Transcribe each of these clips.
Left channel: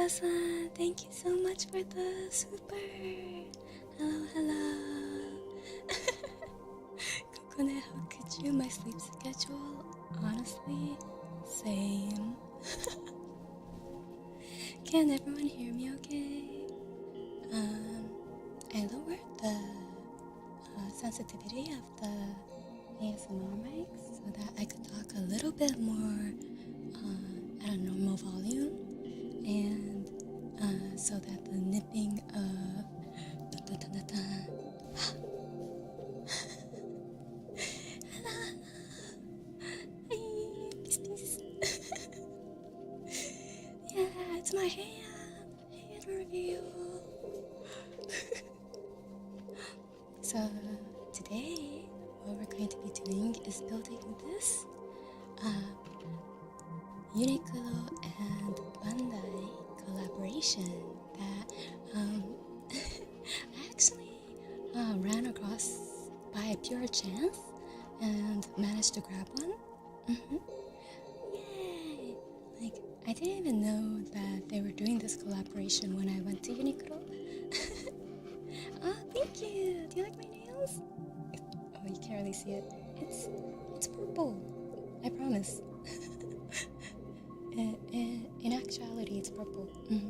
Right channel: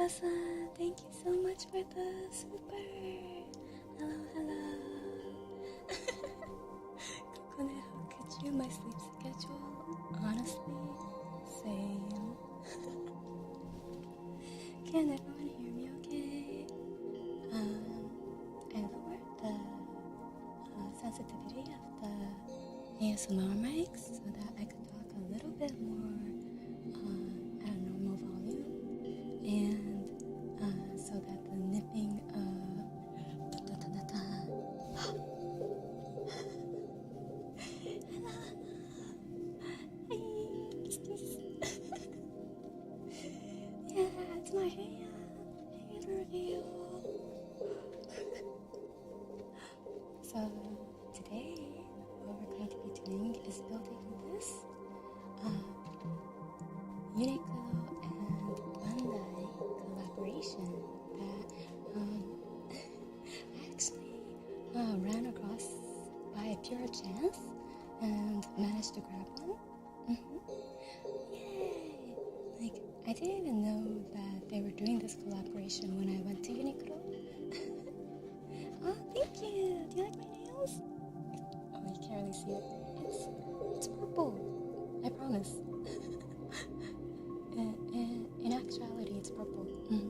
Shita-san, thank you so much for the super. Hello, hello. Kokone, how could you? My sleep schedule, honestly, same. Can everyone hear me okay? I lowered the sensitivity of the ASMR mics so that I could talk a little bit more at a normal volume, and so that the nipping of yeah, it's my hand reveal. So today, what we're going to be doing is building this Uniqlo and Bandai collaboration that I actually ran across by pure chance and managed to grab one. Yay! Like, I didn't even know that they were doing this collaboration when I went to Uniqlo. Oh, thank you! Do you like my nails? Oh, you can't really see it. It's purple. I promise. In actuality, it's purple. It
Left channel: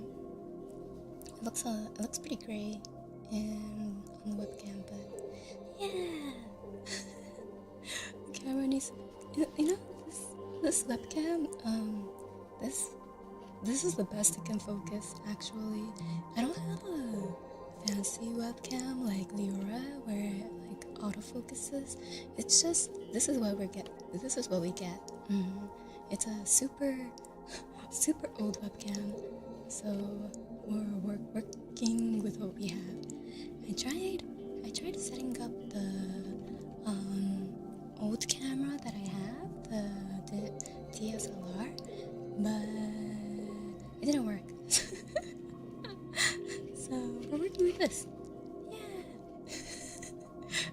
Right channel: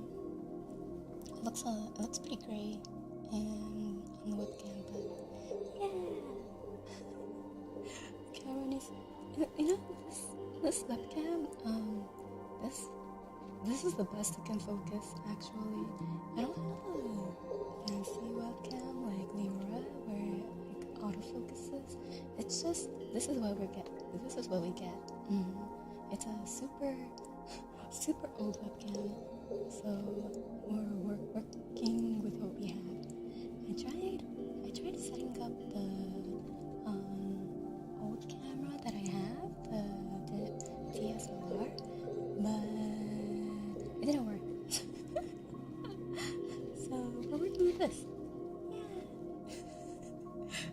looks pretty gray on the webcam, but yeah. The camera needs, this webcam. This is the best it can focus. Actually, I don't have a fancy webcam like Leora where it like autofocuses. It's just this is what we get. It's a super old webcam, so we're working with what we have. I tried setting up the old camera that I have, the DSLR, but it didn't work. So we're working with this. Yeah.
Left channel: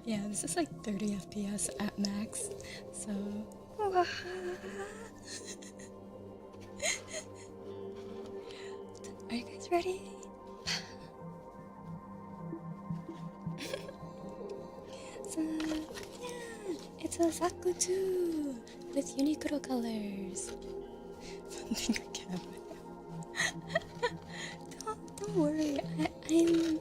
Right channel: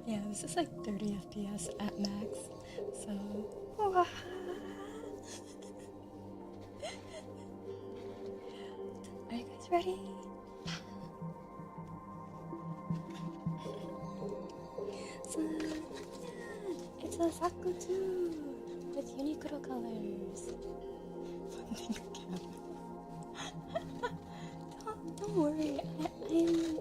Yeah, this is like 30 FPS at max. So are you guys ready? So yeah, it's a Zaku too with Uniqlo colors. Something again. Don't worry. I'm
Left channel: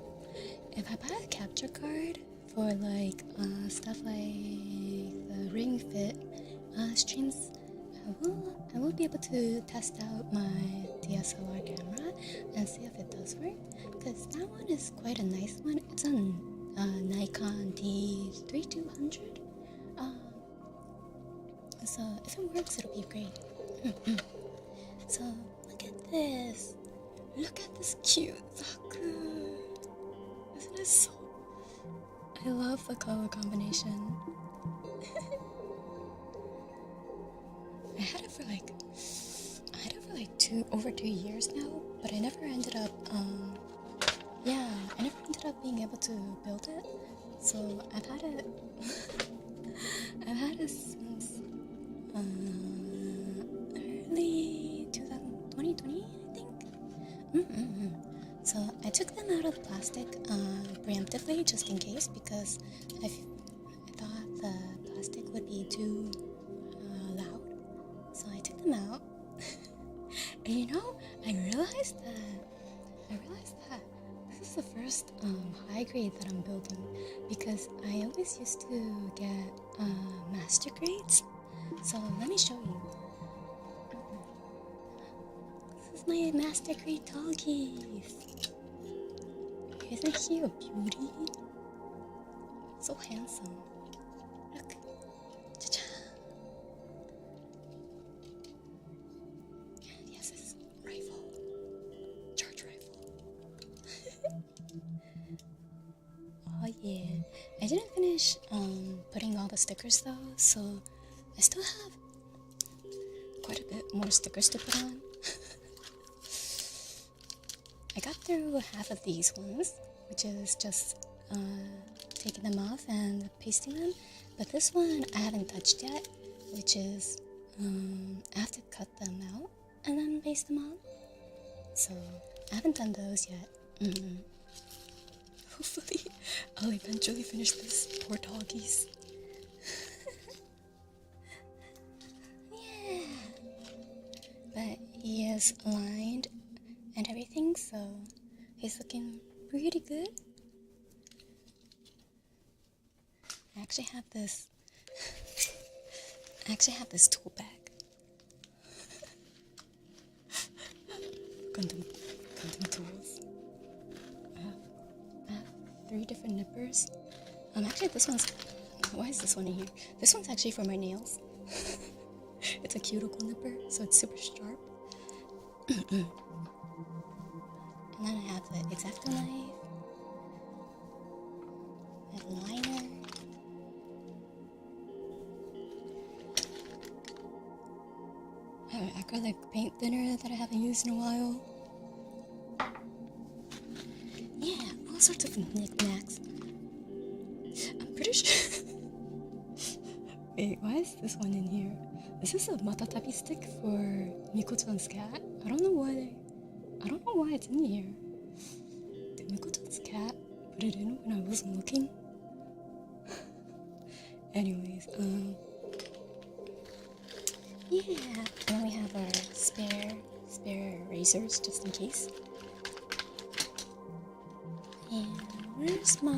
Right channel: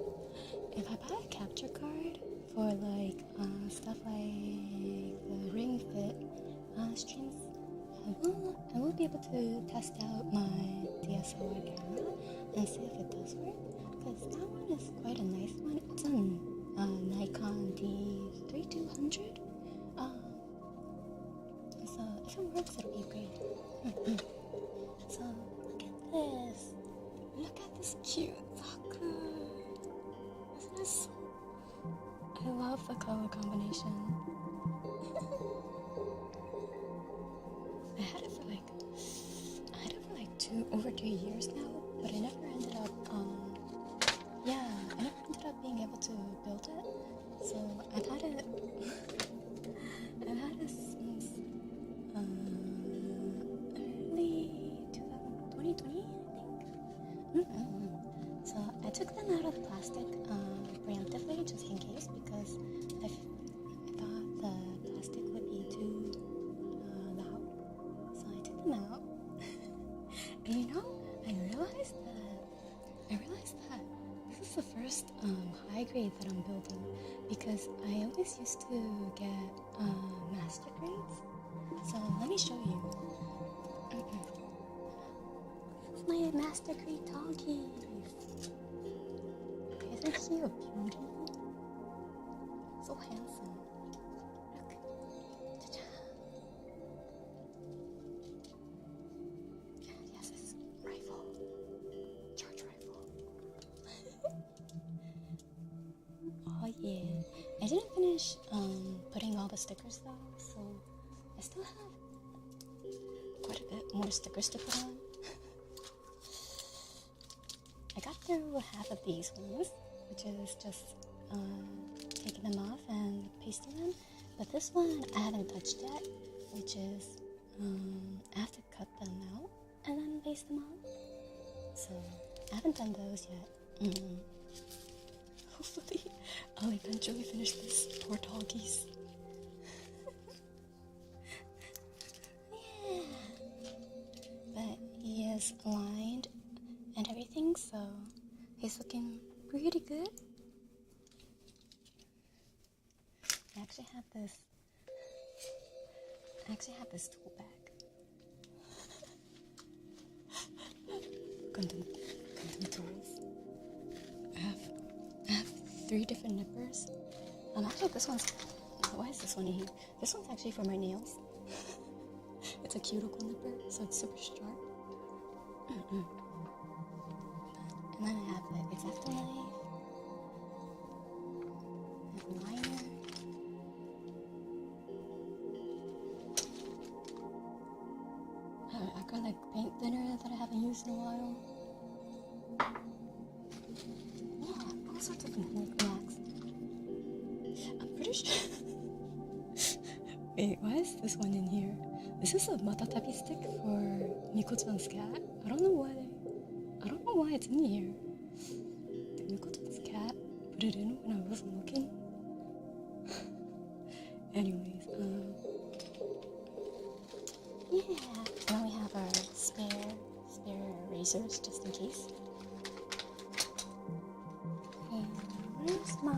if I buy a capture card for like stuff like the Ring Fit streams, I will be able to test out my DSLR camera and see if it does work, because that one is quite a nice one. It's a Nikon D3200. So if it works, it'll be great. So look at this. Look at this cute Zaku. Isn't it so? I love the color combination. I had it for like over 2 years now, but I never ended up being able to build it. So I've had it since early 2020, I think. So I took them out of the plastic preemptively, just in case, because I thought the plastic would be too loud. So I took them out. And I realized that this is the first high grade that I'm building, because I always used to get master grades. So let me show you. This is my master grade doggies. Isn't he a beauty? So handsome. Look. Cha-cha. Yes, it's rifle. Charge rifle. Oh yeah. I didn't finish putting all the stickers though, so I still have quite a bit more stickers to put on. I got through half of these ones, which is just taking them off and pasting them. But this one I haven't touched yet, which is I have to cut them out and then paste them on. So I haven't done those yet. Hopefully I'll eventually finish this. Poor doggies. Yeah. But he is aligned and everything, so he's looking pretty good. I actually have this tool bag. Gundam tools. I have 3 different nippers. Actually this one's, why is this one in here? This one's actually for my nails. It's a cuticle nipper, so it's super sharp. And then I have the X-Acto knife, and liner, an acrylic paint thinner that I haven't used in a while. Yeah, all sorts of knickknacks. I'm pretty sure. Wait, why is this one in here? This is a matatabi stick for Miko-chan's cat. I don't know why it's in here. Did Miko-chan's cat put it in when I wasn't looking? Anyways, yeah. And then we have our spare erasers just in case. And where's my...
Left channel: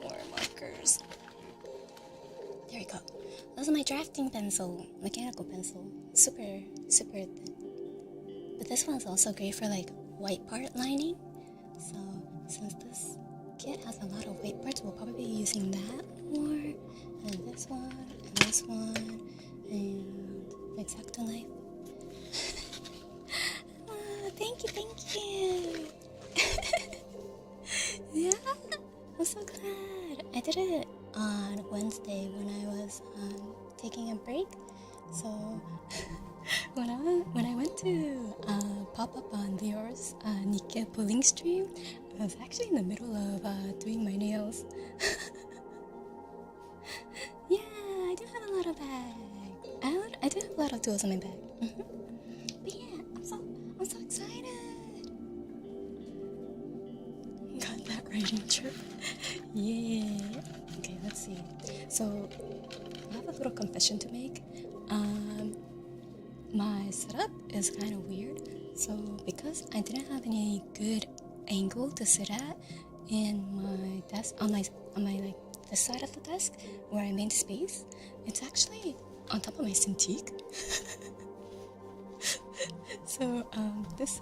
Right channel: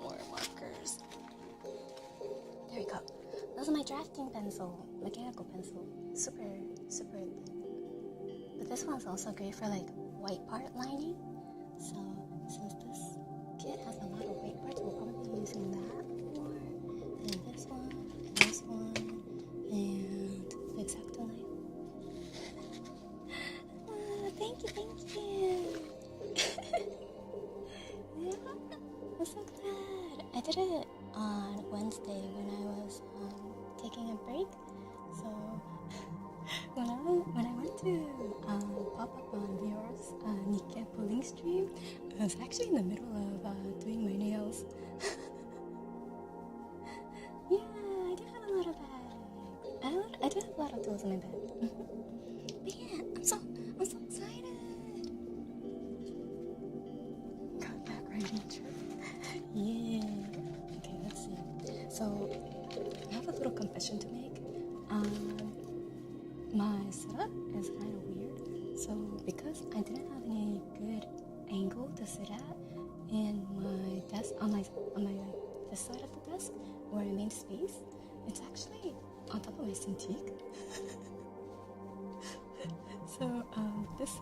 more markers. There we go. Those are my drafting pencil, mechanical pencil. Super thin. But this one's also great for like white part lining. So since this kit has a lot of white parts, we'll probably be using that more. And then this one, and this one, and the X-Acto knife. Oh, thank you. Yeah, I'm so glad. I did it on Wednesday when I was taking a break. So when I went to pop up on yours Nikkei pulling stream, I was actually in the middle of doing my nails. Yeah, I do have a lot of bags. I do have a lot of tools in my bag. But yeah, I'm so excited. Got that writing trip. Yeah. Okay, let's see. So I have a little confession to make. My setup is kind of weird. So because I didn't have any good angle to sit at in my desk, on my like this side of the desk where I made space, it's actually on top of my Cintiq. So this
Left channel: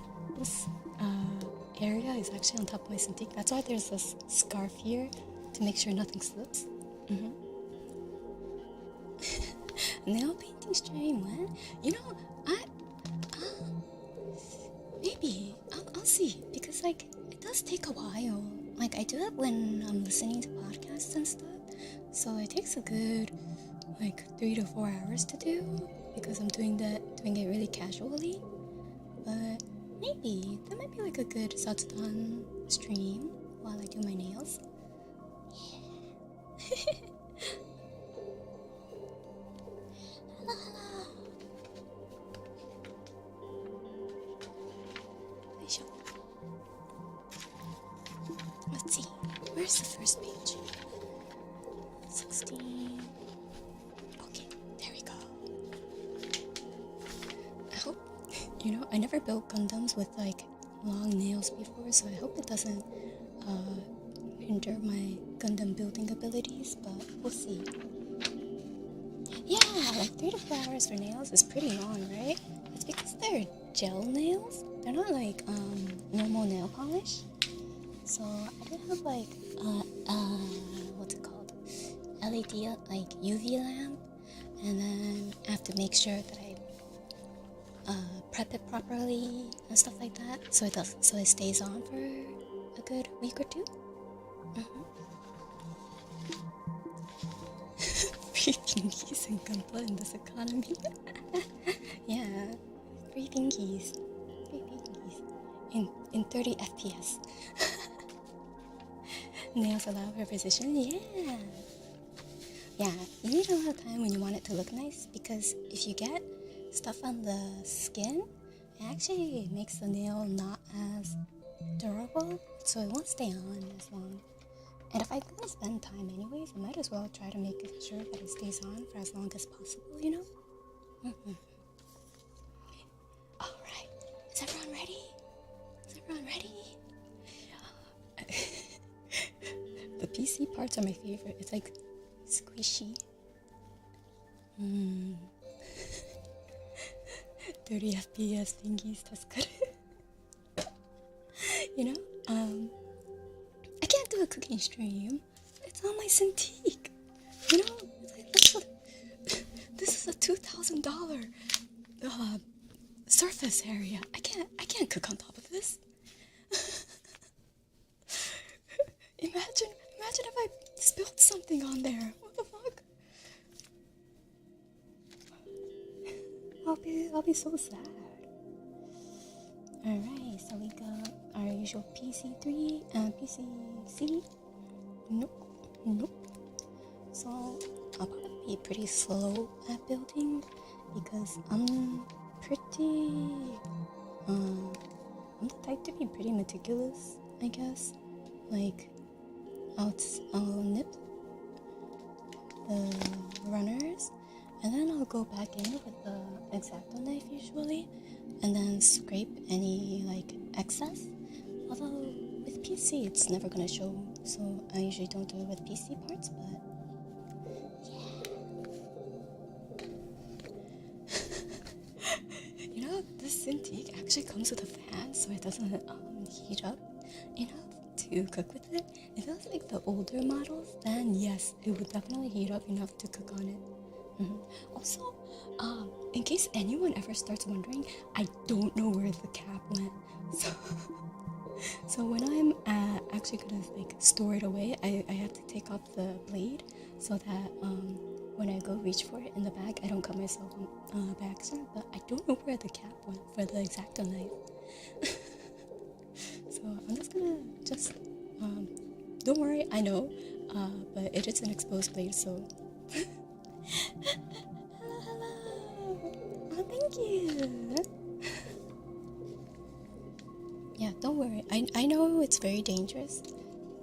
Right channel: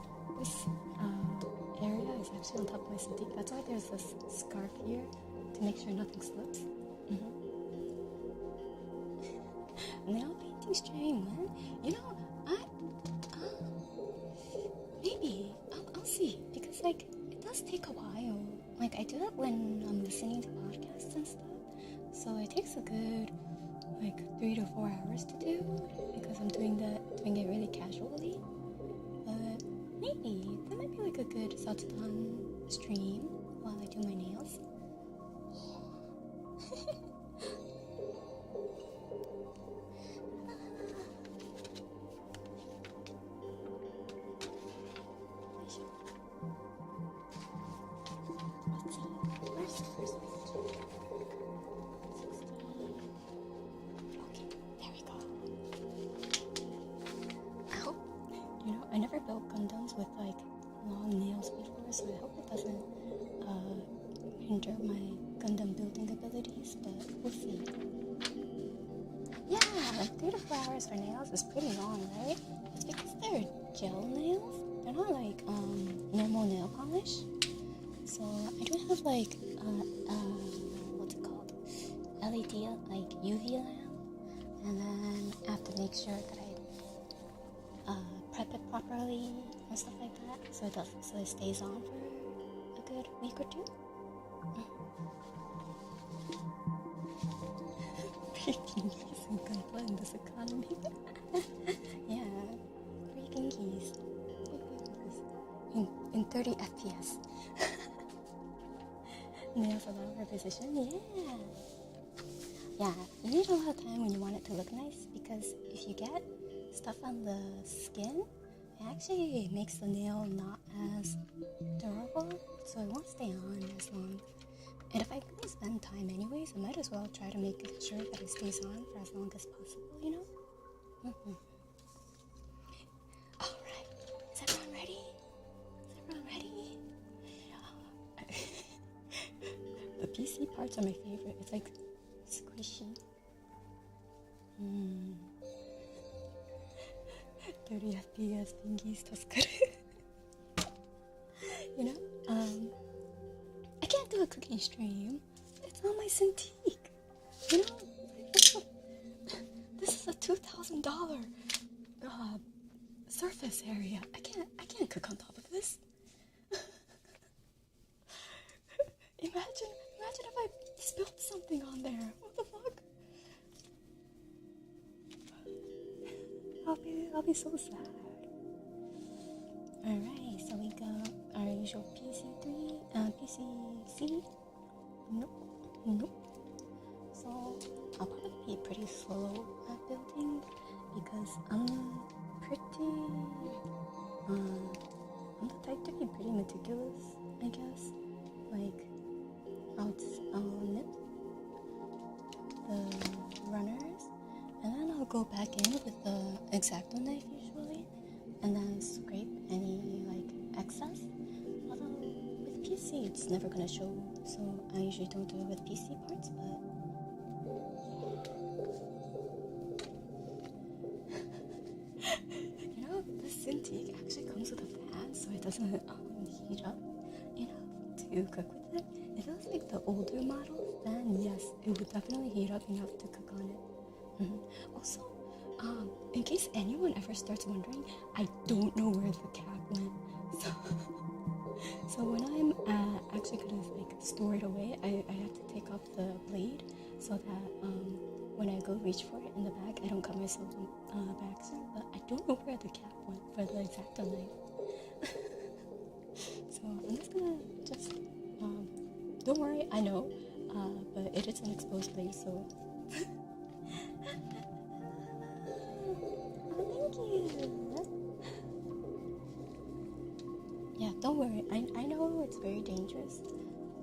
area is actually on top of my Cintiq. That's why there's this scarf here to make sure nothing slips. Nail painting stream, when? You know, maybe I'll see, because like it does take a while. Like I do it when I'm listening to podcasts and stuff, so it takes a good like 3 to 4 hours to do because I'm doing it really casually. But maybe that might be like a good Satsudan stream while I do my nails. Yeah. Let's see, where's the first page? 16. Okay, there we go. I hope, I never built Gundams with like long nails before, so I hope it doesn't hinder my Gundam building abilities, but we'll see. Yeah, like 3 to 4 hours for nails is pretty long, right? It's because they're gel nails. They're not like normal nail polish. So I do have like what's it called? LED like UV lamp, and then I have to make sure that I prep it properly and stuff like that, so it stays on for a good week or 2. Free pinkies and gunpla in this economy. Yeah, free pinkies in 30 FPS. Nails allow for precision. Yeah. Yeah, you need a lot of time when you want it to look nice, because if you get stuff on the skin, it actually makes the nail not as durable, so it won't stay on as long. And if I'm gonna spend time anyways, I might as well try to make sure that it stays on for as long as possible, you know? Alright, is everyone ready? Is everyone ready? The PC parts are my favorite. It's like squishy. 30 FPS thingies 助かる. You know, I can't do a cooking stream. It's on my Cintiq. You know, this is a $2,000 surface area. I can't cook on top of this. Imagine if I spilled something on there. What the fuck? I'll be so sad. Alright, so we got our usual PC3, PCC. Nope. So I'll probably be pretty slow at building because I'm the type to be pretty meticulous, I guess. Like, I'll nip the runners, and then I'll go back in with the X-Acto knife usually, and then scrape any like excess. Although with PC it's never gonna show, so I usually don't do it with PC parts, but yeah. You know, this Cintiq actually comes with a fan, so it doesn't heat up enough to cook with it. If it was like the older models, then yes, it would definitely heat up enough to cook on it. Also, in case anyone ever starts wondering, I don't know where the cap went. So when I'm actually gonna like store it away, I have to take off the blade so that when I go reach for it in the bag, I don't cut myself by accident. But I don't know where the cap went for the X-Acto knife. So I'm just gonna don't worry, I know, but it is an exposed blade, so. Hello. Oh, thank you. Yeah, don't worry. I know it's very dangerous,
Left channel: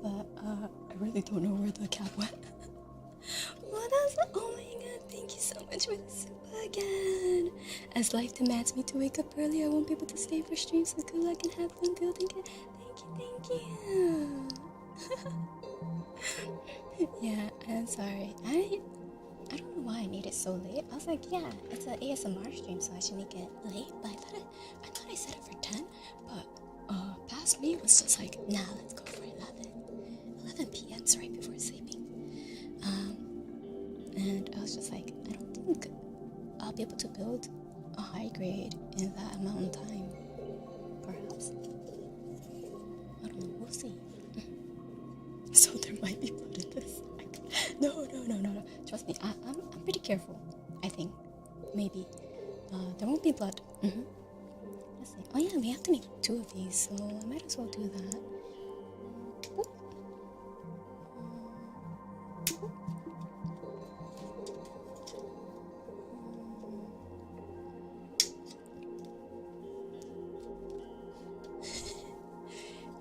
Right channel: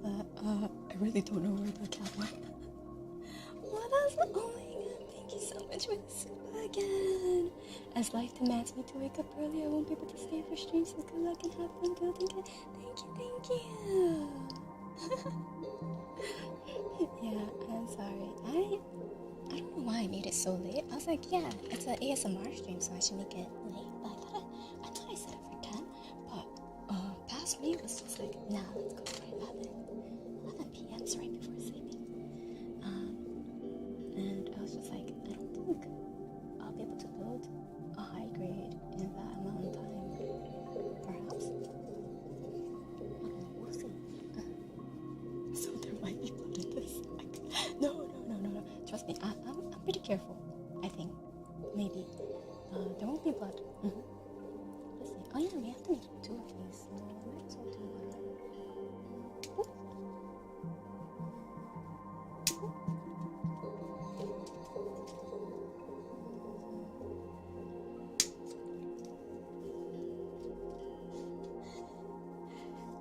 but I really don't know where the cap went. Oh my god, thank you so much for the super again. As life demands me to wake up early, I won't be able to stay for streams, so good luck and have fun building it. Thank you. Yeah, I'm sorry. I don't know why I made it so late. I was like, yeah, it's an ASMR stream, so I should make it late. But I thought I set it for 10. But past me was just like, nah, let's go for 11 p.m.'s right before sleeping. And I was just like, I don't think I'll be able to build a high grade in that amount of time. Perhaps. I don't know. We'll see. So there might be blood in this. No. Trust me, I'm pretty careful. I think, maybe. There won't be blood. Let's see. Oh yeah, we have to make 2 of these, so I might as well do that. Oop. Oop.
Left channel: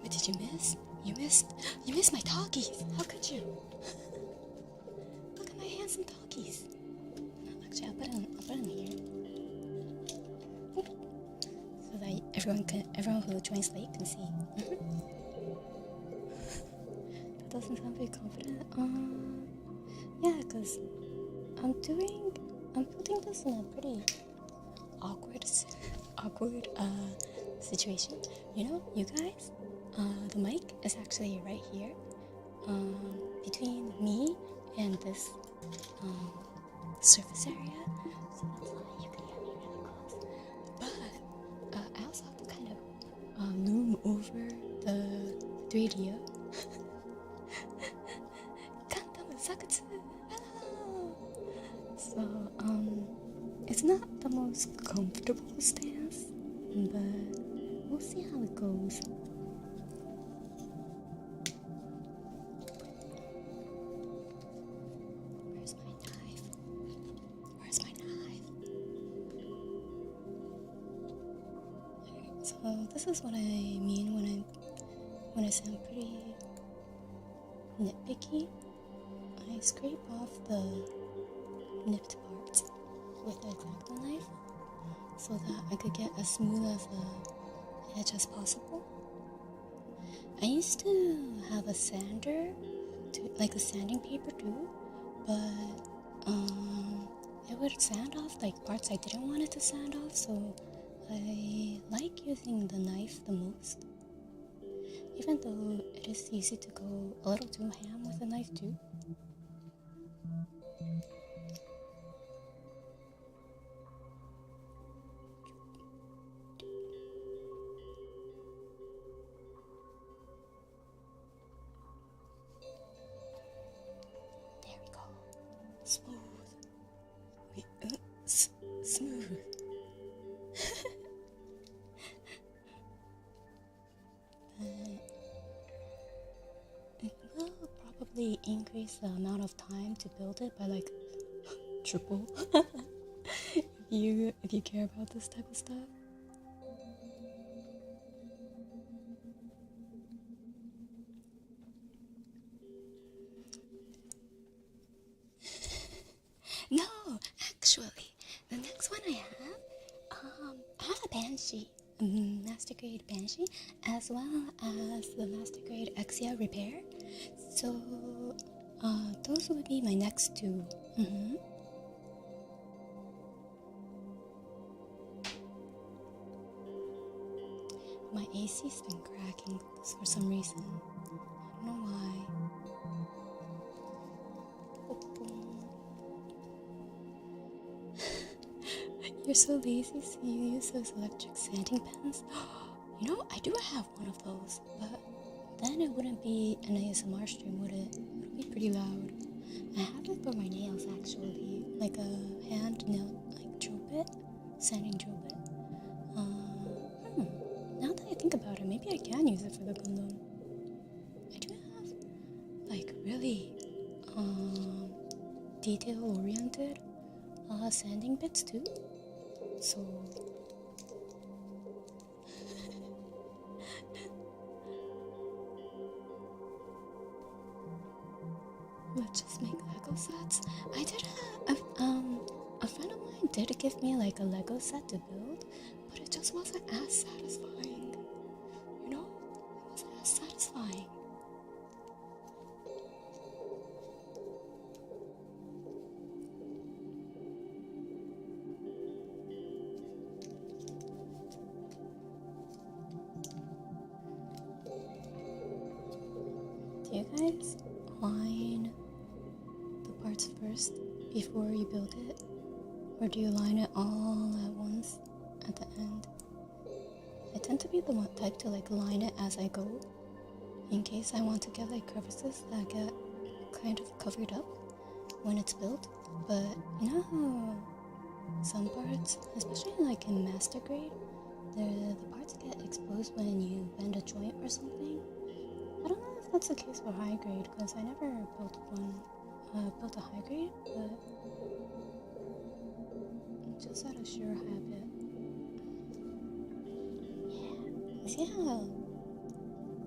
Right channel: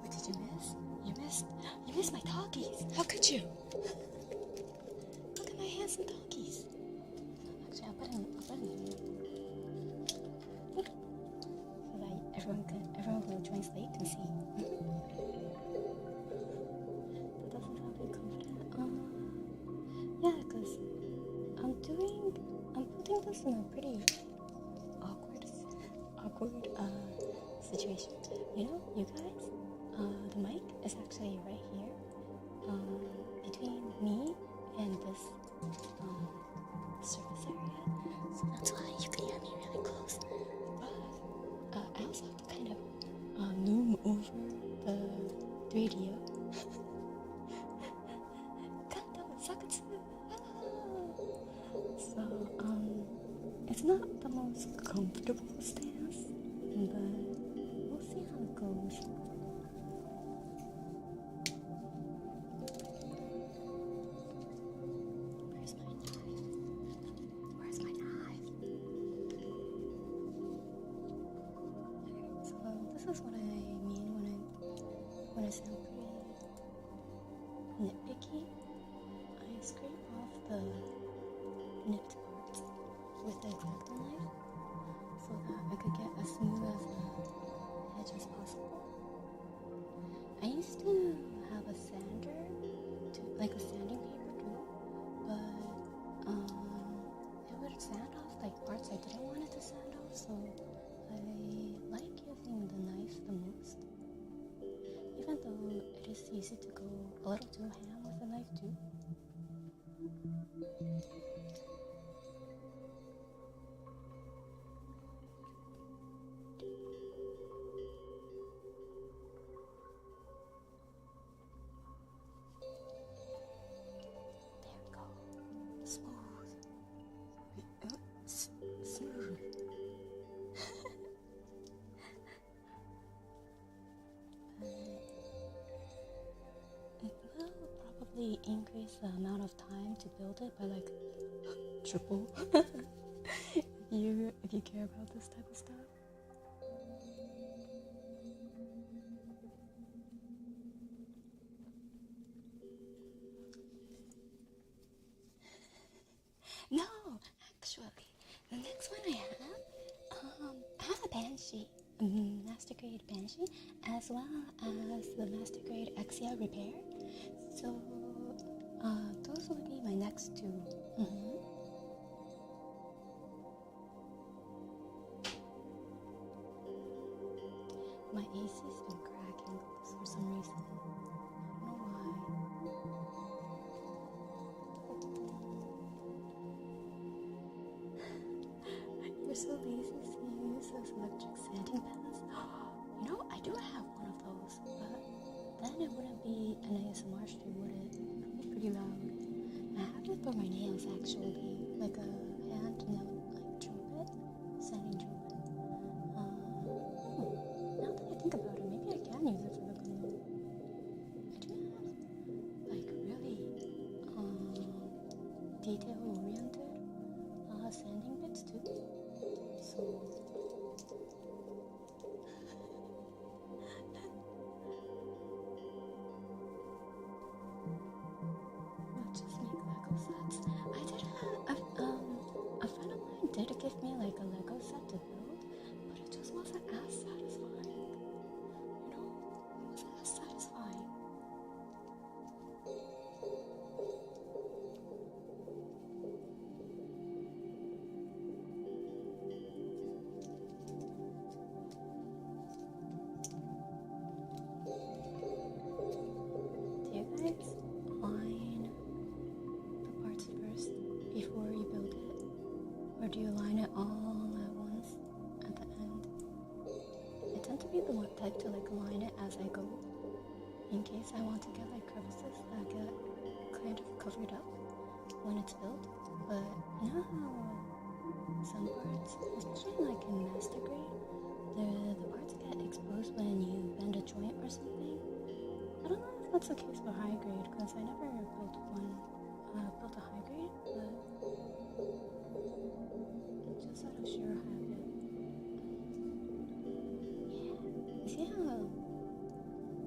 What did you miss? You missed my talkies. How could you? Look at my handsome talkies. Actually, I'll put them here. Boop. So that everyone who joins late can see. That doesn't sound very confident. Yeah, because I'm putting this in a pretty awkward situation. You know, you guys. The mic is actually right here, between me and this surface area, so that's why you can hear me really close. But I also have to kind of loom over the 3D. Gundam Zaku. Hello. So it's not the most comfortable stance, but we'll see how it goes. So this is what I mean when I sound pretty nitpicky. I scrape off the nipped parts with the X-Acto knife so that I could get as smooth as the edge as possible. I used to have a sander, like a sanding paper too, but it would sand off like parts I didn't want it to sand off, so I like using the knife the most. Even though it is easy to go a little too ham with the knife too. There we go. Smooth. Okay, smooth. It will probably increase the amount of time to build it by like triple. if you care about this type of stuff. No, actually, the next one I have a Banshee, a Master Grade Banshee, as well as the Master Grade Exia Repair. So, those would be my next two. My AC's been cracking for some reason. I don't know why. You're so lazy, so you use those electric sanding pens? You know, I do have one of those, but then it wouldn't be an ASMR stream, would it? It would be pretty loud. I have it for my nails, actually, like a hand nail, like drill bit, sanding drill bit. Now that I think about it, maybe I can use it for the Gundam. I do have, like, really, detail-oriented, sanding bits too. So let's just make Lego sets. I did have a friend of mine did give me like a Lego set to build, but it just wasn't as satisfying. You know, it wasn't as satisfying. Do you guys line the parts first before you build it? Or do you line it all at once at the end? I tend to be the one type to like line it as I go, in case I want to get like crevices that get kind of covered up when it's built. But you know how some parts, especially like in Master Grade, the parts get exposed when you bend a joint or something? I don't know if that's the case for high grade, because I never built a high grade, but just out of sheer habit. Yeah. You see how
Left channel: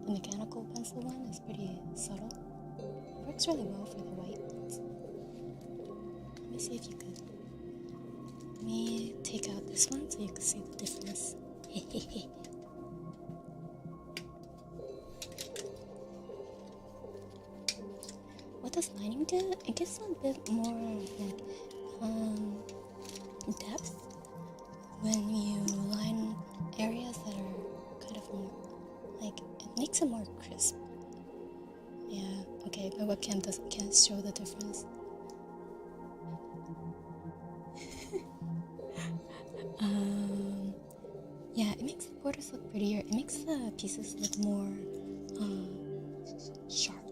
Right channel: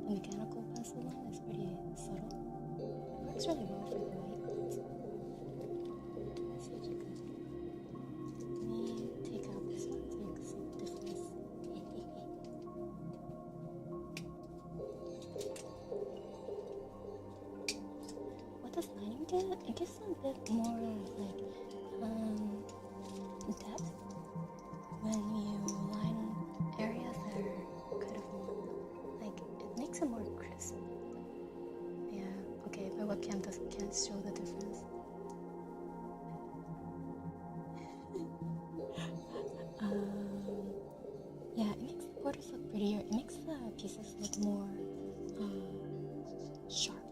the mechanical pencil one is pretty subtle? It works really well for the white ones. Let me see if you could. Let me take out this one so you can see the difference. What does lining do? It gives a bit more like depth when you line areas that are kind of more like, it makes it more crisp. Yeah, okay, my webcam can't show the difference. Yeah, it makes the borders look prettier. It makes the pieces look more sharp.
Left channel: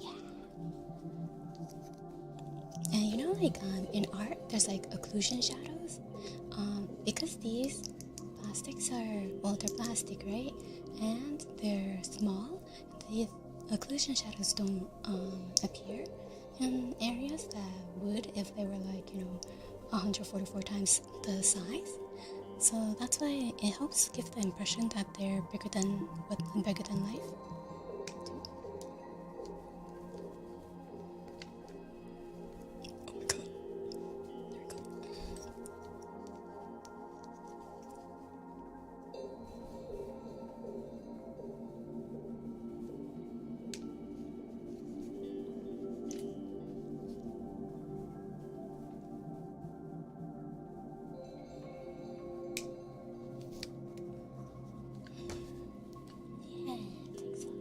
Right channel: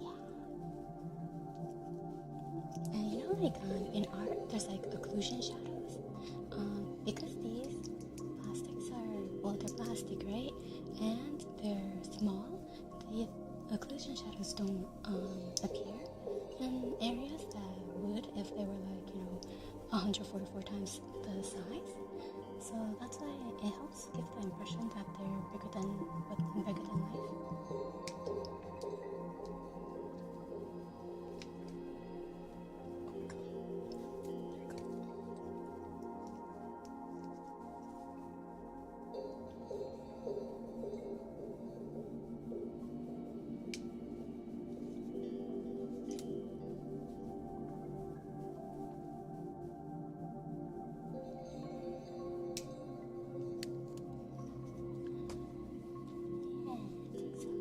Yeah. And you know, like in art, there's like occlusion shadows. Because these plastics are, well, they're plastic, right? And they're small. The occlusion shadows don't appear in areas that would if they were like, 144 times the size. So that's why it helps give the impression that they're bigger than life.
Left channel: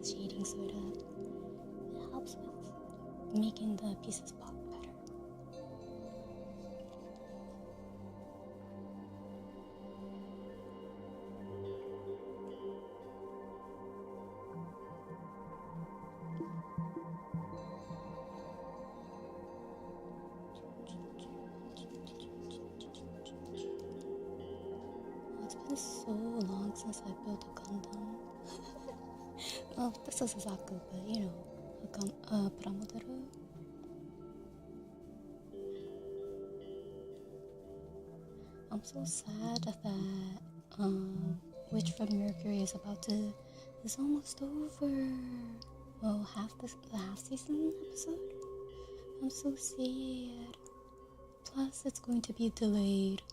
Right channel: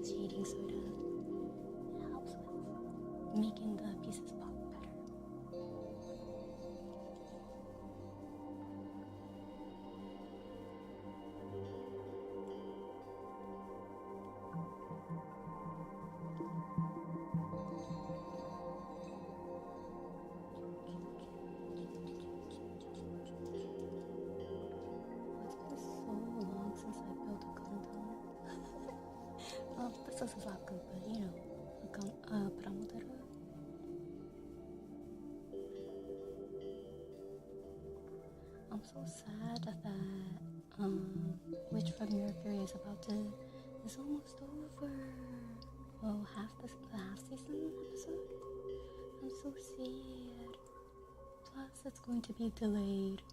Shading soda. It helps with making the pieces pop better. Oh, it's been so long since I built a Gundam. Well, this is a Zaku, but you know, a Pramodara. I'm so sad that Witch from Mercury is almost over. Oh, the half season episode. I'm so sad. Plus, it's going to be delayed.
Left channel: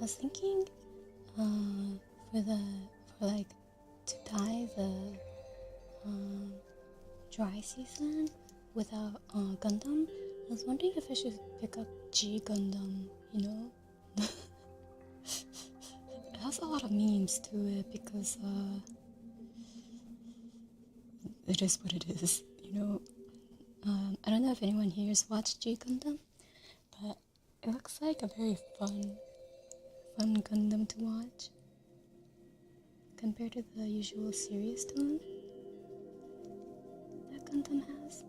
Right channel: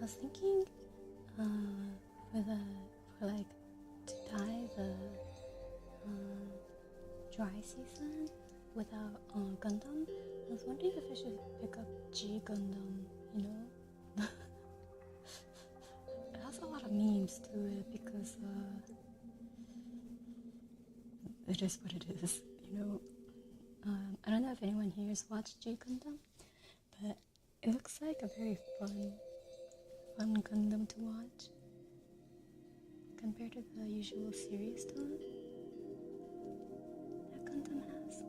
I was thinking, to tie the dry season without Gundam. I was wondering if I should pick up G Gundam. You know, it has a lot of memes to it because it is what it is. You know, I don't know if anyone here has watched G Gundam, but it looks like a very fun Gundam to watch compared to the usual serious tone that Gundam has.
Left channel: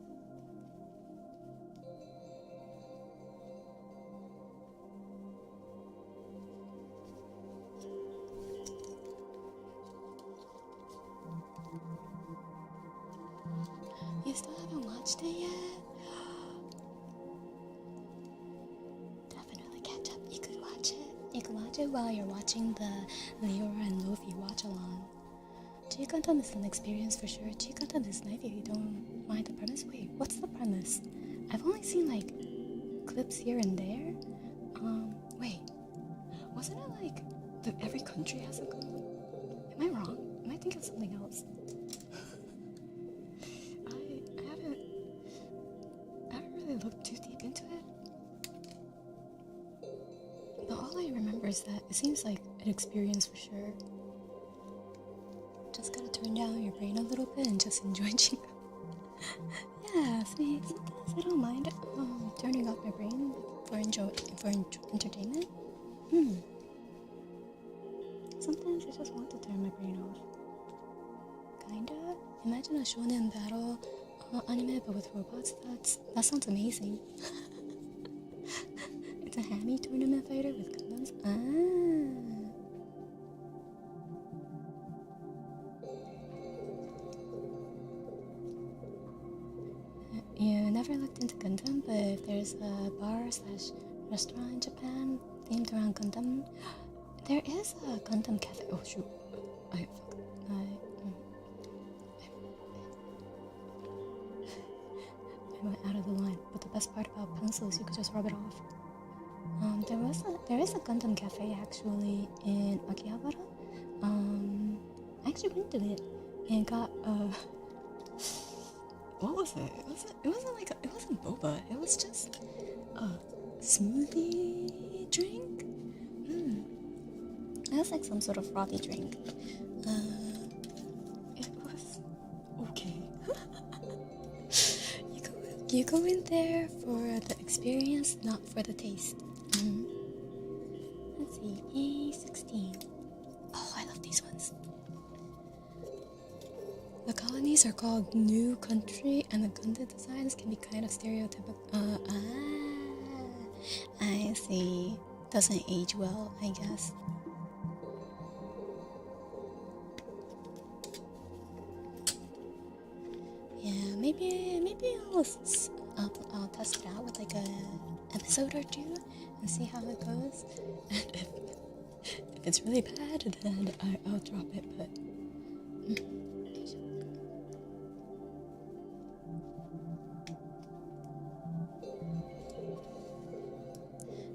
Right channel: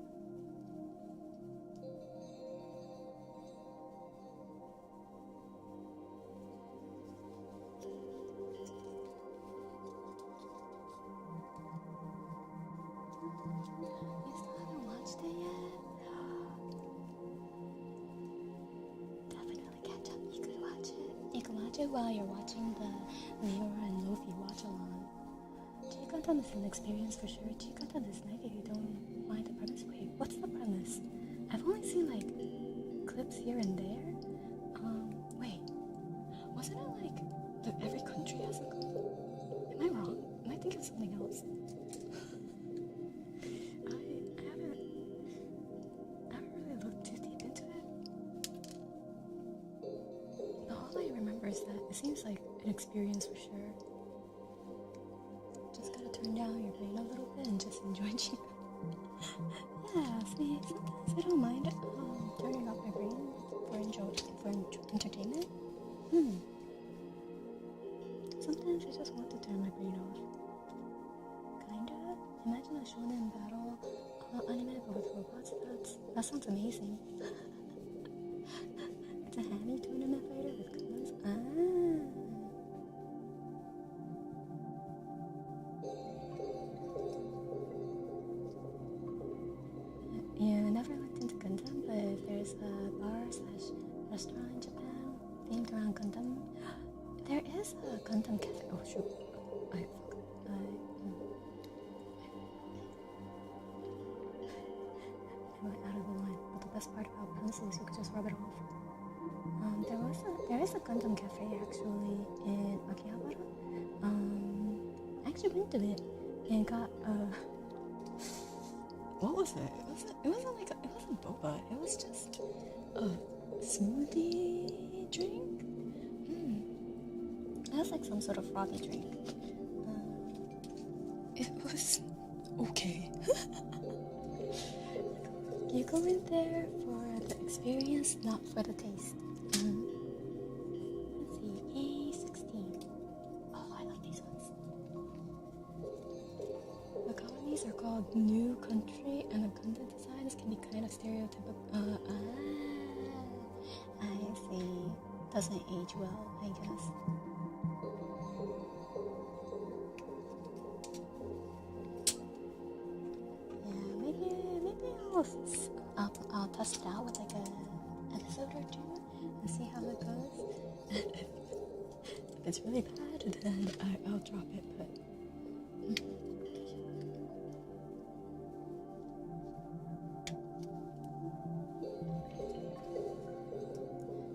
You still haven't watched it yet? You can watch it while you're watching the Leora and Luffy watch-along. G Gundam is an experience for sure. G Gundam is nice if you don't mind the premise. Wait, what's the premise? I've only seen like clips here and there. Wait, wasn't it like that every country has a Gundam? Am I wrong? Am I thinking of something else? I haven't really looked too deep into it. But all I remember is that it seems like an experience for sure. Just gotta turn down your brain a little bit and just enjoy G Gundam. Yeah, see, sometimes I don't mind turning off my brain for entertainment. Sometimes I just want to turn my brain off. Kinda. Imagine a shonen battle anime but with robots. That sounds amazing. It's a hammy tournament fighter with Gundams. You never looked into Gundam, but if there's a bar/restaurant in Japan themed around Gundam, there is a Gundam cafe. Oh shoot! I went out of the line. But the best part about pencils, you could just rub it off. There is a Gundam cafe actually in Akihabara. I actually went to it and got what was it? It wasn't boba. It was just a smoothie drink. It was like some sort of frothy drink. It was okay. You go in there for the experience, not for the taste. Let's see, A16. Oh, I love these ones. The colonies are called New Country, and the Gundam designs can be kind of stereotypical. I see. Doesn't age well, I guess. Yeah, maybe I'll test it out with like a episode or two and see how it goes. And if it's really bad, then I'll drop it. But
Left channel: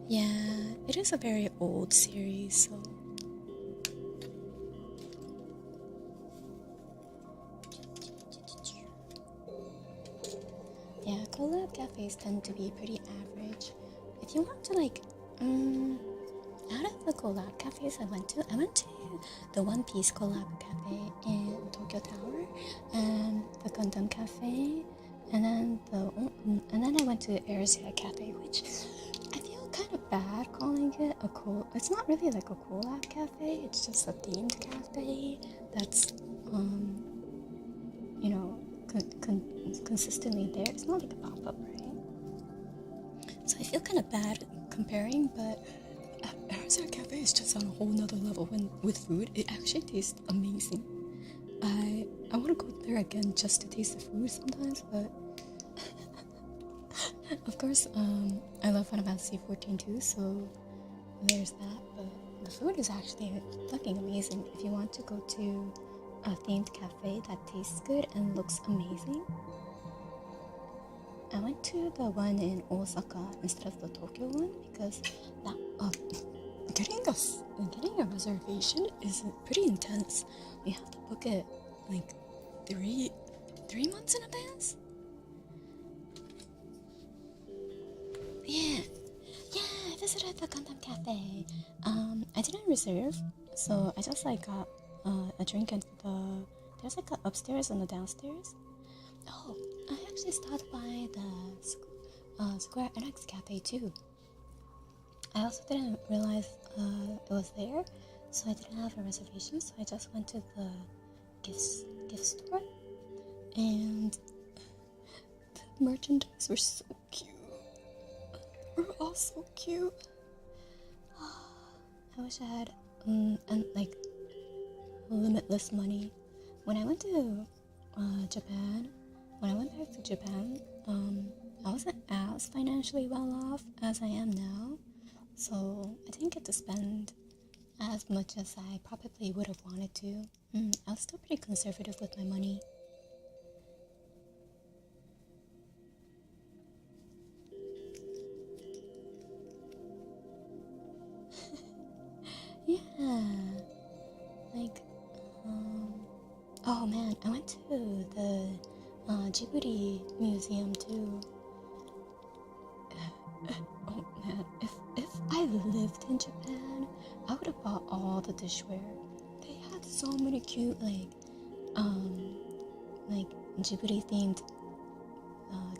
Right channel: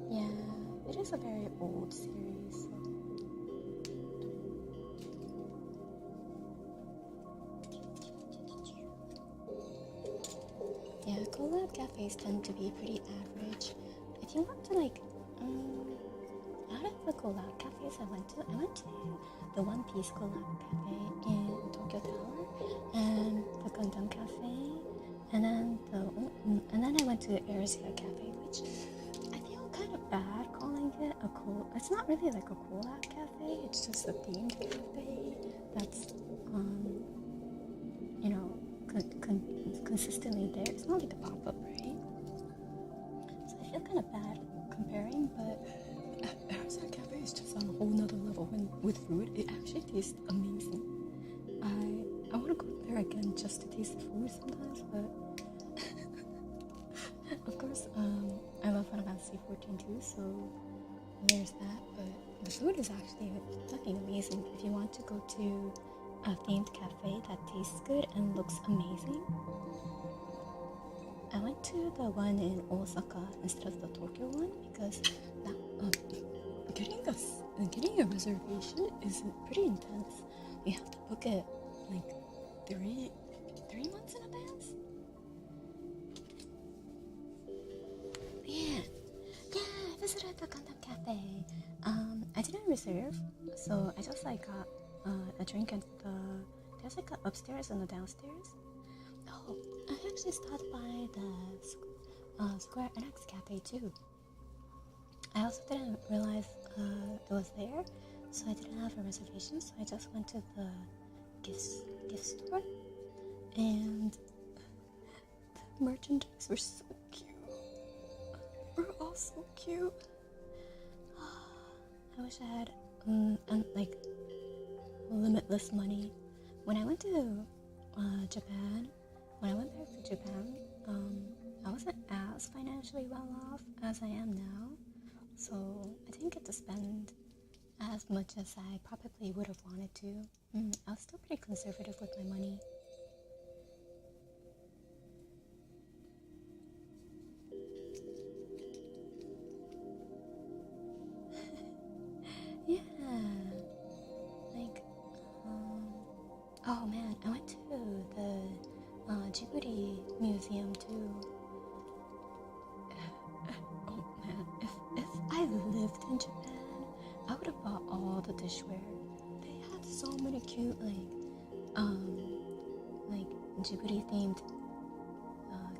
yeah, it is a very old series, so. Yeah, collab cafes tend to be pretty average. If you want to like, out of the collab cafes I went to the One Piece collab cafe in Tokyo Tower, and the Gundam cafe, and then I went to the Arizia cafe, which I feel kind of bad calling it a it's not really like a collab cafe, it's just a themed cafe that's, you know, consistently there. It's not like a pop-up, right? So I feel kind of bad comparing, but Arizona Cafe is just on a whole nother level with food. It actually tastes amazing. I want to go there again just to taste the food sometimes, but of course, I love Final Fantasy 14 too, so there's that. But the food is actually fucking amazing. If you want to go to a themed cafe that tastes good and looks amazing, I went to the one in Osaka instead of the Tokyo one because that getting a reservation is pretty intense. You have to book it like 3 months in advance. Yeah, I visited the Gundam Cafe. I didn't reserve, so I just like got a drink at there's like a upstairs and a downstairs. Oh, I actually stopped by the Square Enix Cafe too. I also didn't realize it was there, so I didn't have a reservation, so I just went to the gift store, and the merchandise were so cute. They were all so cute. I wish I had like limitless money. When I went to Japan, when I went back to Japan, I wasn't as financially well off as I am now, so I didn't get to spend as much as I probably would have wanted to. I was still pretty conservative with my money. Yeah, like, oh man, I went to the Djibouti museum too. Oh man, if I lived in Japan, I would have bought all the dishware. They had so many cute like Djibouti themed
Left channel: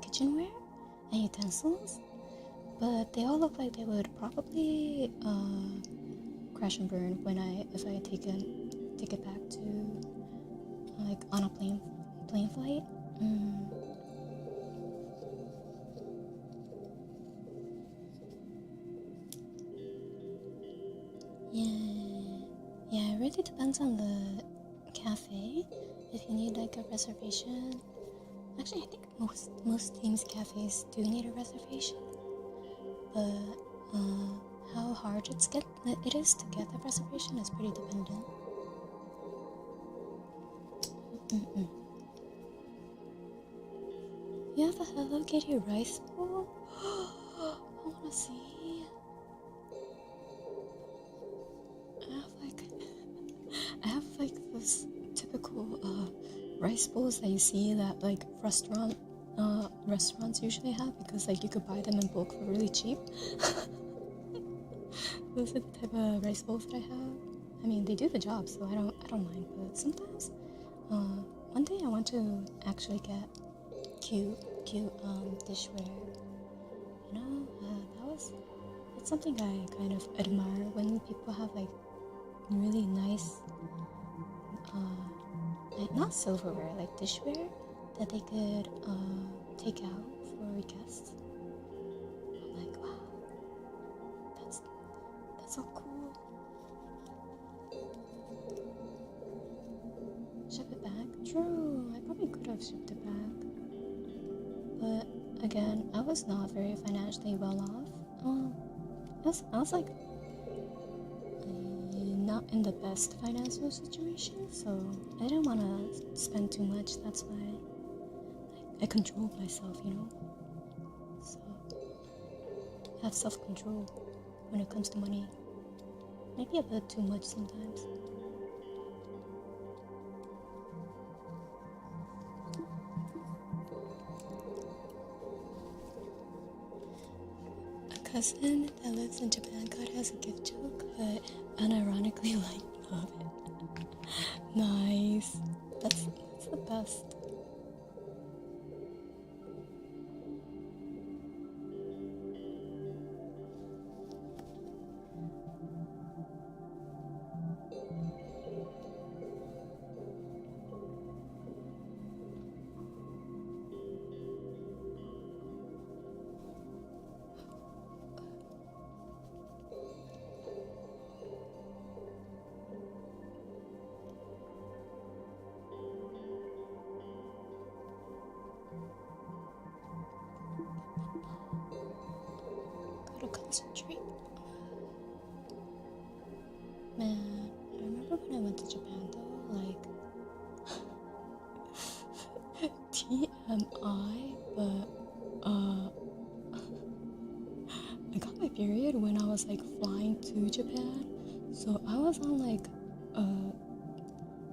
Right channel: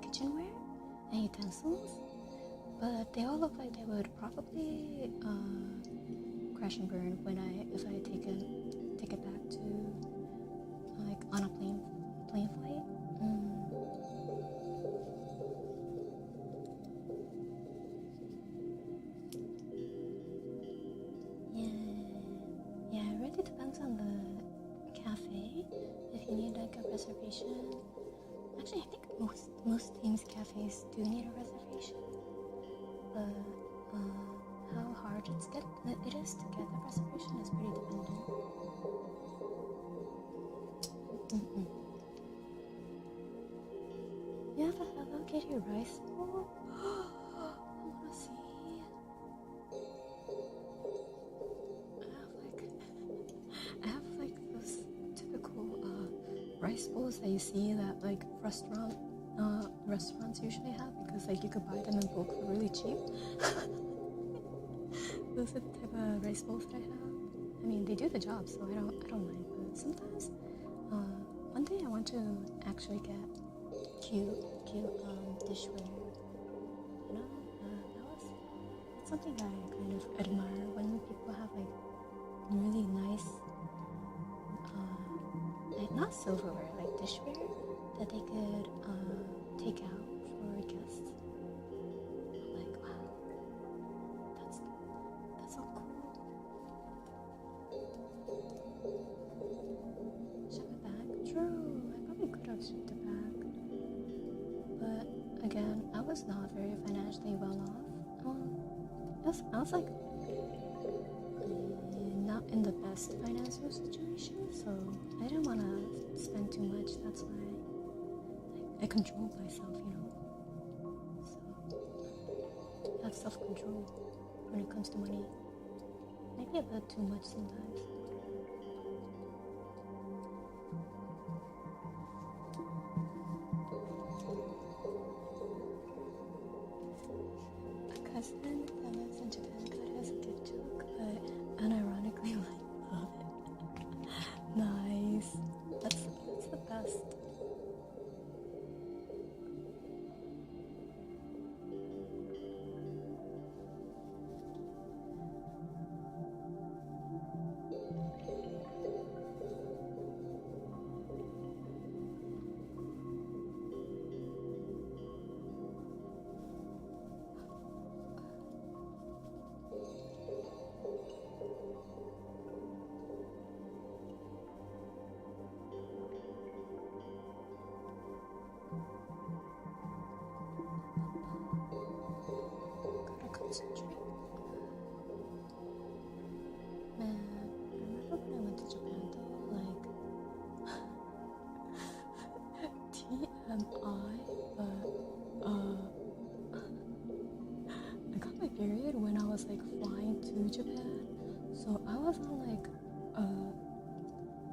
kitchenware and utensils, but they all look like they would probably crash and burn if I take it back to like on a plane flight. Yeah, it really depends on the cafe. If you need like a reservation, actually I think most themed cafes do need a reservation, but how hard it is to get the reservation is pretty dependent. You have a Hello Kitty rice bowl? I wanna see. I have like those typical rice bowls that you see that like restaurants usually have, because like you could buy them in bulk for really cheap. Those are the type of rice bowls that I have. I mean, they do the job, so I don't mind. But sometimes, one day I want to actually get cute dishware. You know, that's something I kind of admire when people have like really nice, not silverware, like dishware that they could take out for guests. I'm like, wow, that's so cool. Ship it back? True, I probably could have shipped it back. but again, I was not very financially well off. I was like not in the best financial situation, so I didn't want to spend too much. That's why I controlled myself, you know. So I have self-control when it comes to money. Maybe a bit too much sometimes. A cousin that lives in Japan got it as a gift joke, but unironically love it. Nice. That's the best. Concentrate. Man, I remember when I went to Japan though, like TMI, but I got my period when I was like flying to Japan, so I was on like I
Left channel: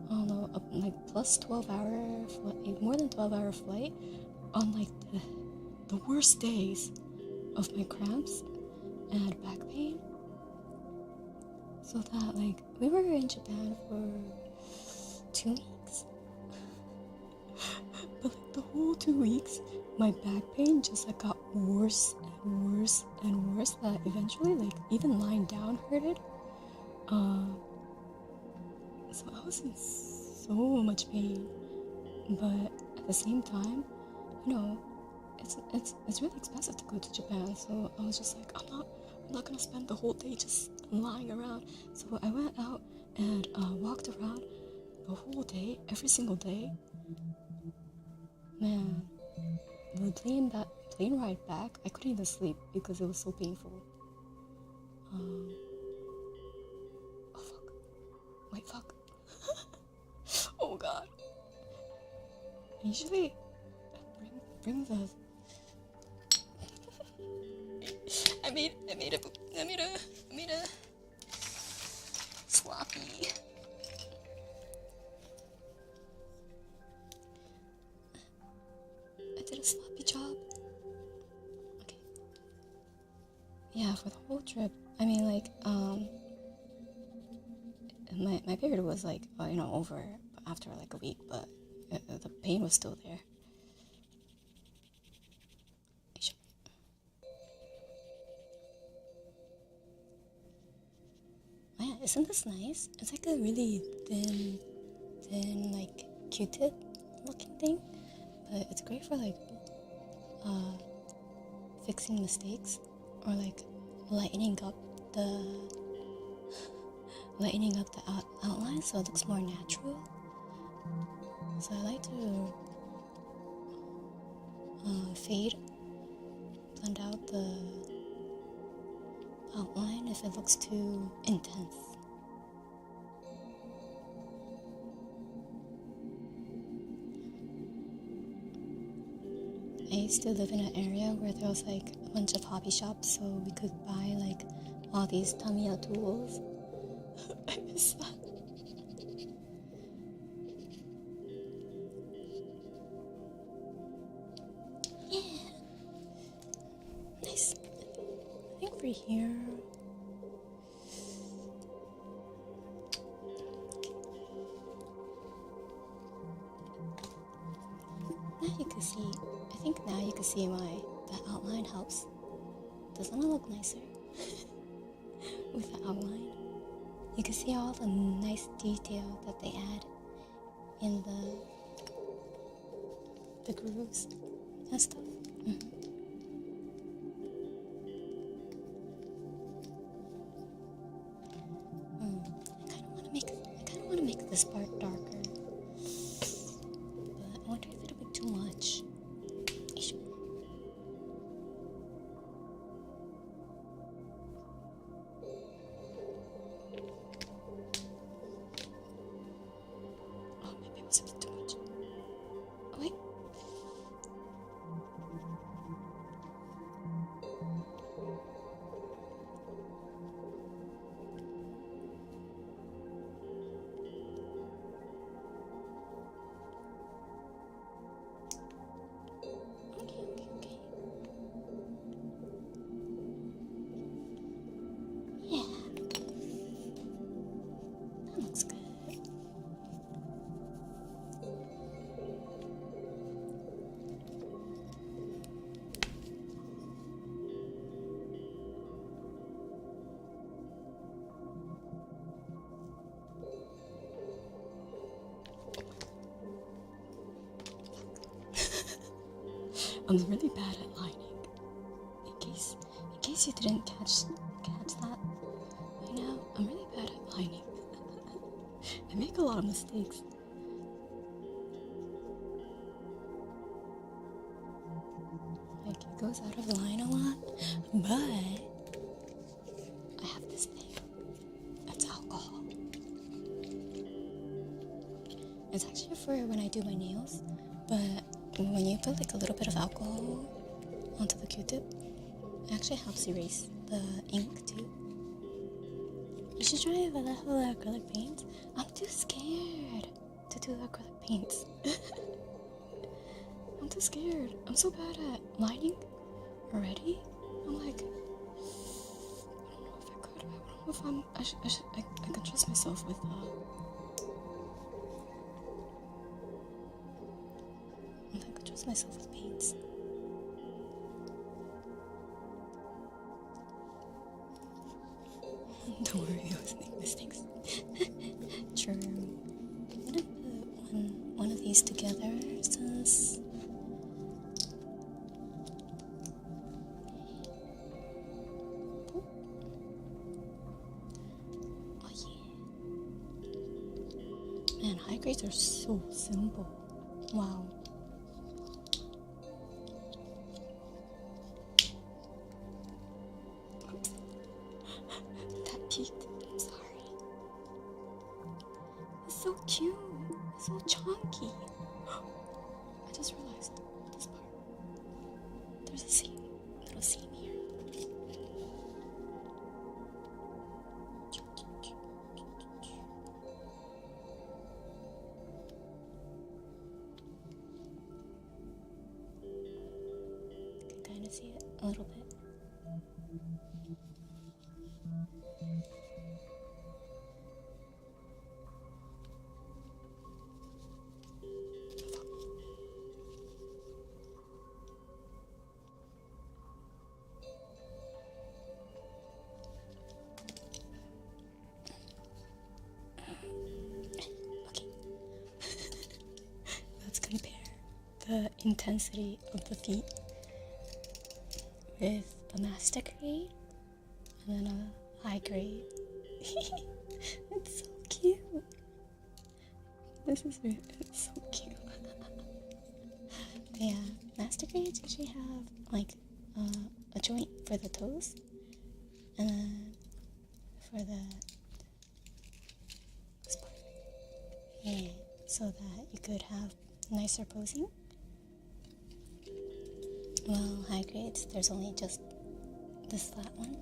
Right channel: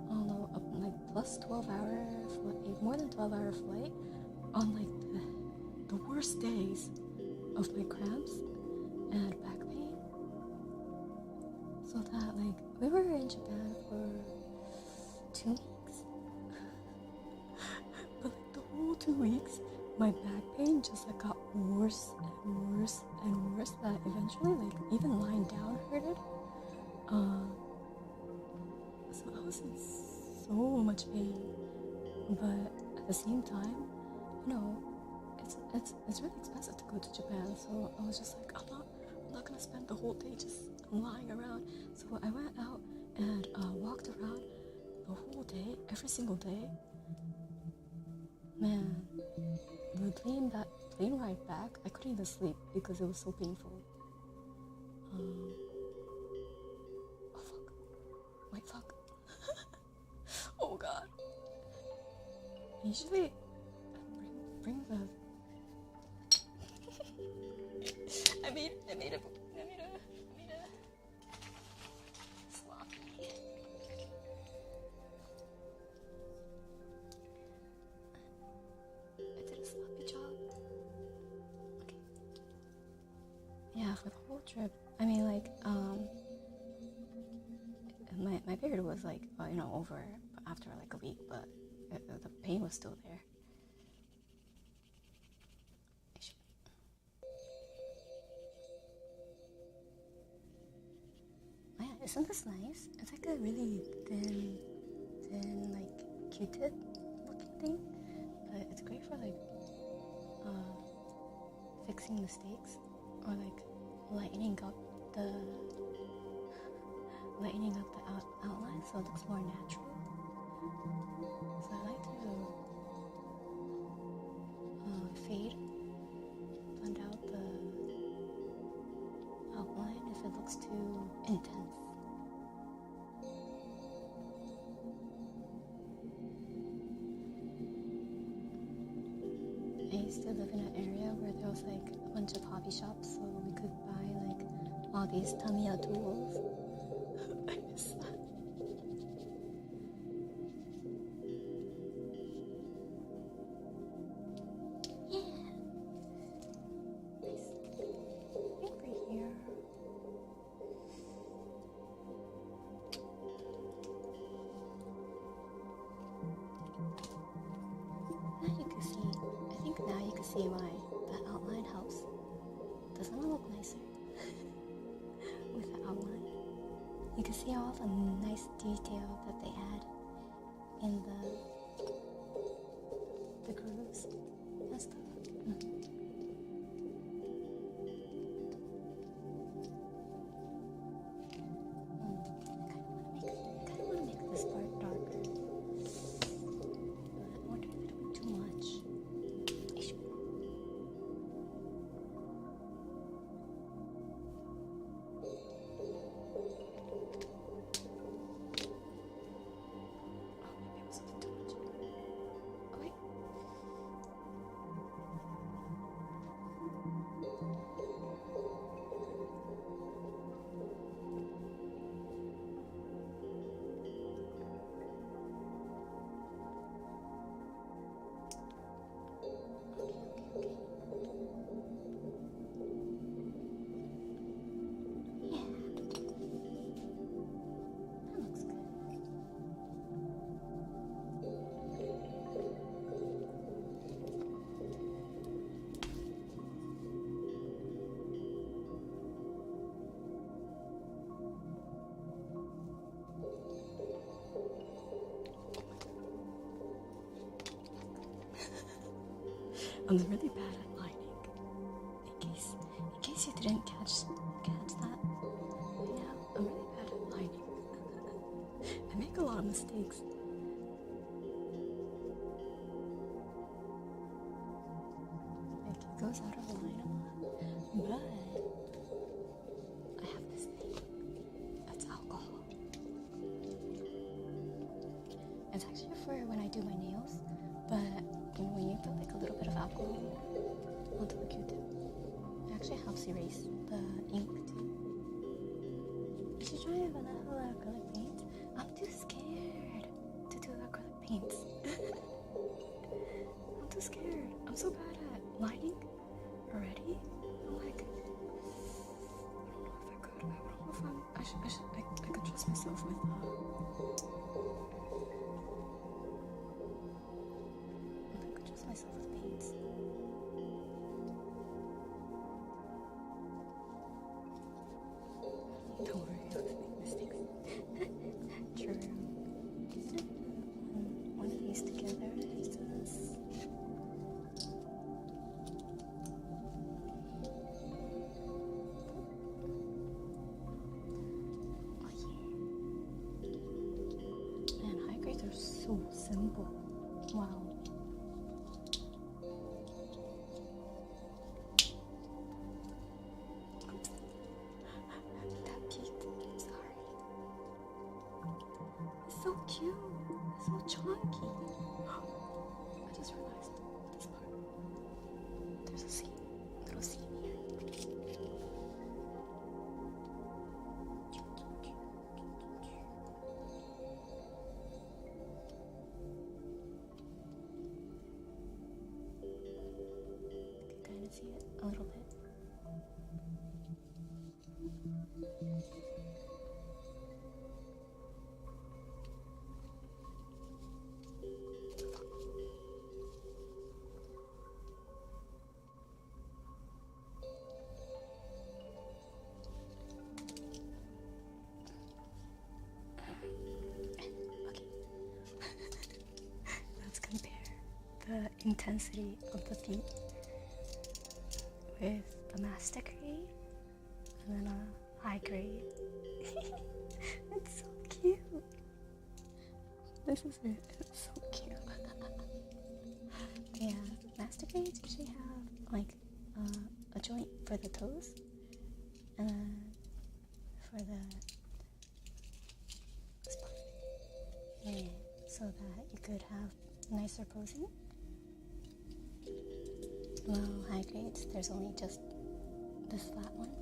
don't know, like plus 12-hour flight, more than 12-hour flight on like the worst days of my cramps and back pain, so that like we were in Japan for 2 weeks, but like the whole 2 weeks my back pain just like got worse and worse and worse, that eventually like even lying down hurted. So I was in so much pain, but at the same time, you know, it's really expensive to go to Japan, so I was just like, I'm not gonna spend the whole day just lying around. So I went out and walked around the whole day, every single day. Man, the plane ride back, I couldn't even sleep because it was so painful. Oh fuck! Wait, fuck! Oh god! Usually, bring the. I made a sloppy. I did a sloppy job. Okay. Yeah, for the whole trip. I mean, like, my period was like, over after like a week, but the pain was still there. Man, isn't this nice? It's like a really thin, like Q-tip looking thing, but it's great for like fixing mistakes or like lightening up the outline so it looks more natural. So I like to blend out the outline if it looks too intense. I used to live in an area where there was like a bunch of hobby shops, so we could buy like all these Tamiya tools. I miss that. Yeah. Nice. I think we're here. Now you can see. I think now you can see why the outline helps. Doesn't it look nicer with the outline? You can see all the nice detail that they add in the grooves and stuff. Mm-hmm. I kind of want to make this part darker, but I wonder if it'll be too much. I'm really bad at lining. In case you didn't catch that right now, I'm really bad at lining. I make a lot of mistakes. Like, it goes out of line a lot, but I have this thing. It's alcohol. It's actually for when I do my nails, but when you put like a little bit of alcohol onto the Q-tip, it actually helps erase the ink too. You should try Vallejo acrylic paints. I'm too scared to do acrylic paints. I'm too scared. I'm so bad at lining already. I'm like, I don't know if I can trust myself with myself with paints. Don't worry, I was making mistakes. True. I'm gonna put one of these together since oh yeah. Man, high grades are so simple. Wow. So cute, so chunky. I just realized this part. There's a little seam here. You can kind of see it a little bit. Compare the intensity of the feet with a master grade and then a high grade. It's so cute. It's so cute. Yeah, master grades usually have like a joint for the toes and then for the spot. Yeah, so that you could have nicer posing. Well, high grades, there's only just this flat one.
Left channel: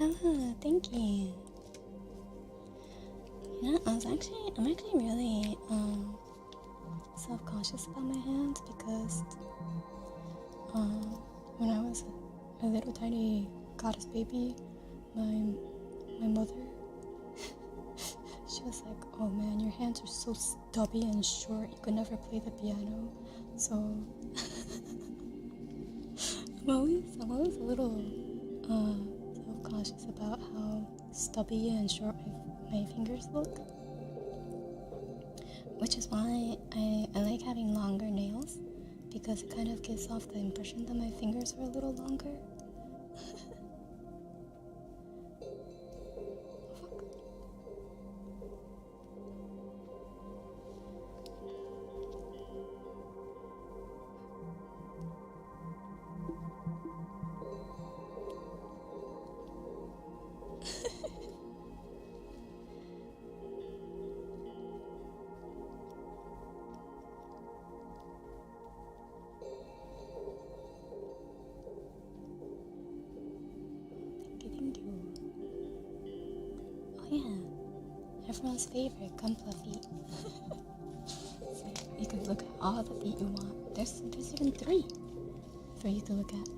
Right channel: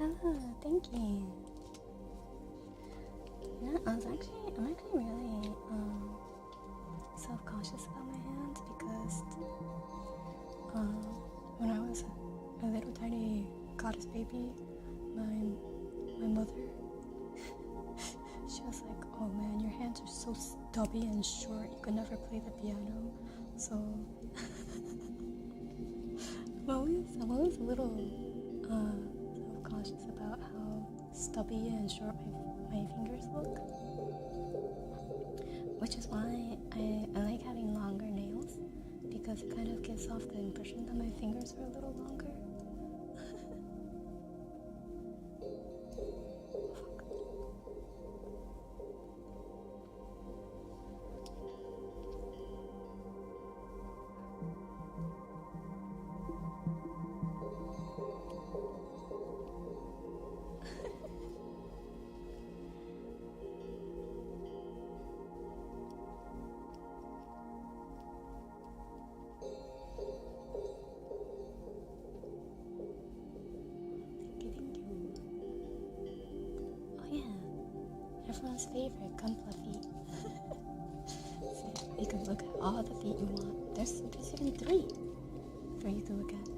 Oh, thank you. You know, I'm actually really self-conscious about my hands because when I was a little tiny goddess baby, my mother, she was like, oh man, your hands are so stubby and short, you could never play the piano. So I'm always a little self-conscious about how stubby and short my fingers look. Which is why I like having longer nails, because it kind of gives off the impression that my fingers are a little longer. Thank you. Oh yeah, everyone's favorite Gunpla feet. So you can look at all the feet you want. There's even 3 for you to look at.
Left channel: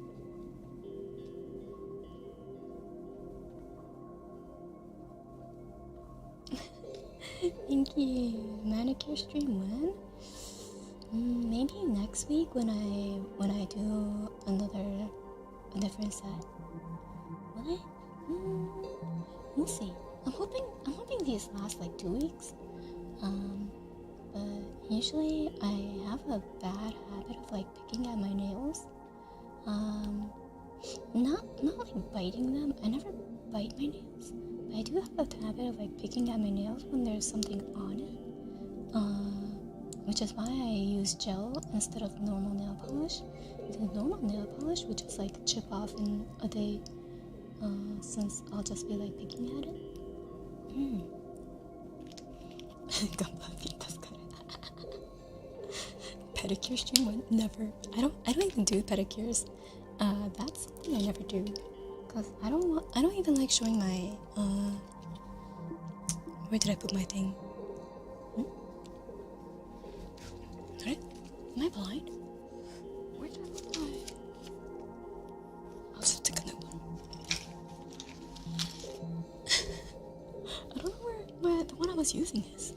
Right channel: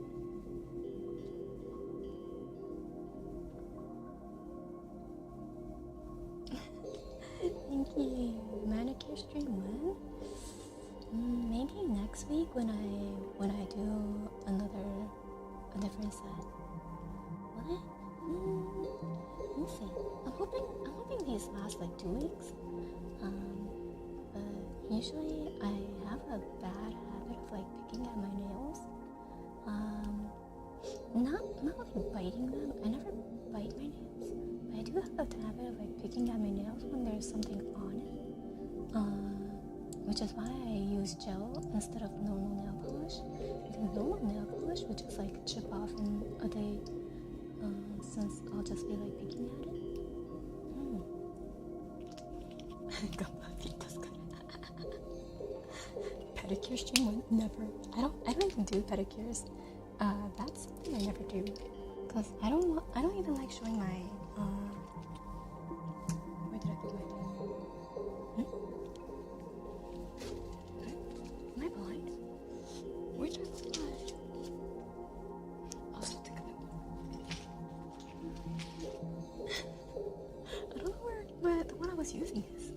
Thank you. Manicure stream when? Maybe next week when I do a different set. Will I? We'll see. I'm hoping these last like 2 weeks. But but usually I have a bad habit of like picking at my nails. Not like biting them. I never bite my nails, but I do have a habit of like picking at my nails when there's something on it. Which is why I use gel instead of normal nail polish. Because normal nail polish would just like chip off in a day, since I'll just be like picking at it. Pedicure stream one? Never. I don't even do pedicures. That's something I never do. Cause I don't even like showing my where did I put my thing? Am I blind? Where did I put my... I'll just take a new one. I don't know where the one I was using is.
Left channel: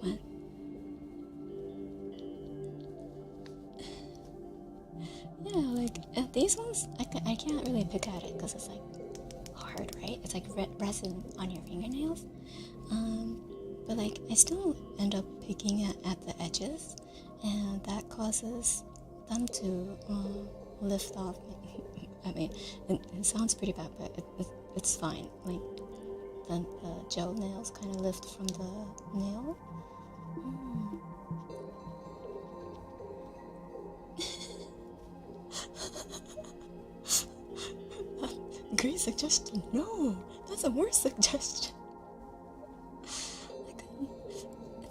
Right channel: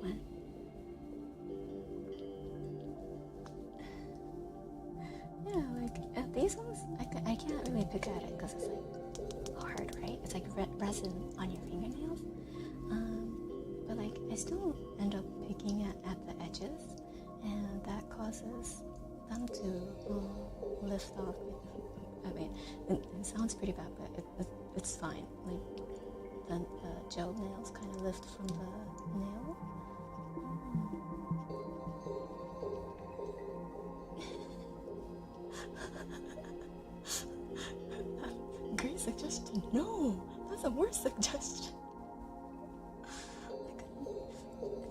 When? Yeah, like these ones, I can't really pick at it because it's like hard, right? It's like resin on your fingernails. But like I still end up picking at the edges, and that causes them to lift off. I mean, it sounds pretty bad, but it's fine. Like the gel nails kind of lift from the nail. Great suggestion. No, that's a worse suggestion.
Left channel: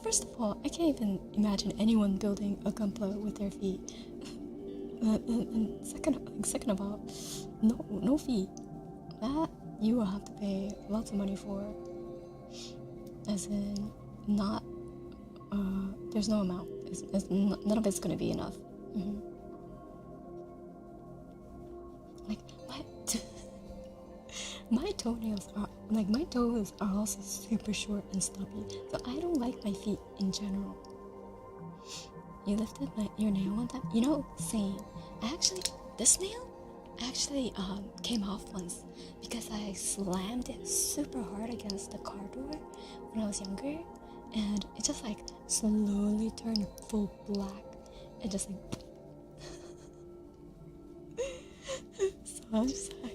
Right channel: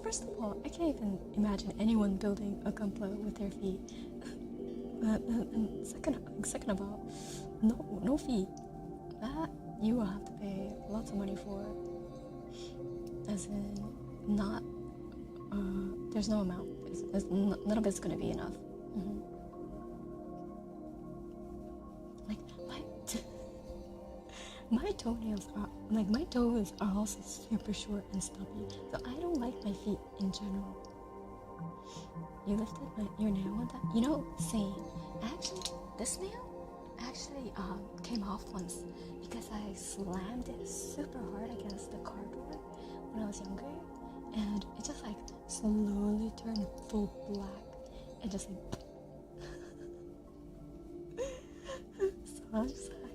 First of all, I can't even imagine anyone building a gunpla with their feet. And second of all, no feet. That you will have to pay lots of money for. As in, not. There's no amount. None of it's gonna be enough. Like my toenails are like my toes are also super short and stubby, so I don't like my feet in general. You lifted your nail one time? You know, same. This nail actually came off once because I slammed it super hard against the car door when I was younger, and it just like slowly turned full black and just like so I'm just like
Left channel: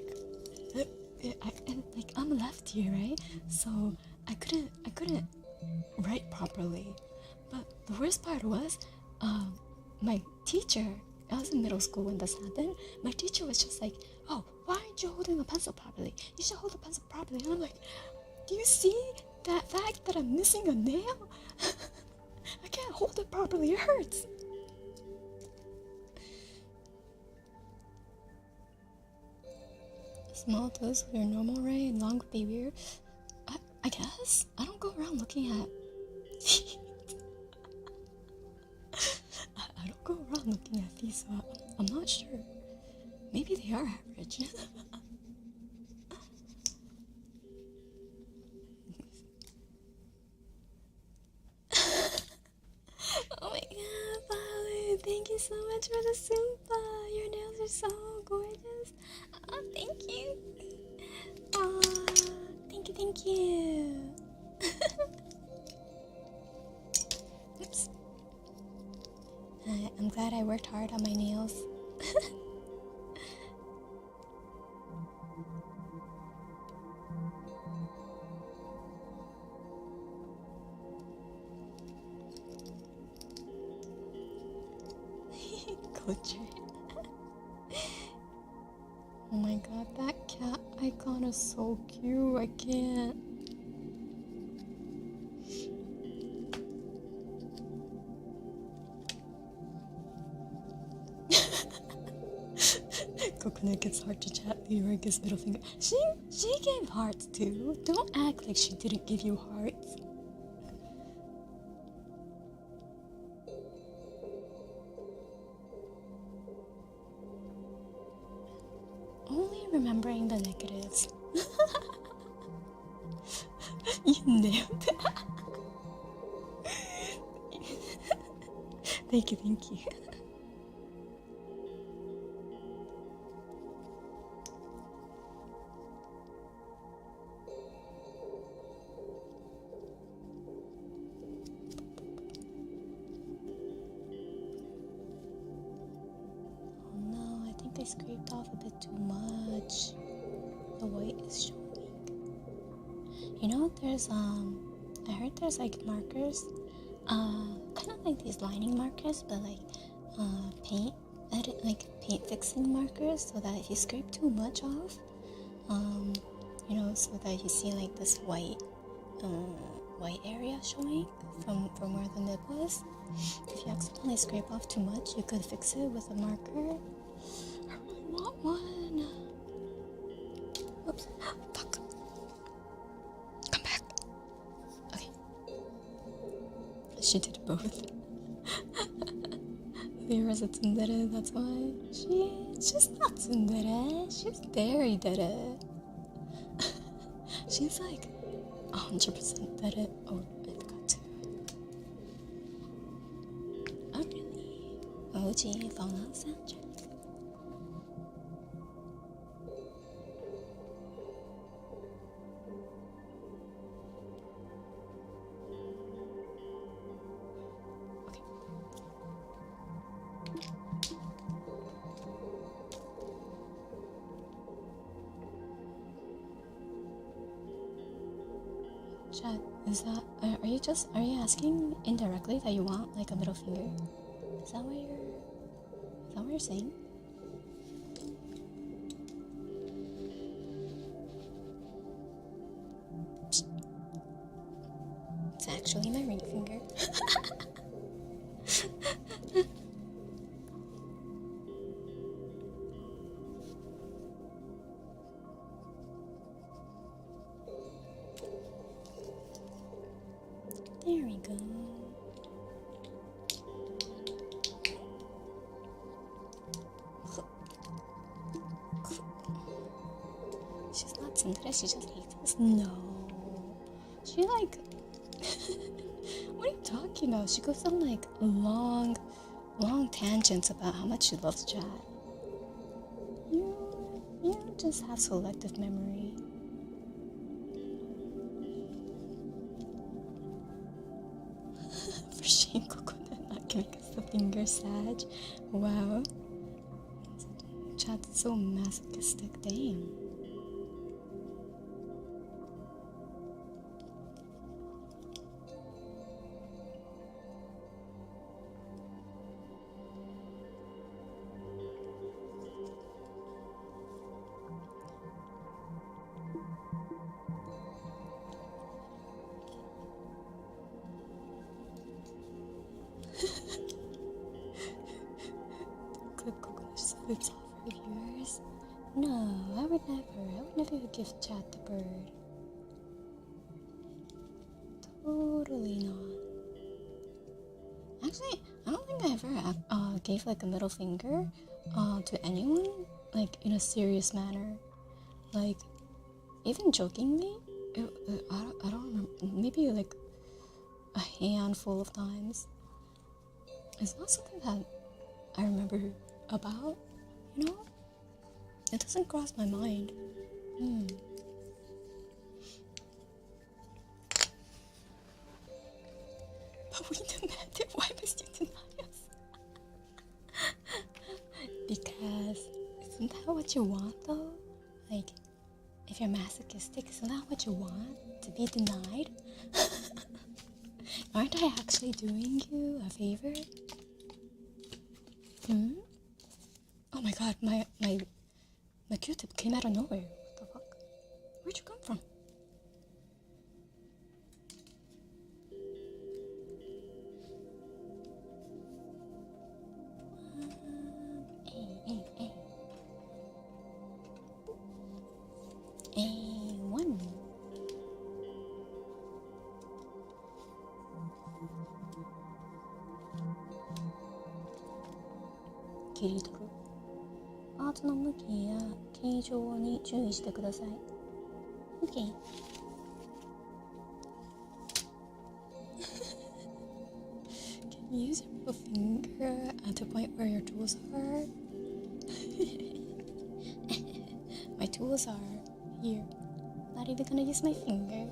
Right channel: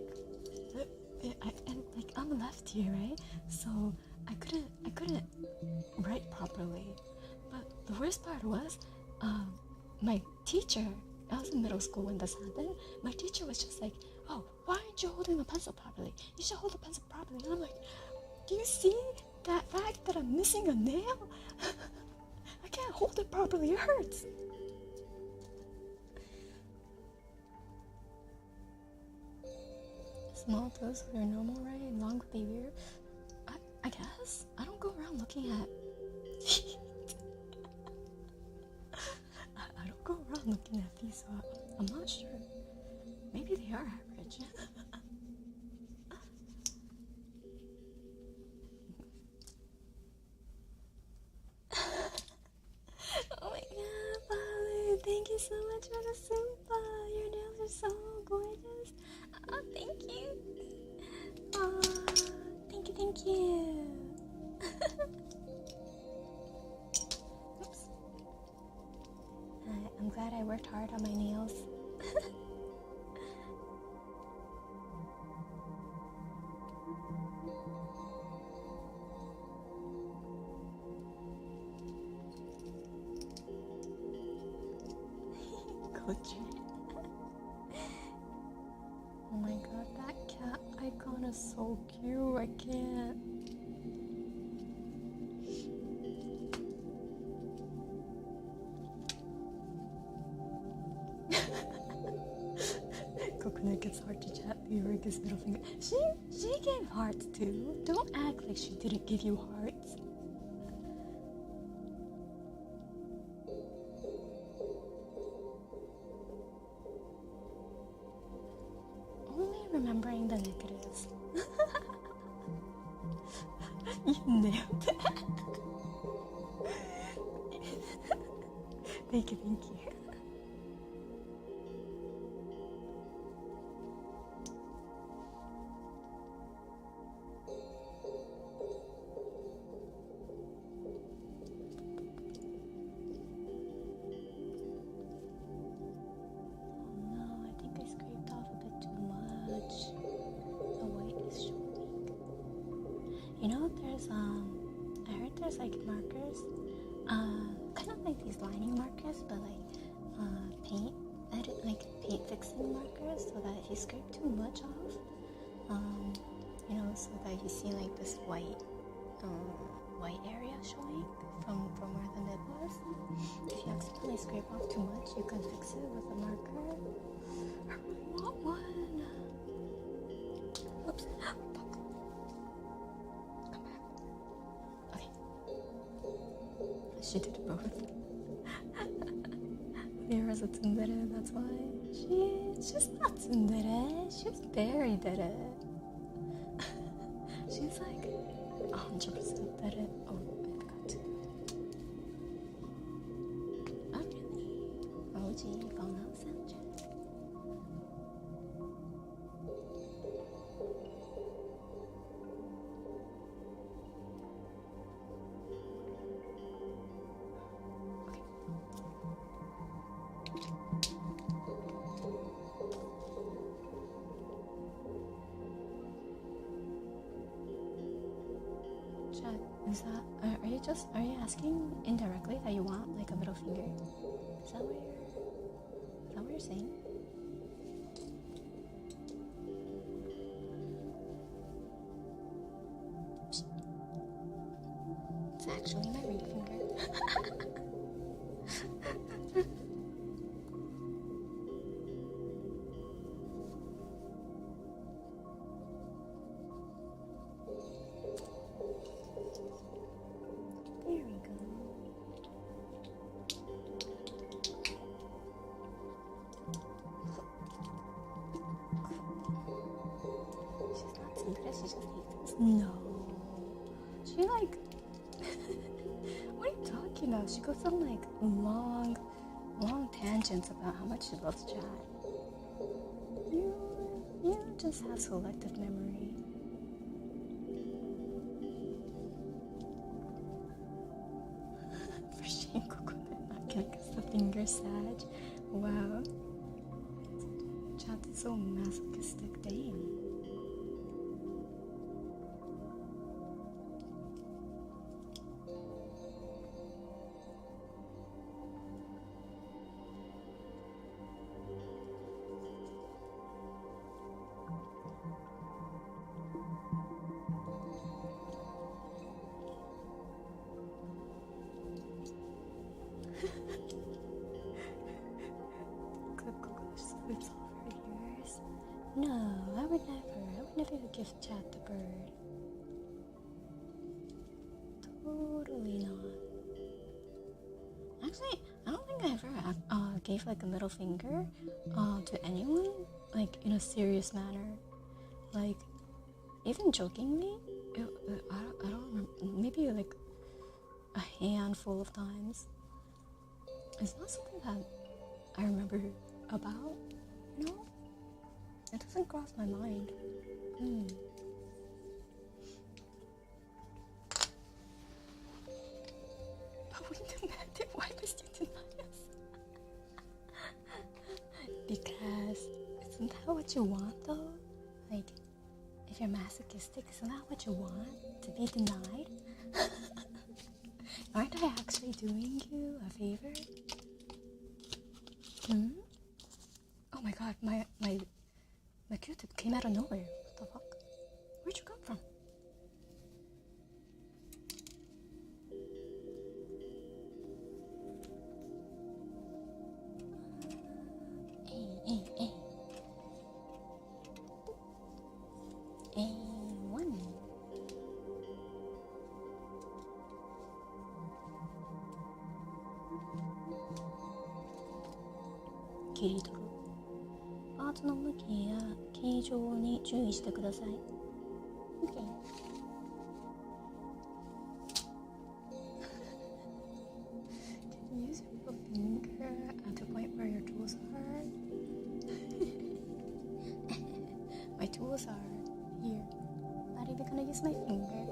and like I'm lefty, right? So I couldn't write properly. But the worst part was my teacher, I was in middle school when this happened, my teacher was just like, oh, why aren't you holding the pencil properly? You should hold the pencil properly. And I'm like, do you see that fact that I'm missing a nail? I can't hold it properly, it hurts. Small toes are normal, right? Long would be weird. I guess. I don't go around looking at I don't go around looking at these, so I'm not sure. Maybe they are average. Oh my god, Polly, thank you so much for the Soompa. Your nails are so gorgeous. Oh, thank you. Oh, thank you. Oops. I'm glad I worked hard on my nails. Culture. Oh my god, that cat icon is so cute. I can't. Kokone gets hard to chat. Leroy gives middle finger. She gave hearts too. Don't act like she didn't give you hearts. Only remembering the negatives. You nailed it. Thank you. scraped off a bit too much. The white is showing. You know, there's I heard there's like markers, kind of like these lining markers, but like paint fixing markers, so that if you scrape too much off, you know, so that you see like this white area showing from where the nib was. If you accidentally scrape off too much, you can fix it with a marker. I really want one. Oops. Fuck. Come back. Okay. She did both. Viewers a tsundere, that's why. She's not tsundere. She's very dere. She's like 100% dere. Oh, I forgot to. Oh, really? OG Fallout soundtrack. Chat, is that, are you asking indirectly that you want like a middle finger? Is that what you're saying? Psst. It's actually my ring finger. There we go. She's not tsundere, she just hates us. No. She like... What are you talking about? She goes on like long tangents about how much she loves chat. You just have selective memory. For shame, Kokone not giving us the finger sag. Wow. Chat's so masochistic, damn. Clip Kokone flips off her viewers. No, I would never give chat the bird. Totally not. Actually, I don't think I ever gave like a middle finger to anyone, like in a serious manner. Like, even jokingly, I don't remember, maybe like a handful of times. It's not something that I remember about, you know? It doesn't cross my mind. But we demanded, why must you deny us? Because, isn't that what you want though? Like, if you're masochistic, isn't that what you want? To be denied? Aren't I actually doing you a favor? Oh my god, my Q-tip came out of nowhere. What the fuck? Where'd you come from? Hey. A1.切り取る。パーツの向きや形状に注意してください。OK。Can you use your finger at the point where your tools are? My tools are here. Not even gonna use my finger.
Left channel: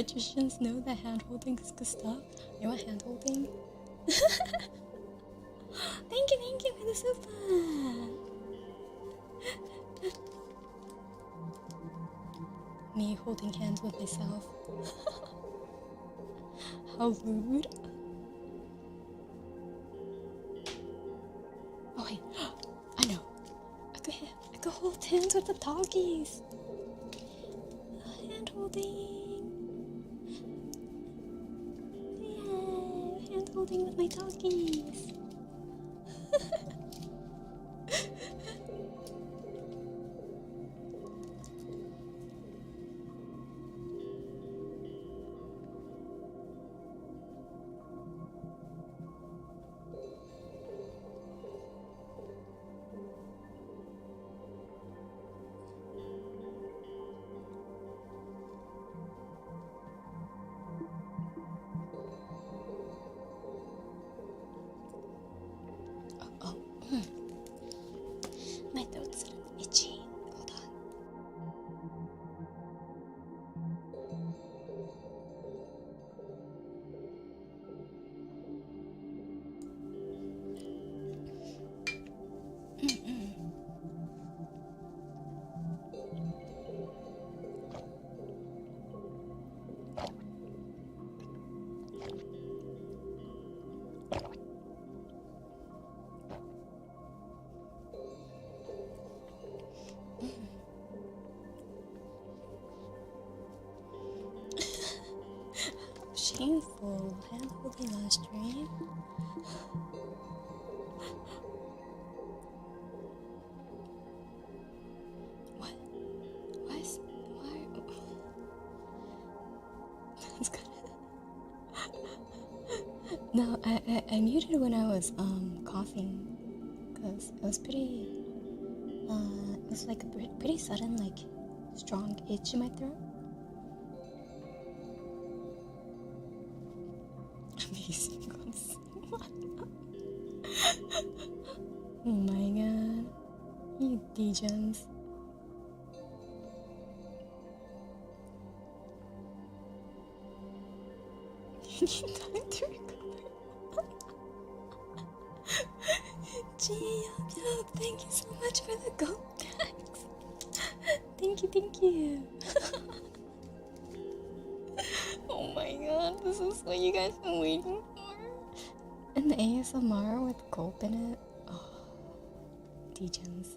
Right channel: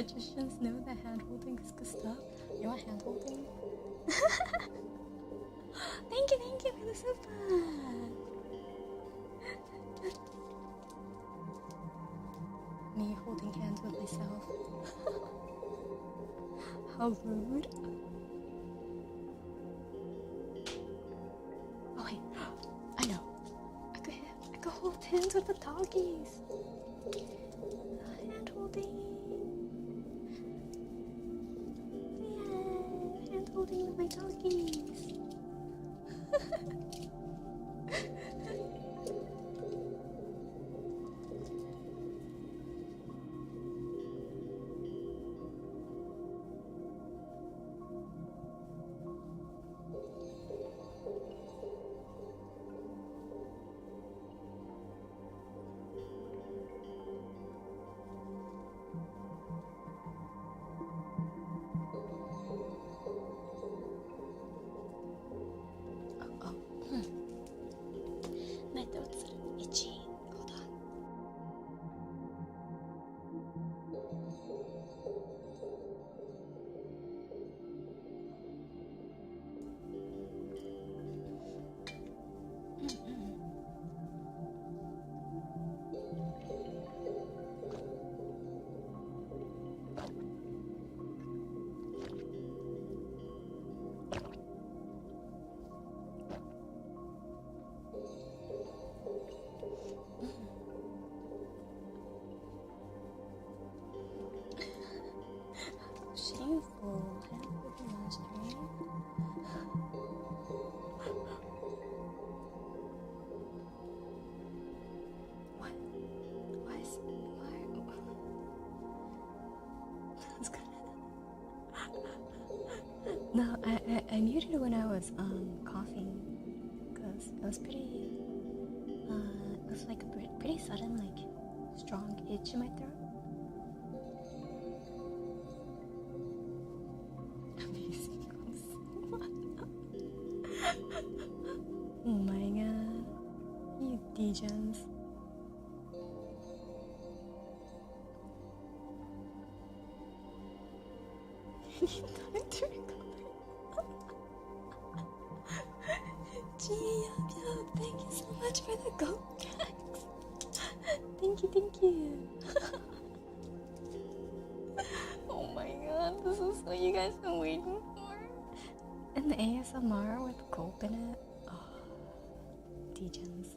magicians know that hand holding is good stuff. You want hand holding? Thank you for the super. Me holding hands with myself. How rude. Oh wait, I know. I could hold hands with the doggies. Hand holding. Yeah, hand holding with my doggies. My throat's itchy. Hold on. Shameful. Hand holding last stream. What? Why? That's good. No, I muted when I was coughing, cause it was pretty it was like a pretty sudden, like strong itch in my throat. Amazing. Oh my god, you degens. You need time to recover. Gee, thank you so much for the goat tags. Thank you. Oh my god, this is what you guys been waiting for. An ASMR with gulp in it. Oh, degens.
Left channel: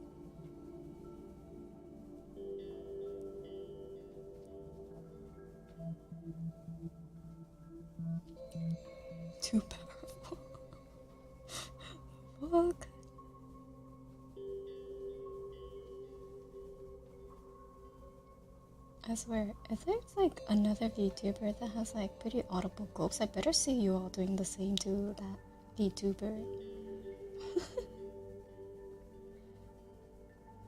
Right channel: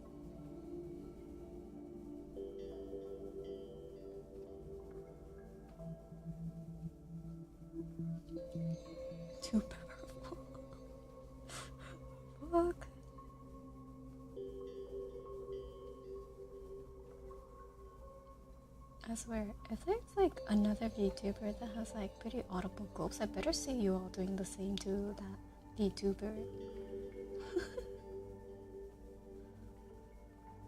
Too powerful. Fuck. I swear, if there's like another VTuber that has like pretty audible gulps, I better see you all doing the same to that VTuber.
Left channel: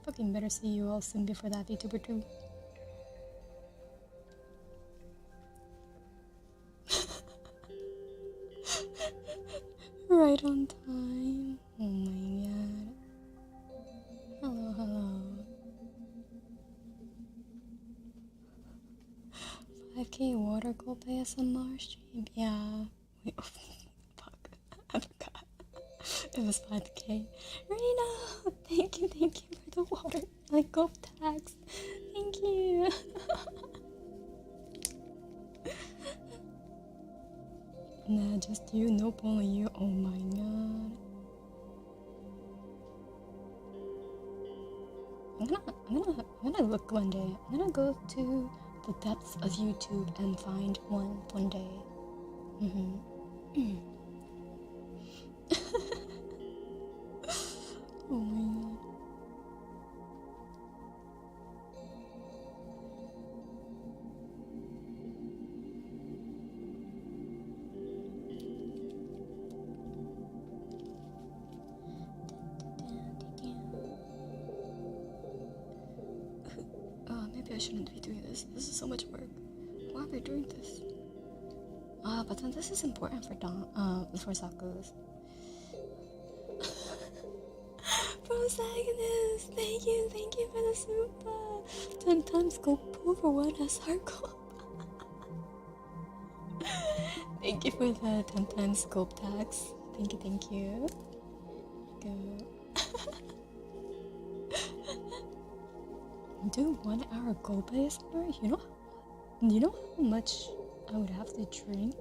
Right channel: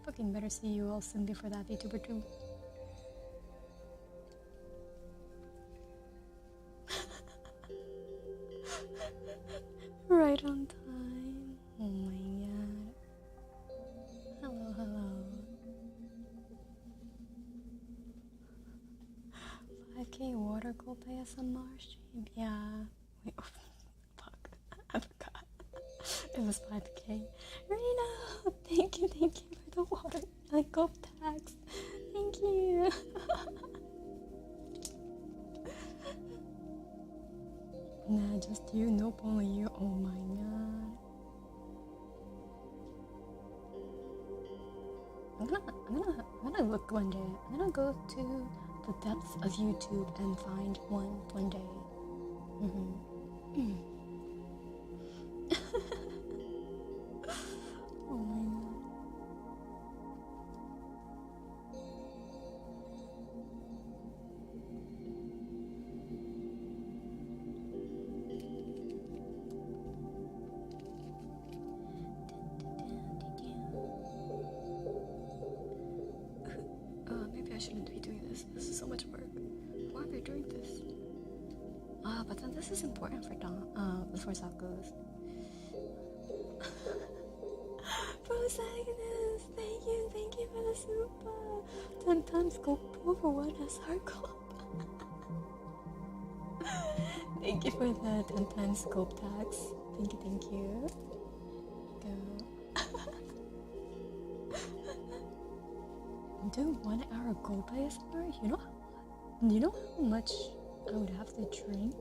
Fucking better see you all soon before that VTuber too. Right on time. Oh my god. Hello. 5k water gulp ASMR stream. Yeah. Wait, fuck. I forgot. It was 5k. Rena! Thank you for the water. Like gulp tags. Thank you. Nah, just you. Nope, only you. Oh my god. I'm gonna look one day. I'm gonna go to the depths of YouTube and find one day. Oh my god. Maybe I shouldn't be doing this. This is so much work. Why am I doing this? But then this is important for Zaku's. Protagonist, thank you for the super. 10 times go pull for one SR comp. Thank you for the 10 times scope tax. Thank you. Go. Do 1 hour gulp ASMR? You know how much I would have to drink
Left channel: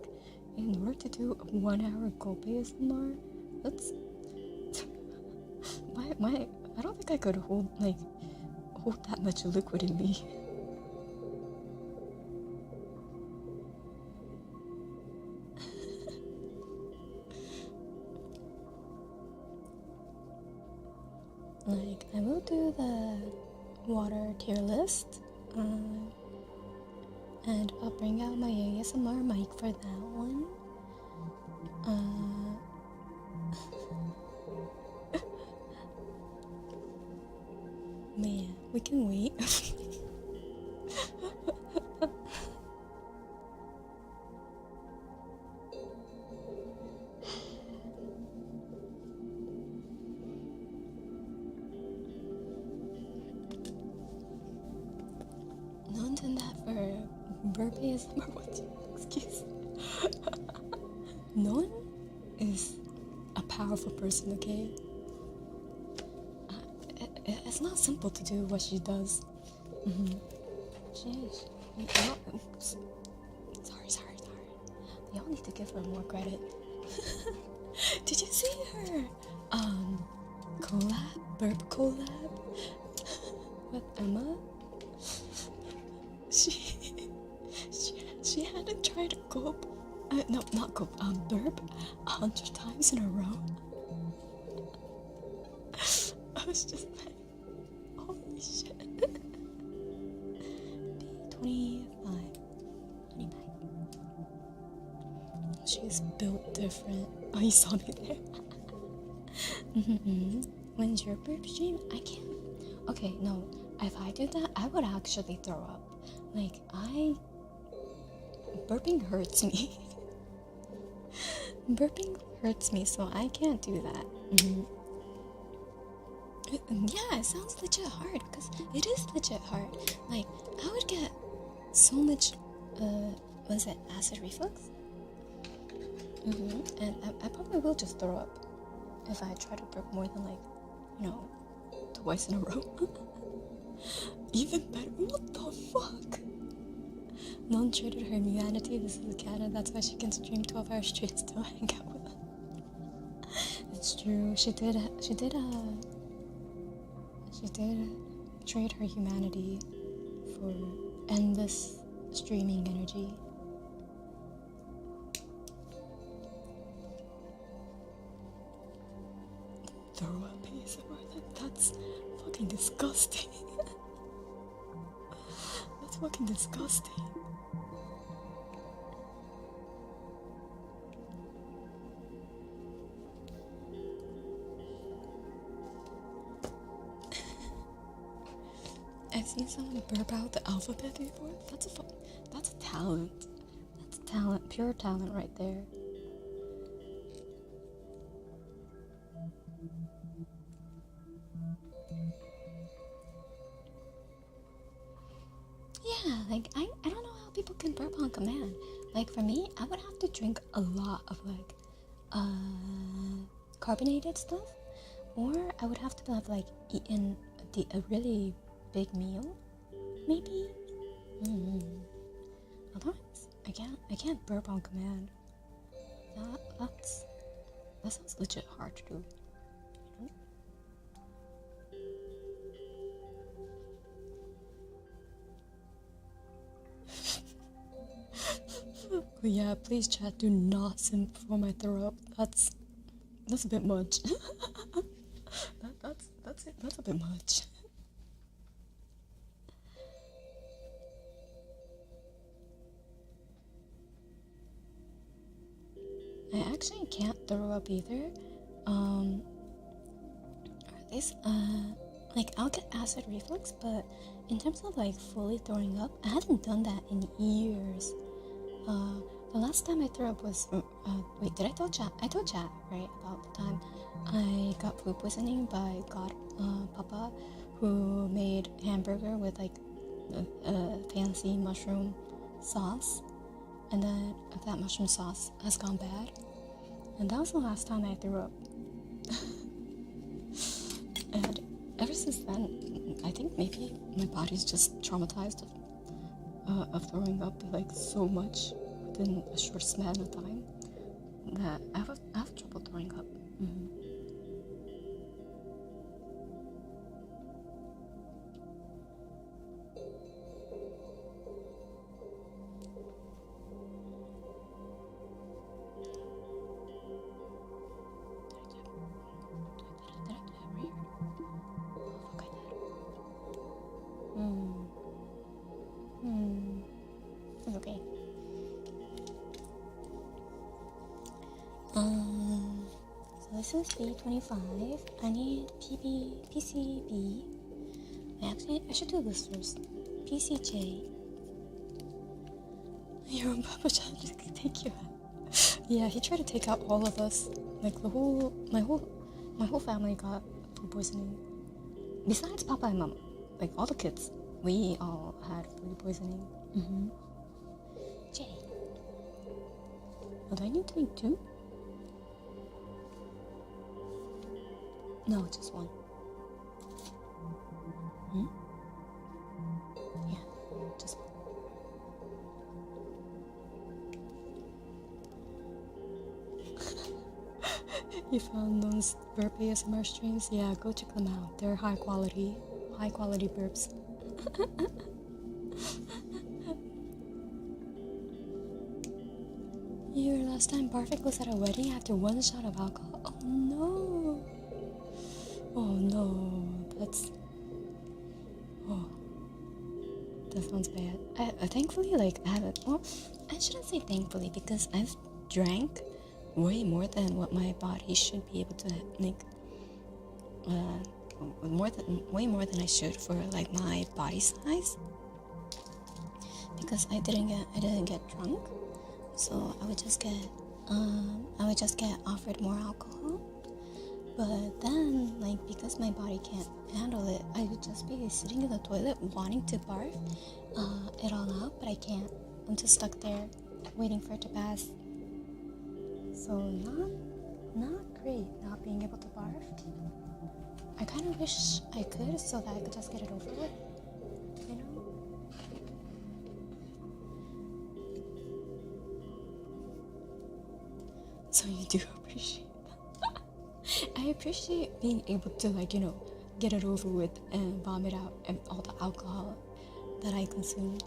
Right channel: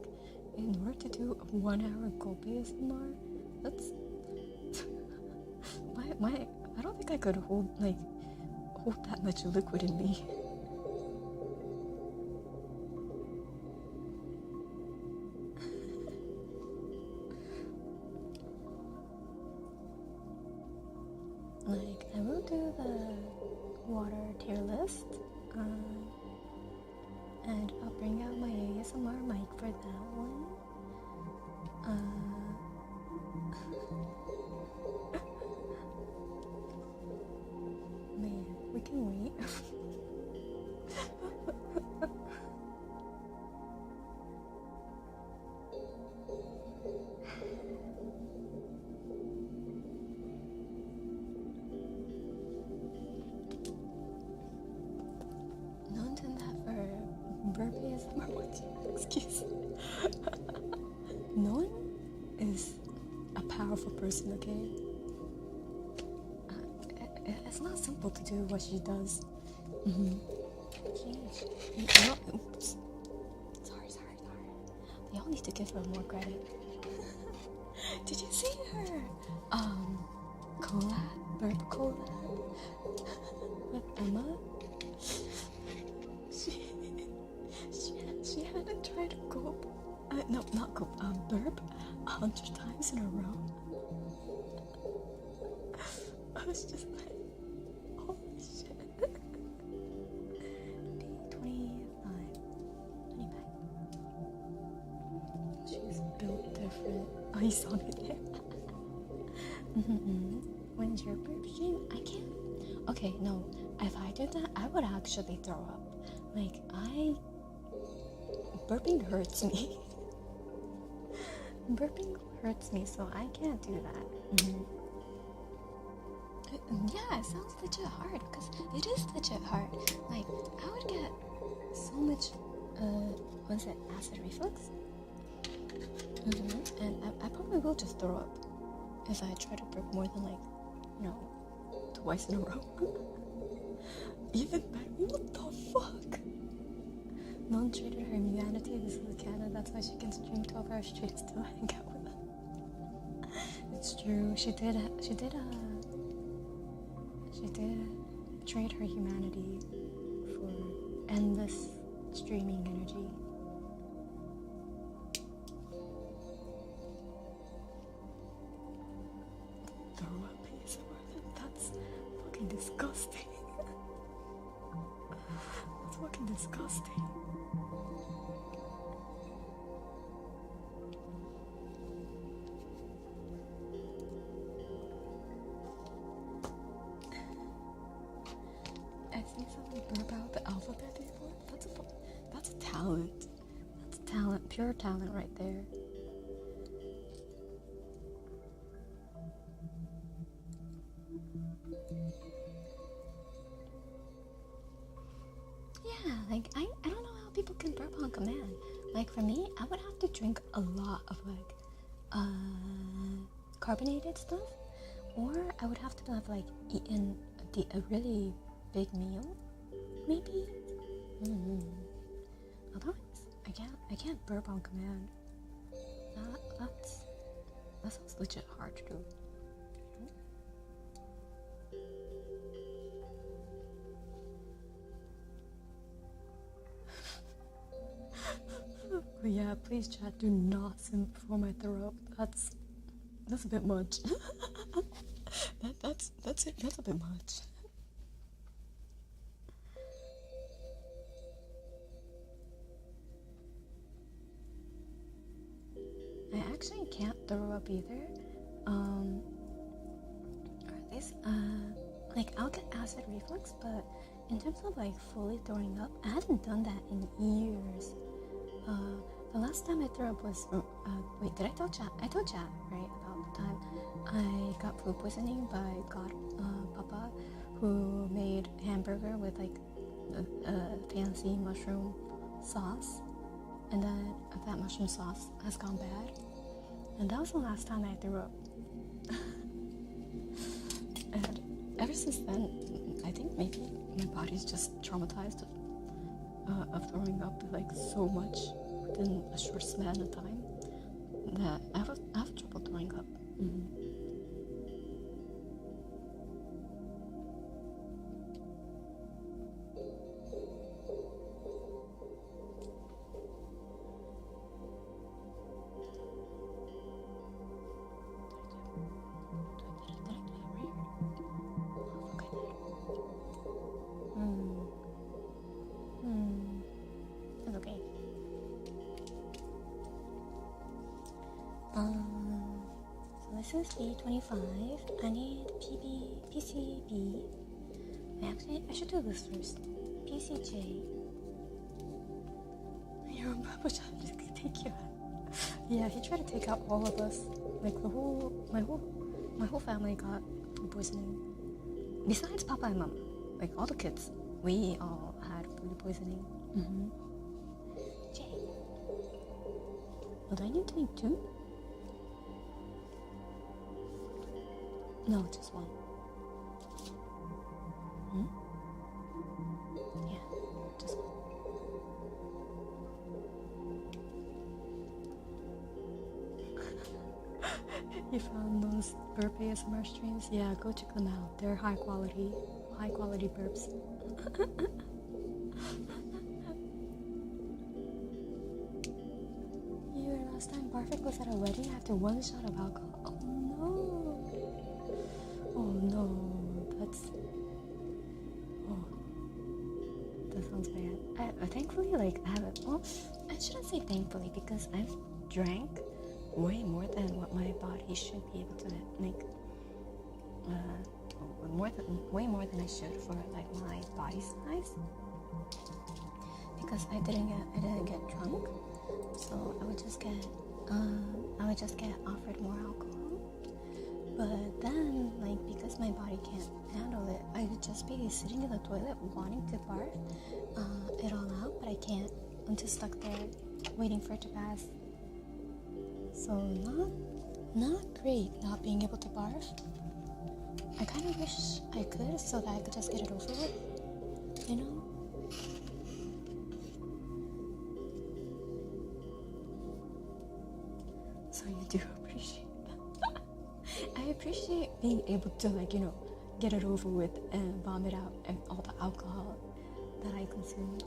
in order to do a 1 hour gulp ASMR? That's my I don't think I could hold that much liquid in me. I will do the water tier list, and I'll bring out my ASMR mic for that one. Man, we can wait. No one's done that for burp ASMR. Excuse me. No one is a powerful person, okay? It's not simple to do what she does. Jeez. Oops. Sorry. Y'all need to give her more credit. Did you see her burp collab with Emma? She had to try to burp 100 times in a row. I was just like, holy shit. 25. She's built different. Oh, you saw me there. When's your burp stream? I can't. Okay, no. If I did that, I would actually throw up. Burping hurts me. Burping hurts me, so I can't do that. Yeah, it sounds legit hard, because it is legit hard. I would get so much, acid reflux? And I probably will just throw up if I try to burp more than, twice in a row. Even better. What the fuck? None traded her humanity. This is canon. That's why she can stream 12 hours straight and still hang out with us. It's true. She did trade her humanity for endless streaming energy. Throw up ASMR. That's fucking disgusting. That's fucking disgusting. I've seen someone burp out the alphabet before. That's a talent. That's talent, pure talent right there. Yeah, I don't know how people can burp on command. For me, I would have to drink a lot of carbonated stuff, or I would have to have eaten a really big meal, maybe. Otherwise, I can't burp on command. That sounds legit hard to do. Yeah, please chat, do not simp for my throat. That's a bit much. that's a bit much. I actually can't throw up either. Or at least, I'll get acid reflux, but in terms of fully throwing up, I haven't done that in years. The last time I threw up was, wait, did I tell chat? I told chat, right, about the time I got food poisoning by Papa, who made hamburger with fancy mushroom sauce. and then that mushroom sauce has gone bad, and that was the last time I threw up. And ever since then, I think maybe my body's just traumatized of throwing up like so much within a short span of time that I have trouble throwing up. It's okay. So this is B25. I need PCB. Actually, I should do this first. PCJ. Your own Papa John, thank you. Yeah, he tried to take out all of us. Like my whole family got food poisoning. Besides Papa and Mama, like all the kids, we all had food poisoning. J. Oh, do I need to make 2? No, just 1. Yeah, just 1. You found those burp ASMR streams? Yeah, go check them out. They're high quality burps. Your last time barfing was at a wedding after 1 shot of alcohol? Oh no! Oh no, that sounds bad. I thankfully, like, I haven't, well, I shouldn't say thankfully, because I've drank way more than what my body should be able to, like, way more than I should for, like, my body size, because I didn't get drunk, so I would just get offered more alcohol. But then, like, because my body can't handle it, I would just be sitting in the toilet wanting to barf it all out, but I can't. I'm just stuck there waiting for it to pass. So not great not being able to barf. I kind of wish I could, so that I could just get it over with, you know? So you do appreciate that. I appreciate being able to, like, you know, get it over with and vomit out and all the alcohol that I consumed,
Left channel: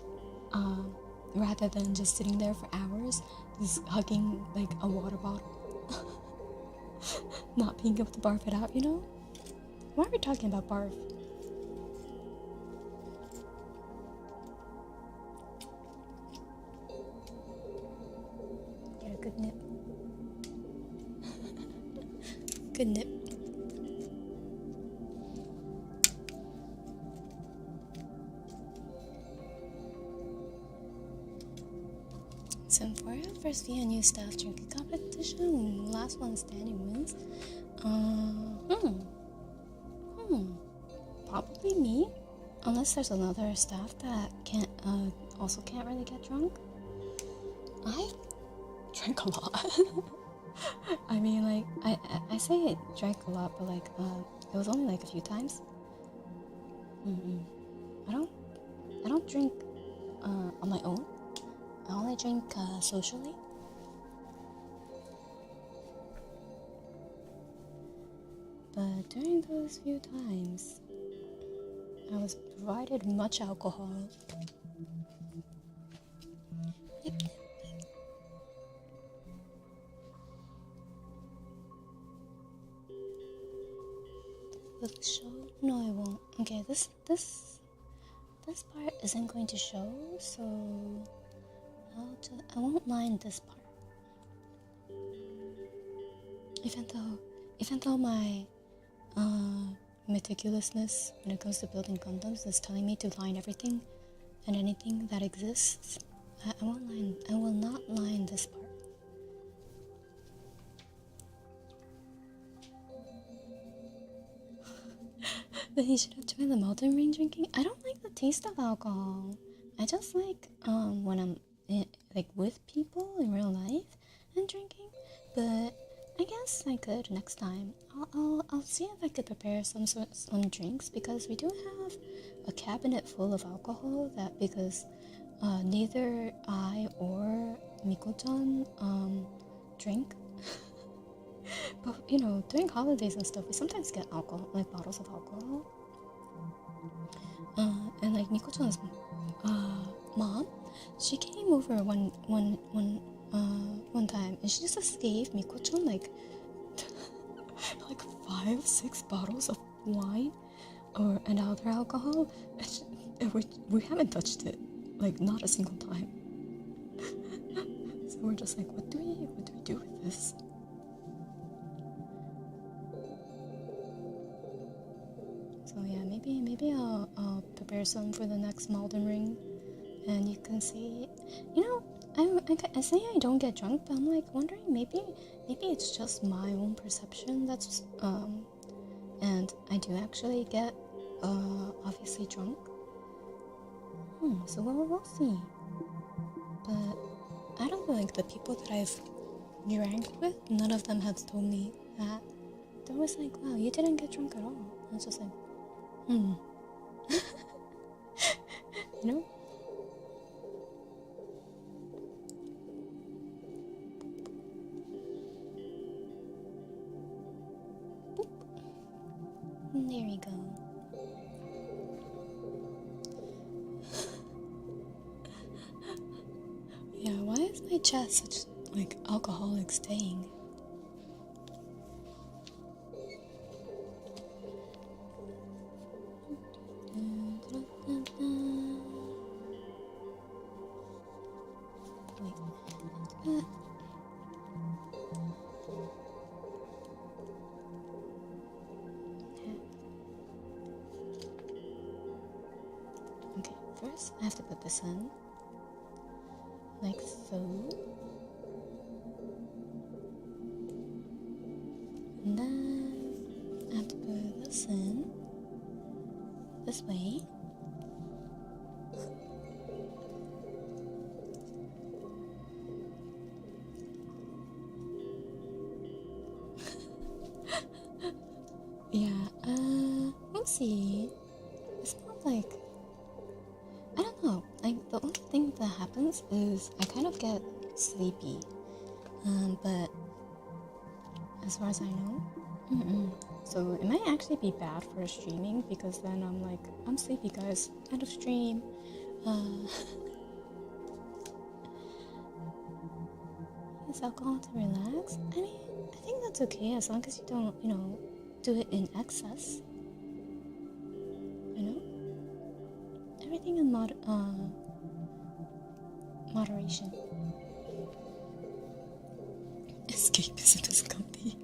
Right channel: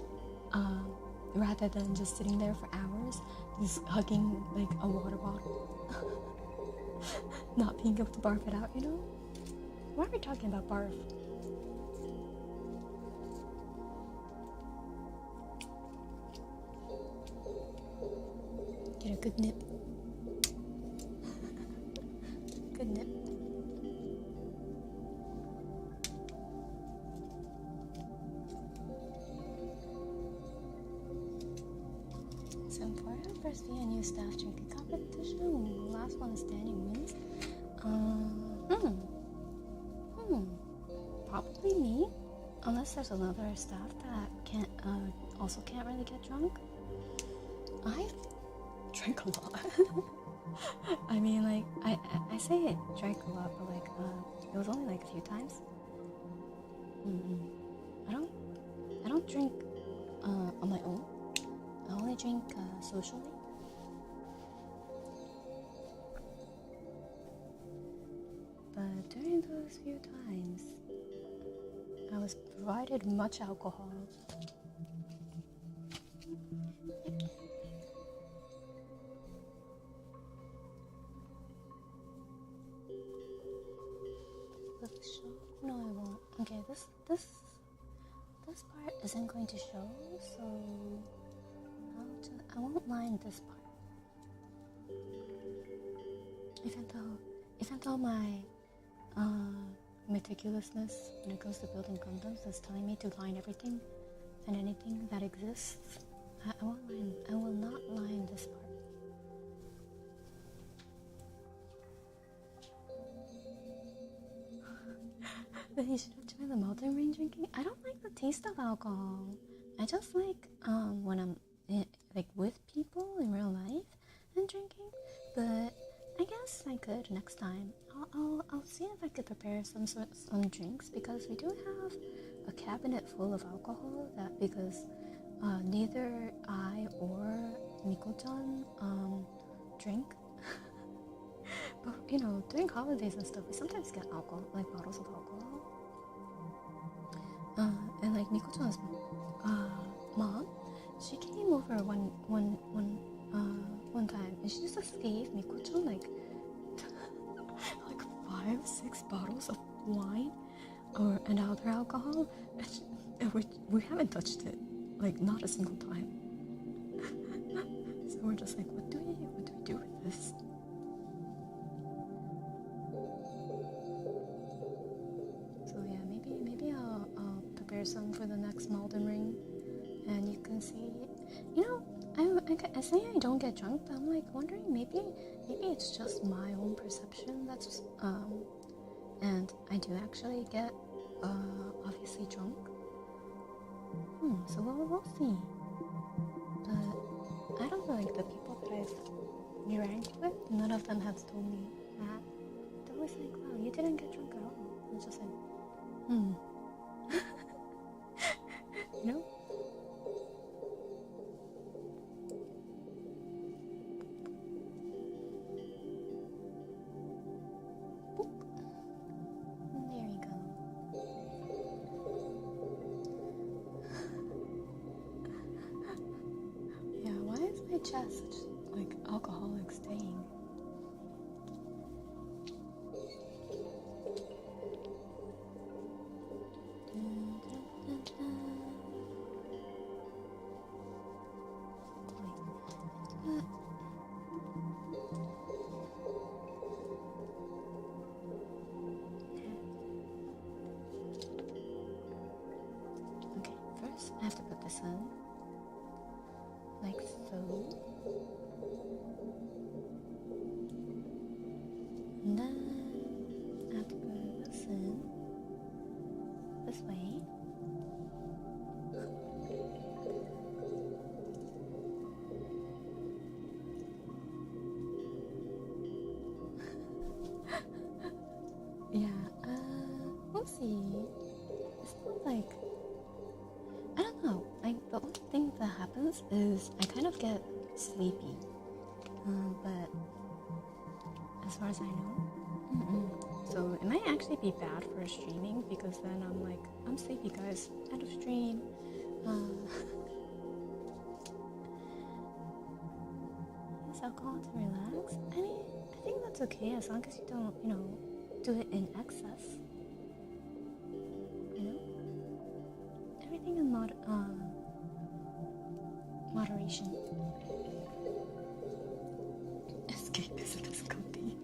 rather than just sitting there for hours, just hugging like a water bottle, not being able to barf it out, you know? Why are we talking about barf? Get a good nip. Good nip. Symphoria first V&U staff drinking competition. Last one standing wins. Probably me, unless there's another staff that also can't really get drunk. I've drank a lot. I mean, like, I say it drank a lot, but like, it was only like a few times. I don't drink on my own. I only drink socially. But during those few times, I was provided much alcohol. Will it show? No, I won't. Okay, this part isn't going to show, so I won't line this part. Even though my meticulousness when it comes to building Gundams is telling me to line everything and anything that exists, I will not line this part. Then you should have tried the Elden Ring drinking. I don't like the taste of alcohol. I just like when I'm like with people in real life and drinking, but I guess I could next time. I'll see if I could prepare some drinks, because we do have a cabinet full of alcohol because neither I or Miko-chan drink. But you know, during holidays and stuff, we sometimes get alcohol, like bottles of alcohol. And like Miko-chan's mom, she came over one time, and she just gave Miko-chan like like 5-6 bottles of wine and other alcohol, and we haven't touched it, like not a single time. So we're just like, what do we do with this? So yeah, maybe I'll prepare some for the next Malden Ring, and you can see, you know, I say I don't get drunk, but I'm like wondering, maybe it's just my own perception that's and I do actually get obviously drunk. So we'll see. But I don't know, like the people that I've drank with, none of them have told me that. They're always like, wow, you didn't get drunk at all. And it's just like, you know? Boop. There you go. Yeah, why is my chest such like alcoholic staying? Okay, first I have to put this in, like so. And then I have to put this in this way. Yeah, we'll see. It's not like, I don't know, like the only thing that happens is I kind of get sleepy, but as far as I know, so it might actually be bad for streaming, because then I'm like, I'm sleepy guys, end of stream. Use alcohol to relax. I mean, I think that's okay as long as you don't, you know, do it in excess. You know? Everything in moderation. Escapism is comfy.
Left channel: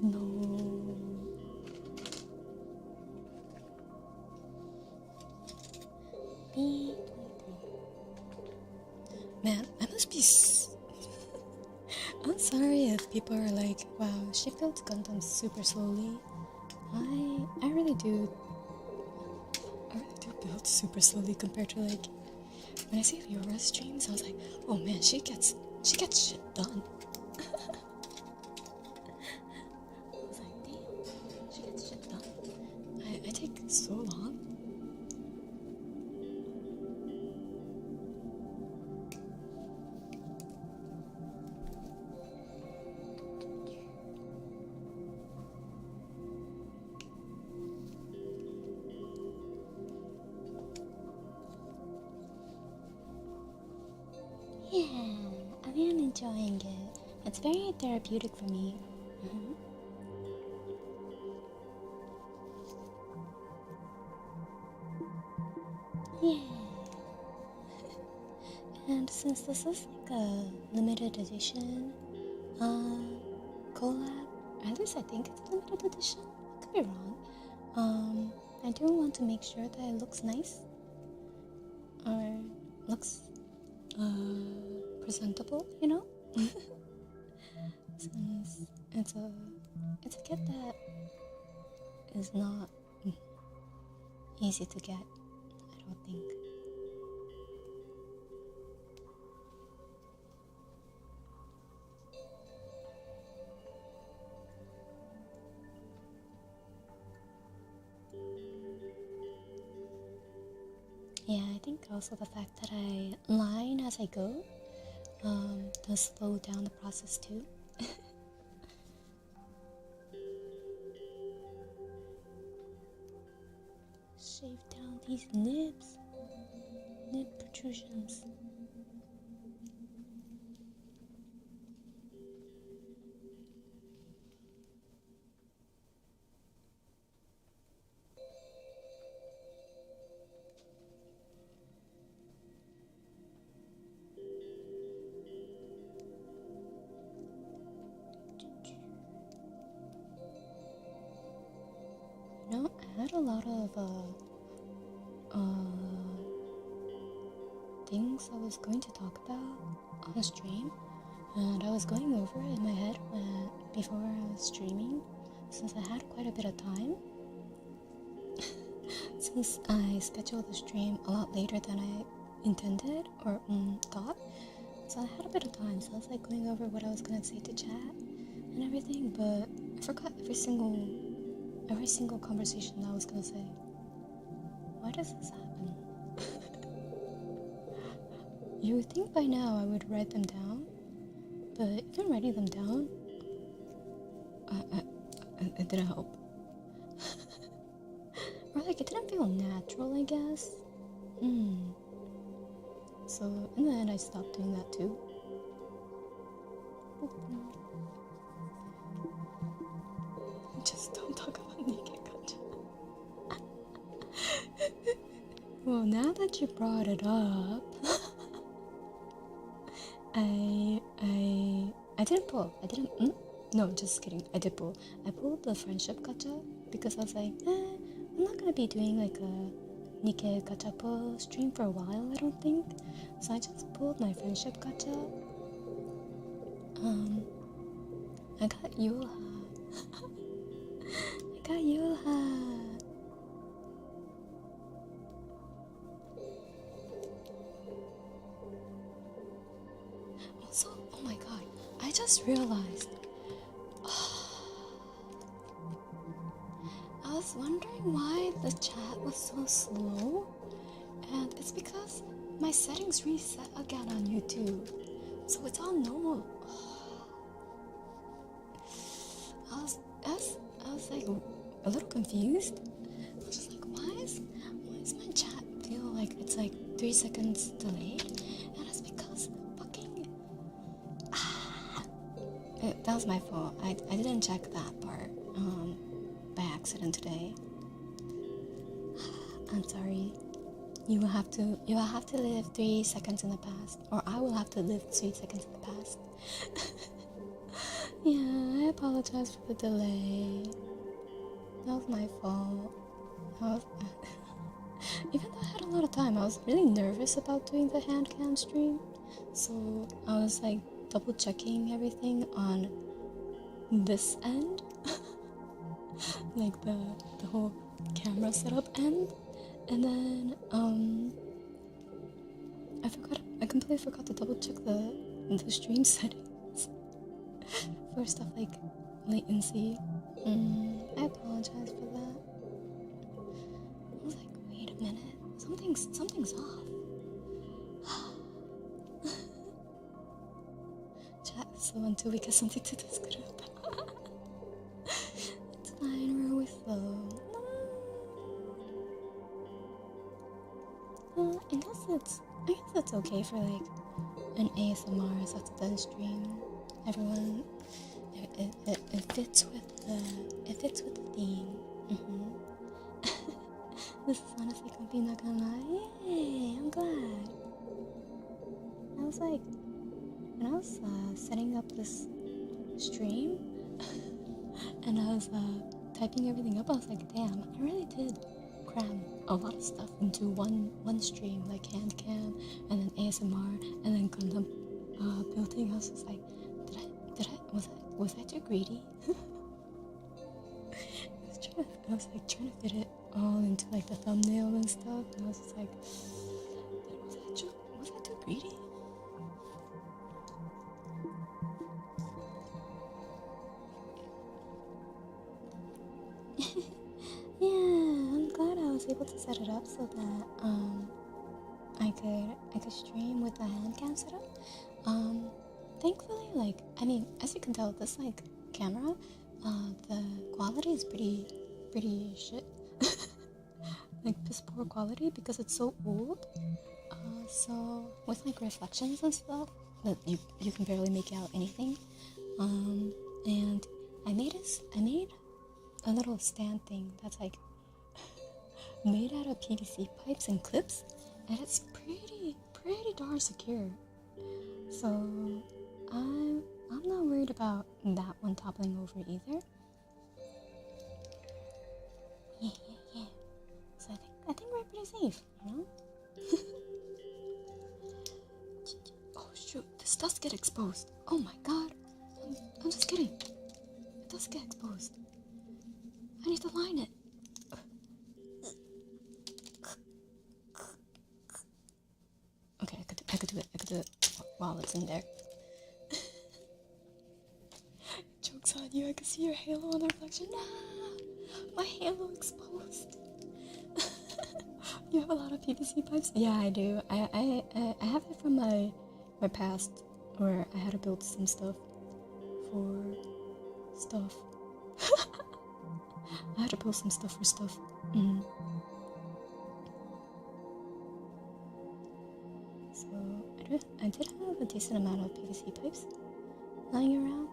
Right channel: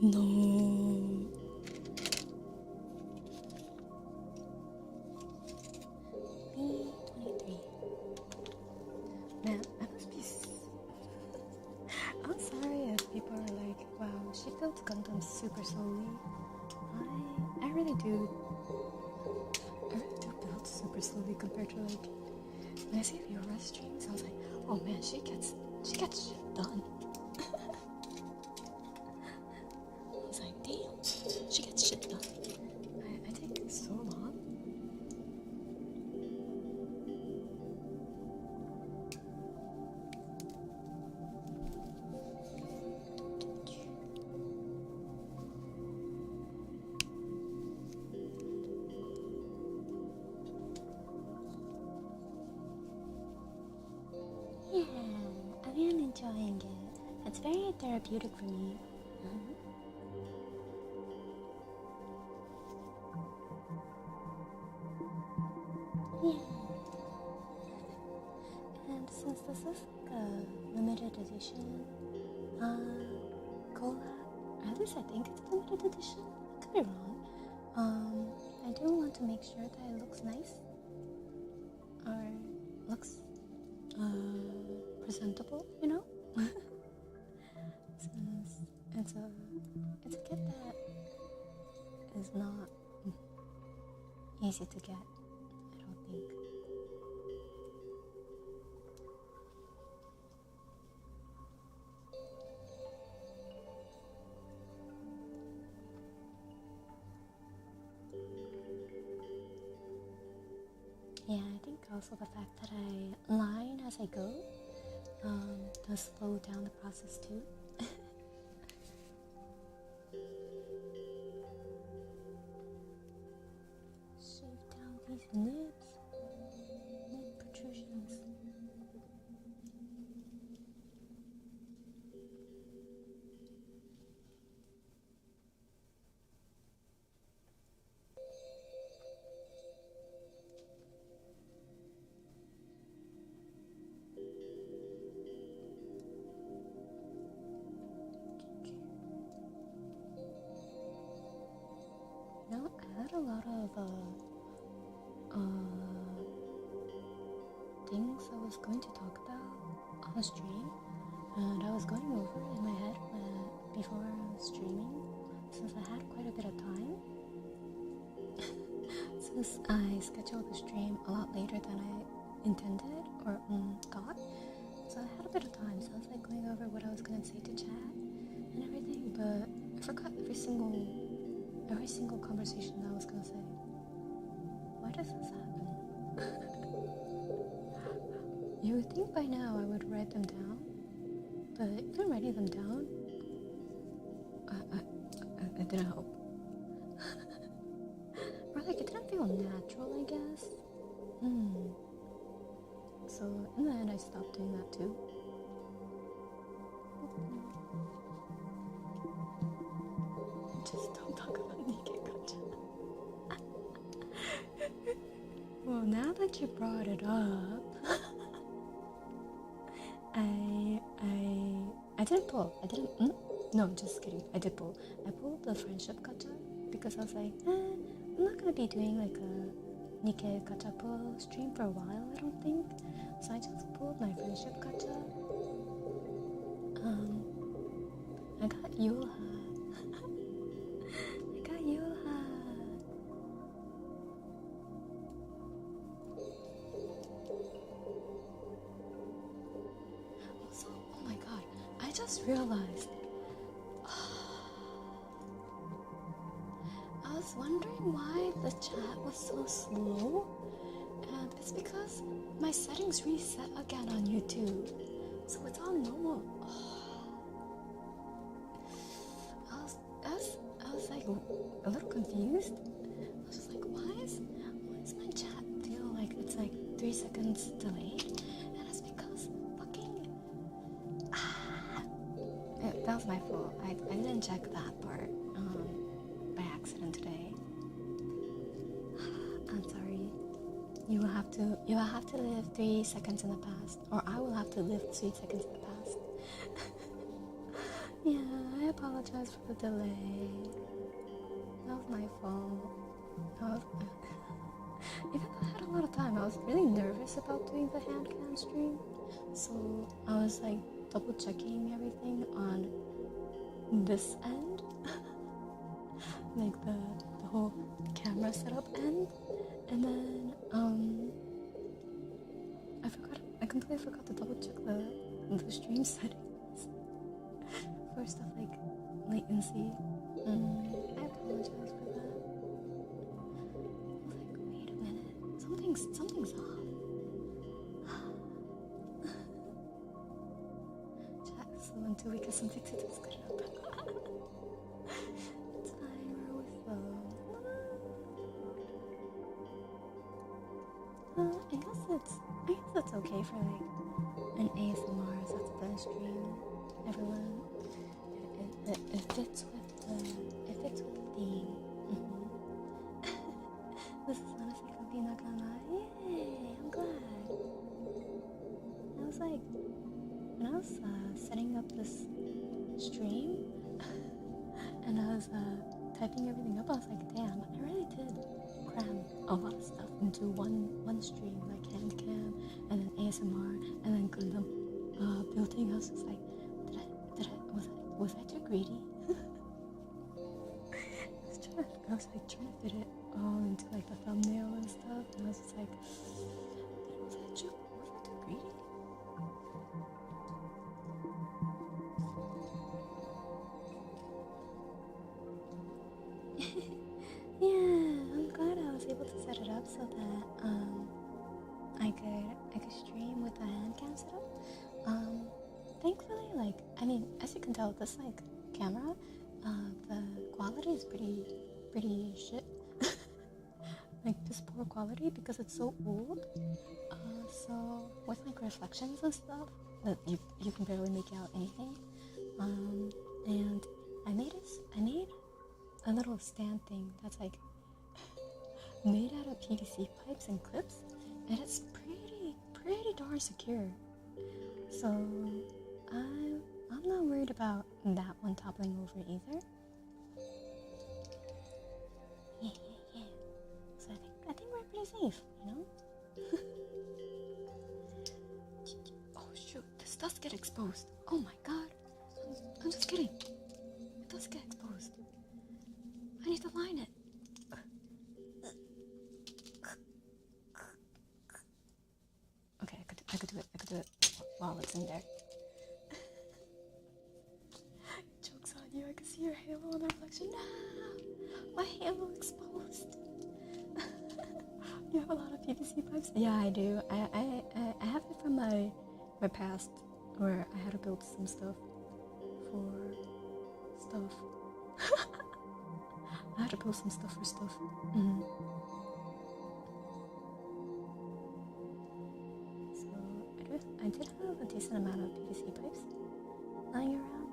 No. B23. Man, I must be I'm sorry if people are like, wow, she builds Gundam super slowly. I really do build super slowly compared to like when I see Fiora streams. I was like, oh man, she gets shit done. I was like, damn, she gets shit done. I take so long. Yeah, I've been enjoying it. It's very therapeutic for me. Yeah. And since this is like a limited edition collab, at least I think it's a limited edition. I could be wrong. I do want to make sure that it looks nice or looks presentable, you know? Since it's a kit that is not easy to get, I don't think. Yeah, I think also the fact that I line as I go does slow down the process too. Shave down these nibs, nib protrusions. No, I had a lot of things I was going to talk about on stream, and I was going over it in my head before I was streaming, since I had quite a bit of time. Since I scheduled the stream a lot later than I intended or thought, so I had a bit of time. So I was like going over what I was gonna say to chat and everything, but I forgot every single conversation that I was gonna say. Why does this happen? You would think by now I would write them down, but even writing them down, it didn't help. Or like, it didn't feel natural, I guess. So in the end, I stopped doing that too. Just don't talk about naked gacha. Well, now that you brought it up, I didn't pull. No, just kidding. I did pull. I pulled the friendship gacha because I was like, I'm not gonna be doing like a Nikkei gacha pull stream for a while, I don't think. So I just pulled my friendship gacha. I got Yulha. I got Yulha. Also, oh my god, I just realized. I was wondering why the chat was so slow, and it's because my settings reset again on YouTube, so it's all normal. I was like a little confused. I was just like, why is my chat feel like it's like 3 seconds delayed? And it's because fucking that was my fault. I didn't check that part by accident today. I'm sorry. You will have to live 3 seconds in the past, or I will have to live 3 seconds in the past. Yeah, I apologize for the delay. That was my fault. Even though I had a lot of time, I was really nervous about doing the Handcam stream. So I was like double checking everything on this end. Like the whole camera setup end. And then I completely forgot to double check the stream settings for stuff like latency. I apologize for that. I was like, wait a minute, something's off. Chat is slow until we get something to discuss about. It's fine, we're always slow. I guess it's okay for like an ASMR Saturday stream. Everyone, it fits with the theme. This is honestly comfy, not gonna lie. Yay, I'm glad. I was like, when I was setting up this stream and I was typing everything up, I was like, damn, I really did cram a lot of stuff into one stream, like Handcam and then ASMR and then Gundam building. I was just like, was I too greedy? I was like trying to fit it all into like the thumbnail and stuff, and I was just like, was I too greedy? Yeah, I'm glad I was able to set it up so that I could stream with the handcam setup. Thankfully, like, I mean, as you can tell, this like camera, the quality is pretty shit. Like piss poor quality because it's so old. So with like reflections and stuff, you can barely make out anything. And I made a little stand thing that's like made out of PVC pipes and clips, and it's pretty darn secure. So I'm not worried about that one toppling over either. Yeah. So I think we're pretty safe, you know? Oh shoot, this does get exposed. Oh my god. I'm just kidding. It does get exposed. I need to line it. Okay, I could do it while it's in there. Joke's on you, I can see your halo on the reflection. Nah! My halo exposed. You have a lot of PVC pipes? Yeah, I do. I have it from my past, where I had to build some stuff for stuff. I had to build some stuff for stuff. So I did have a decent amount of PVC pipes lying around,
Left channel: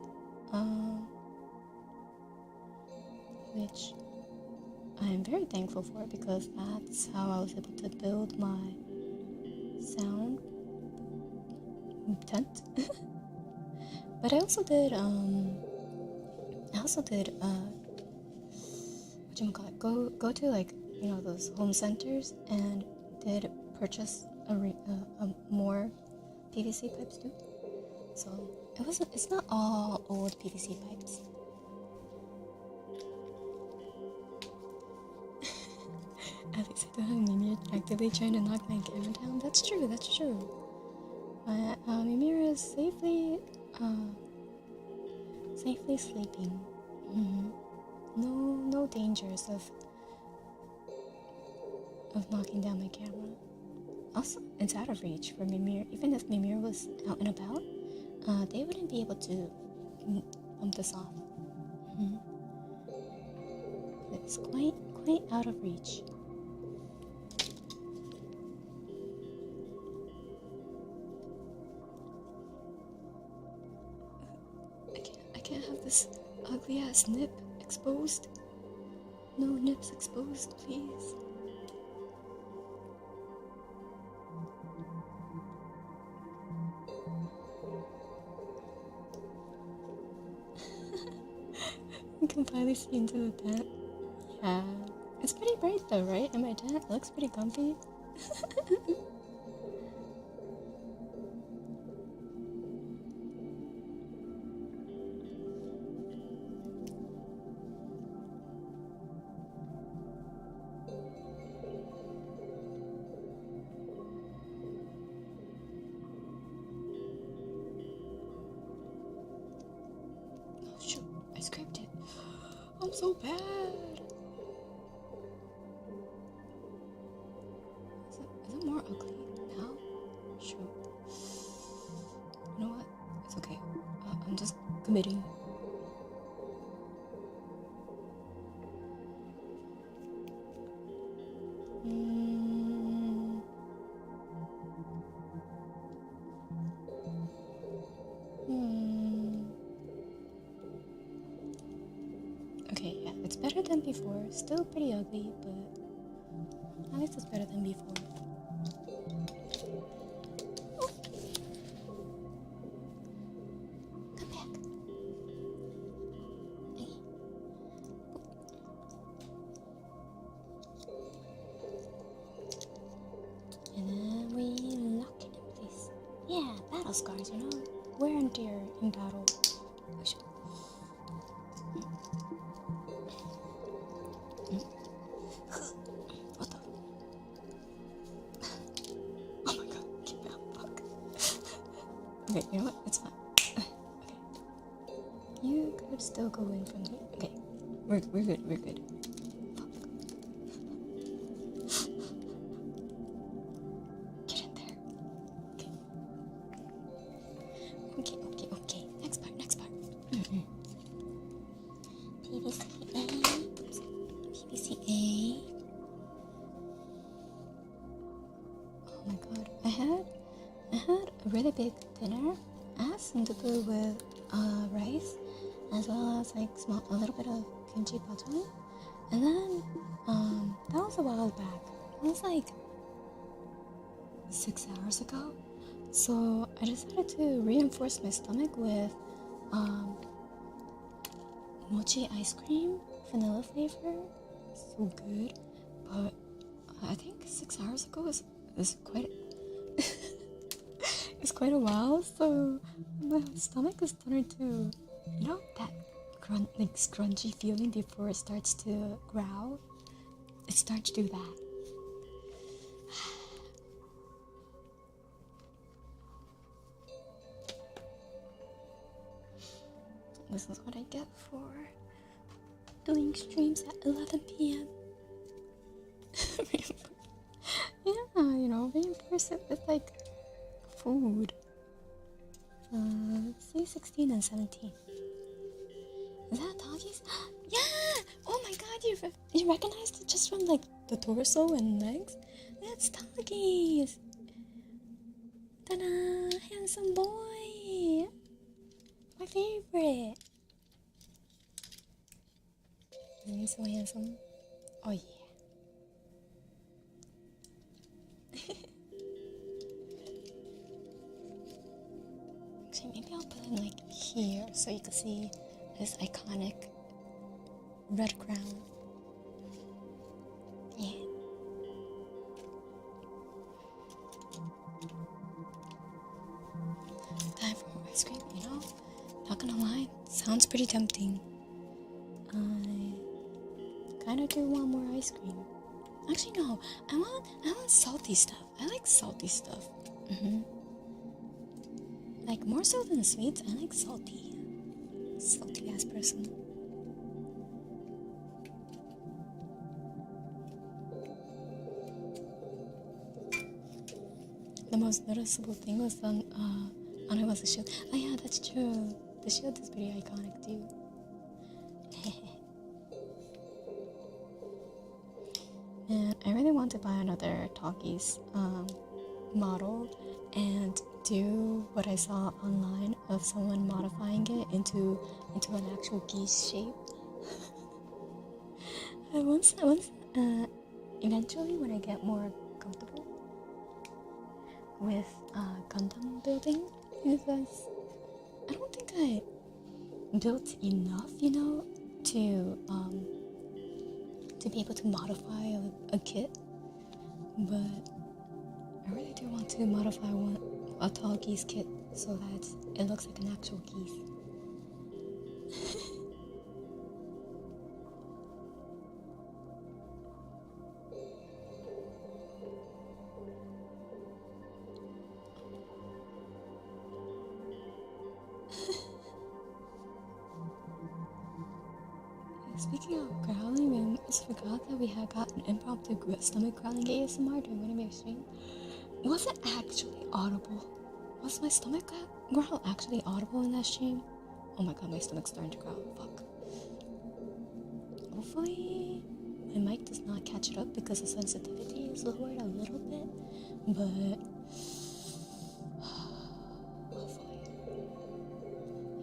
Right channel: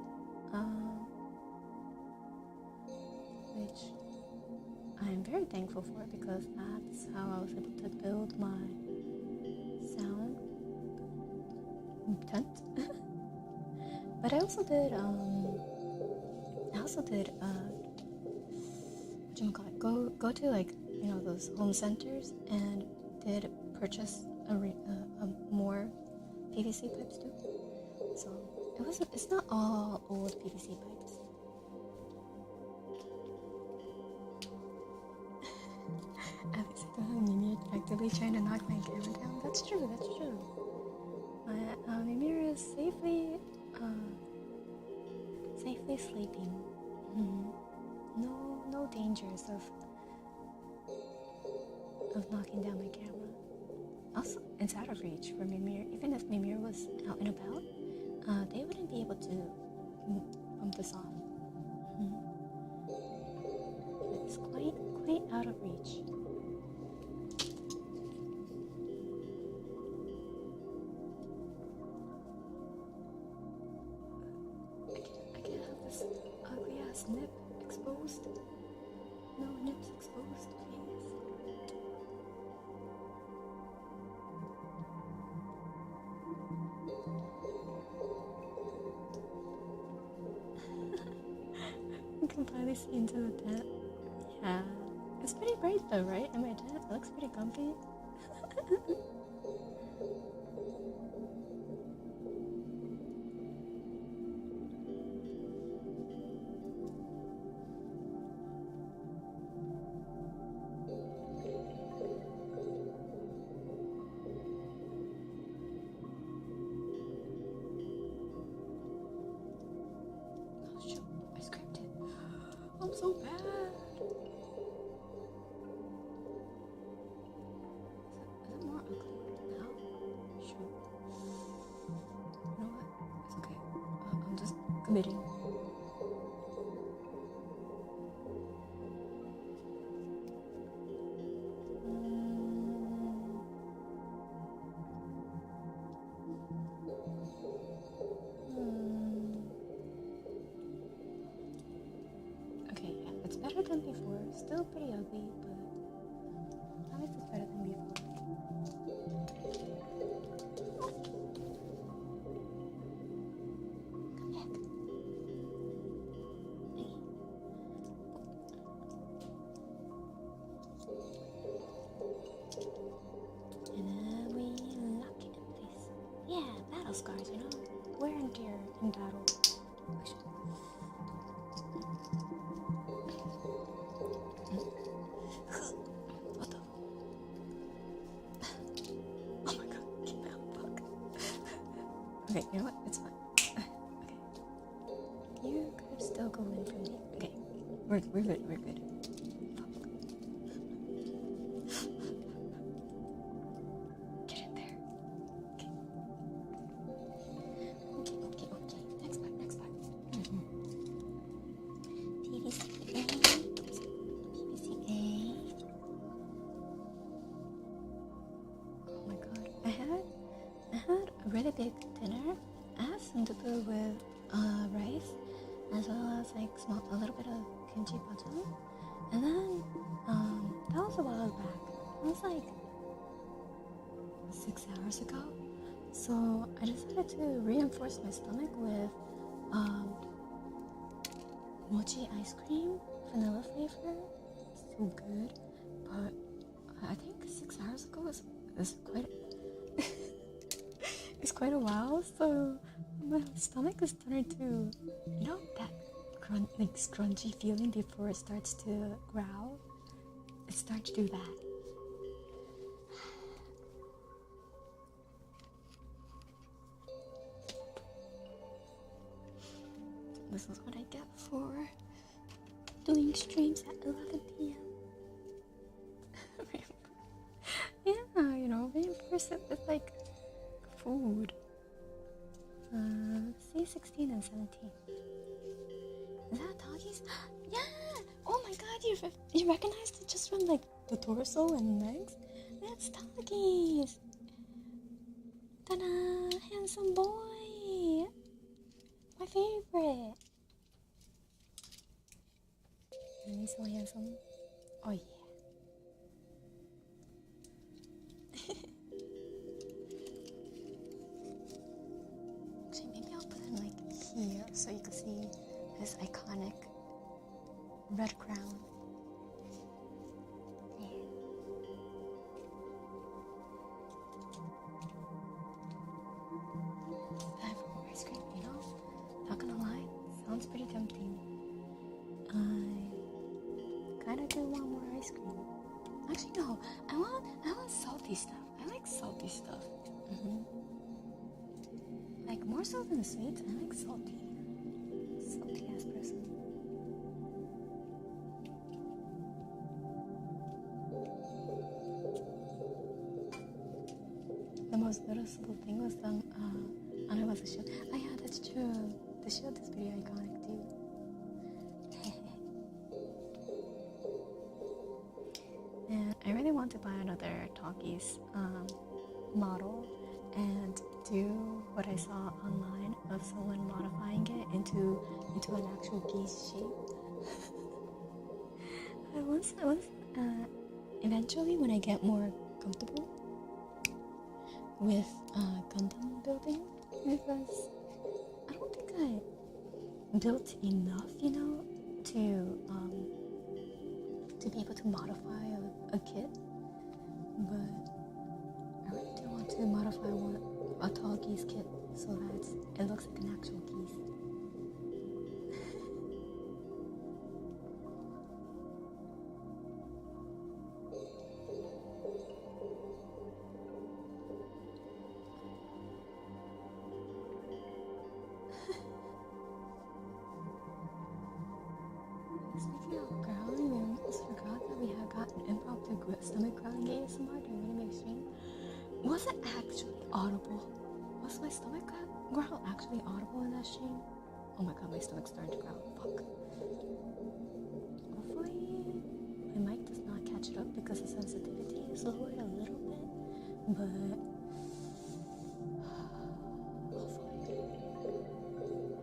which I'm very thankful for, because that's how I was able to build my sound tent. But I also did whatchamacallit, go to like, you know, those home centers, and did purchase more PVC pipes too. So it's not all old PVC pipes. At least I don't have Mimir actively trying to knock my camera down. That's true. My Mimir is safely sleeping. No dangers of knocking down my camera. Also, it's out of reach for Mimir. Even if Mimir was out and about, they wouldn't be able to bump this off. It's quite out of reach. I can't have this ugly ass nip exposed. No nips exposed, please. You can finally see into the tent. Yeah, it's pretty bright though, right? In my tent, it looks pretty comfy. Oh shoot, I scraped it. I'm so bad. Is it more ugly now? Shoot. You know what? It's okay. I'm just committing. Okay, yeah, it's better than before. Still pretty ugly, but at least it's better than before. Oh. Come back. And then we lock it in place. Yeah, battle scars, you know? Wear and tear in battle. Oh, shit. What the? Oh my god, keep out, fuck. Okay, you know what? It's fine. Okay. You could still go in from here. Okay. We're good. Fuck. Get really big dinner. I had sundubu with rice, as well as like a little bit of kimchi bottom. And then that was a while back. It was like 6 hours ago. So I decided to reinforce my stomach with mochi ice cream, vanilla flavor. So good. But I think 6 hours ago is quite it's quite a while. So my stomach is starting to, that scrunchy feeling before it starts to growl. It starts to do that. This is what I get for doing streams at 11 p.m. Yeah, reinforce it with like food. Say 16 and 17. Is that doggies? Yeah! Oh my god, you recognized it just from like the torso and legs? That's doggies! Ta-da! Handsome boy! My favorite! Isn't he so handsome? Oh yeah. Actually, maybe I'll put him like here so you can see his iconic red crown. Yeah. Time for more ice cream, Not gonna lie, sounds pretty tempting. I kinda do want more ice cream. Actually, no, I want salty stuff. I like salty stuff. Like, more so than sweets, I like salty. Salty ass person. The most noticeable thing was on Anawa's shield. Oh yeah, that's true. The shield is pretty iconic too. Man, I really want to buy another Talkies model and do what I saw online of someone modifying it into an actual geese shape. Eventually, when I get more comfortable with Gundam building, because I don't think I built enough, to be able to modify a kit, but I really do want to modify a tall geese kit so that it looks like an actual geese. Speaking of growling, we almost forgot that we had got an impromptu stomach growling ASMR during one of my streams. Was it actually audible? Was my stomach growl actually audible in that stream? Oh my god, my stomach's starting to growl. Fuck. Hopefully my mic does not catch it up because the sensitivity is lowered a little bit, but hopefully.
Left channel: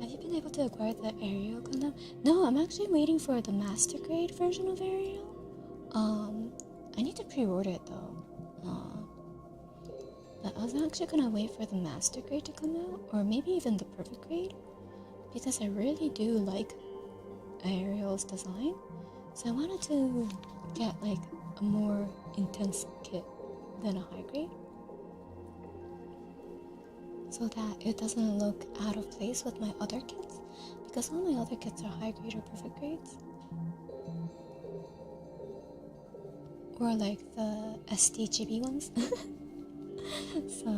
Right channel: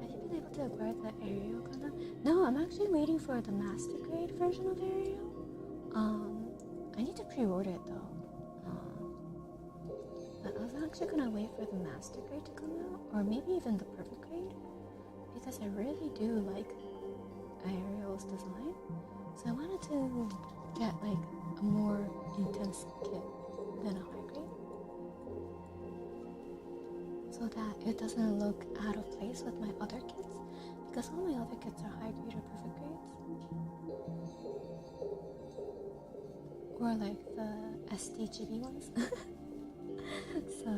Have you been able to acquire the Ariel Gundam? No, I'm actually waiting for the master grade version of Ariel. I need to pre-order it though. But I was actually gonna wait for the master grade to come out, or maybe even the perfect grade, because I really do like Ariel's design. So I wanted to get like a more intense kit than a high grade, so that it doesn't look out of place with my other kits, because all my other kits are high grade or perfect grades, or like the STGB ones. So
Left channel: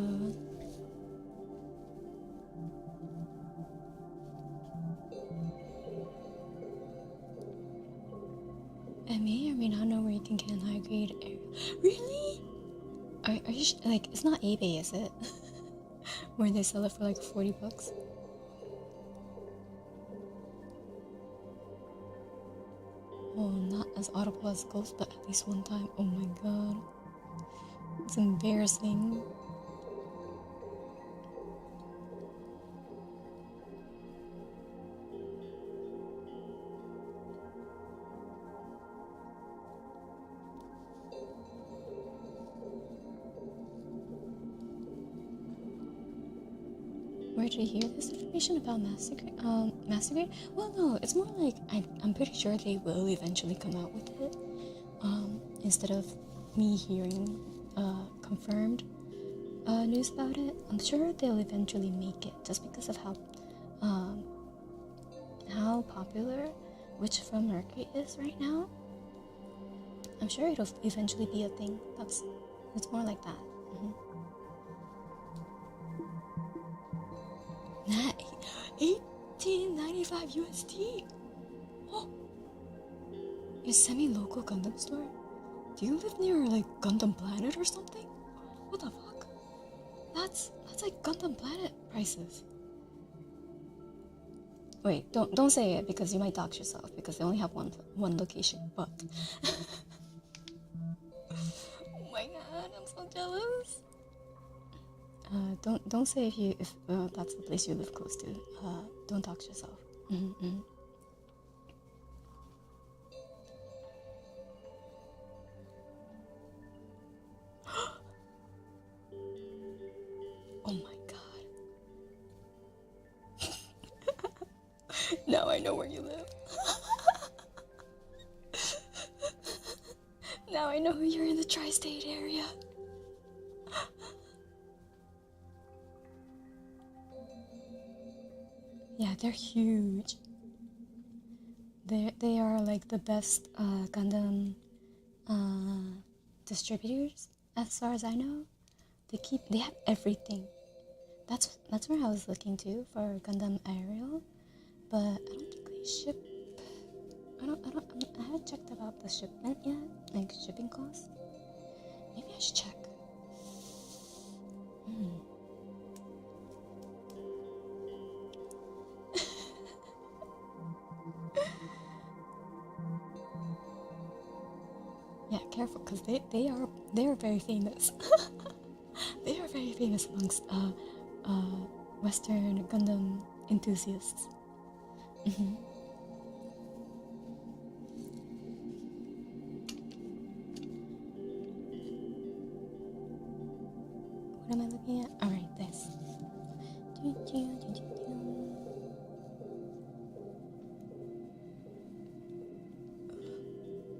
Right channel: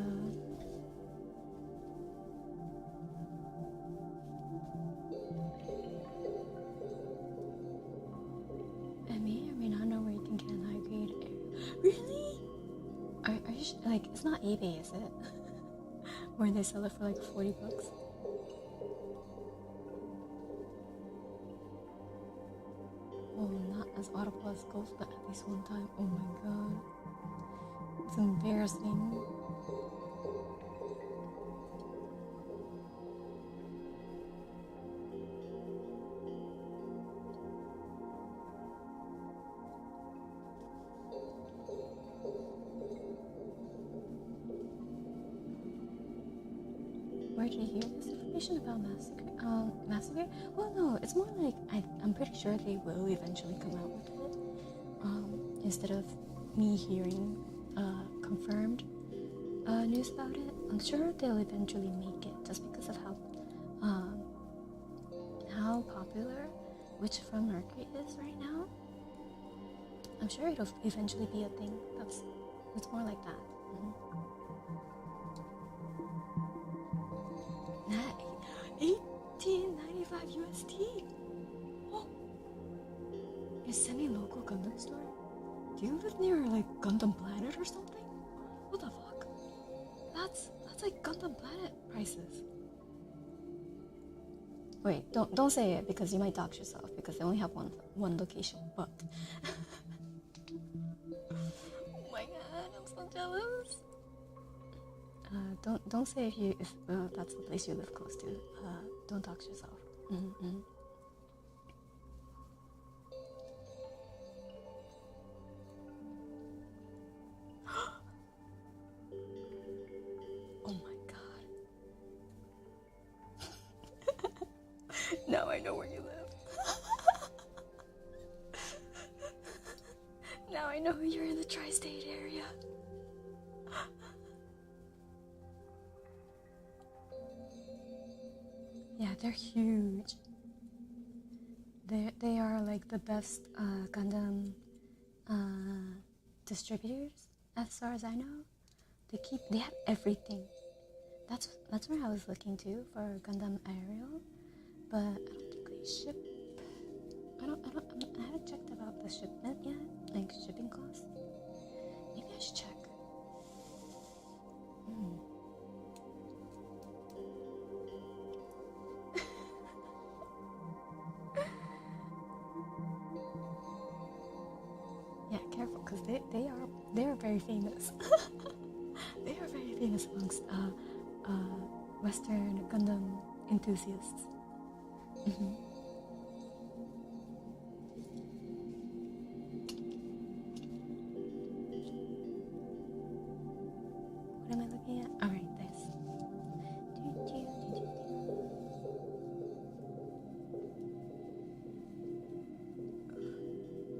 I may or may not know where you can get a high grade Ariel. Really? Are you like, it's not eBay, is it? Where they sell it for like $40. Oh, not as audible as Ghost, but at least one time. Oh my god. It's embarrassing. Where did you hear this information about Massacre? Well, no, it's more like I'm pretty sure they will eventually come out with it. Instead of me hearing confirmed news about it, I'm sure they'll eventually make it, just because of how popular Witch from Mercury is right now. I'm sure it'll eventually be a thing. It's more like that. $18.95 USD. Oh, a semi-local Gundam store. Do you live near like Gundam Planet or something? What the fuck? That's like Gundam Planet prices. Wait, don't say it because you might dox yourself, because they only have one location. But oh my god, I'm so jealous. Don't say if that's the place you live close to. Don't dox yourself. Oh my god. Now I know where you live. Now I know you're in the tri-state area. Yeah, they're huge. They are like the best Gundam distributors, as far as I know. They have everything. That's where I was looking to for Gundam Ariel, but I don't think they ship. I haven't checked about the shipment yet, like shipping costs. Maybe I should check. Yeah, careful, because they are very famous. They are very famous amongst Western Gundam enthusiasts. What am I looking at? Alright, this.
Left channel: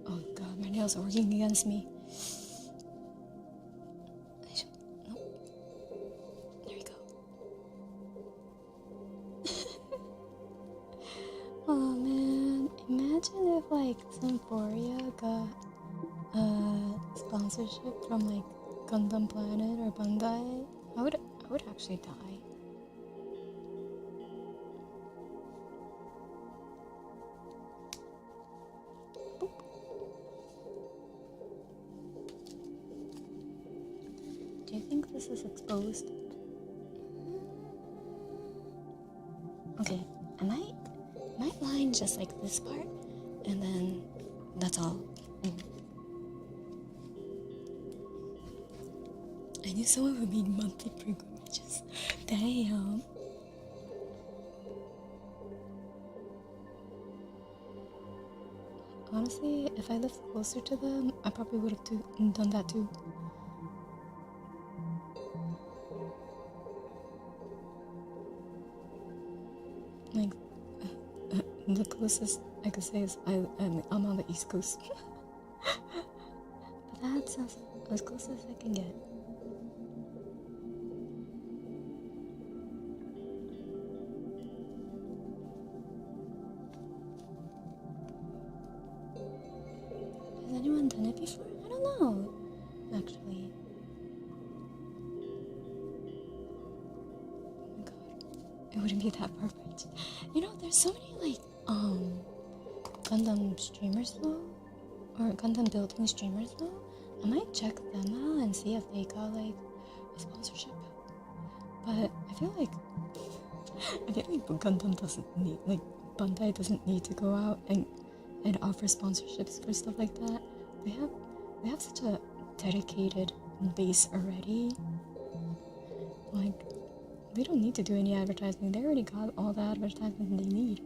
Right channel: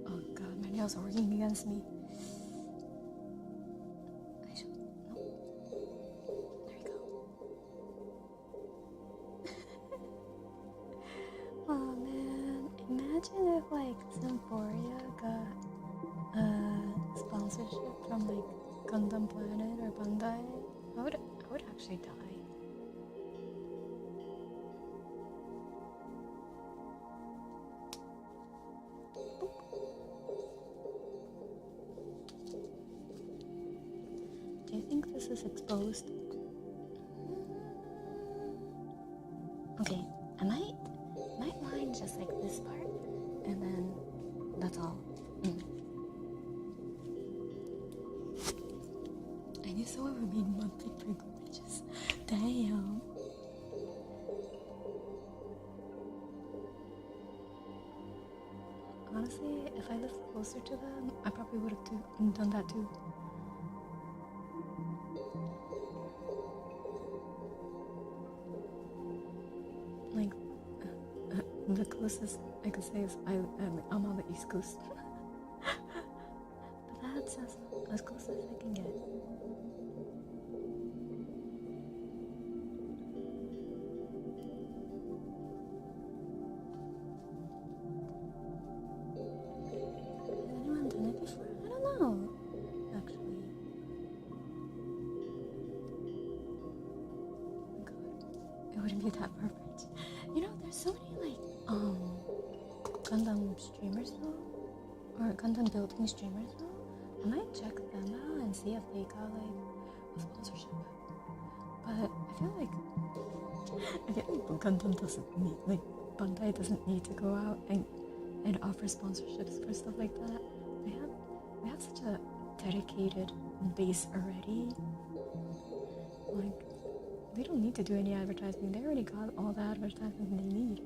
Oh god, my nails are working against me. Nope. There we go. Oh man, imagine if like Symphoria got sponsorship from like Gundam Planet or Bandai. I would actually die. Boop. Do you think this is exposed? Okay, I might line just like this part, and then that's all. I knew someone would need monthly pilgrimages. Damn. Honestly, if I lived closer to them, I probably would have done that too. Like, the closest I could say is I'm on the East Coast. But that's as close as I can get. Has anyone done it before? I don't know, actually. Oh my god, it wouldn't be that perfect. You know, there's so many like Gundam streamers though, or Gundam building streamers though. I might check them out and see if they got like a sponsorship. But I feel like Gundam doesn't need, like Bandai doesn't need to go out and offer sponsorships for stuff like that. They have such a dedicated base already. Like, they don't need to do any advertising. They already got all the advertising they need.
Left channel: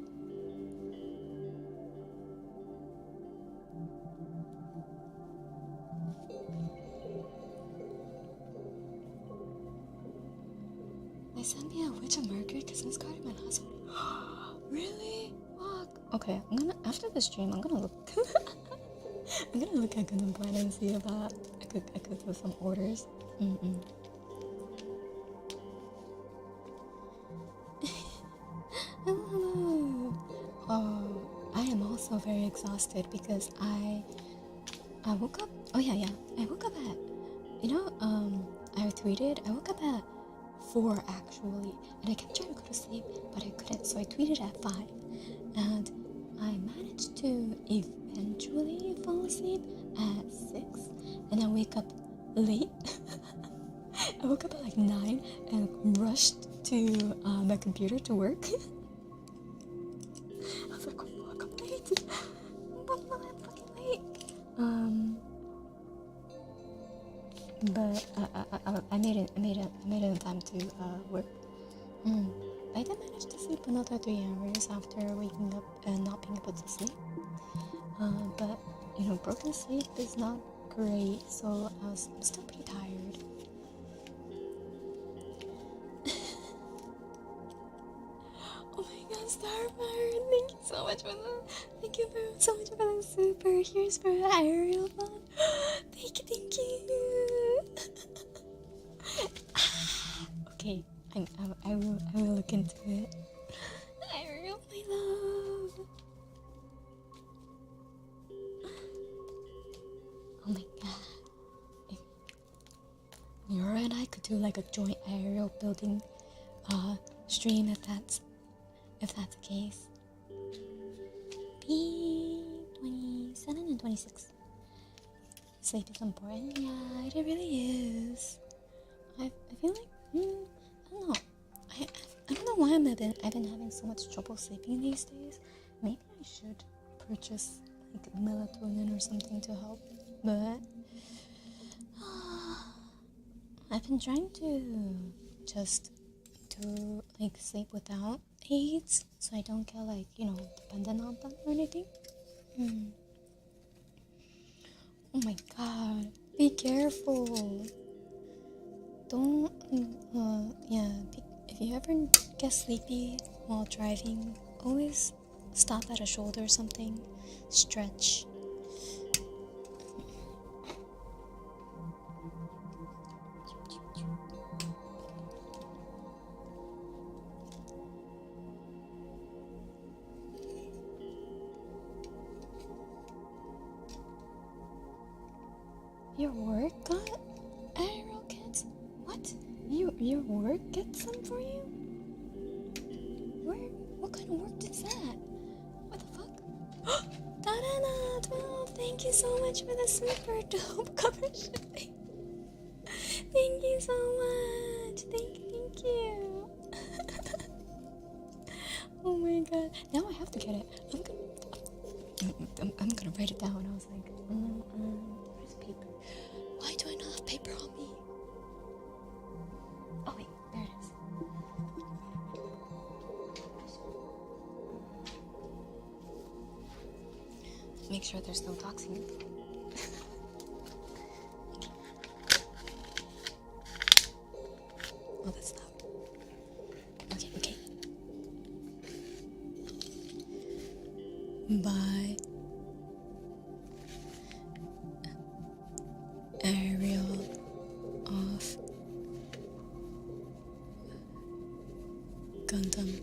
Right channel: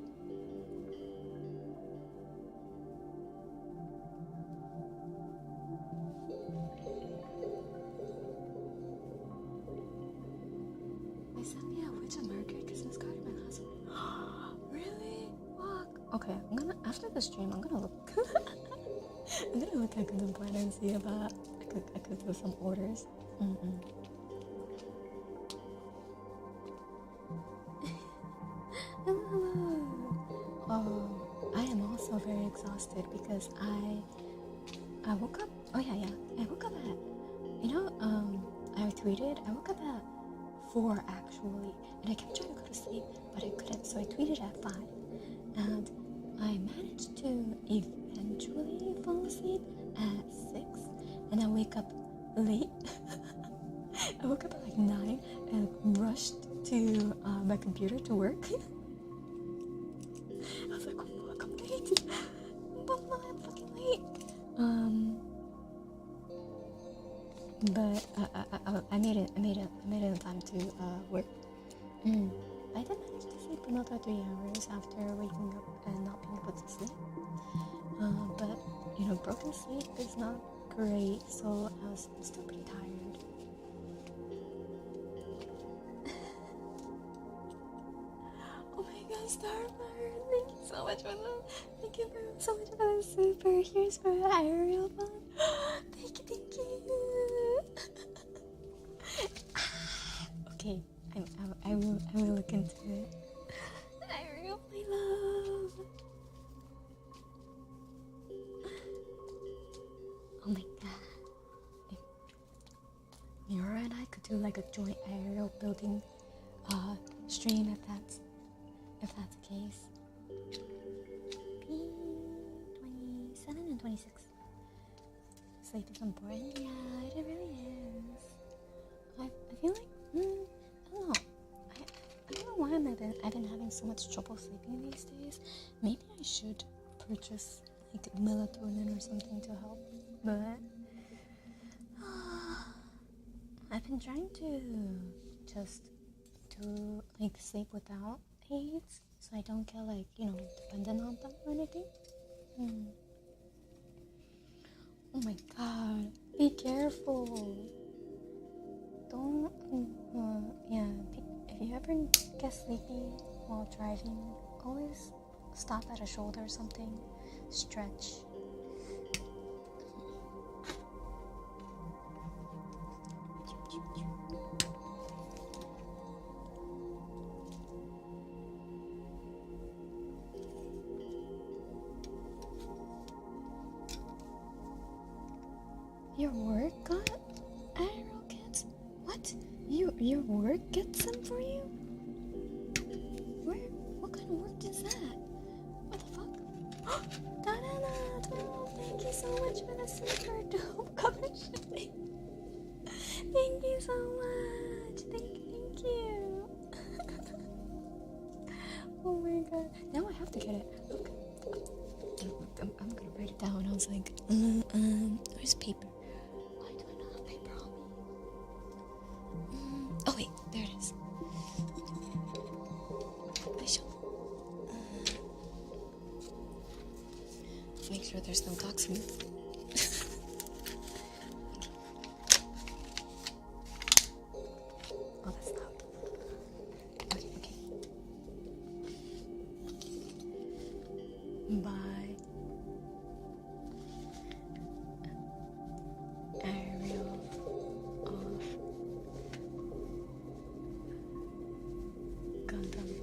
send me a Witch of Mercury Christmas card in my last one? Really? Fuck. Okay, I'm gonna, after the stream, I'm gonna look. I'm gonna look at Gundam Card and see if I could do some orders. Hello. Oh, I am also very exhausted because I woke up. Oh yeah. I woke up at, I tweeted. I woke up at 4 actually, and I kept trying to go to sleep, but I couldn't. So I tweeted at 5, and I managed to eventually fall asleep at 6, and I wake up late. I woke up at like 9 and rushed to my computer to work. I was like, oh fuck, I'm late. I'm fucking late. But I made it in time to work. I did manage to sleep another 3 hours after waking up and not being able to sleep. But broken sleep is not great, so I was still pretty tired. Oh my god, Starfire! Thank you so much for so much for the super. Here's for Ariel phone. Thank you. Okay, I will look into it. Ariel, my love. Oh my god. If Nora and I could do like a joint Ariel building stream if that's the case. P27 and 26. Sleep is important. Yeah, it really is. I feel like I don't know. I don't know why I've been having so much trouble sleeping these days. Maybe I should purchase like melatonin or something to help. But I've been trying to just do like sleep without aids, so I don't get like dependent on them or anything. Oh my god, be careful. Don't if you ever get sleepy while driving, always stop at a shoulder or something, stretch. Your work got Ariel kits? What? Your work gets them for you? What kind of work is that? What the fuck? Darana 12, thank you so much for the super dope cover shipping. Thank you so much. Thank you. Oh my god. Now I have to get it. I'm gonna write it down. I was like, where's paper? Why do I not have paper on me? Oh wait, there it is. Make sure there's no doxing. Oh, that's loud. Okay. Bye. Ariel of Gundam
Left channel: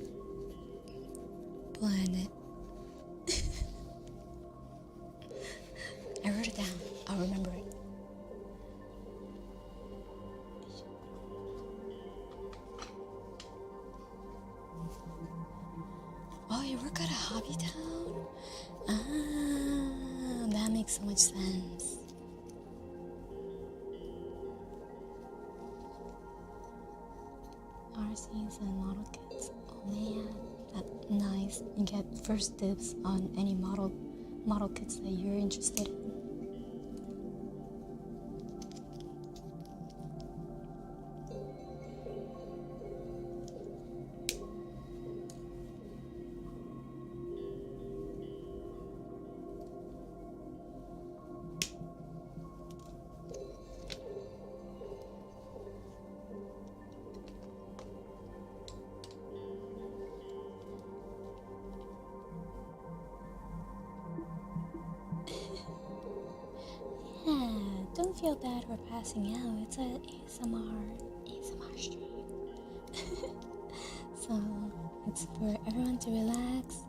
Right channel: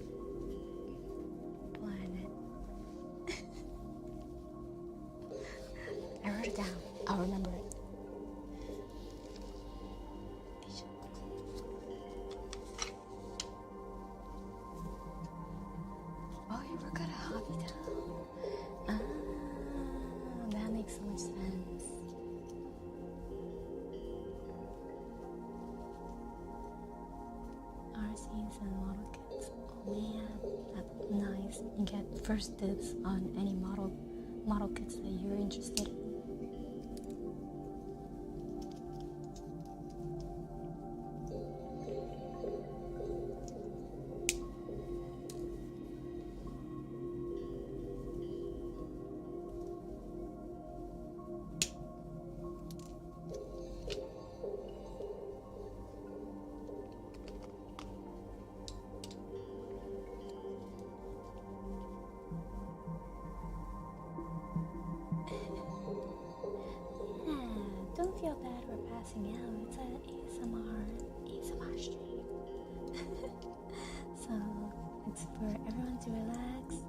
Planet. I wrote it down. I'll remember it. Oh, you work at a hobby town? That makes so much sense. RCs and model kits. Oh man, that's nice. You get first dibs on any model kits that you're interested in. feel bad for passing out. It's an ASMR stream. So it's for everyone to relax.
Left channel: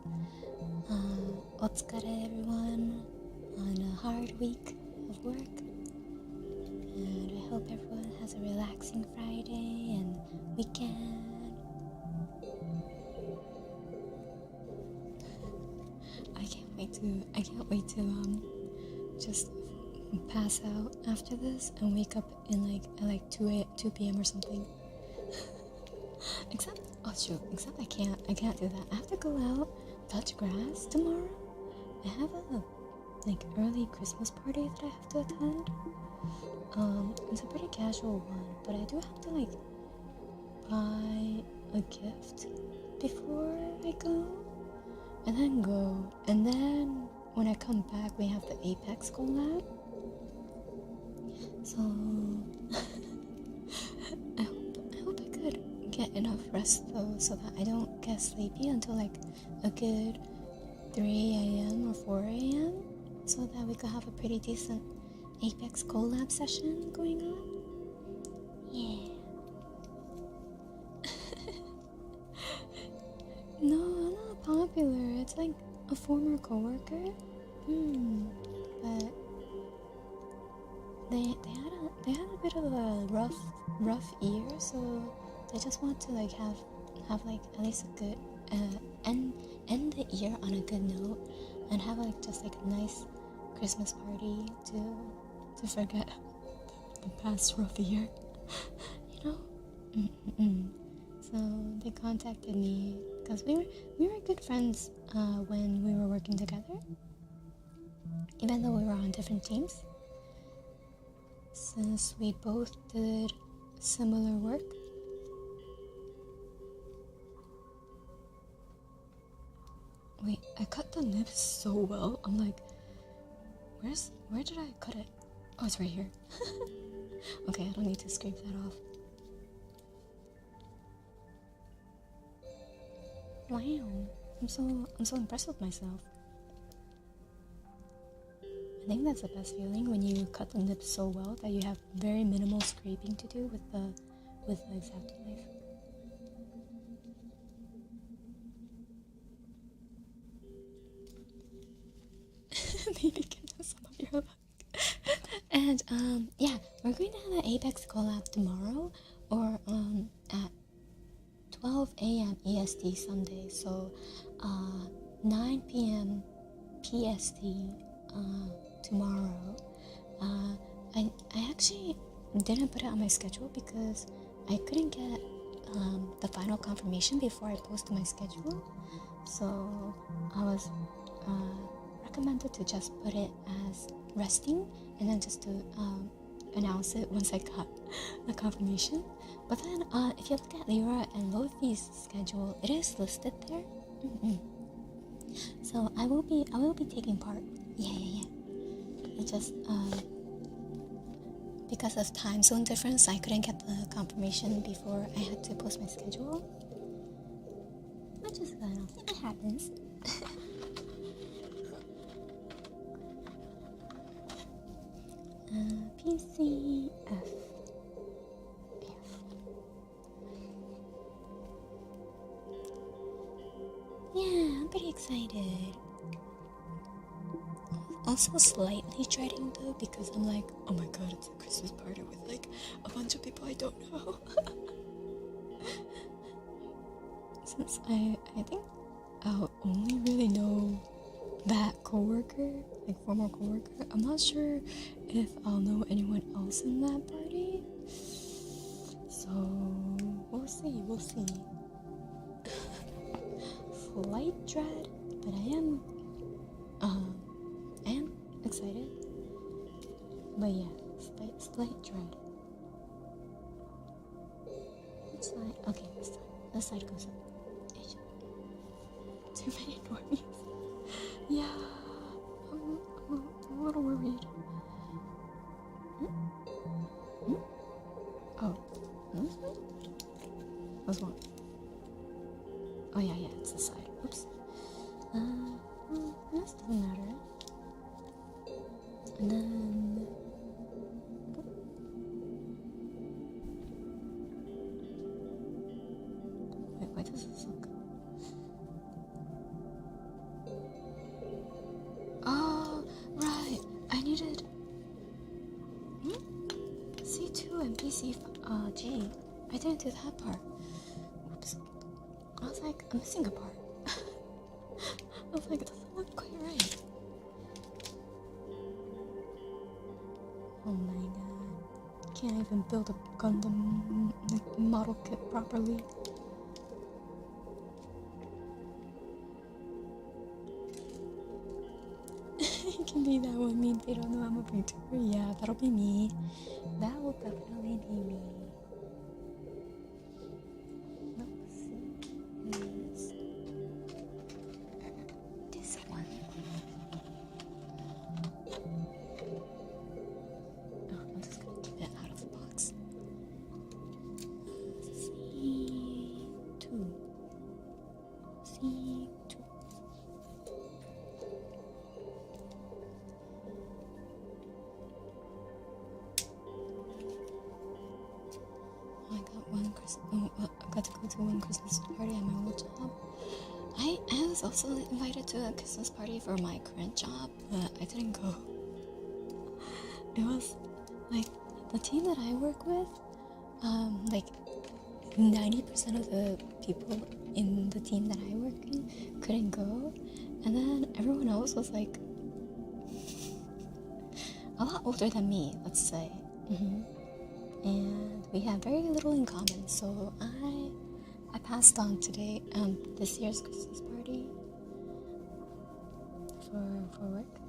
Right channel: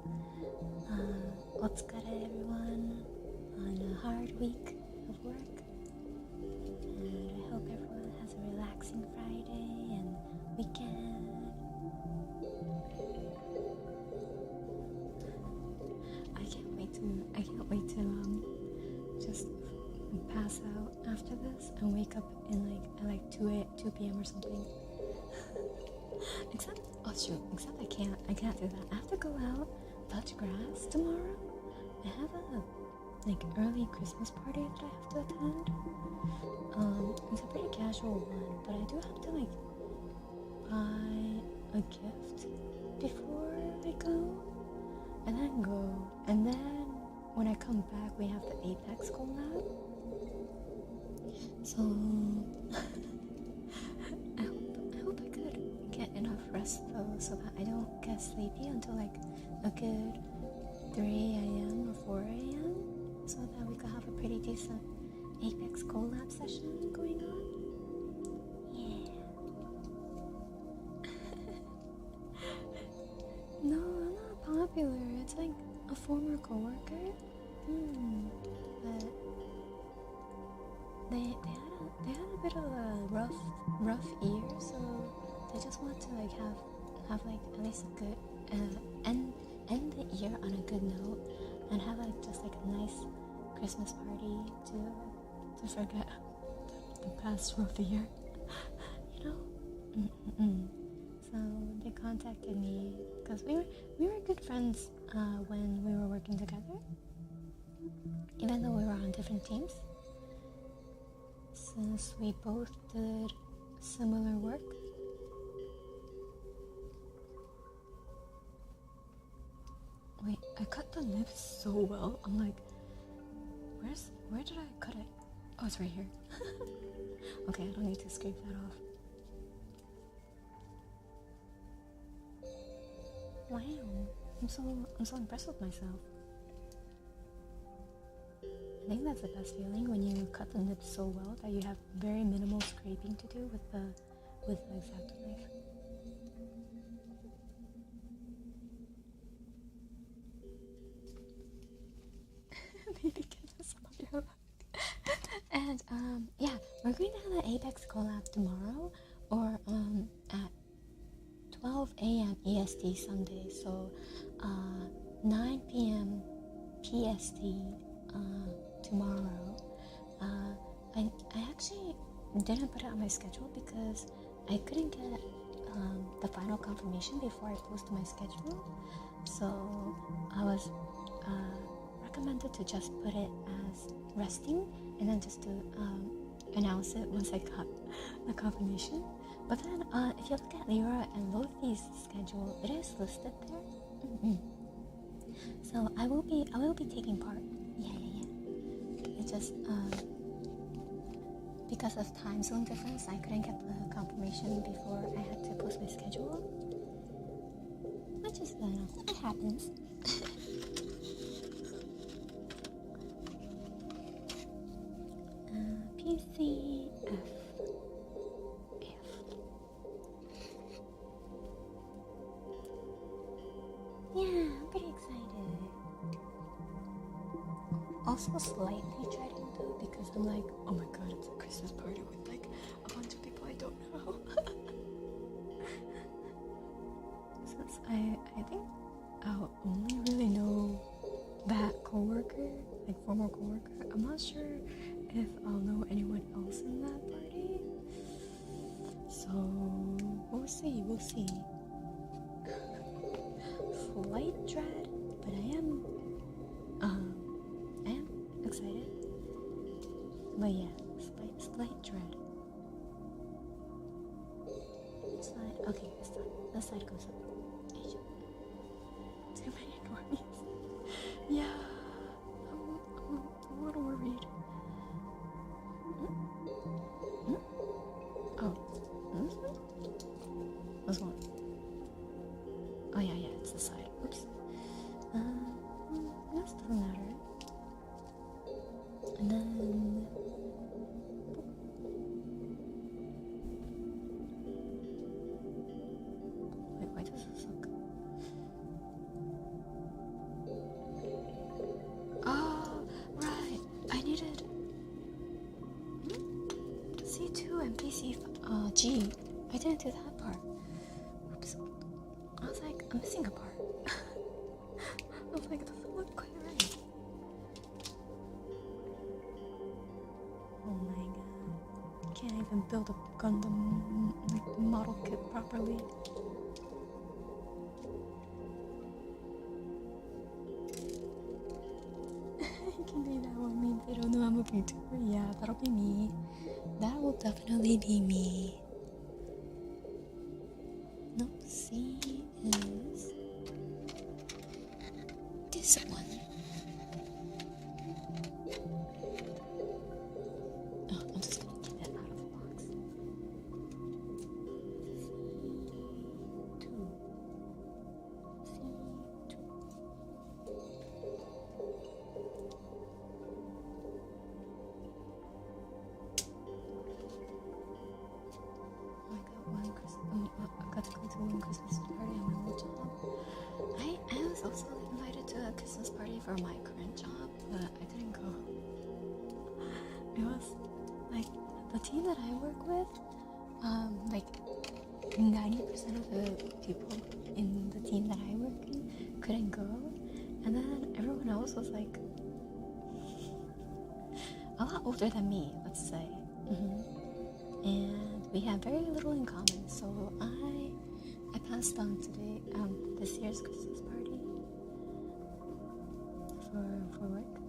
Otsukare everyone on a hard week of work. And I hope everyone has a relaxing Friday and weekend. I can't wait to just pass out after this and wake up in at 2 p.m. or something. Except I can't do that. I have to go out, touch grass tomorrow. I have a early Christmas party that I have to attend. It's a pretty casual one, but I do have to buy a gift before I go, and then when I come back we have the Apex collab. So I hope I could get enough rest though, so that I don't get sleepy until a good 3 a.m. or 4 a.m. so that we could have a pretty decent Apex collab session going on. Yeah. No, I'm not popular. It's a former coworker. But they had a bit of a rough year, so they just want to have at least a good end the year on a good note, and have just a nice Christmas party to forget the past rough year. So they contacted me because we were good friends when we were working together, even though we were on different teams, since we both did similar work. Wait, I cut the nips so well. I'm like, where did I cut it? Oh, it's right here. Okay, I don't need to scrape that off. Wow, I'm so impressed with myself. I think that's the best feeling, when you cut the nips so well that you have very minimal scraping to do with the Exacto knife. Need to get some of your luck. And yeah, we're going to have an Apex collab tomorrow, or at 12 a.m. EST Sunday, so 9 p.m. PST tomorrow. I actually didn't put it on my schedule because I couldn't get the final confirmation before I posted my schedule, so I was recommended to just put it as resting and then just to announce it once I got the confirmation. But then if you look at Lyra and Lofi's schedule, it is listed there. So I will be taking part. Yeah. It just because of time zone difference, I couldn't get the confirmation before I had to post my schedule, which is good enough. It happens. PCF. Yeah, I'm pretty excited. Also slightly dreading though, because I'm like, oh my god, it's a Christmas party with a bunch of people I don't know. Since I think I'll only really know that coworker, former coworker. I'm not sure if I'll know anyone else in that party. So we'll see. Slight dread, but I am excited. But yeah, slight dread. Which side? Okay, this side. This side goes up. Too many normies. Yeah, I'm a little worried. Oh, this one? This one. Oh yeah, it's this side. Oops. Well, this doesn't matter. And then Why does this look... Oh, right. I needed... C2 and PC I didn't do that part. Whoops. I was like, I'm missing a part. I was like, it doesn't look quite right. Oh my god. Can't even build a Gundam model kit properly. It can be that one meme. They don't know I'm a VTuber. Yeah, that'll be me. That will definitely be me. Nope, C is this one. Oh, I'm just gonna keep it out of the box. C2. C2. I got to go to one Christmas party at my old job. I was also invited to a Christmas party for my current job, but I didn't go. It was like the team that I work with, like 90% of the people in the team that I work in couldn't go, and then everyone else was like a lot older than me, let's say. And we have very little in common, so I passed on today this year's Christmas party for work.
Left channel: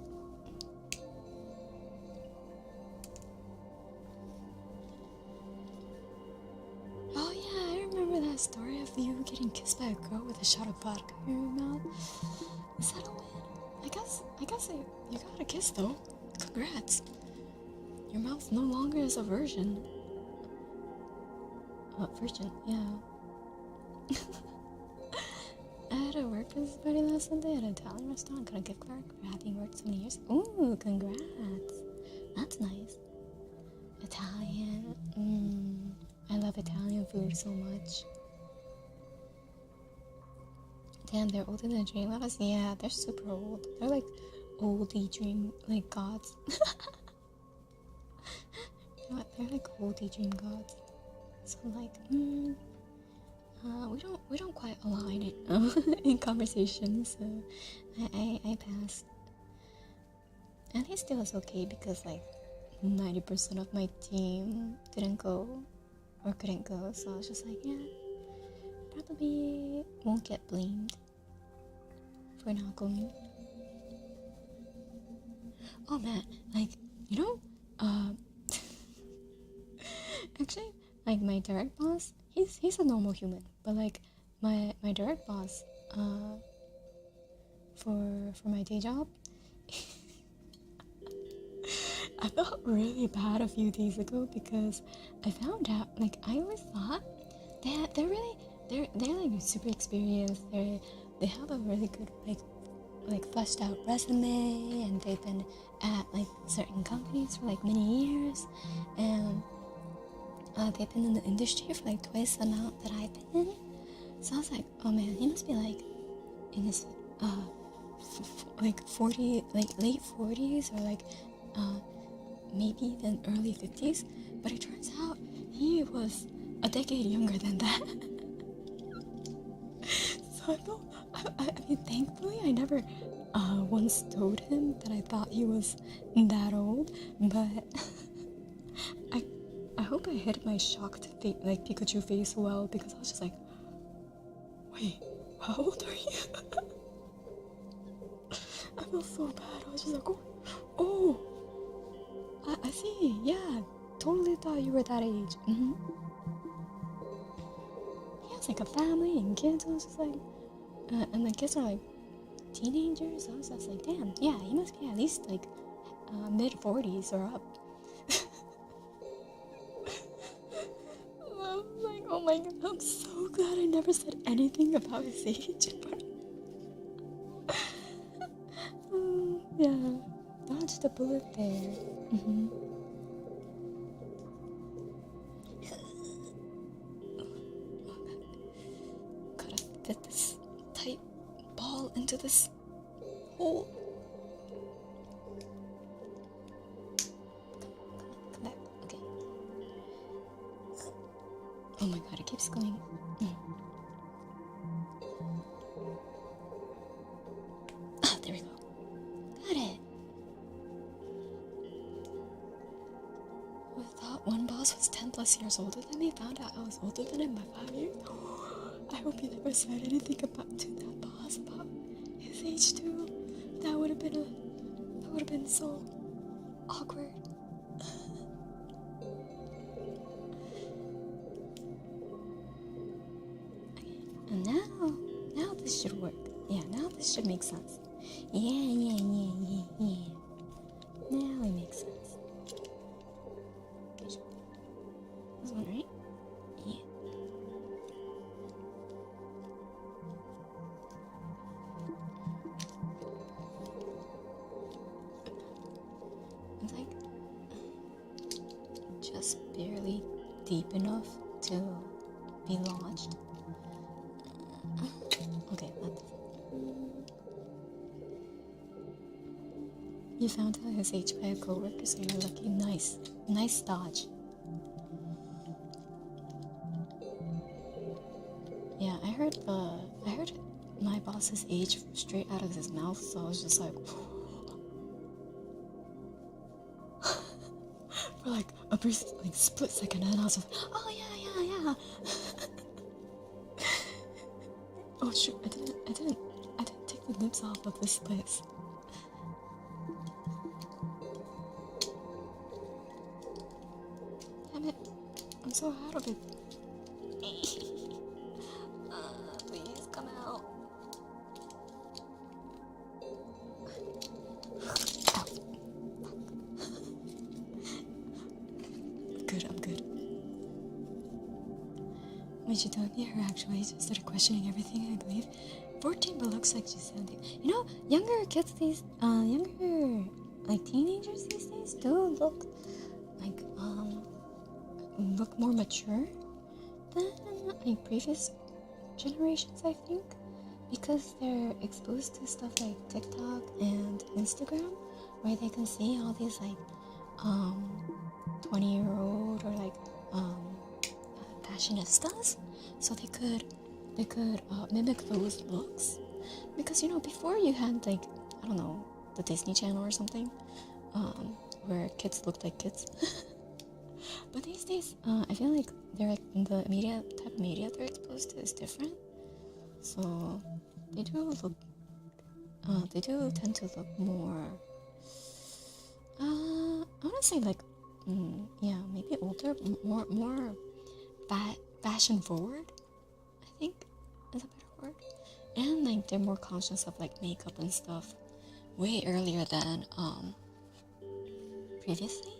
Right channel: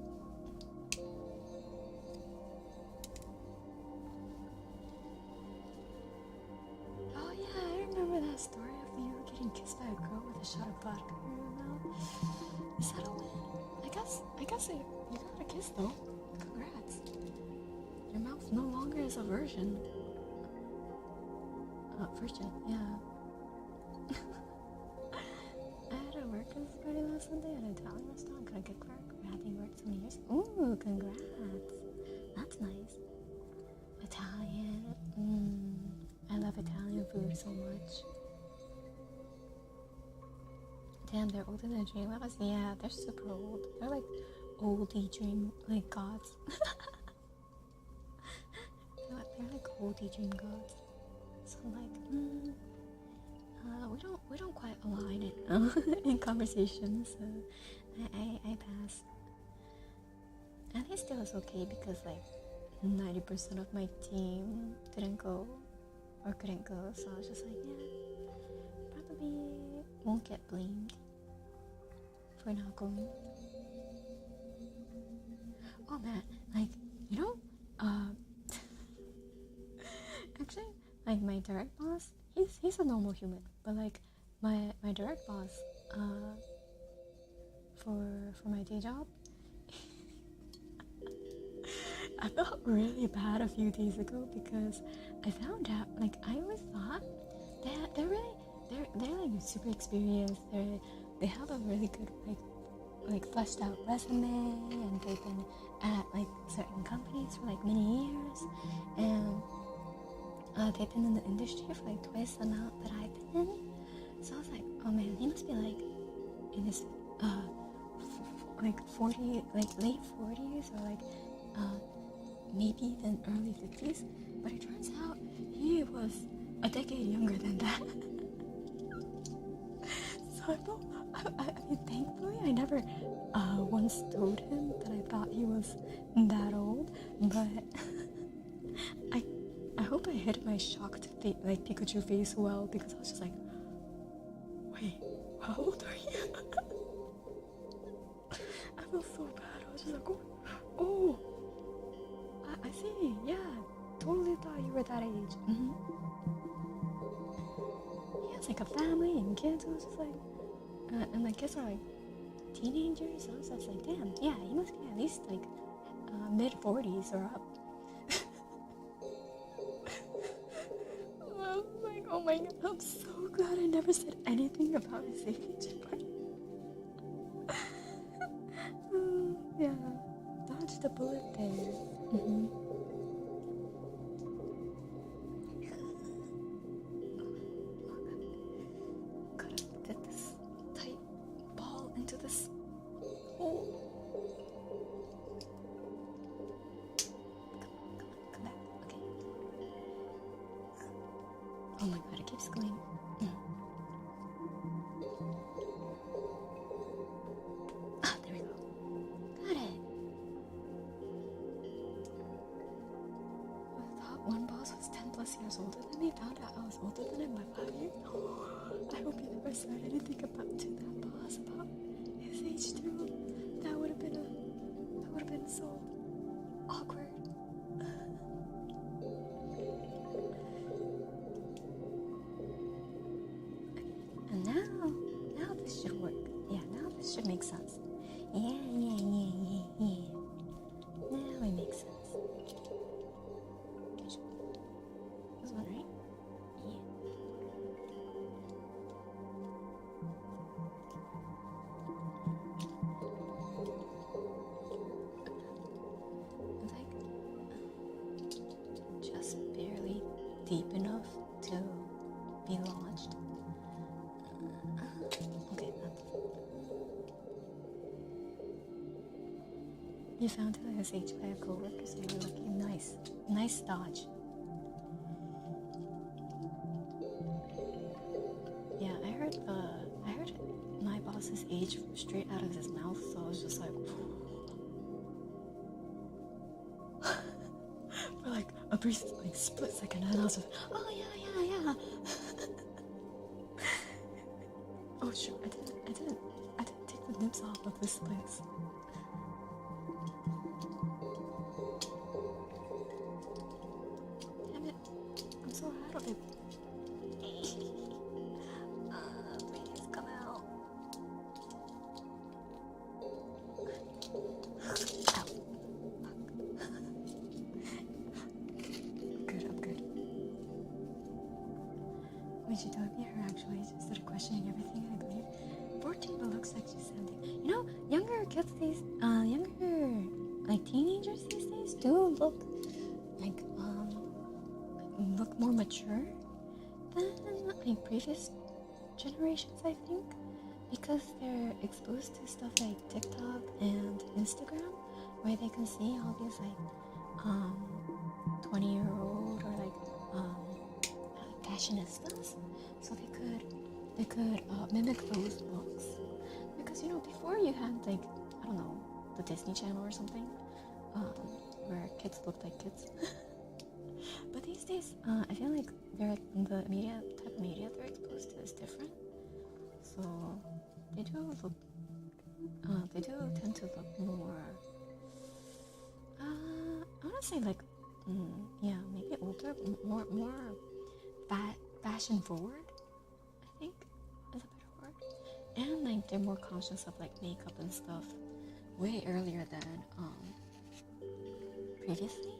Oh yeah, I remember that story of you getting kissed by a girl with a shot of vodka in your mouth. Is that a win? I guess you got a kiss though. Congrats. Your mouth no longer is a virgin. Virgin, yeah. I had a work Christmas party last Sunday at an Italian restaurant. Got a gift card for having worked so many years. Ooh, congrats. That's nice. Italian. I love Italian food so much. Damn, they're older than Dream Lettuce? Yeah, they're super old. They're like oldie dream, like gods. You know what? They're like oldie dream gods. So like, we don't quite align in conversation, so I passed. And he still is okay because like 90% of my team didn't go or couldn't go, so I was just like, yeah, probably won't get blamed for not going. Oh man, like, you know, actually, like my direct boss, he's a normal human, but like my direct boss, for my day job, I felt really bad a few days ago because I found out, like, I always thought they're like super experienced. They have a really good like fleshed out resume, and they've been at like certain companies for like many years, and they've been in the industry for like twice the amount that I've been in. So I was like, oh man, he must be like in his like 40, like late 40s, or like maybe even early 50s. But it turns out he was a decade younger than that. So I mean, thankfully I never once told him that I thought he was that old, but I hope I hid my shocked like Pikachu face well, because I was just like, wait, how old are you? I felt so bad. I was just like, oh, I see, yeah, totally thought you were that age. He has like a family and kids. I was just like, and the kids are like teenagers. I was just like, damn, yeah, he must be at least like mid-40s or up. I was like, oh my god, I'm so glad I never said anything about his age. Yeah, dodged the bullet there. fit this tight ball into this hole. Come back. Okay. Oh my god, it keeps going. Ah, there we go. Got it. I thought one boss was 10 plus years older than me. Found out I was older than him by 5 years. I hope he never said anything to that boss about his age too. That would have been so awkward. And now this should work. Yeah, now this should make sense. Yeah. Now it makes sense. This one, right? Yeah. It's like just barely deep enough to be launched. Okay, not this. You found out his age by a coworker, so you're lucky. Nice dodge. Yeah, I heard my boss's age straight out of his mouth, so I was just like for like a brief, like split second, and I was just, oh yeah. Oh shoot, I didn't take the nips off of this place. Damn it, I'm so out of it. Please come out. Ow. Fuck. Good, I'm good. When she told me her actual age, I started questioning everything, I believe. 14, but looks like she's 17. You know, younger kids younger, like teenagers these days do look like, look more mature than, like, previous generations, I think. Because they're exposed to stuff like TikTok and Instagram, where they can see all these, like, 20-year-old or, like, fashionistas, so they could mimic those looks. Because, you know, before you had, like, I don't know, the Disney Channel or something, where kids looked like kids. But these days, I feel like they're like, the type of media they're exposed to is different. So they do tend to look more, I want to say, like, maybe older, more fashion forward, I think is a better word. And like they're more conscious of like makeup and stuff way earlier than previously.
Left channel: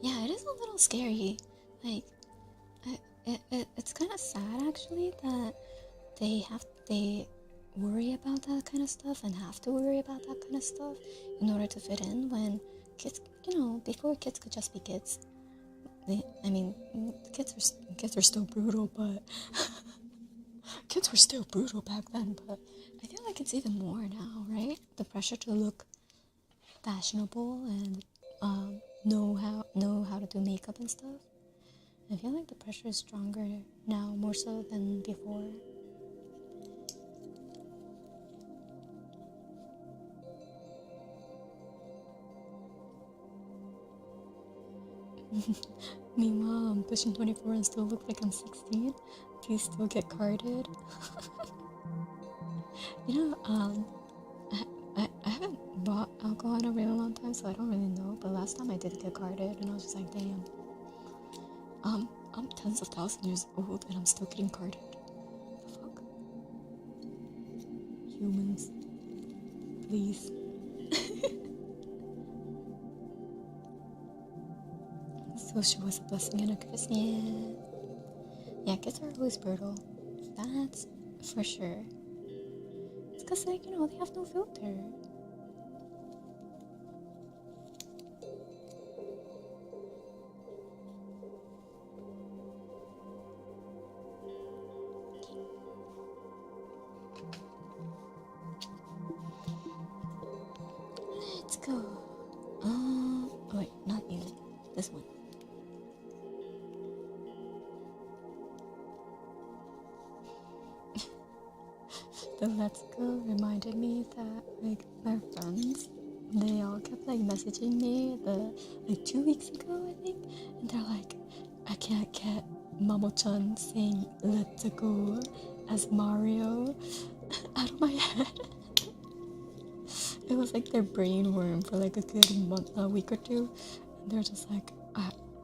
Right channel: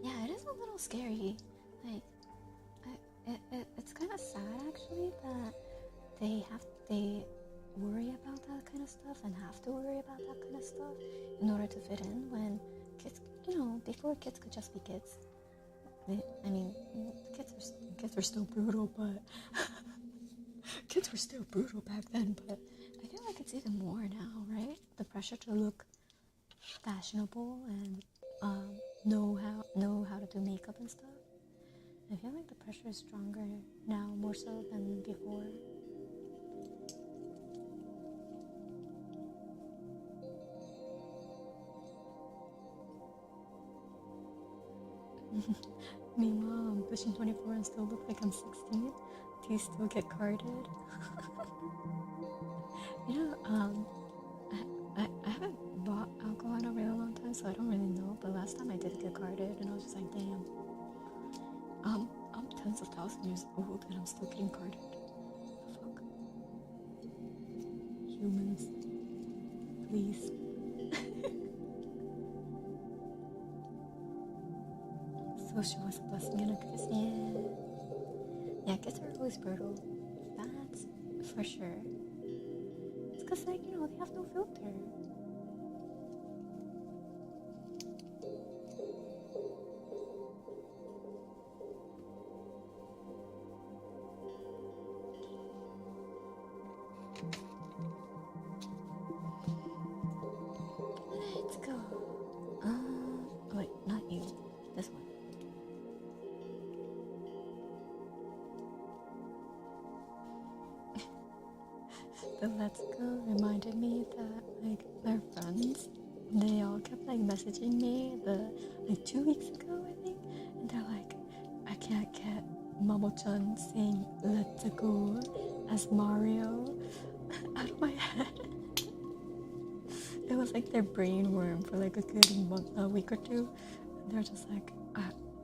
Yeah, it is a little scary. Like, it's kind of sad actually that they worry about that kind of stuff and have to worry about that kind of stuff in order to fit in, when kids, you know, before kids could just be kids. Kids were still brutal, but kids were still brutal back then, but I feel like it's even more now, right? The pressure to look fashionable and know how to do makeup and stuff. I feel like the pressure is stronger now, more so than before. Meanwhile, I'm pushing 24 and still look like I'm 16. Do you still get carded? You know, I haven't bought alcohol in a really long time, so I don't really know. But last time I did get carded, and I was just like, damn. I'm tens of thousands of years old, and I'm still getting carded. The fuck? Humans, please. So she was a blessing and a curse. Yeah, kids are always brutal. That's for sure. It's because, like, you know, they have no filter. the Let's Go reminded me that like my friends, they all kept like messaging me like 2 weeks ago, I think, and they're like, I can't get Mamo-chan saying "Let's Go" as Mario out of my head. It was like their brain worm for like a week or two. And they're just like,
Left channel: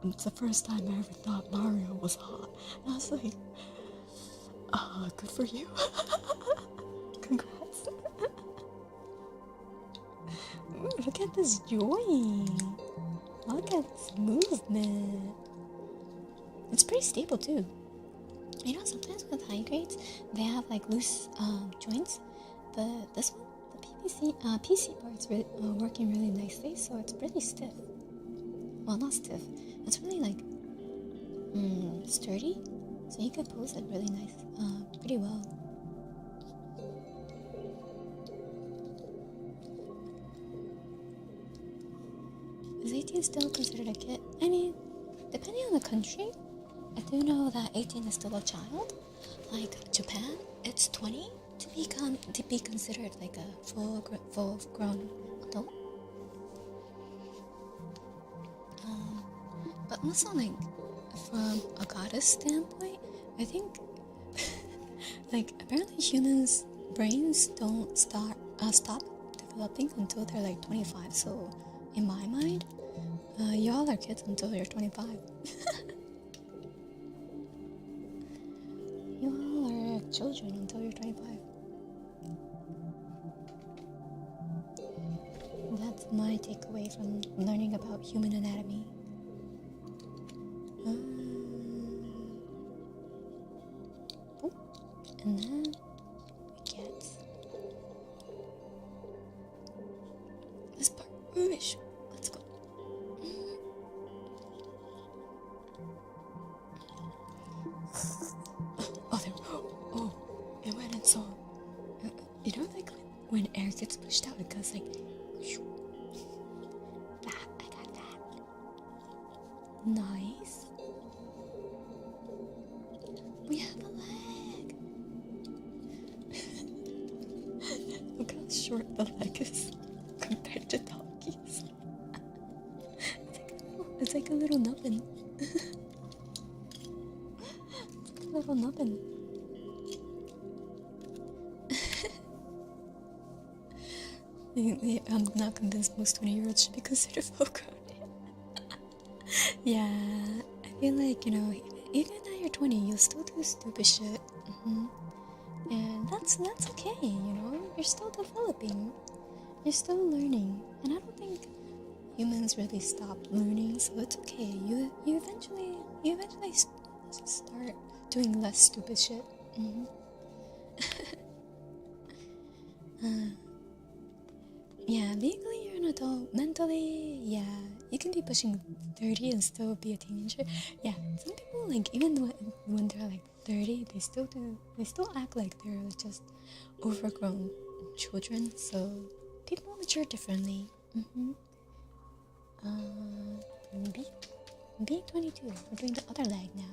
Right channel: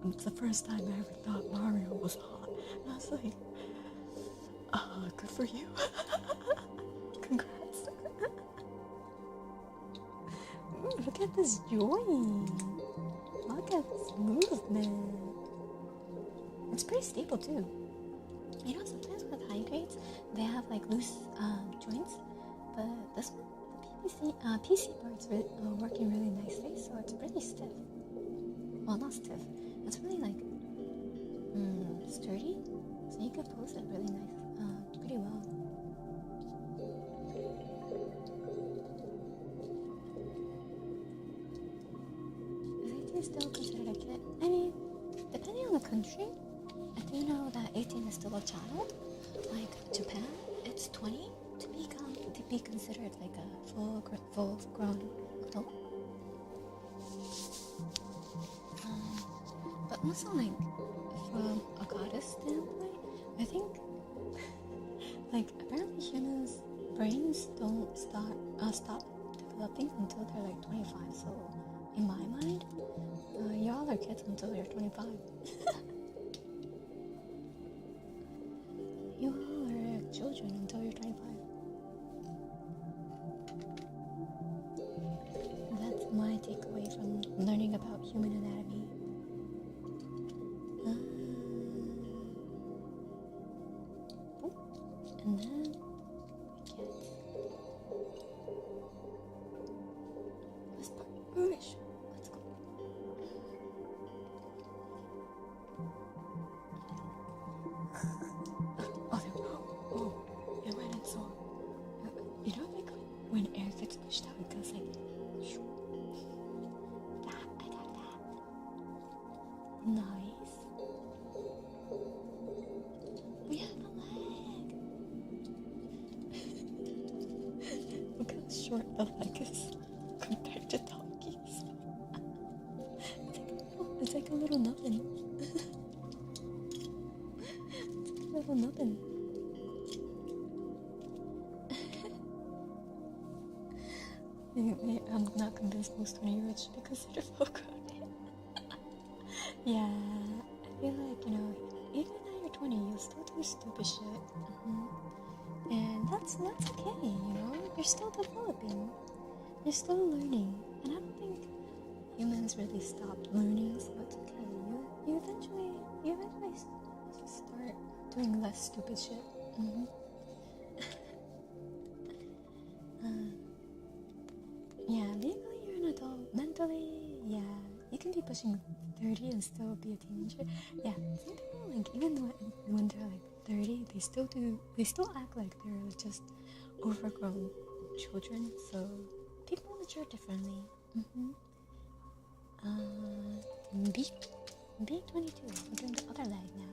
it's the first time I ever thought Mario was hot. And I was like, good for you. Congrats. Look at this join. Look at this movement. It's pretty stable too. You know, sometimes with high grades, they have like loose joints, but this one, the PC part's working really nicely, so it's pretty stiff. Well, not stiff. It's really like sturdy, so you can pose it really nice, pretty well. Is 18 still considered a kid? I mean, depending on the country, I do know that 18 is still a child. Like Japan, it's 20 to be considered like a full grown adult. But also like from a goddess standpoint, I think like apparently humans' brains don't stop developing until they're like 25. So in my mind, y'all are kids until you're 25. You all are children until you're 25. That's my takeaway from learning about human anatomy. And then we get this part. Let's go. Oh, it went in so. You know, like when air gets pushed out, it goes like. I got that. Nice. We have a leg. Look how short the leg is compared to donkeys. It's like a little nubbin. It's like a little nubbin. I'm not convinced most 20-year-olds should be considered full grown. Yeah, I feel like, you know, even at you're 20, you'll still do stupid shit. And that's okay, you know? You're still developing. You're still learning. And I don't think humans really stop learning, so it's okay. You eventually start doing less stupid shit. Yeah, legally you're an adult. Mentally, yeah, you can be pushing 30 and still be a teenager. Yeah, some people, like, even when they're like 30, they still act like they're just overgrown children. So people mature differently. B22, we're doing the other leg now.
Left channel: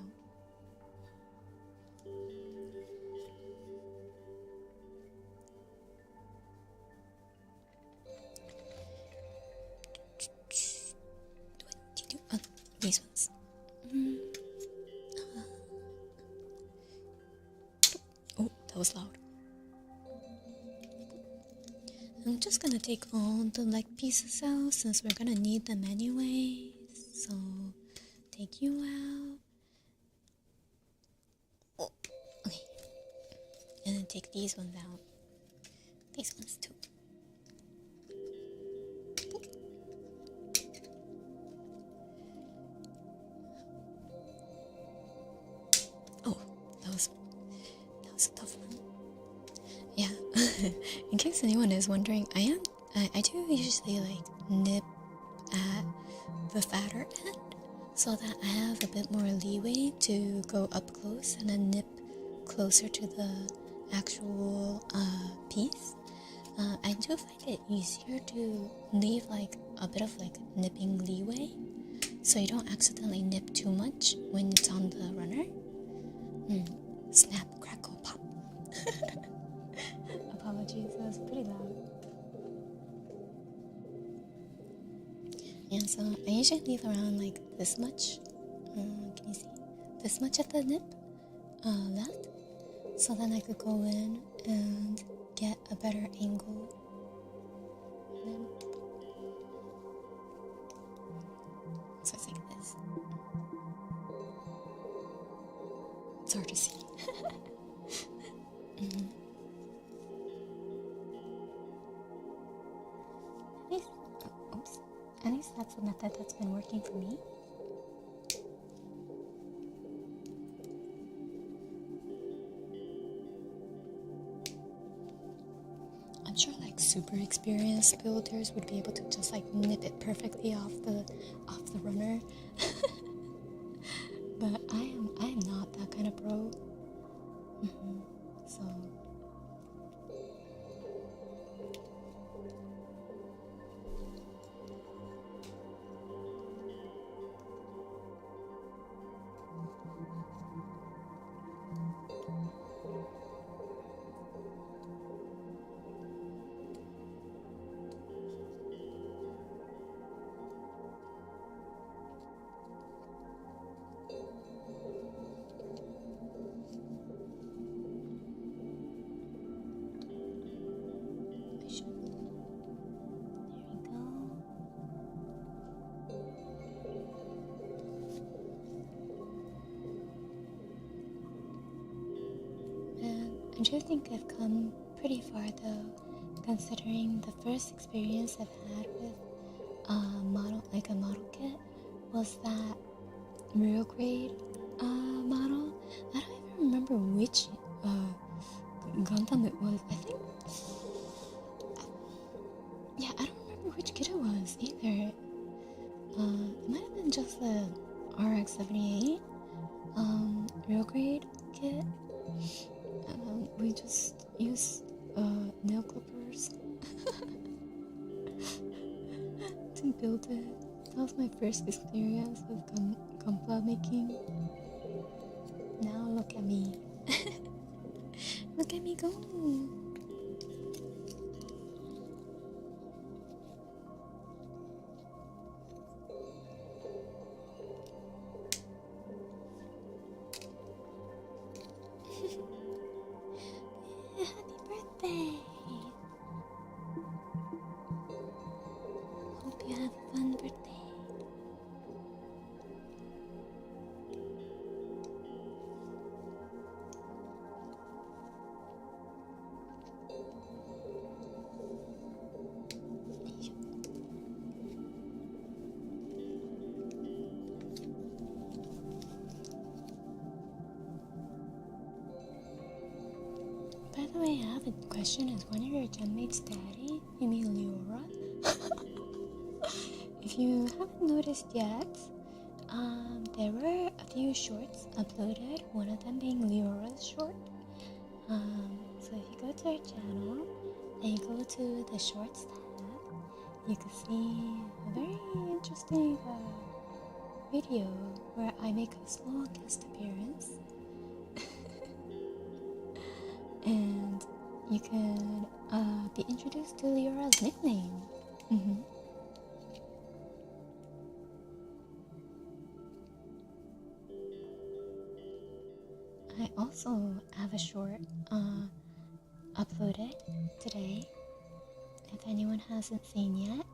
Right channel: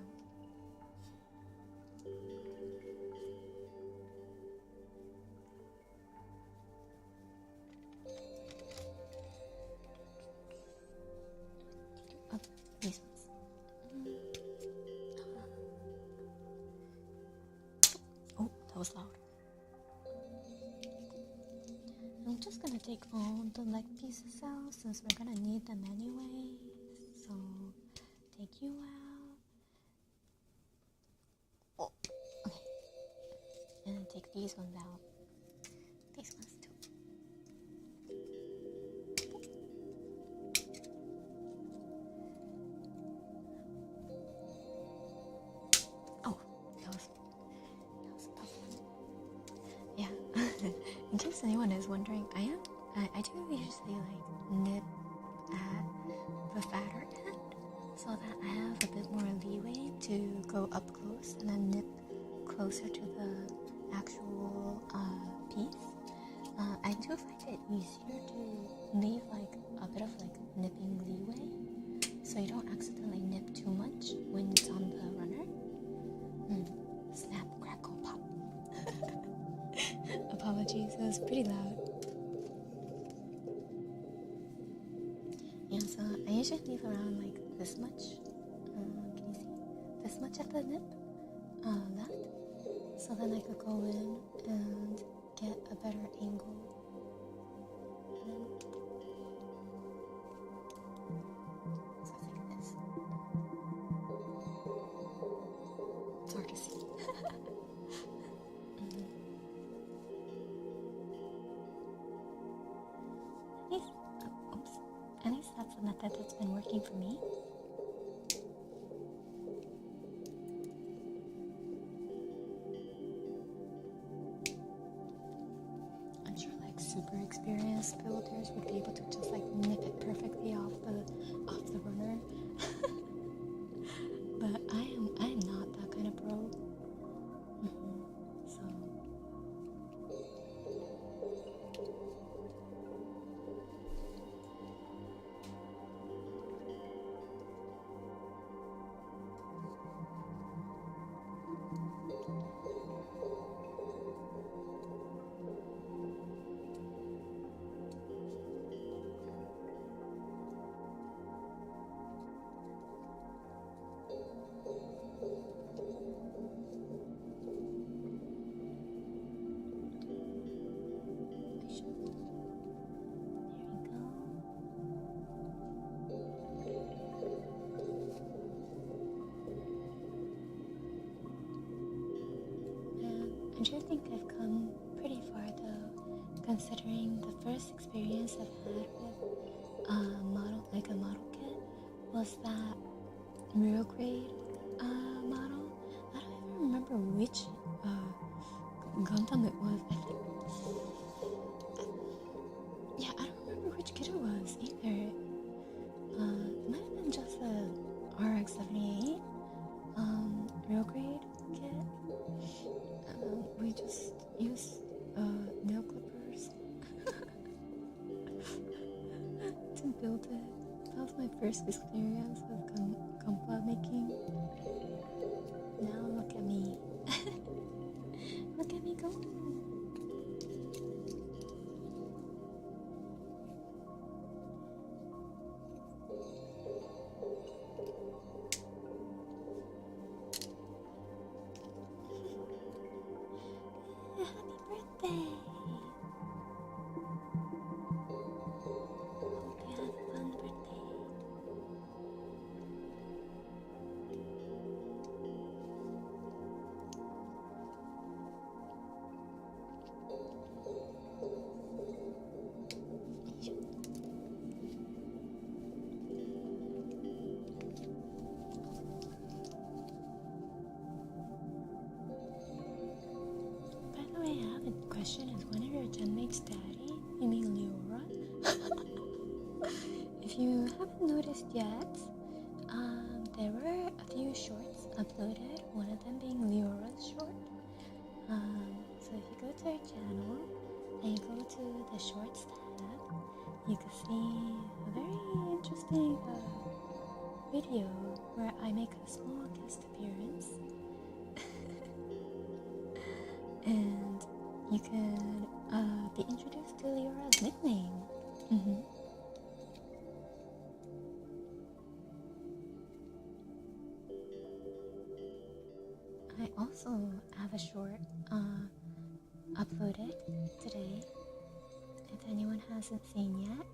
These ones. Oh, that was loud. I'm just gonna take all the leg pieces out since we're gonna need them anyway. So, take you out. Oh, okay. And then take these ones out. These ones too. That was a tough one. Yeah. In case anyone is wondering, I do usually like nip at the fatter end so that I have a bit more leeway to go up close and then nip closer to the actual piece. I do find it easier to leave like a bit of like nipping leeway so you don't accidentally nip too much when it's on the runner. Snap, crackle, pop. Apologies, it was pretty loud. Yeah, so I usually leave around like this much. Can you see? This much at the nip left. So then I could go in and get a better angle. And then, so it's like this. It's hard to see. At least that's the method that's been working for me. I'm sure like super experienced builders would be able to just like nip it perfectly off the runner. But I am not that kind of pro. So I do think I've come pretty far though, considering the first experience I've had with a model kit was that real grade model. I don't even remember which Gundam it was. I don't remember which kit it was either. It might have been just the RX-78 real grade kit. We just used nail clippers to build it. That was my first experience of gunpla making. Now look at me. Look at me go. Happy birthday! Hope you have a fun birthday. By the way, I have a question. Is one of your genmates daddy? You mean Leora? If you haven't noticed yet, there were a few shorts uploaded, one of them being Leora's short. So if you go to her channel and you go to the shorts tab, you can see a very interesting video where I make a small guest appearance. And you can be introduced to Leora's nickname. I also have a short uploaded today, if anyone hasn't seen yet.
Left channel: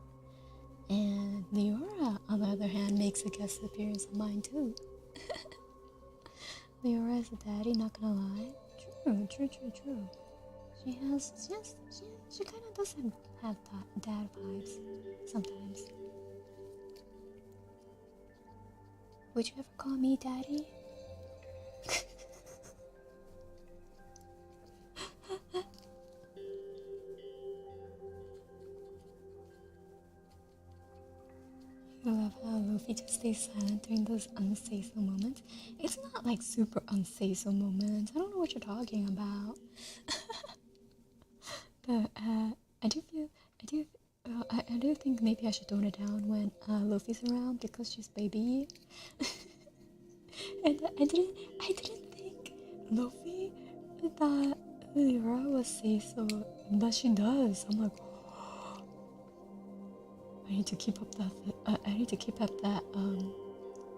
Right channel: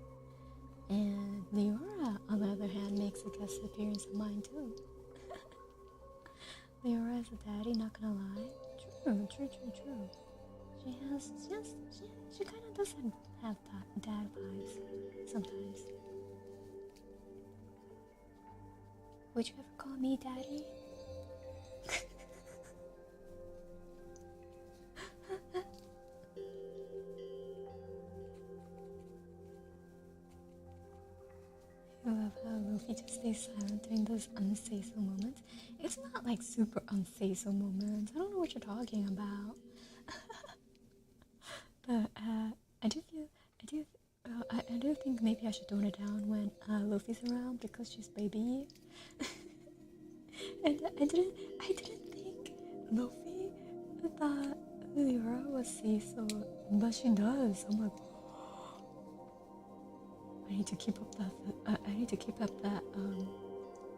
And Leora, on the other hand, makes a guest appearance on mine too. Leora is a daddy, not gonna lie. True. She kind of doesn't have dad vibes sometimes. Would you ever call me daddy? I love how Luffy just stays silent during those unsay-so moments. It's not like super unsay-so moments. I don't know what you're talking about. But I do think maybe I should tone it down when Luffy's around because she's baby. And I didn't think Luffy thought Leora was say-so But she does. I'm like, I need to keep up that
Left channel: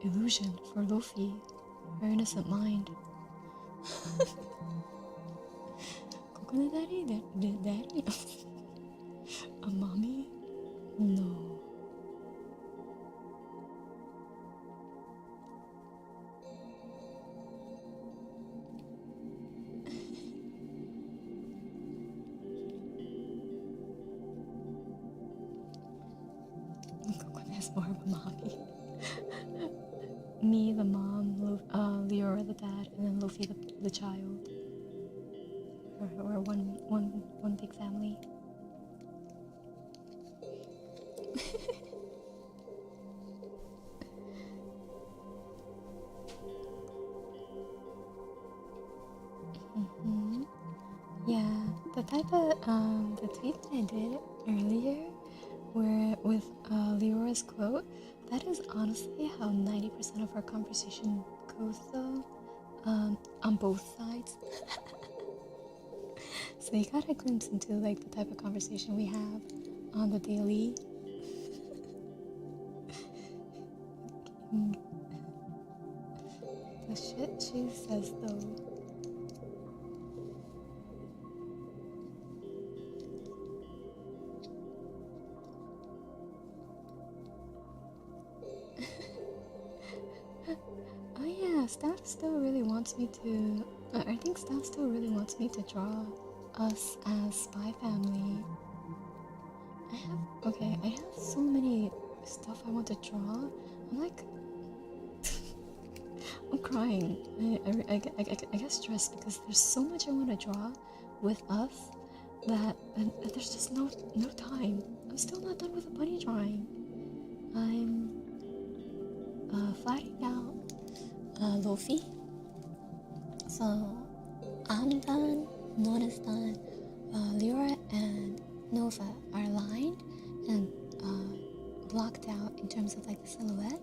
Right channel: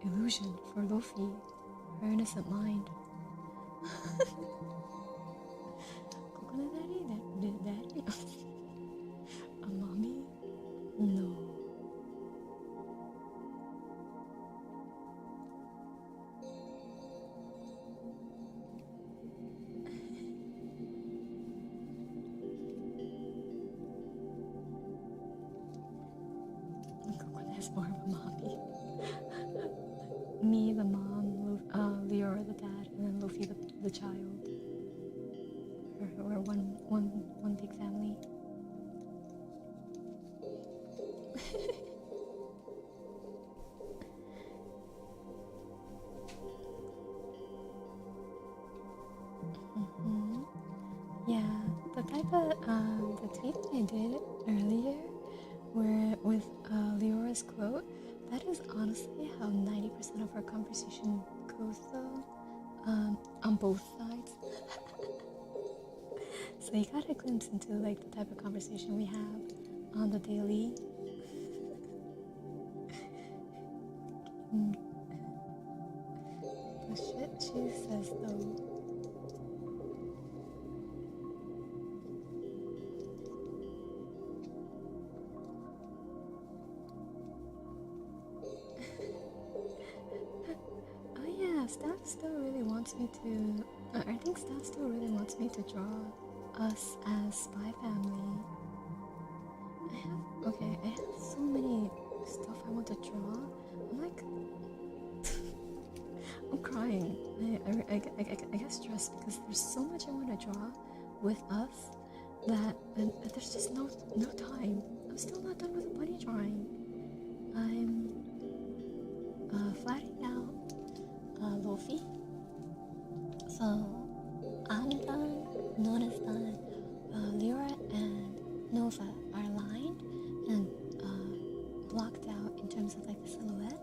illusion for Luffy, her innocent mind. Kokone daddy? A mommy? No. Kokone is more of a mommy. Me, the mom, Leora, the dad, and then Luffy, the child. We're one big family. Yeah, the type of the tweet that I did earlier, where with Leora's quote, that is honestly how 90% of our conversation goes, though, on both sides. So you got a glimpse into like the type of conversation we have on the daily. The shit she says, though. Oh yeah, Staff still really wants me to. I think Staff still really wants me to draw us as Spy Family. I have so many stuff I want to draw. I'm like, I'm crying. I get stressed because there's so much I want to draw with us that and there's just no time. I'm still not done with the bunny drawing. I'm flatting out Luffy. So I'm done, Nona's done, Lyra and Nova are lined and blocked out in terms of like the silhouette,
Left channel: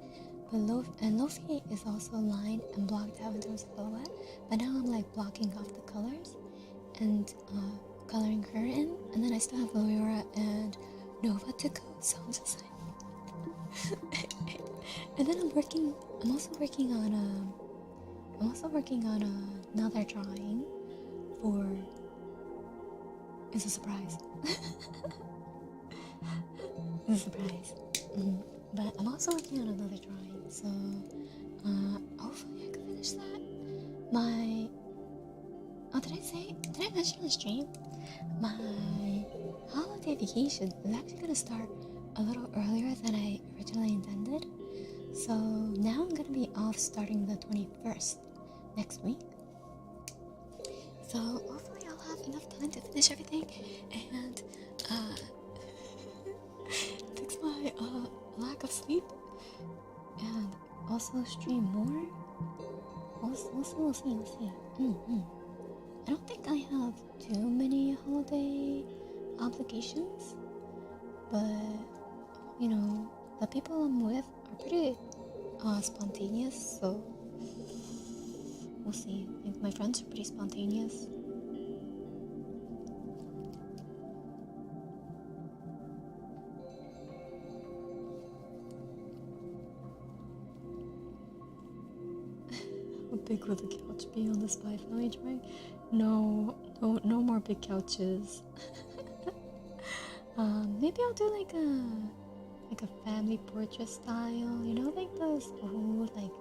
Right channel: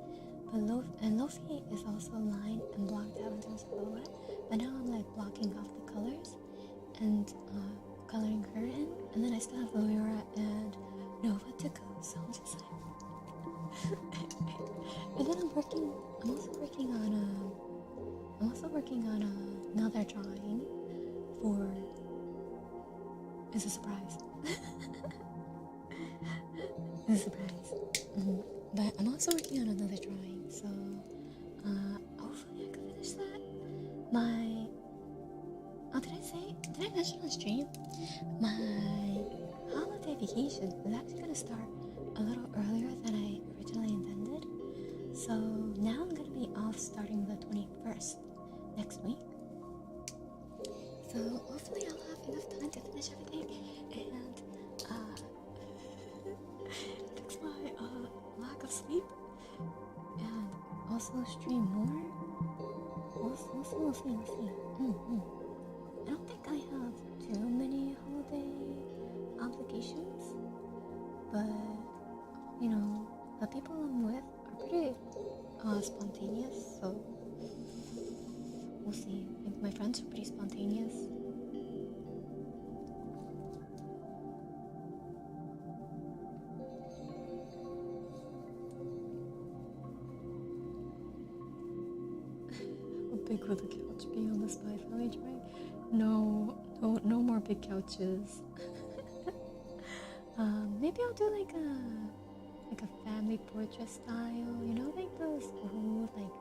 but Luffy is also lined and blocked out in terms of silhouette, but now I'm like blocking off the colors and coloring her in, and then I still have Lyra and Nova to go, so I'm just like and then I'm also working on another drawing for. It's a surprise. It's a surprise. But I'm also working on another drawing, so hopefully I can finish that. Did I mention on stream? My holiday vacation is actually gonna start a little earlier than I originally intended. So now I'm gonna be off starting the 21st next week. So hopefully I'll have enough time to finish everything and fix my lack of sleep and also stream more. We'll see. I don't think I have too many holiday obligations, but you know, the people I'm with are pretty spontaneous, so we'll see. I think my friends are pretty spontaneous. How big will the couch be on the Spy Family drawing? No more big couches. Maybe I'll do like a family portrait style, you know, like those old like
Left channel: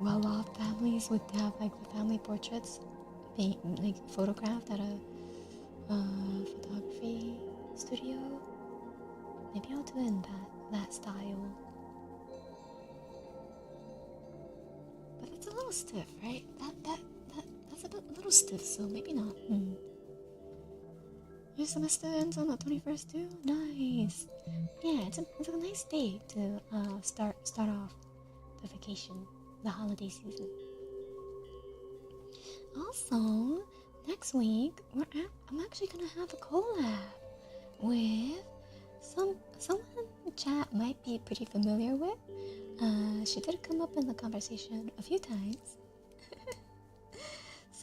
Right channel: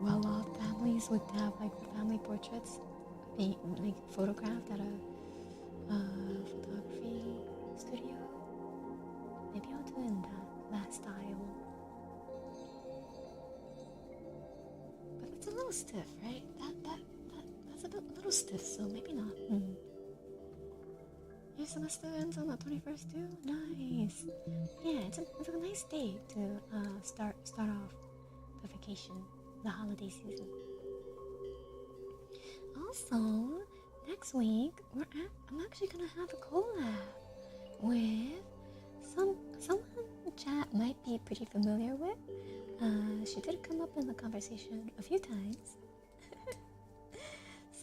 well-off families would have like the family portraits being like photographed at a photography studio. Maybe I'll do it in that style. But it's a little stiff, right? That's a little stiff, so maybe not. Your semester ends on the 21st too? Nice. Yeah, it's a nice day to start off the vacation, the holiday season. Also, next week I'm actually gonna have a collab with someone chat might be pretty familiar with. She did come up in the conversation a few times.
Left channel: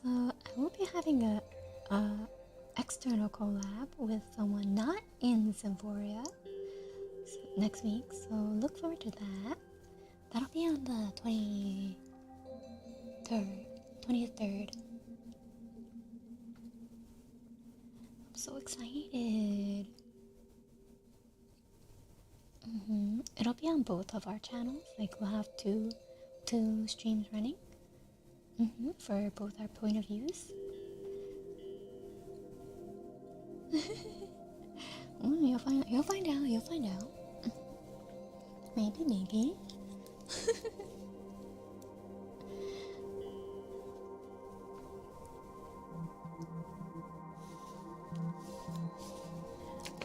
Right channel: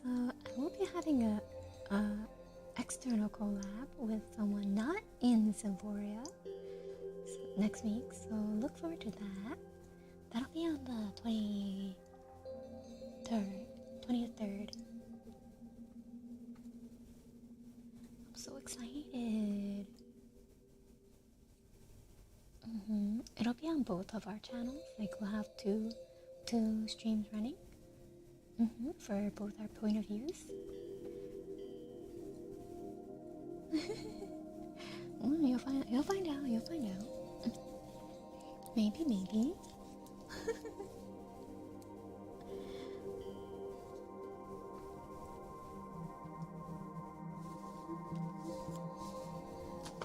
So I will be having a external collab with someone not in Symphoria next week, so look forward to that. That'll be on the 23rd. I'm so excited. It'll be on both of our channels. Like, we'll have two streams running for both our point of views. You'll find out. Maybe.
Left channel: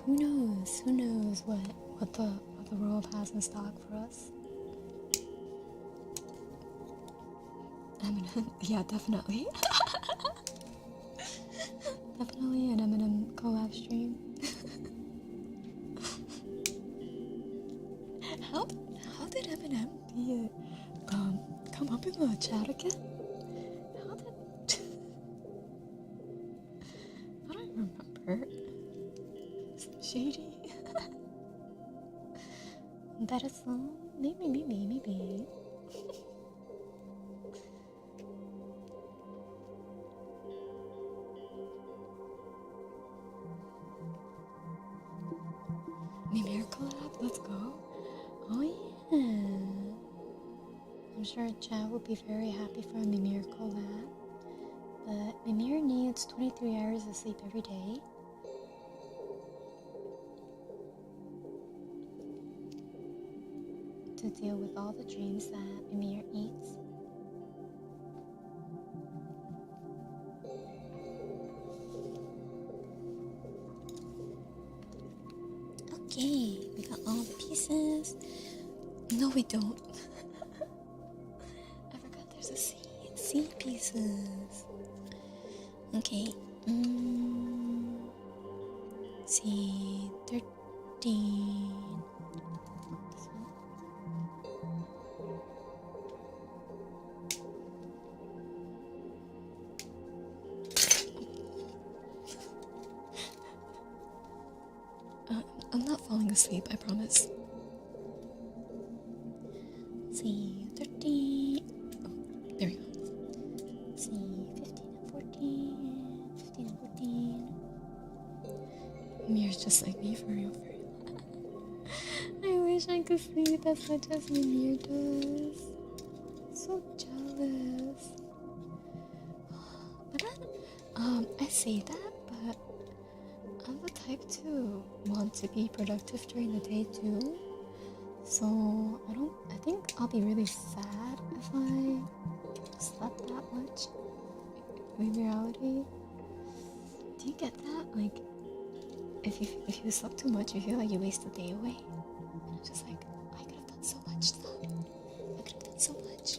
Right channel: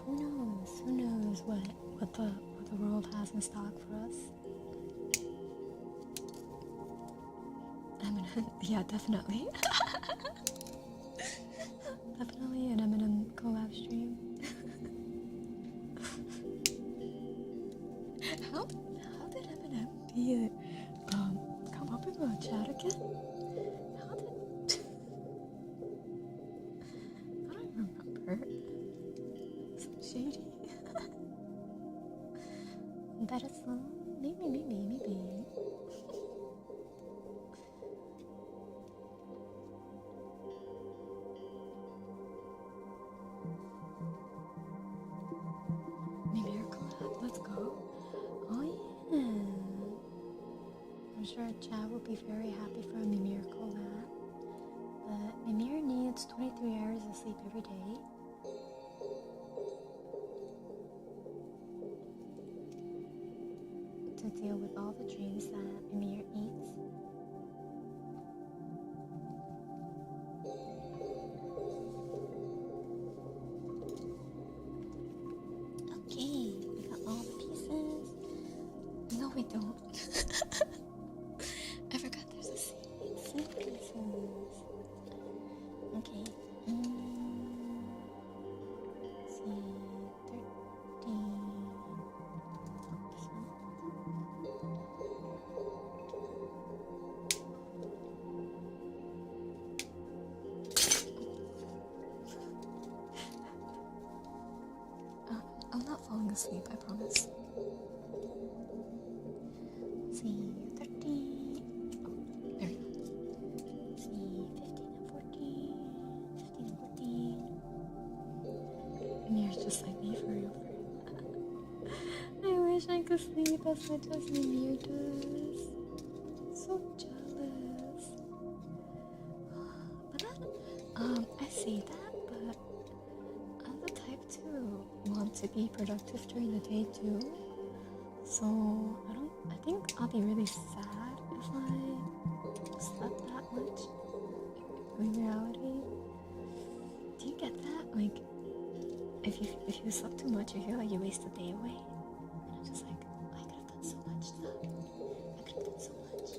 Who knows what the world has in stock for us. Eminem, yeah, definitely. Definitely an Eminem collab stream. How did Eminem come up in the chat again? I don't remember. Some shady. That is maybe. Mimir collab, let's go. Oh yeah. I'm sure Chad will be very happy for a Mimir collab. But Mimir needs 23 hours of sleep every day. To deal with all the dreams that Mimir eats. Okay, we got all the pieces. No, we don't. I forgot there's a C pieces. Okay. C13. I'm not falling asleep, I promise. C13. Oh, there we go. C15 and 14. 15 and 14. Mir's just like me, for real. I wish I could sleep as much as Mimir does. So jealous. But then, I say that, but I'm the type to want to be productive during the day too. So I think I'll be really sad if I slept that much in reality. Do you get that? Like, if you slept too much, you feel like you waste the day away. And I'm just like, I could have done so much stuff. I could have done so much.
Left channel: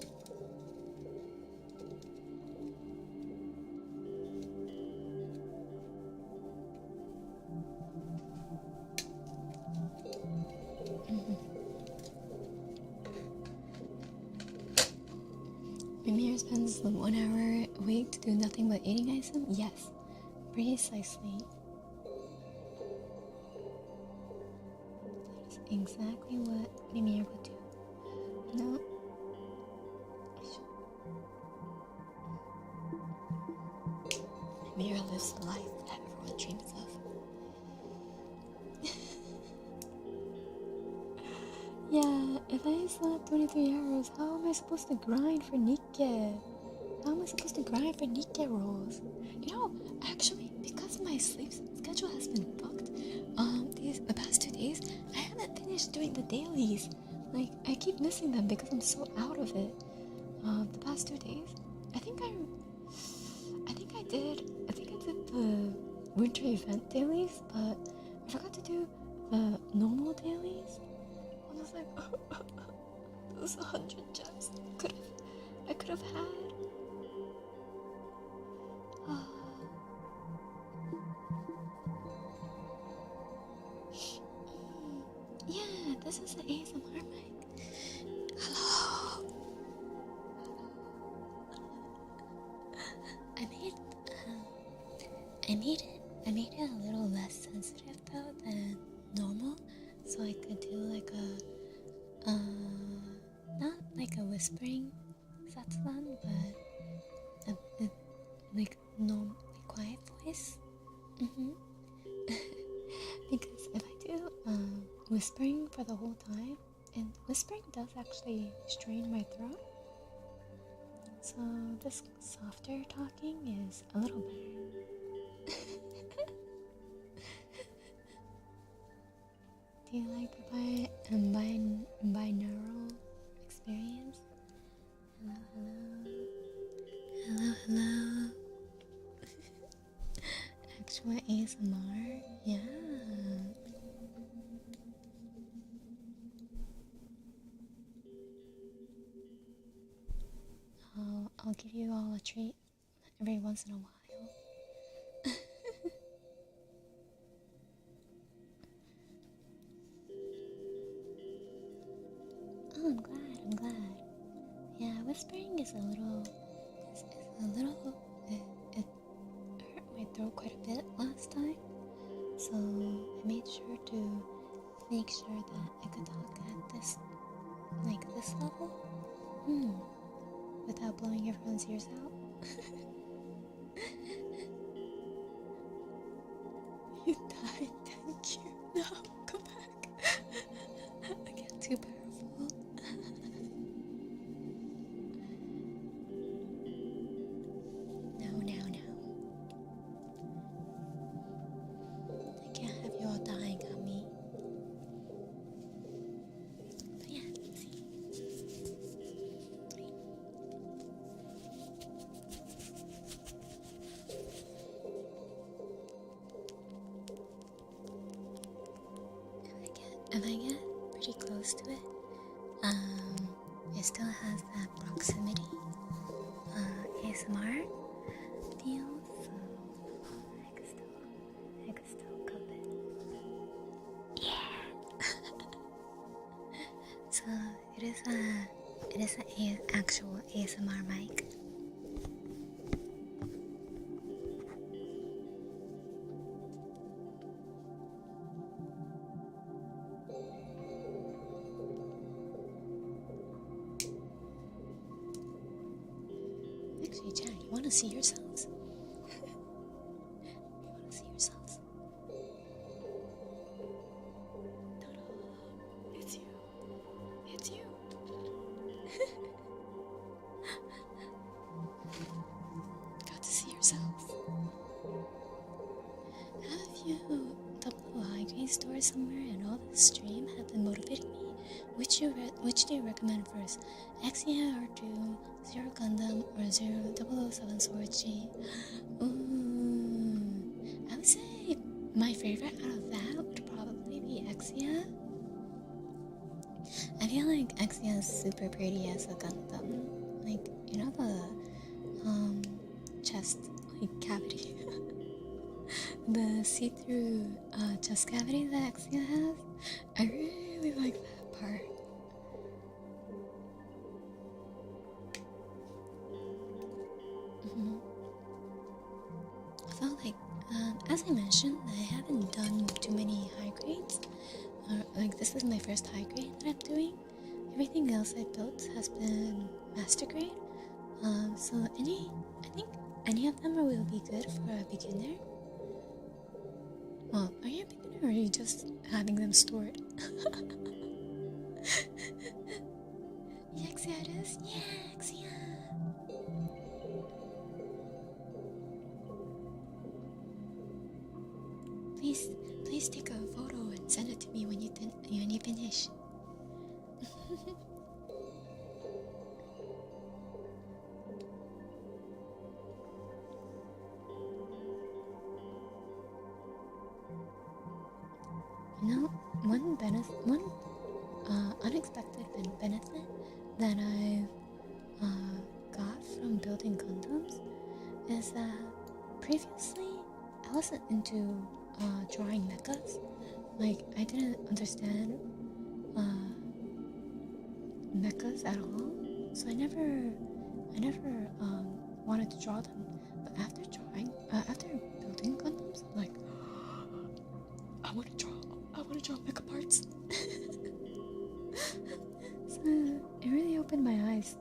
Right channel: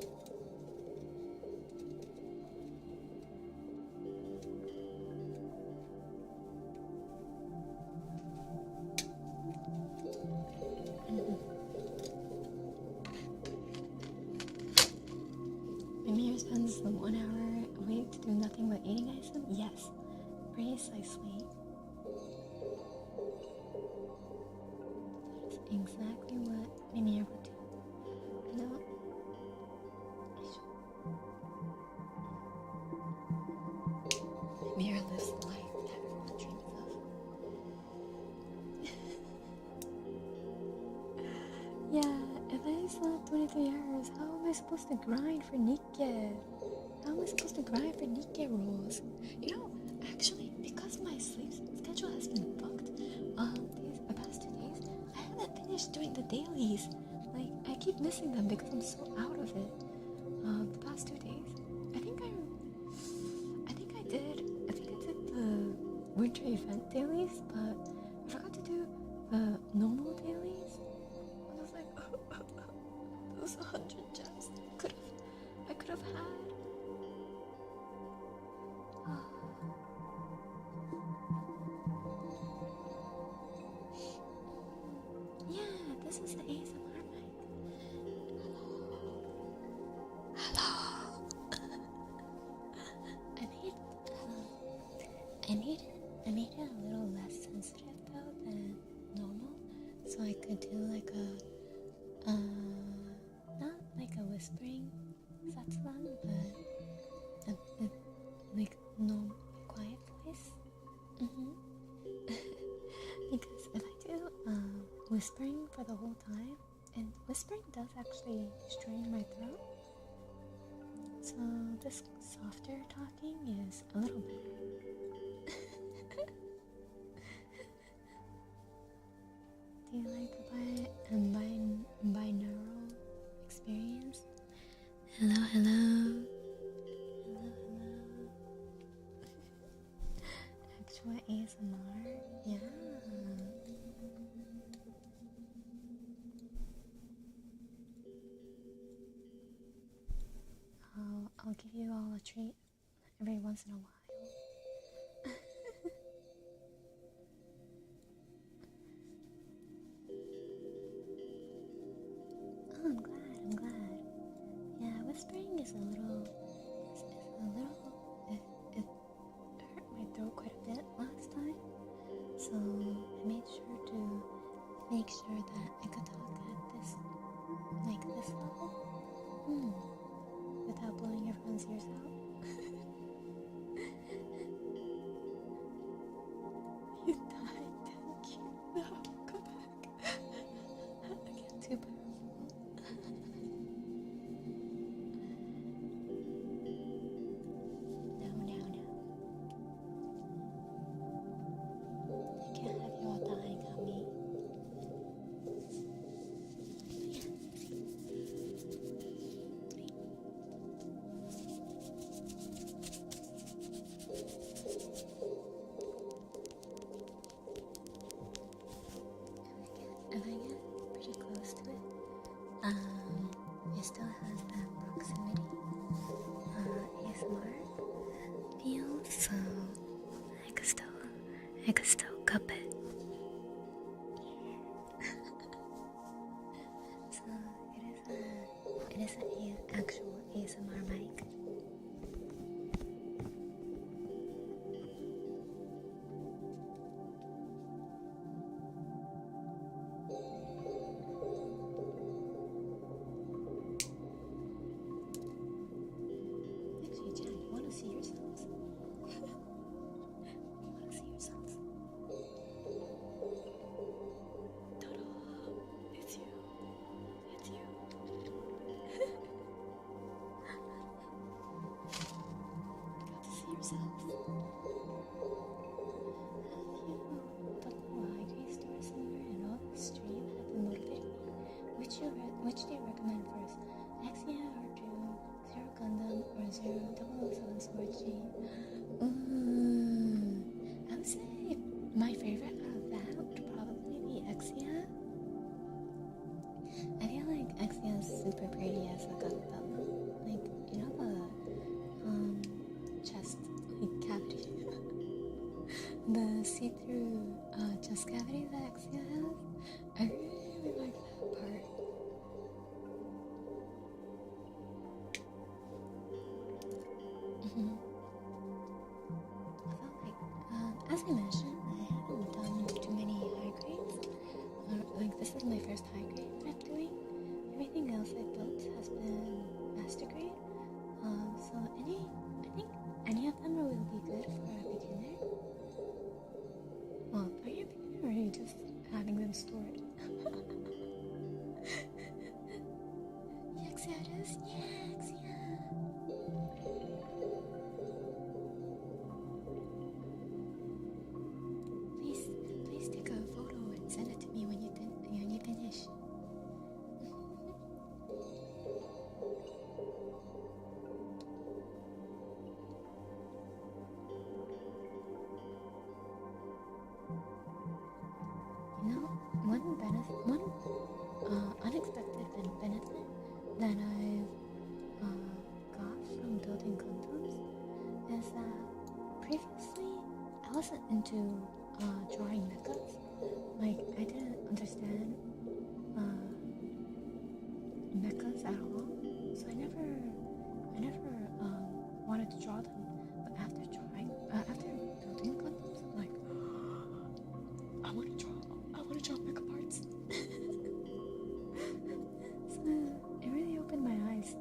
Mimir spends the 1 hour a week to do nothing but eating ice cream? Yes, precisely. That is exactly what Mimir would do. No. Mimir lives the life that everyone dreams of. Yeah, if I slept 23 hours, how am I supposed to grind for Nikke? How am I supposed to grind for Nikke rolls? You know, actually, because my sleep schedule has been fucked, the past 2 days, I haven't finished doing the dailies. Like, I keep missing them because I'm so out of it. The past 2 days, I think I did the winter event dailies, but I forgot to do the normal dailies. I was like, those 100 gems I could have had. Yeah, this is the ASMR mic. Hello. I I made it a little less sensitive though than normal, so I could do like a not like a whispering satsuban, but a like normal quiet voice. Because if I do whispering for the whole time, and whispering does actually strain my throat, so this softer talking is a little better. Do you like a binaural experience? Hello, hello. Hello, hello. Actual ASMR? Yeah. I'll give you all a treat every once in a while. Oh, I'm glad. Yeah, whispering is a little, it hurt my throat quite a bit last time, so I made sure to make sure that I could talk at this level, without blowing everyone's ears out. You died, thank you. No, come back. I get too powerful. No. I can't have you all dying on me. But yeah, see. If I get pretty close to it, it still has that proximity ASMR feel, so I could still cup it. Yeah. So it is an actual ASMR mic. Actually, Chad, you want to see yourselves? You want to see yourselves? Ta-da! It's you! It's you! Got to see yourselves. Have you double high grade store somewhere and all this stream have been motivating me? Which do you recommend first? Axia or 2, Zero Gundam or 007 Sword G? Ooh, I would say my favorite out of that would probably be Axia. I feel like Axia is super pretty as a Gundam. Like, you know the chest cavity. The see-through chest cavity that Axia has. I really like that part. I felt like, as I mentioned, I haven't done too many high grades. Like, this is my first high grade that I'm doing. Everything else I built has been master grade. So I think any of them will be good for a beginner. Well, are you a beginner or are you just having them stored? Yaxia it is? Yeah, Yaxia! Please take a photo and send it to me when you finish. You know, one unexpected benefit that I've got from building Gundams is that previously I wasn't into drawing mechas. Like, I didn't understand mechas at all, so I never wanted to draw them. But after building building Gundams. I'm like, I want to draw mecha parts. So it really opened my eyes.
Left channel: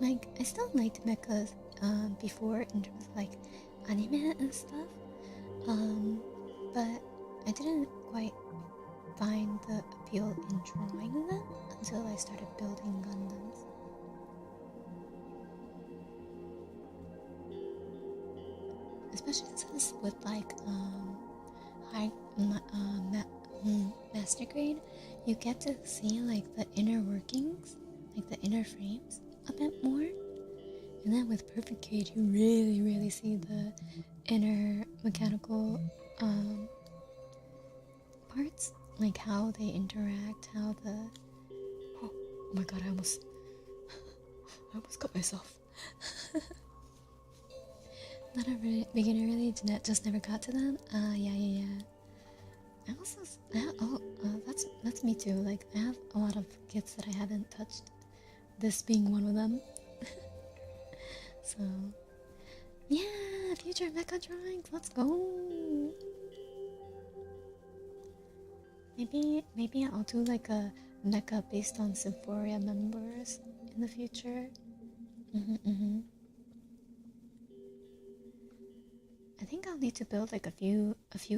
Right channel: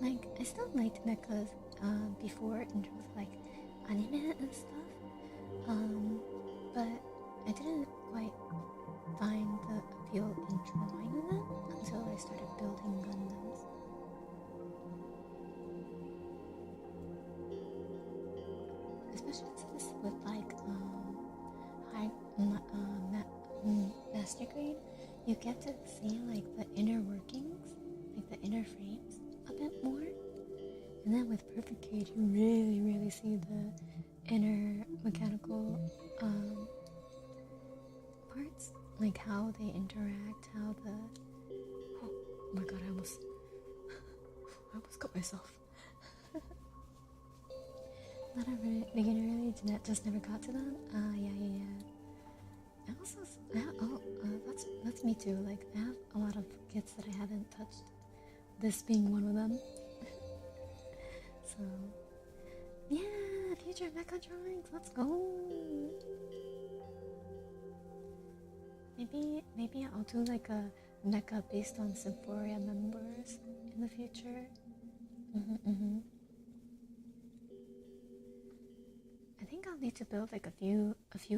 Like, I still liked mechas before in terms of like anime and stuff, but I didn't quite find the appeal in drawing them until I started building Gundams. Especially since with like high master grade, you get to see like the inner workings, like the inner frames a bit more. And then with perfect grade, you really see the inner mechanical parts, like how they interact, how the oh my god, I almost cut myself. Not a beginner really, just never got to them. Yeah. I also that's me too. Like, I have a lot of kits that I haven't touched, this being one of them. So yeah, future mecha drawings, let's go. Maybe I'll do like a mecha based on Sephoria members in the future. I think I'll need to build like a few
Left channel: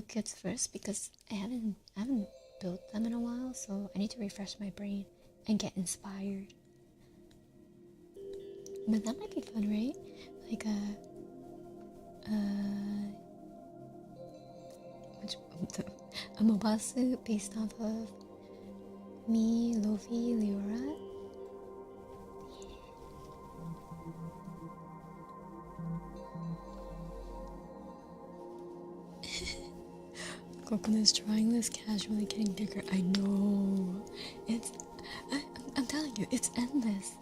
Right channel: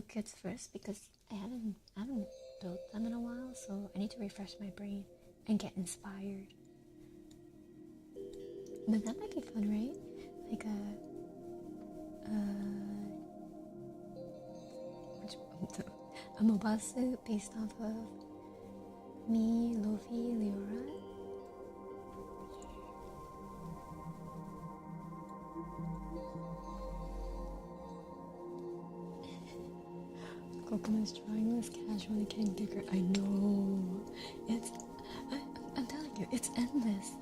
kits first, because I haven't built them in a while, so I need to refresh my brain and get inspired. But that might be fun, right? Like a Mobasu based off of me, Luffy, Leora. Kokone is trying this casually, getting bigger. I know. I'm telling you, it's endless.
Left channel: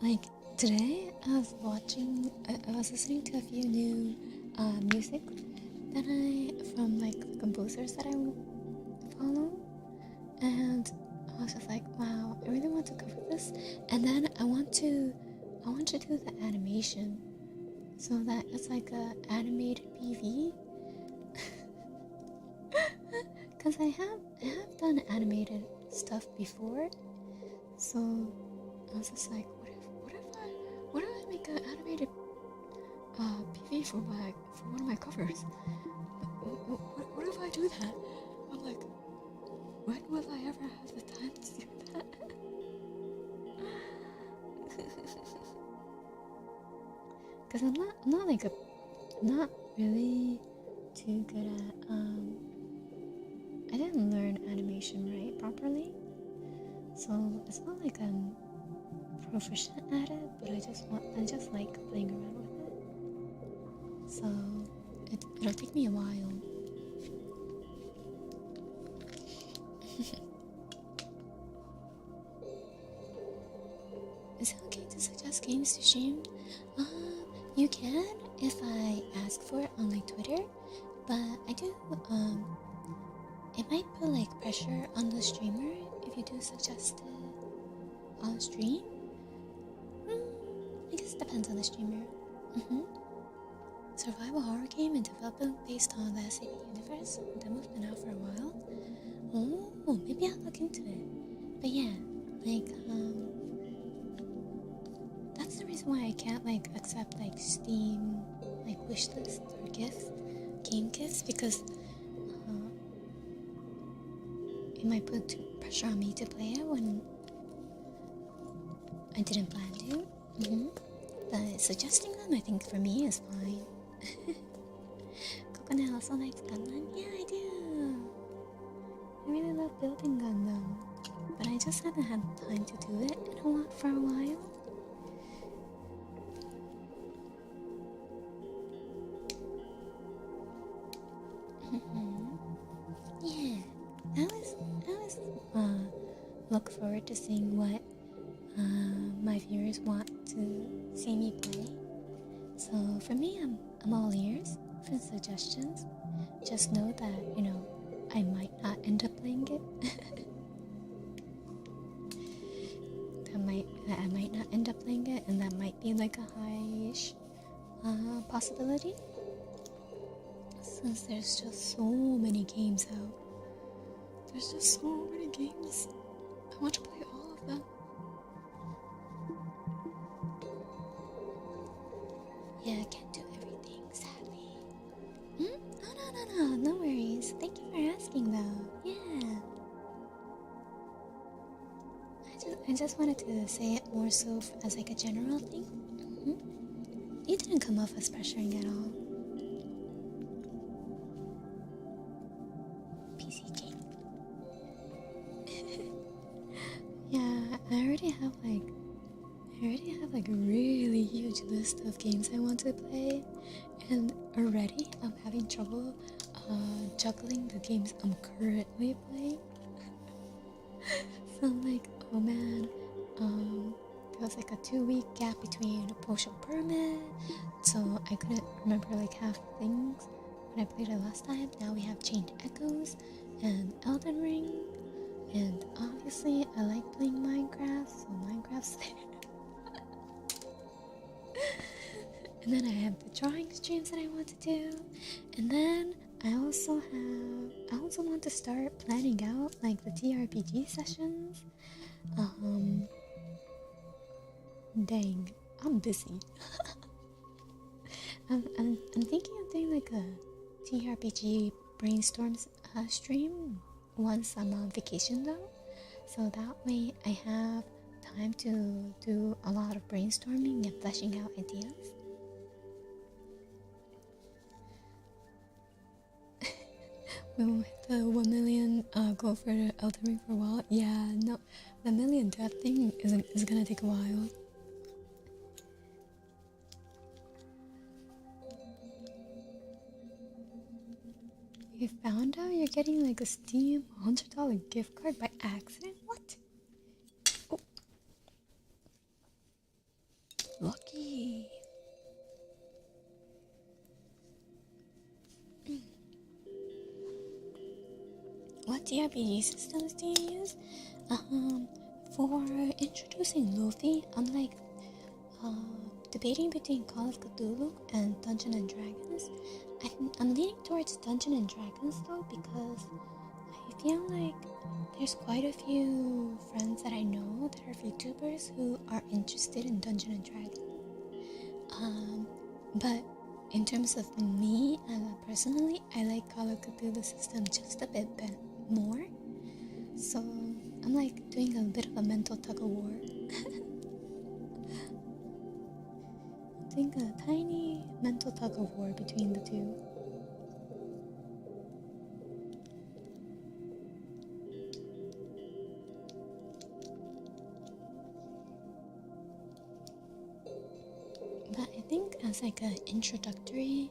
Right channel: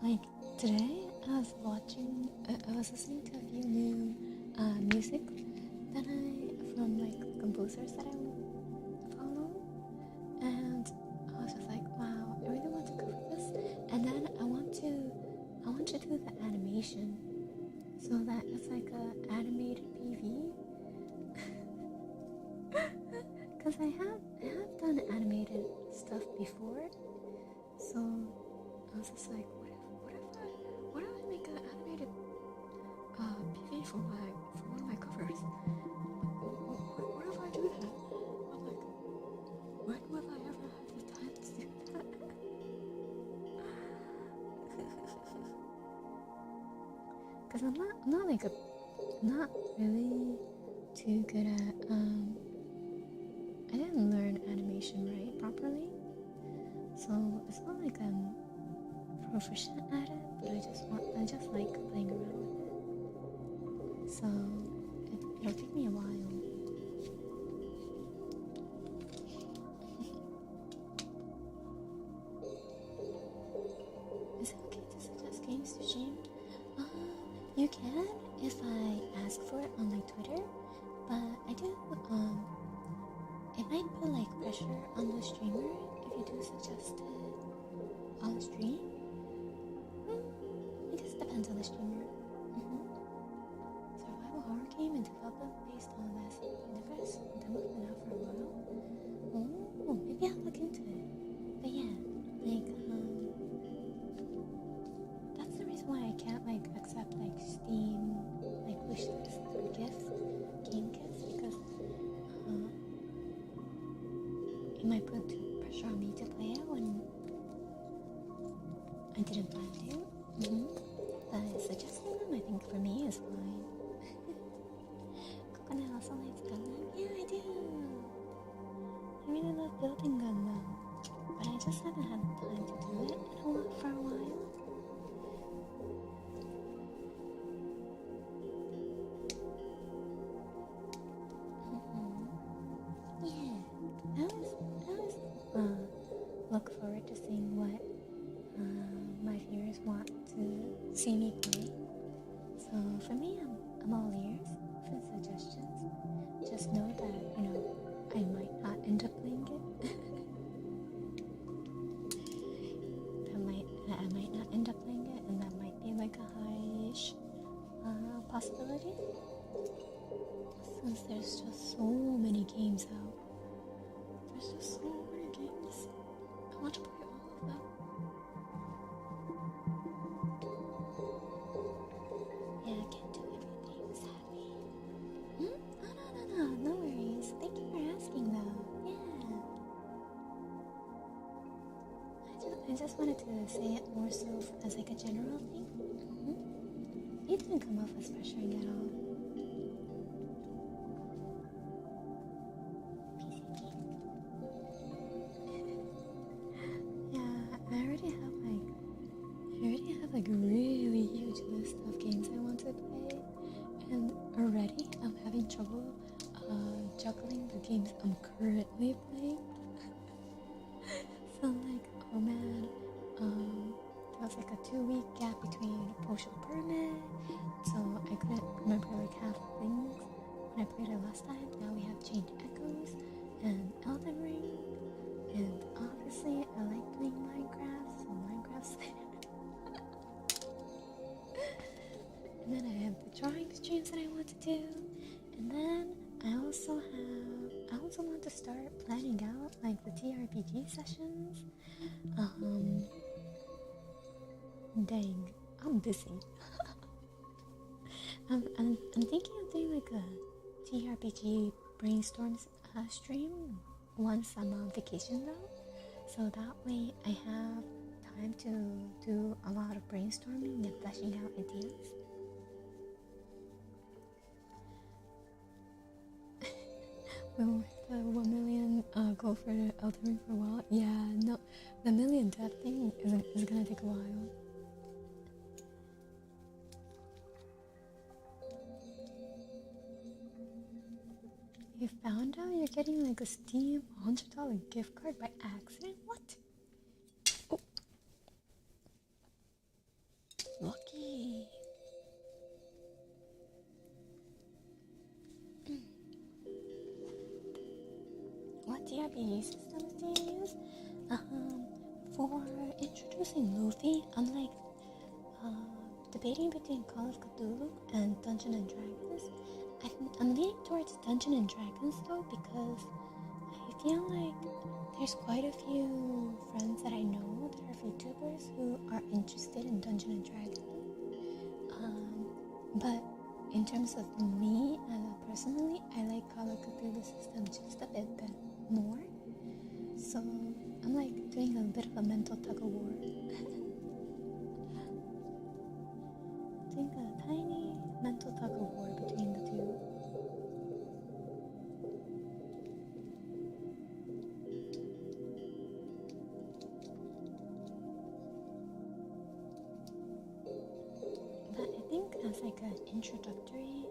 Like, today, I was listening to a few new music from like composers that I follow, and I was just like, wow, I really want to cover this. And then I want to do the animation, so that it's like a animated PV. Because I have done animated stuff before, so I was just like, what if I make an animated PV for one of my covers? What if I do that? I'm like, when will I ever have the time to do that? Because I'm not really too good at I didn't learn animation properly, so it's not like I'm proficient at it, but I just like playing around with it. So it'll take me a while. Is it okay to suggest games to stream? You can if I ask for it on like Twitter, but I do it might put like pressure on the streamer if you do suggest it on stream. I guess it depends on the streamer. Survival horror game and development based on the SAP universe. The demo's been out for a while. Oh, maybe I'll look into it. But yeah, like that's the reason why I can't like accept like Steam like wishlist or game gifts, because it might put too pressure on me to play it when I didn't plan to. But suggesting them, I think for me is fine. Kokone also likes Gundam. Yeah, I do. I really love building Gundam, but I just haven't had time to do it for a while. Yeah, I always look forward to seeing what my viewers want to see me play. So for me, I'm all ears for suggestions. Just know that, I might not end up playing it. I might not end up playing it, and that might be like a high-ish possibility. since there's just so many games out. There's just so many games. I want to play all of them. Yeah, I can't do everything, sadly. Oh, no worries. Thank you for asking, though. Yeah. I just wanted to say it more so as like a general thing. You didn't come off as pressuring at all. PC game. Yeah, I already have like a really huge list of games I want to play, and already I'm having trouble juggling the games I'm currently playing. So I'm like, oh man, there was like a 2-week gap between Potion Permit, so I couldn't remember like half the things when I played it last time. Now we have Chained Echoes and Elden Ring, and obviously I like playing Minecraft, so Minecraft's there. And then I have the drawing streams that I want to do, and then I also want to start planning out like the TRPG sessions. Dang, I'm busy. I'm thinking of doing like a TRPG brainstorms stream once I'm on vacation though, so that way I have time to do a lot of brainstorming and fleshing out ideas. We will hit the 1 million goal for Elden Ring for a while. Yeah, no, the million death thing is gonna take a while. You found out you're getting like a Steam $100 gift card by accident? What? Oh. Lucky. What TRPG systems do you use? For introducing Luffy, I'm like debating between Call of Cthulhu and Dungeons and Dragons. I'm leaning towards Dungeons and Dragons though, because I feel like there's quite a few friends that I know that are VTubers who are interested in Dungeons and Dragons. But in terms of me personally, I like Call of Cthulhu system just a bit more. So I'm like doing a bit of a mental tug of war. Doing a tiny mental tug of war between the two. But I think as like an introductory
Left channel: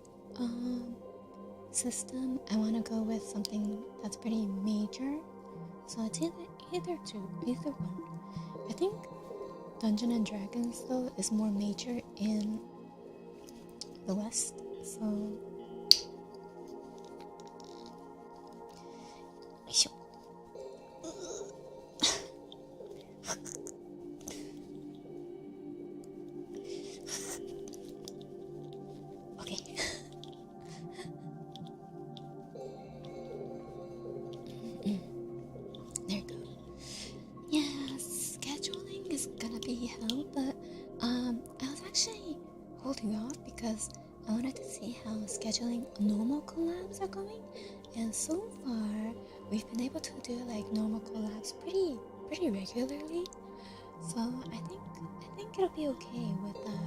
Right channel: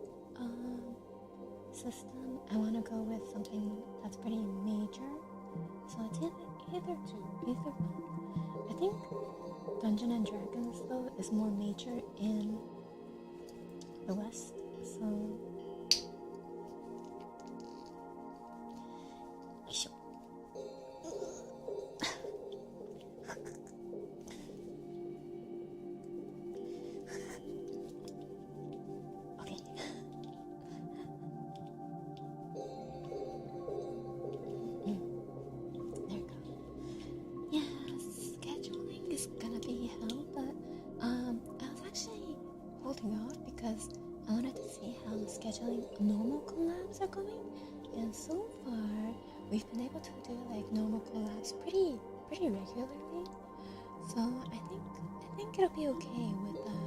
system, I want to go with something that's pretty major. So it's either one. I think Dungeons and Dragons though is more major in the West, so okay. There we go. Yeah, scheduling is gonna be hell, but I was actually holding off because I wanted to see how scheduling normal collabs are going, and so far we've been able to do like normal collabs pretty regularly. So I think it'll be okay with the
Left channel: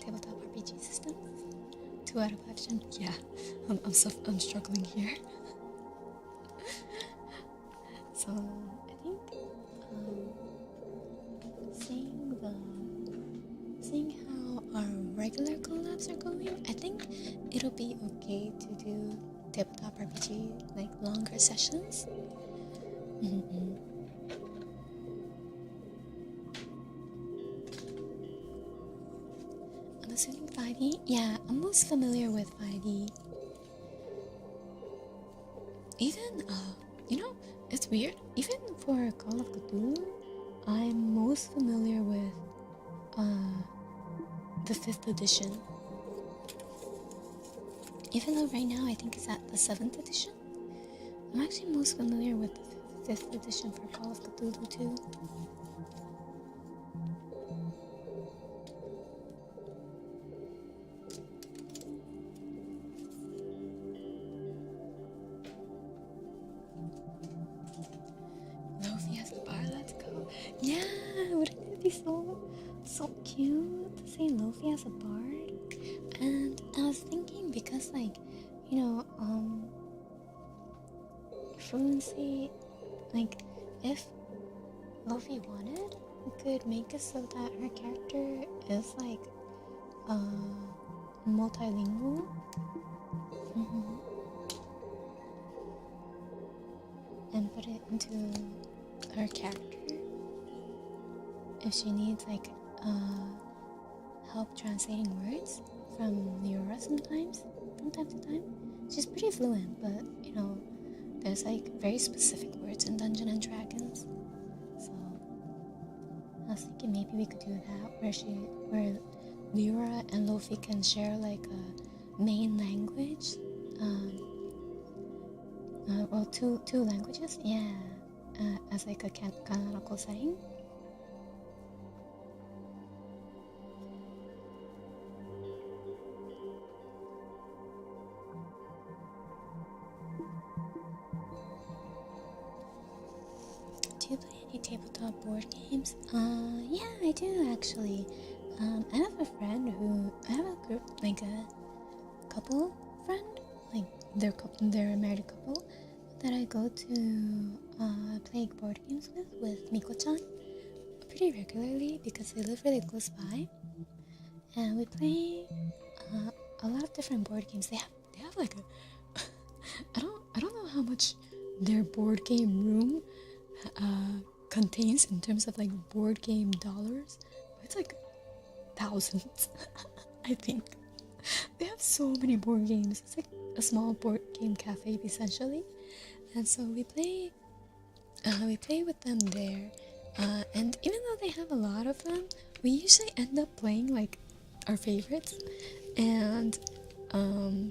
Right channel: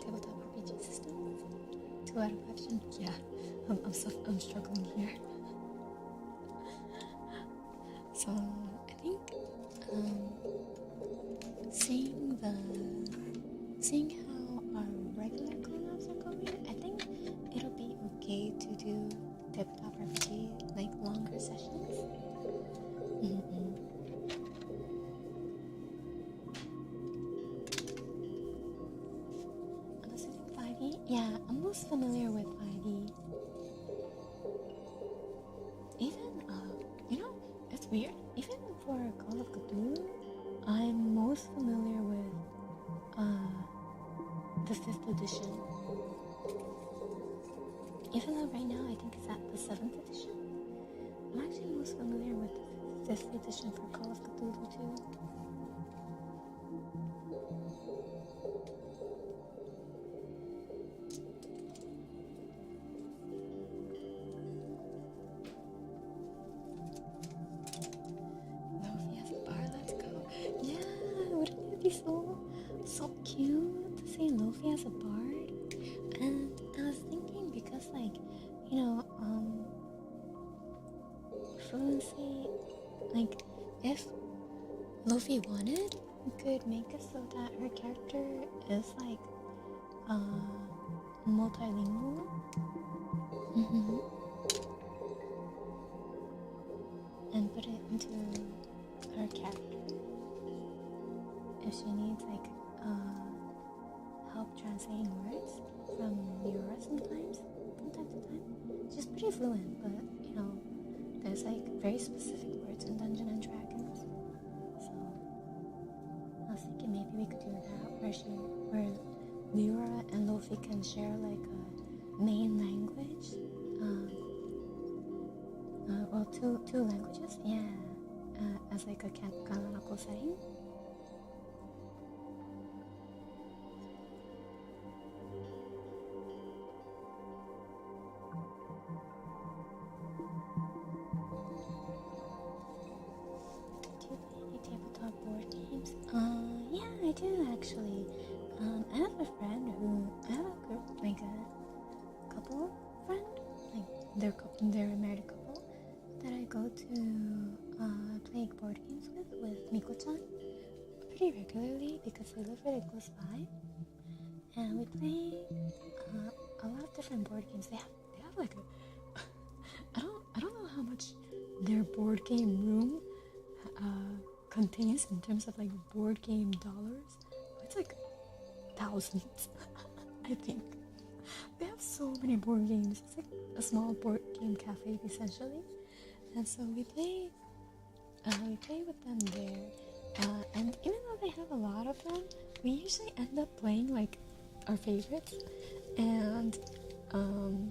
tabletop RPG systems. 2 out of 5. Yeah, I'm struggling here. So I think seeing how our regular collabs are going, I think it'll be okay to do tabletop RPG like longer sessions. I'm assuming 5e? Yeah, I'm most familiar with 5e. Even, it's weird. Even for Call of Cthulhu, I'm most familiar with the 5th edition. Even though right now I think it's at the 7th edition, I'm actually most familiar with the 5th edition for Call of Cthulhu 2. Lofi as a bar, let's go. Yeah, wouldn't it be so cute to say Lofi as a bard? And I was thinking, because like, you know, fluency, like, if Lofi wanted, we could make it so that her character is like multilingual. And put it into her character if she needs like help translating words from Miura sometimes, from time to time. She's pretty fluent, but you know, there's like very specific words in Dungeons and Dragons. So I was thinking maybe we could do that, where Miura and Luffy can share like a main language. Well, two languages, yeah, as like a canonical setting. Do you play any tabletop board games? Yeah, I do actually. I have a friend I have a group, like a couple friend, like they're a married couple that I go to play board games with Miko-chan pretty regularly because they live really close by, and we play a lot of different board games. They have like a I don't know how much their board game room contains in terms of like board game dollars, but it's like thousands. I think they have so many board games. It's like a small board game cafe essentially. And so we play with them there, and even though they have a lot of them, we usually end up playing like our favorites. And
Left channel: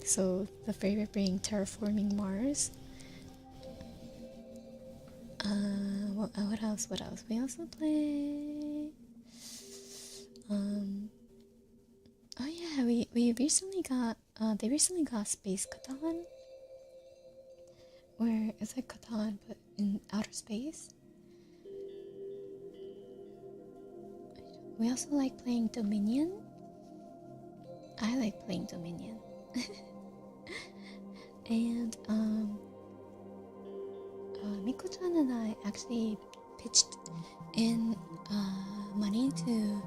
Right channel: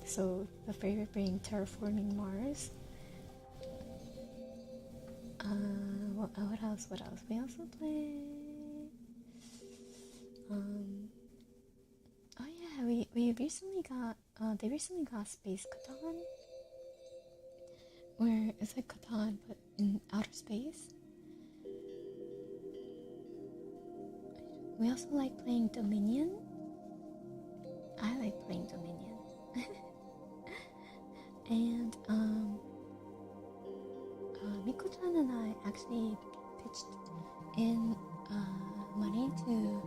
so the favorite being Terraforming Mars. What else? We also play. Oh yeah, we recently got they recently got Space Catan, where it's like Catan but in outer space. We also like playing Dominion. I like playing Dominion. And Miko-chan and I actually pitched in money to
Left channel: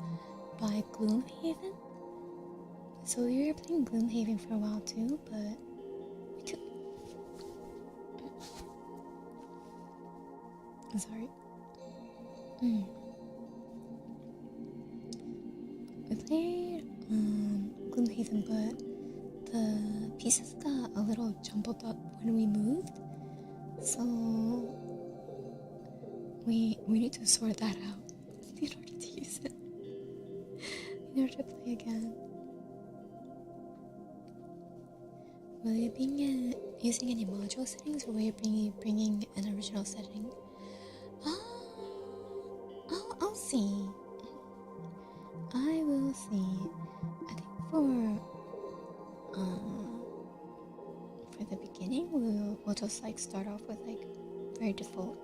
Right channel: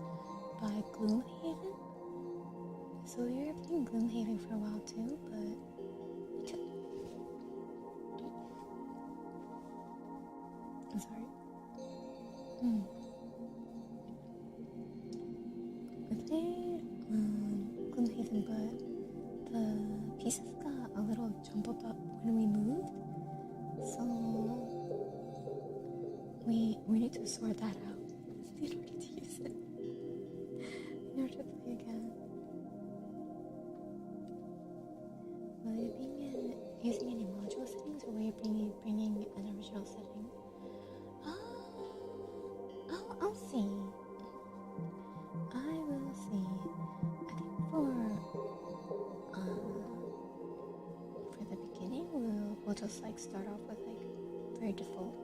buy Gloomhaven. So we were playing Gloomhaven for a while too, but we took... I'm sorry. We played Gloomhaven, but the pieces got a little jumbled up when we moved. So we need to sort that out in order to use it. In order to play again. Will you be using any module settings, or will you bringing an original setting? I'll see. I will see. I think for the beginning, we'll just like start off with like very default.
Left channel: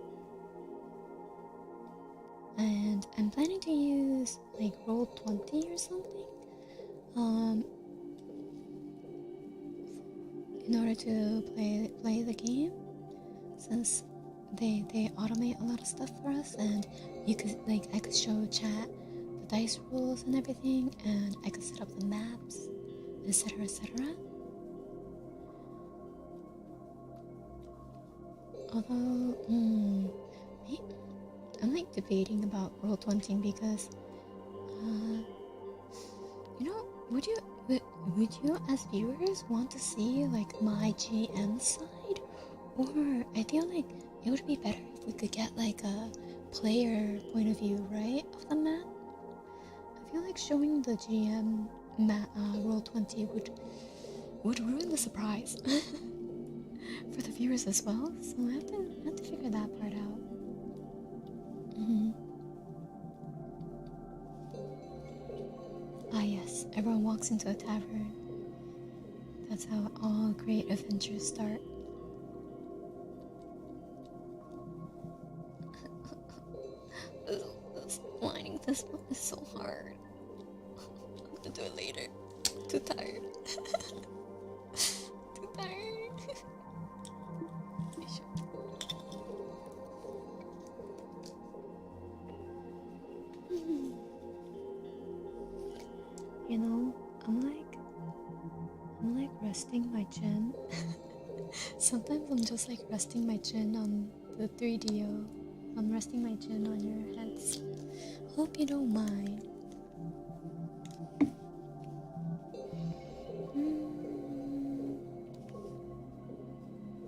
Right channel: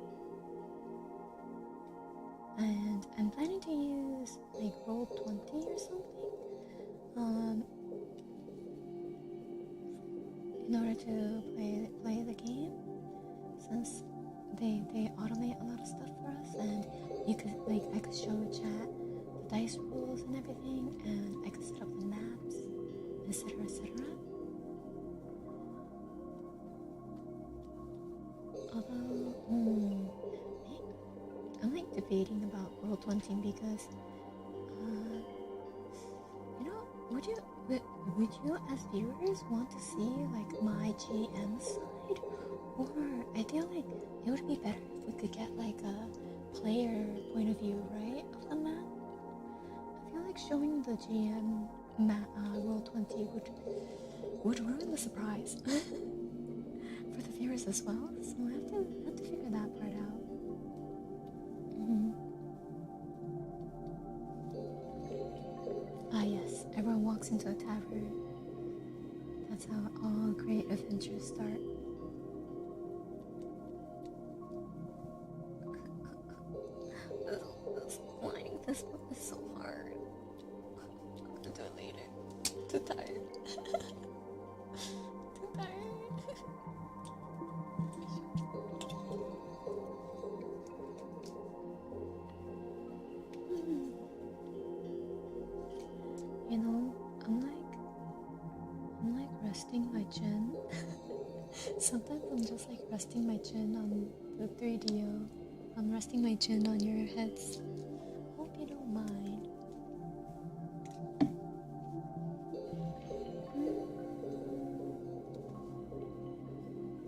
And I'm planning to use like Roll20 or something, in order to play the game, since they automate a lot of stuff for us, and I could show chat the dice rules and everything, and I could set up the maps, etc. Although I'm like debating about Roll20 because would you as viewers want to see like my GM side, or I feel like it would be better if we could get like a player point of view, right, of the map. I feel like showing the GM Roll20 would ruin the surprise for the viewers as well. So I have to figure that part out. Ah yes, everyone walks into a tavern. That's how all great adventures start. This one is so hard. I'll have to do it later. Too tired. Too tired. You know, I'm like resting my chin. Sometimes I'm just like resting my chin on the 3DO. I'm resting my chin on your heads. Hope you don't mind.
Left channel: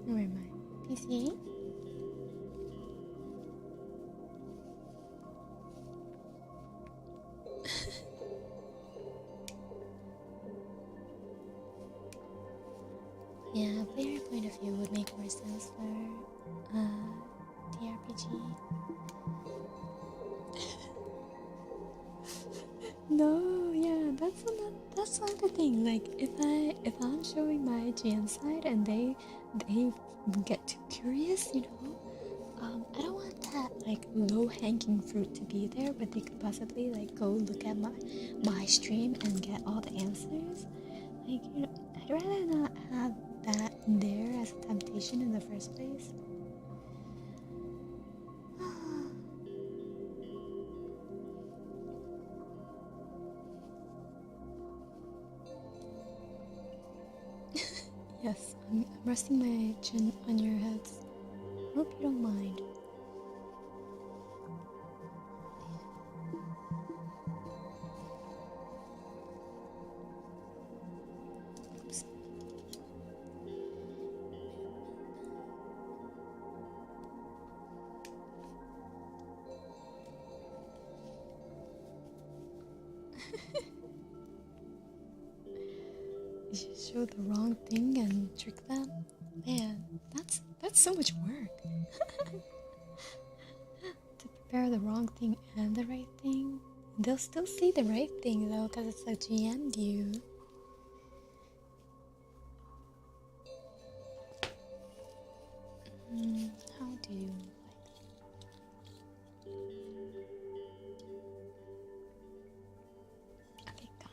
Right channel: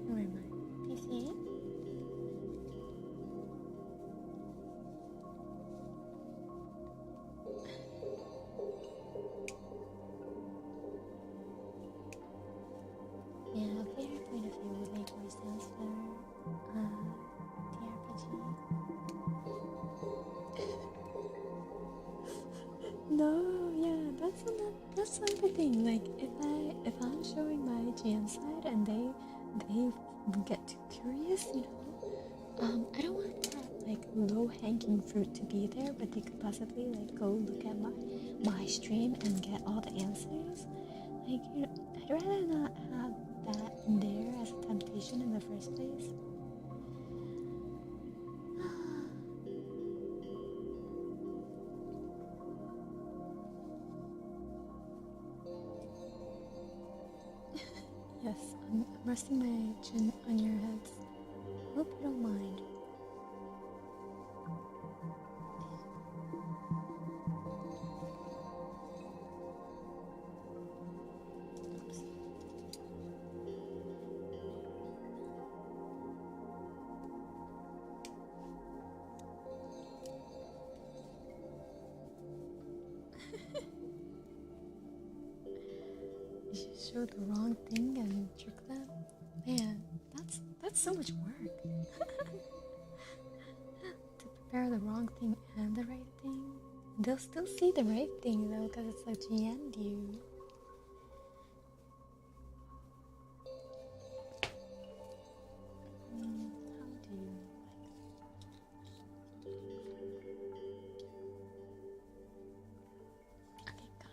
Where am I? PC? Yeah, player point of view would make more sense for TRPG. No, yeah, that's another thing. Like if I'm showing my GM side and they get too curious, you know, I don't want that like low hanging fruit to be there, but they could possibly like go look at my stream and get all the answers. Like, you know, I'd rather not have that there as a temptation in the first place. Yes, I'm resting my chin on your heads. Hope you don't mind. Oops. You should show the wrong thing and trick them. Man, that's so much work. To prepare the wrong thing and the right thing. They'll still see the right thing though, because it's a GM view. How do you like? Okay, got it.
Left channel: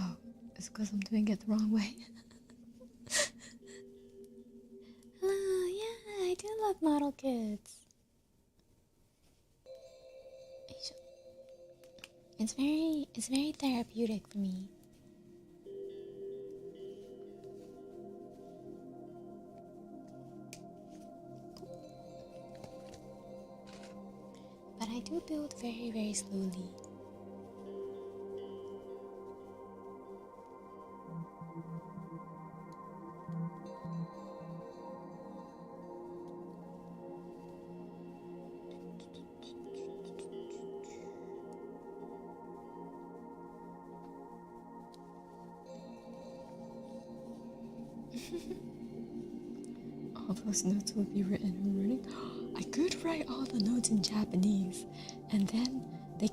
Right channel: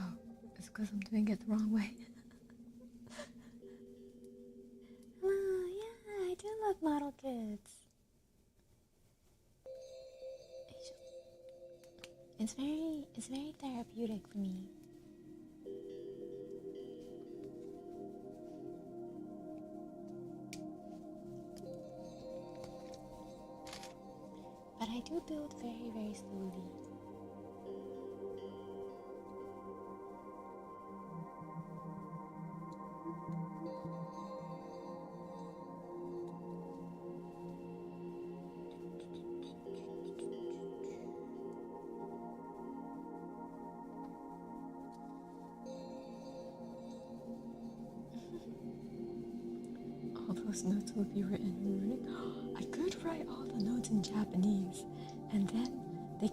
Oh, it's because I'm doing it the wrong way. Yeah, I do love model kits. It's very therapeutic for me. But I do build very, very slowly. All those notes will be written in Russian. I could write all the notes in Japanese, and then they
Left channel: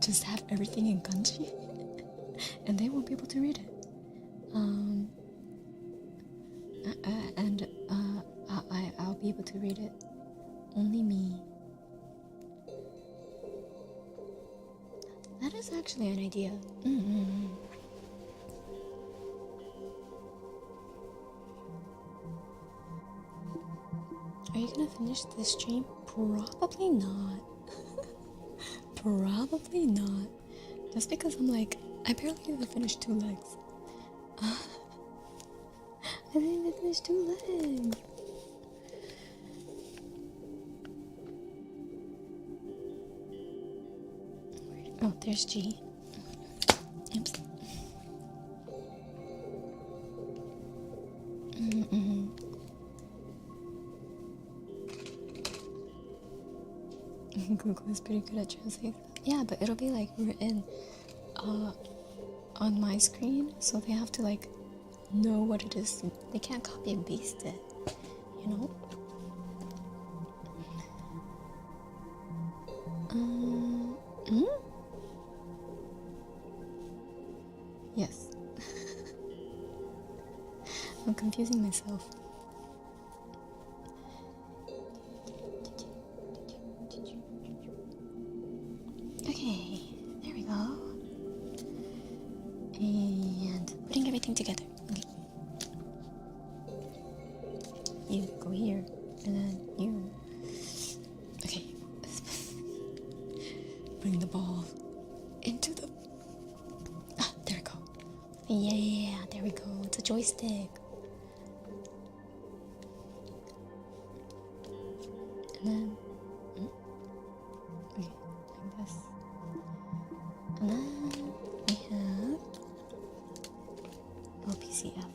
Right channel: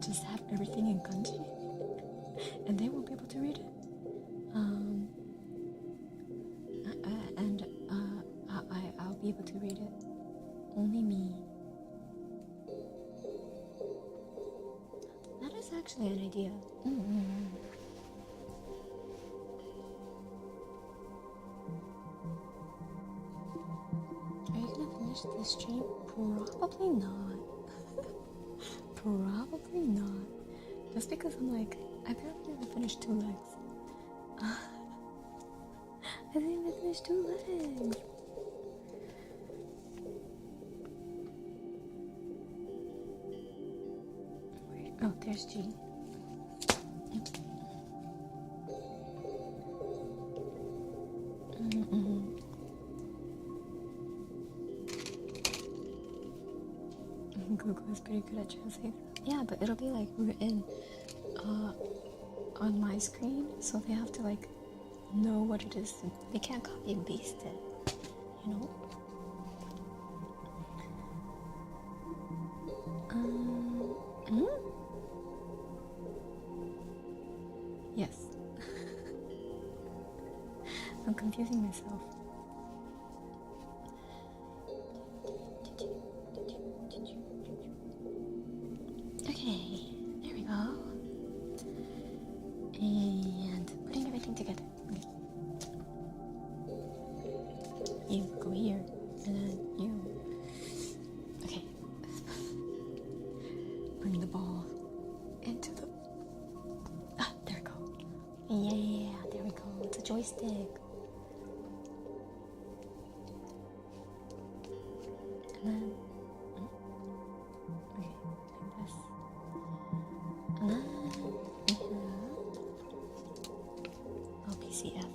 just have everything in kanji, and they won't be able to read it. I'll be able to read it. Only me. That is actually an idea. Are you gonna finish this stream? Probably not. Probably not. Just because I'm like, I barely even finished 2 legs. I didn't even finish 2 legs. Oh, there's G. Oops. Google is pretty good at translating. Yeah, but it'll be like written on my screen, so they have to like know what it is. They can't copy and paste it, you know? Yes. I'm confusing myself. Okay, there we go. And putting everything together. Okay. You go here, and then you. Okay. Bring the ball into the. Ah, there we go. Yeah, there we go. It's a joystick. And then. Okay, like this. And then we have. Oh, PCF.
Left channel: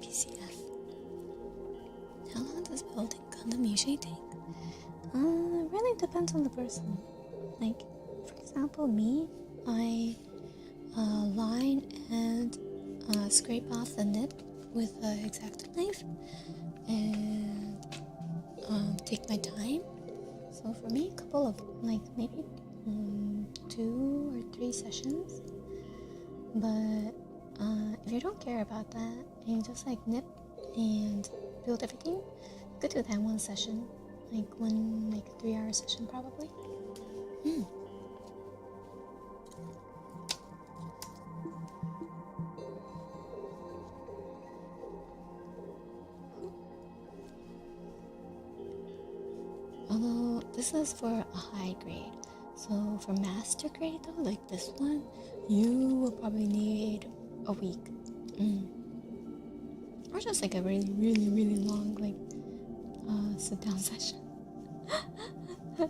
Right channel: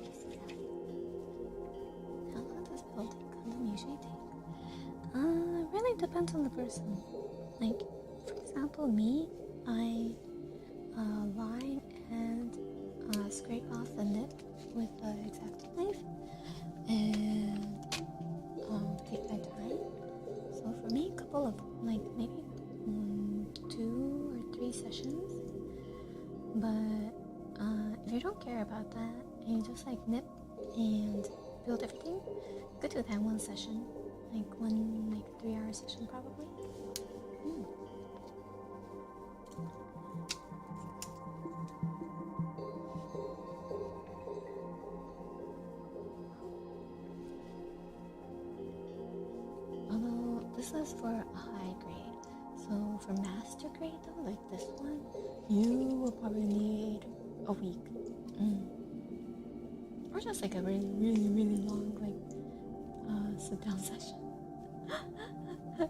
PCF. How long does building Gundam usually take? It really depends on the person. Like, for example, me, I line and scrape off the nib with the X-Acto knife and take my time. So for me, a couple of, like, maybe 2 or 3 sessions. But if you don't care about that and you just like nip and build everything, you could do that in one session, like 3-hour session probably. Although this is for a high grade, so for master grade though, like this one, you will probably need a week. Or just like a really, really, really long sit down session. Yeah,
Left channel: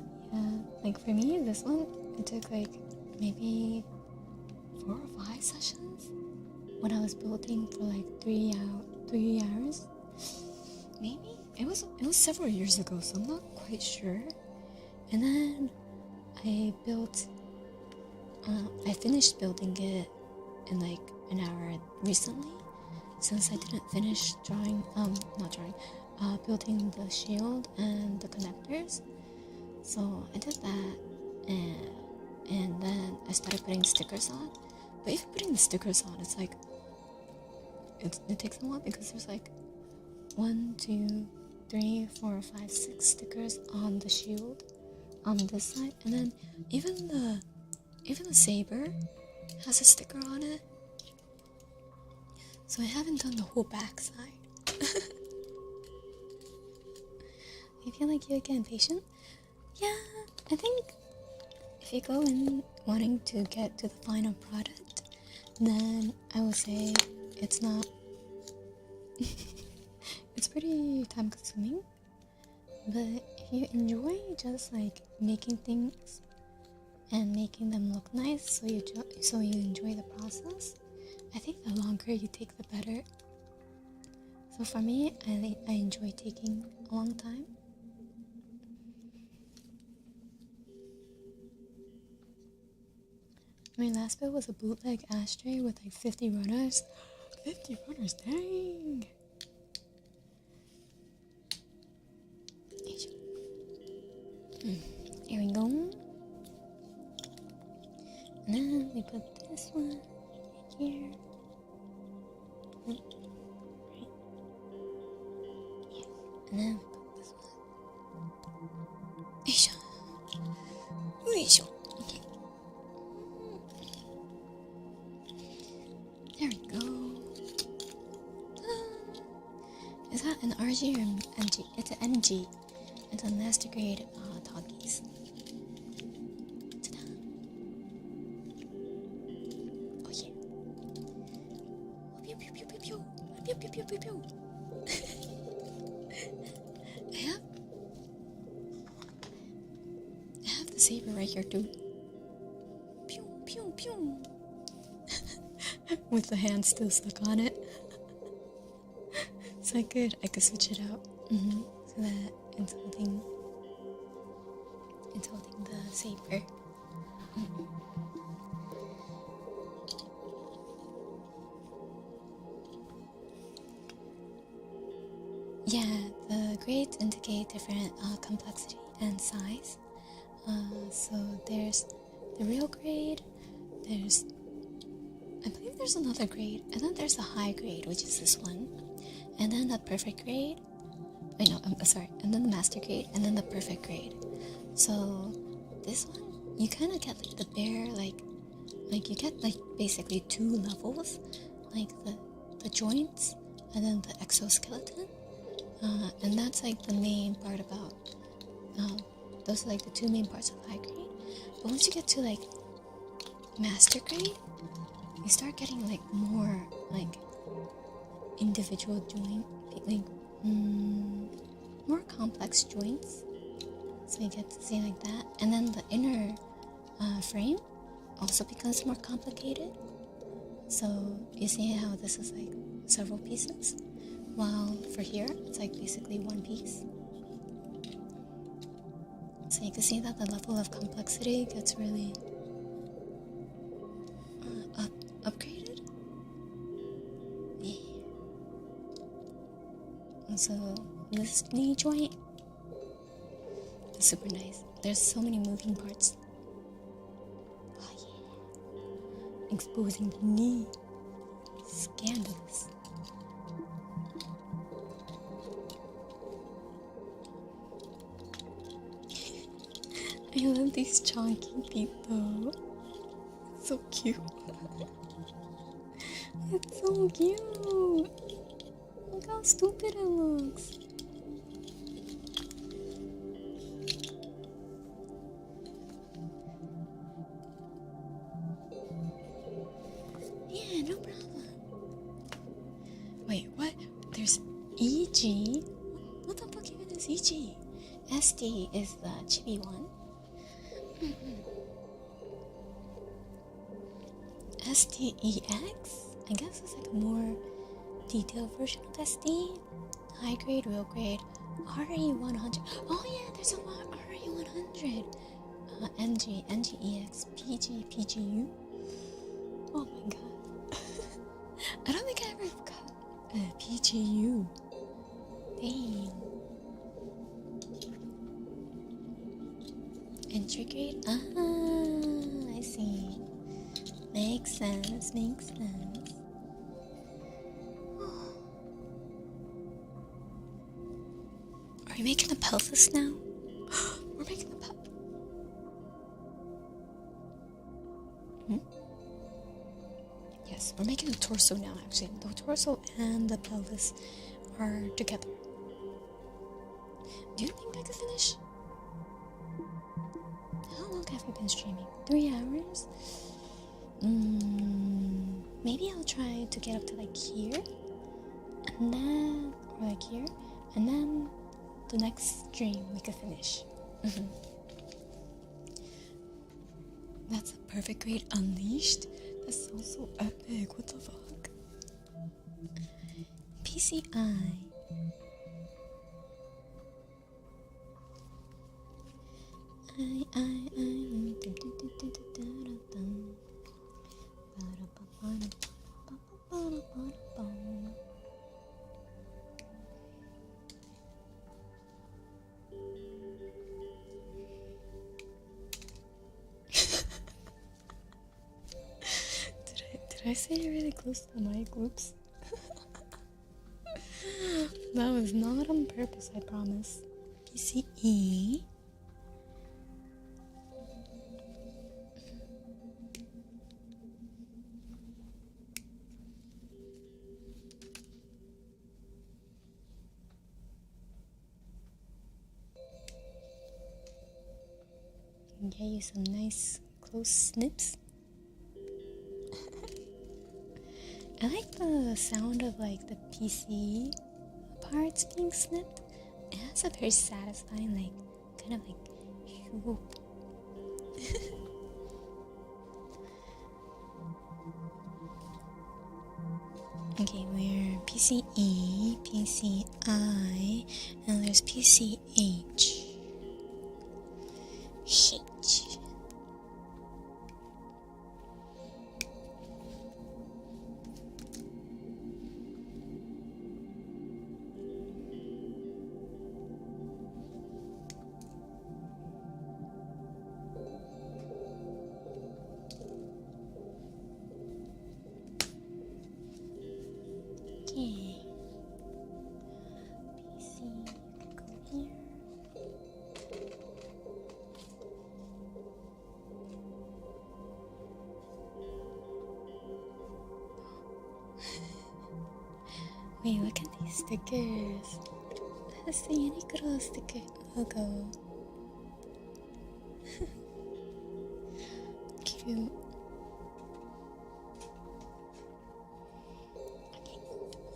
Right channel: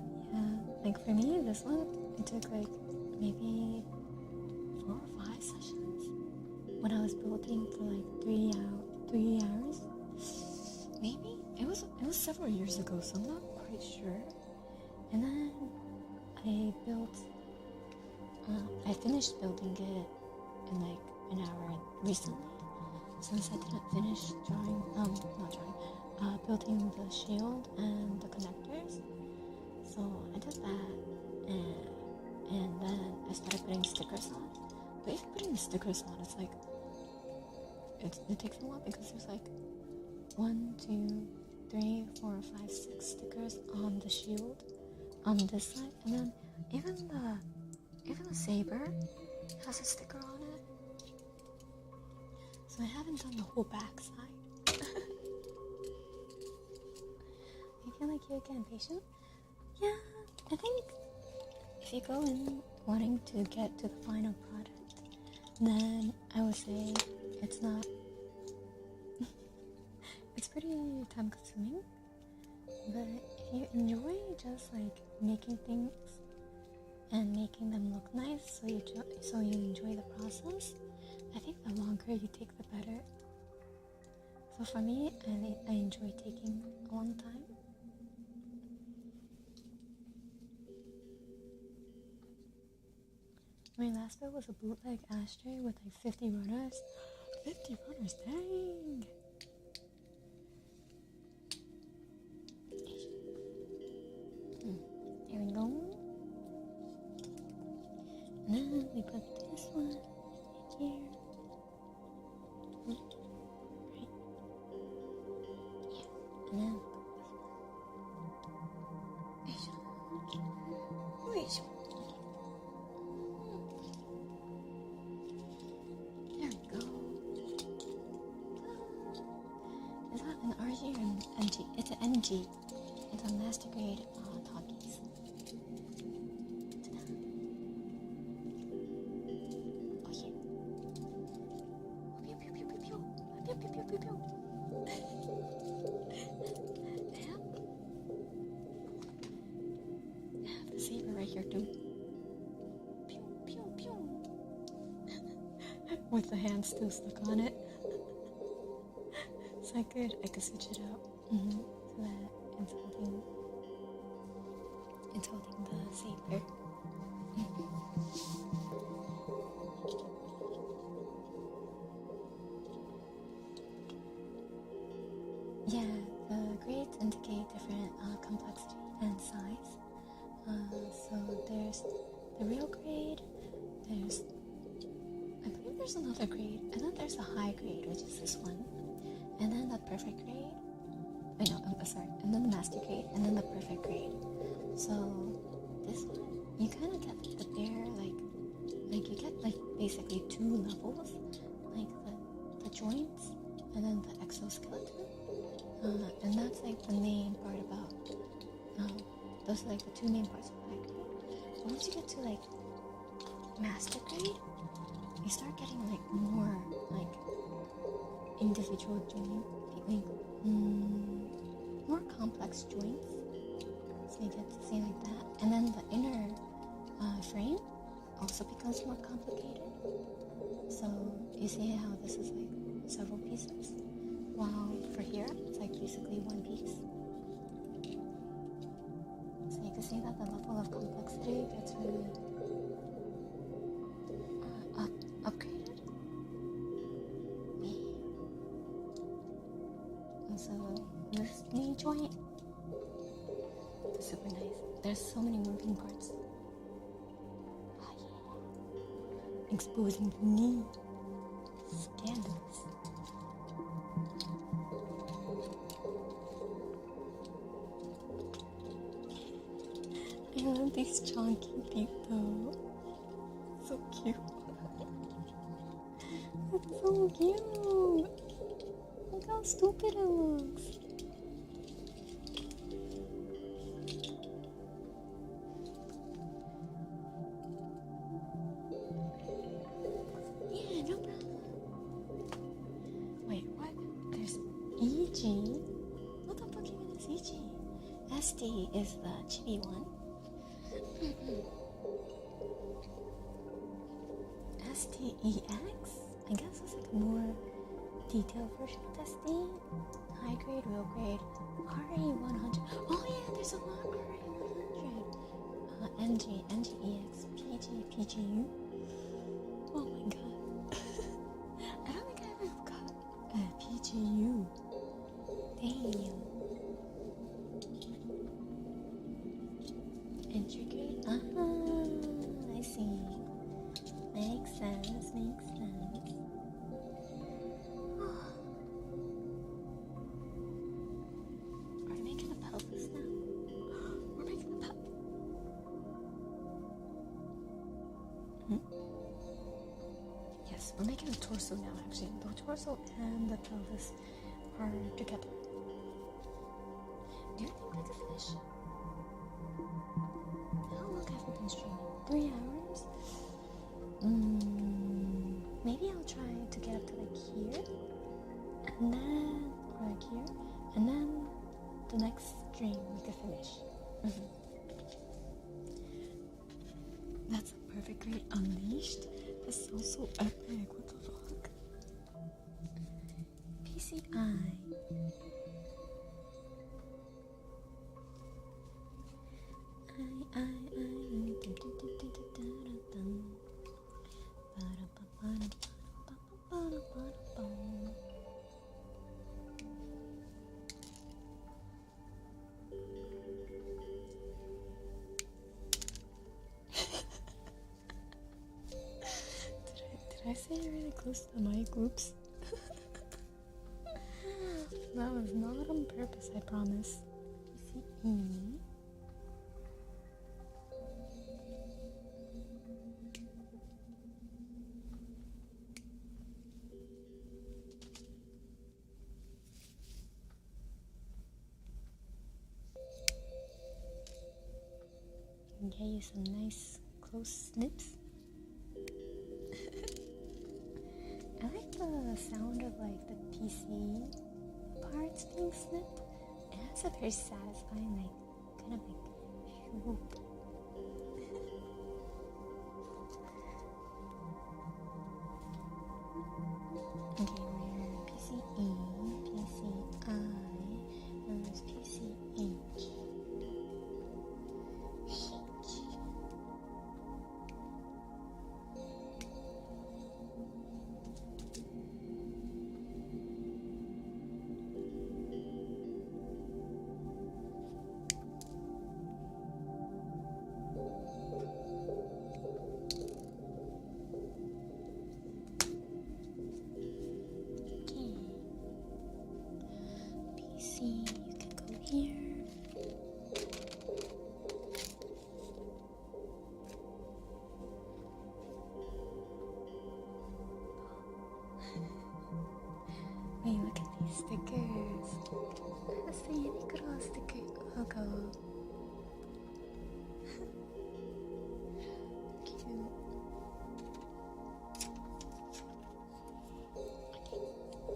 like for me, this one, it took like maybe 4 or 5 sessions when I was building for like 3 hours. Maybe it was several years ago, so I'm not quite sure. And then I finished building it in like an hour recently, since I didn't finish building the shield and the connectors. So I did that, and then I started putting stickers on. But even putting the stickers on, it's like it takes a while because there's like 1, 2, 3, 4, 5, 6 stickers on the shield on this side, and then even the saber has a sticker on it. So I haven't done the whole back side. I feel like you get impatient. Yeah, I think if you go in wanting to get to the final product, then I would say it's not. It's pretty time consuming, but if you enjoy just like making things and making them look nice, so you enjoy the process, I think the longer you take, the better. So for me, I enjoy taking a long time. My last bit was a bootleg ashtray with like 50 runners. 50 runners, dang! Here we go. And then we put this one here. Right. Yeah. And then we put this one. Isho. Okay. There we go. Ta-da. Is that an RG or an NG? It's an NG. It's a master grade talkies. Oh yeah. Pew pew pew pew pew. Pew pew pew pew pew. I have the saber right here too. Pew pew pew. With the hand still stuck on it. So I could switch it out. So that It's holding the saber. Yeah, the grades indicate different complexity and size. So there's the real grade, I believe there's another grade, and then there's the high grade, which is this one, and then the perfect grade. Wait, no, I'm sorry, and then the master grade, and then the perfect grade. So this one, you kind of get like the bare, like you get like basically 2 levels, like the joints, and then the exoskeleton. And that's like the main part about, those are like the 2 main parts of high grade. But once you get to like master grade, you start getting like more like individual joint, like more complex joints. So you get to see like that. And then the inner frame also becomes more complicated. So you see how this is like several pieces? While for here, it's like basically 1 piece. So you can see that the level of complexity gets really upgraded. Yeah. And so this knee joint is super nice. There's so many moving parts. Oh yeah. Exposing the knee. Scandalous. I love these chunky feet though. So cute. It's so cute. Look how stupid it looks. Yeah, no problem. Wait, what? There's EG? What the fuck even is EG? SD is the chibi one. STEX? I guess it's like a more detailed version of SD. High grade, real grade, RE100. Oh yeah, there's a RE100. NG, NGEX, PG, PGU. Oh my god. I don't think I ever got PGU. Damn. Entry grade? Ah, I see. Makes sense, makes sense. Are we making a pelvis now? We're making a pelvis. Yes, we're making a torso now, actually. The torso and the pelvis are together. Do you think I could finish? How long have we been streaming? 3 hours? Maybe I'll try to get up to like here, and then, or like here, and then the next stream we can finish. That's a perfect grade unleashed. That sounds so epic. What the fuck? PCI. Did I say it really close to the mic? Oops. That was not on purpose, I promise. PCE. Get you some nice close snips. I like the sound of like the PC parts being snipped. It has a very satisfying, like, kind of like whoop. Okay, we're PCE, PCI, and there's PCH. Shit. Okay. PC, you can go here. Wait, look at these stickers. That's the Uniqlo sticker logo. Cute.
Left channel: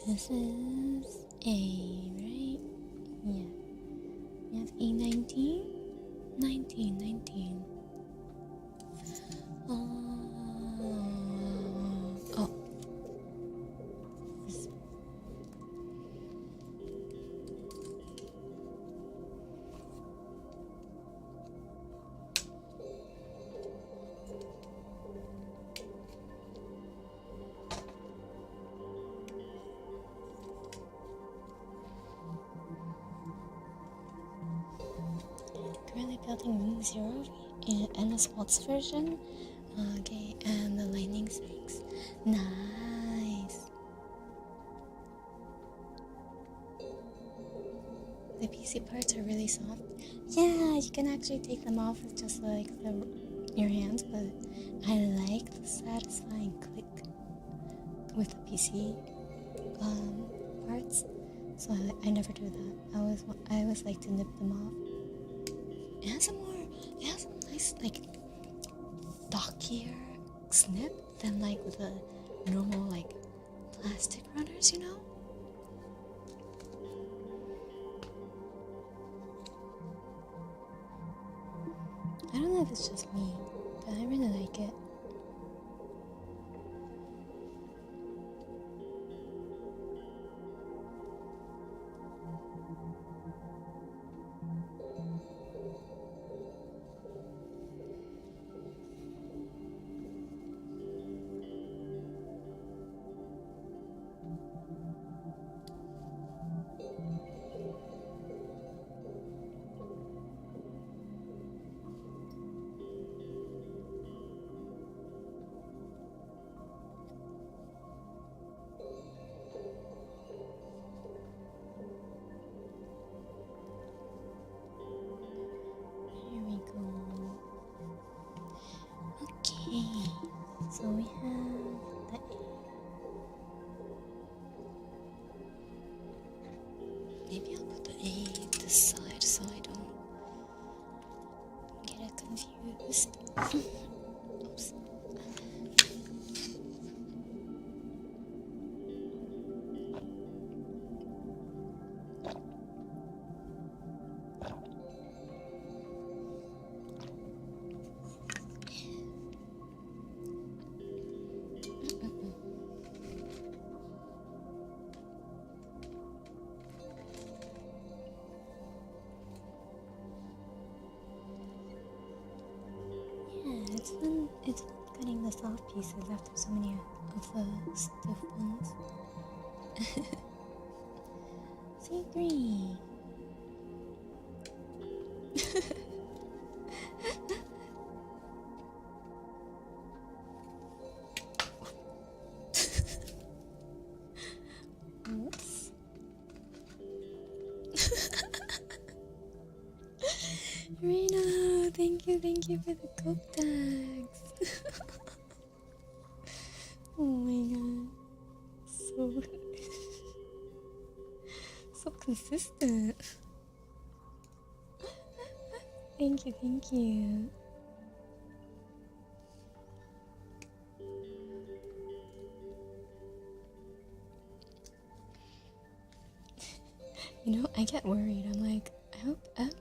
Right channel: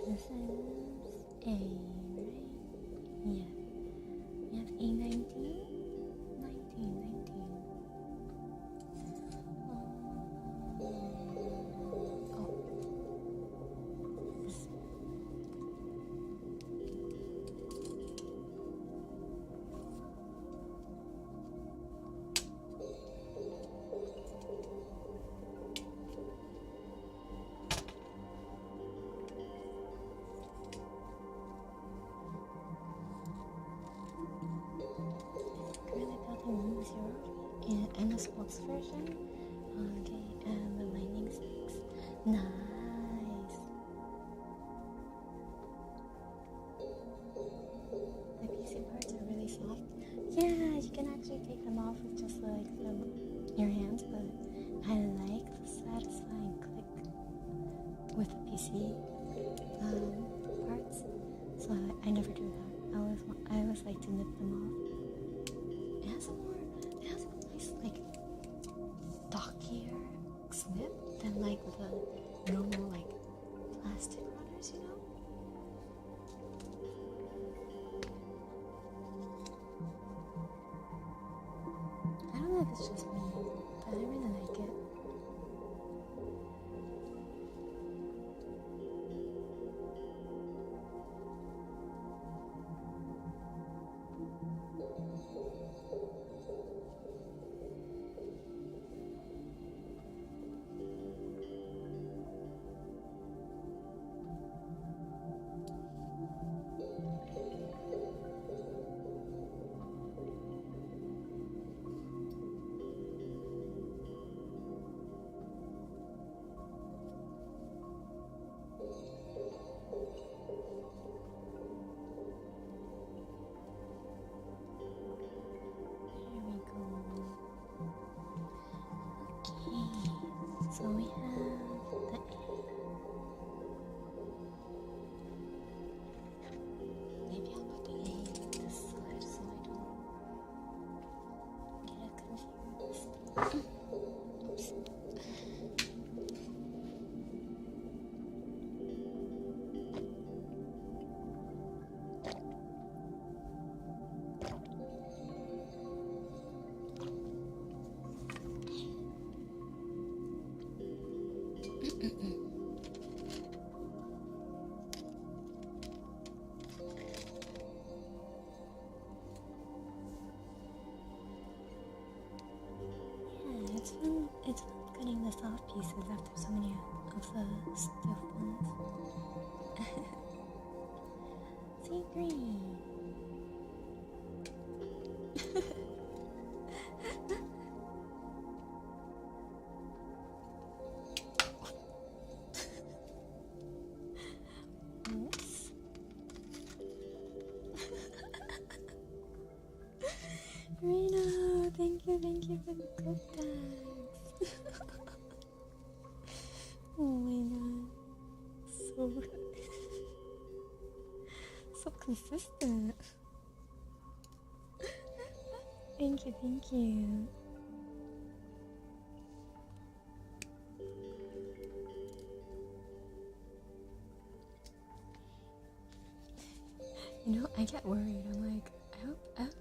This is A, right? Yeah. We have A19? 19. Oh. This. Currently building Wing Zero and the sports version. Okay, and the lightning strikes. Nice. The PC parts are really soft. Yeah, you can actually take them off with just like your hands, but I like the satisfying click with the PC parts. So I never do that. I always like to nip them off. It has a nice like stockier snip than like the normal like plastic runners, you know? I don't know if it's just me, but I really like it. So we have the A. Maybe I'll put the A this side so I don't get it confused. Oops. It's fun cutting the soft pieces after so many of the stiff ones. So green. Oops. Rena, thank you for the coke tags. Oh my god, so consistent. Thank you. You know, I get worried. I'm like, I hope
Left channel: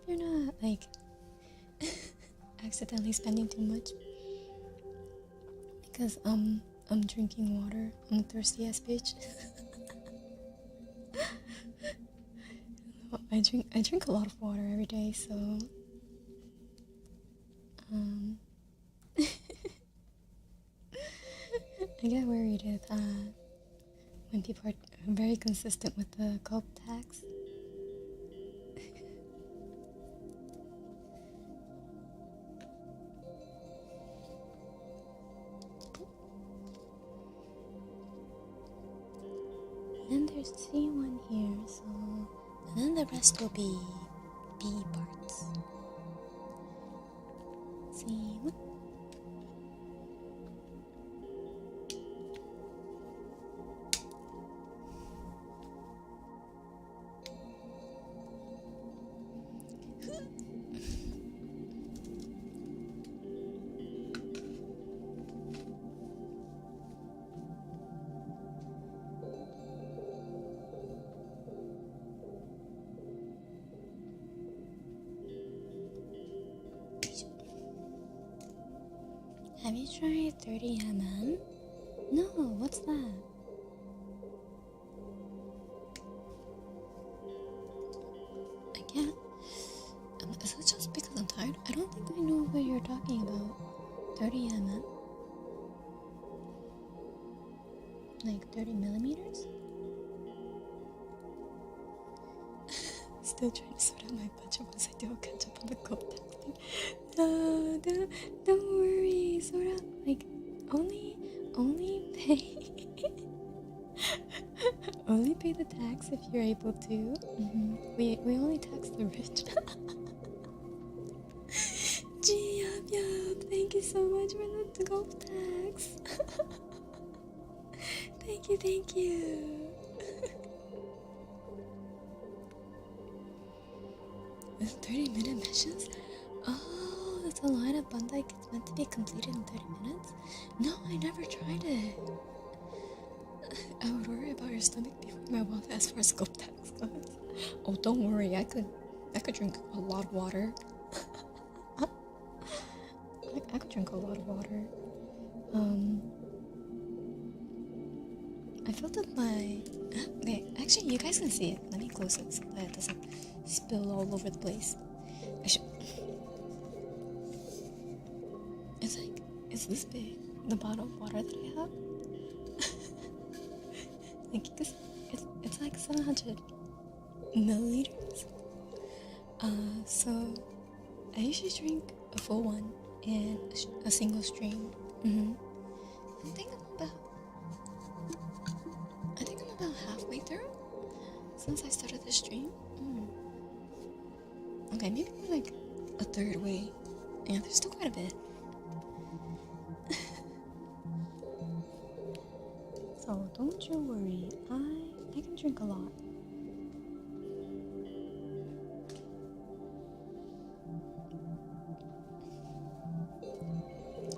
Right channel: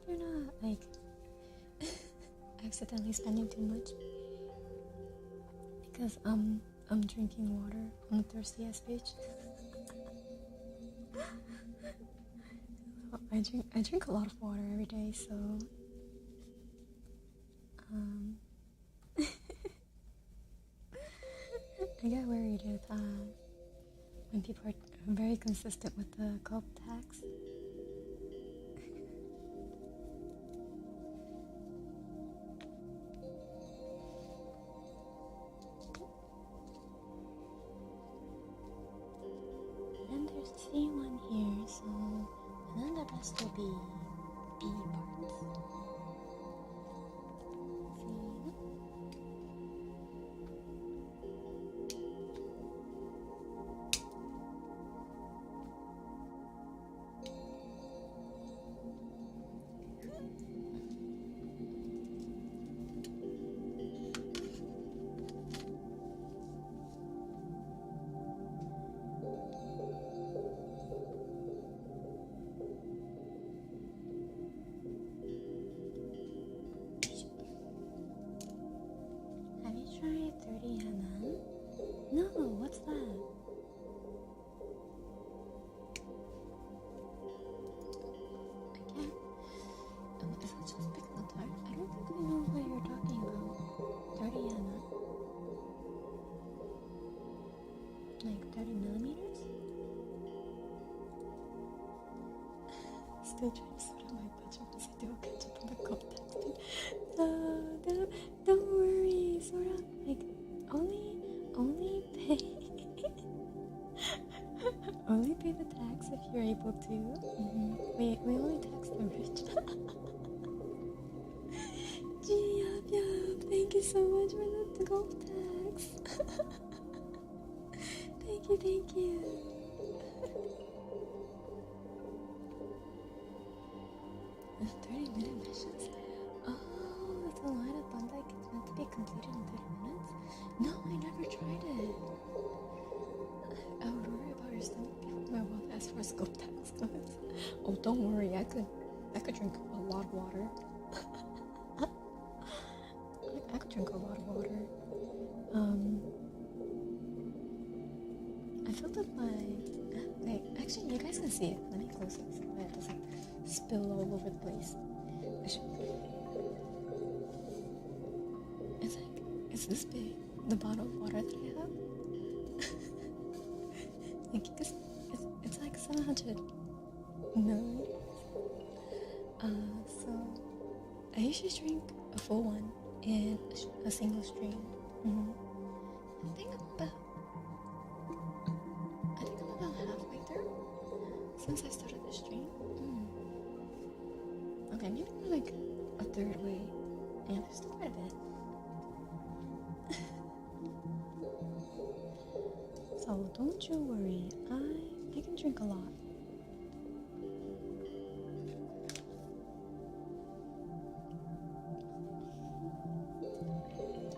you're not like accidentally spending too much, because I'm drinking water. I'm a thirsty ass bitch. I drink a lot of water every day, so I get worried if when people are very consistent with the gulp tags. And there's C1 here, so and then the rest will be B parts. C1. Have you tried 30mm? No, what's that? I can't. Is it just because I'm tired? I don't think I know what you're talking about. 30mm? Like 30mm? Still trying to sort out my budget once I do a catch up on the gold tax thing. No, don't worry. Sort out, like, only pay. Only pay the tax if you're able to. We only tax the rich. Gee, yup. Thank you so much for the gold tax. Thank you. 30-minute missions? Oh, that's a line of Bandai gets meant to be completed in 30 minutes? No, I never tried it. I would worry about your stomach before my wealth as far as scope tax goes. Oh, don't worry, I could drink a lot of water. I could drink a lot of water. I filled up my... Okay, actually, you guys can see it. Let me close it so that it doesn't spill all over the place. I should... It's this big, the bottle of water that I have. Like, it's like 700 milliliters. So I usually drink a full one and a single stream. I think I'm about halfway through since I started the stream. Okay, maybe more like a third way. Yeah, there's still quite a bit. So don't you worry, I can drink a lot.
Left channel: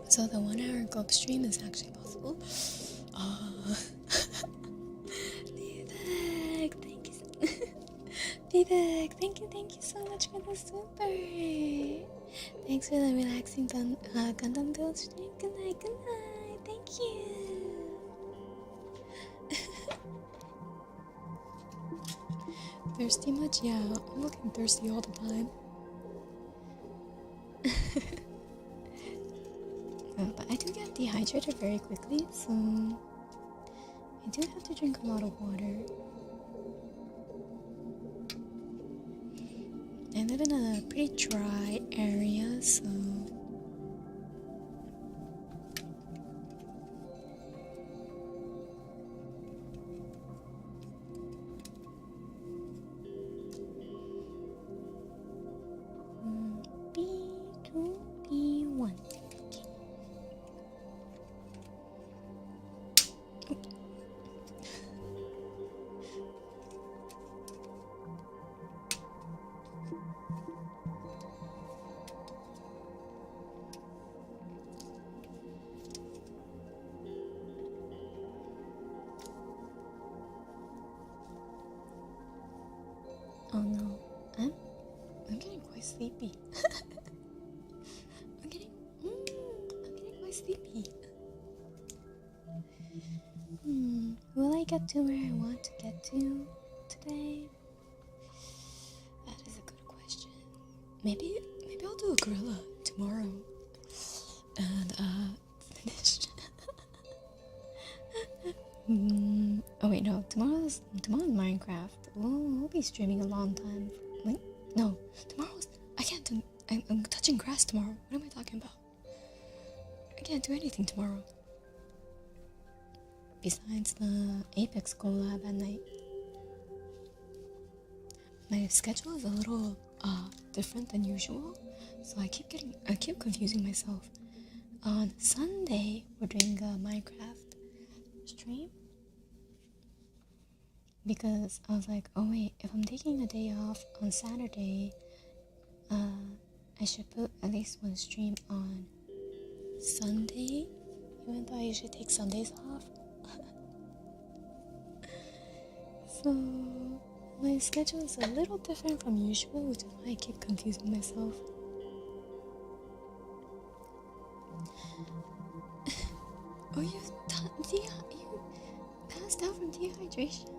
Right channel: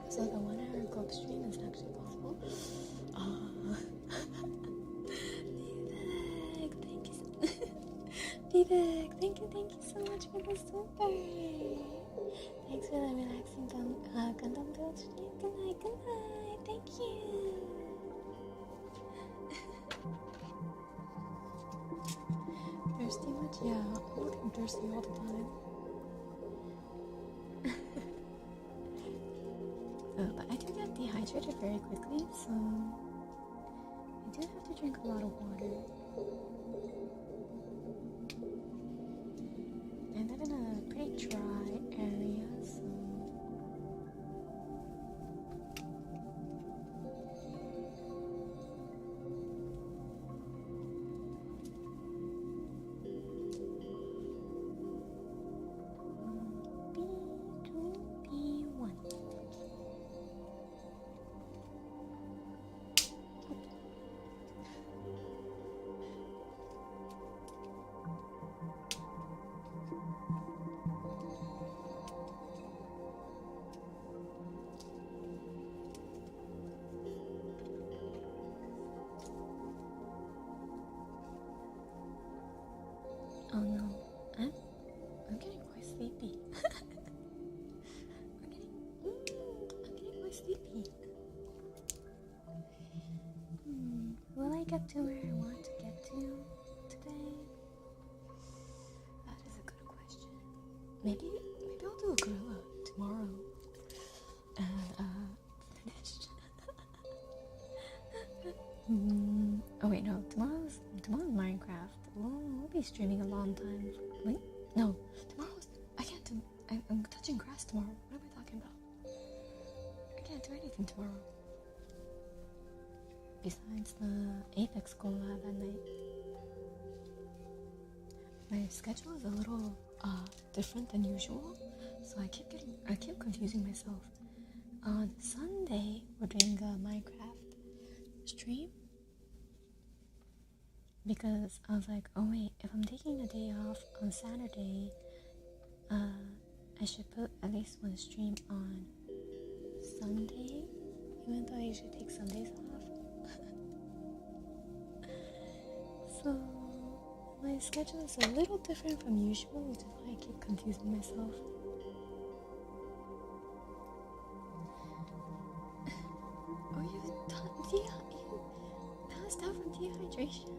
So the 1 hour gulp stream is actually possible. Vivek, thank you. Vivek, thank you so much for the super. Thanks for the relaxing Gundam build stream. Good night. Thank you. Thirsty much? Yeah, I'm looking thirsty all the time. But I do get dehydrated very quickly, so I do have to drink a lot of water. I live in a pretty dry area, so B2, B1. Oh no, I'm getting quite sleepy. I'm getting quite sleepy. Will I get to where I want to get to today? That is a good question. Maybe I'll do a gorilla tomorrow and finish wait, no. Tomorrow's Minecraft. We'll be streaming a long time. Wait, no. Tomorrow's. I can't do. I'm touching grass tomorrow. What am I talking about? I can't do anything tomorrow. Besides the Apex collab at night. My schedule is a little different than usual, so I keep confusing myself. On Sunday, we're doing a Minecraft stream because I was like, oh wait, if I'm taking a day off on Saturday, I should put at least one stream on Sunday, even though I usually take Sundays off. So my schedule is a little different from usual, which is why I keep confusing myself. Oh, you passed out from dehydration?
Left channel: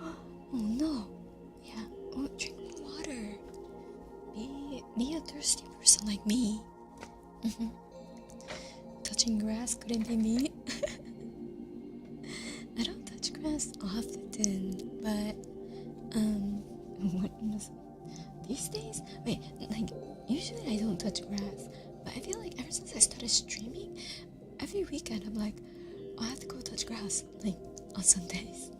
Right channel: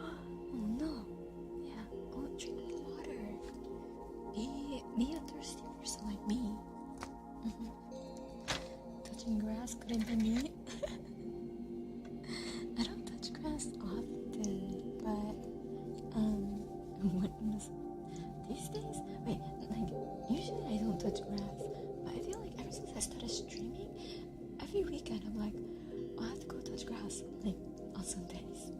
Oh no. Yeah. Oh, drink more water. Be a thirsty person like me. Touching grass couldn't be me. I don't touch grass often, but these days, wait, like usually I don't touch grass, but I feel like ever since I started streaming, every weekend I'm like, oh, I have to go touch grass, like on Sundays.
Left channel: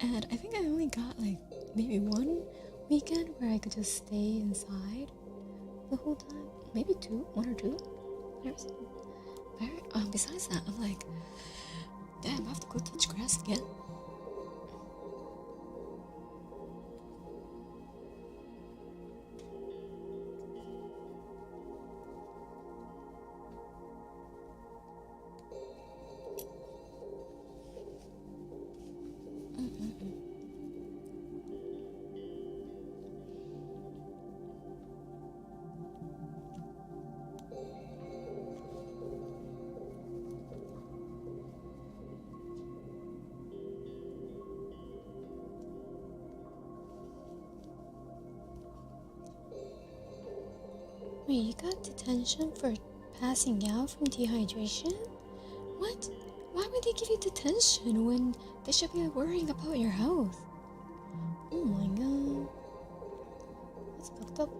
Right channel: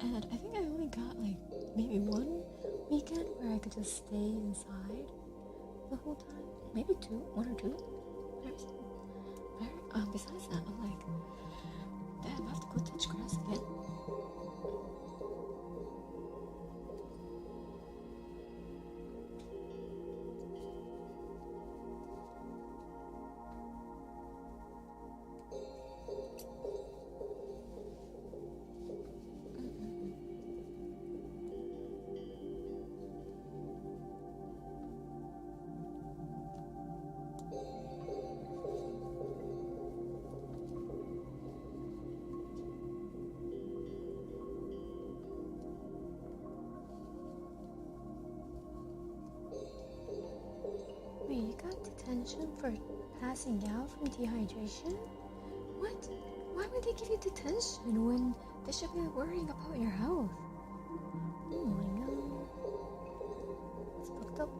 And I think I only got like maybe one weekend where I could just stay inside the whole time, maybe one or two. Besides that, I'm like, damn, I have to go touch grass again. Wait, you got detention for passing out from dehydration? What? Why would they give you detention when they should be worrying about your health? Oh my god. That's fucked up.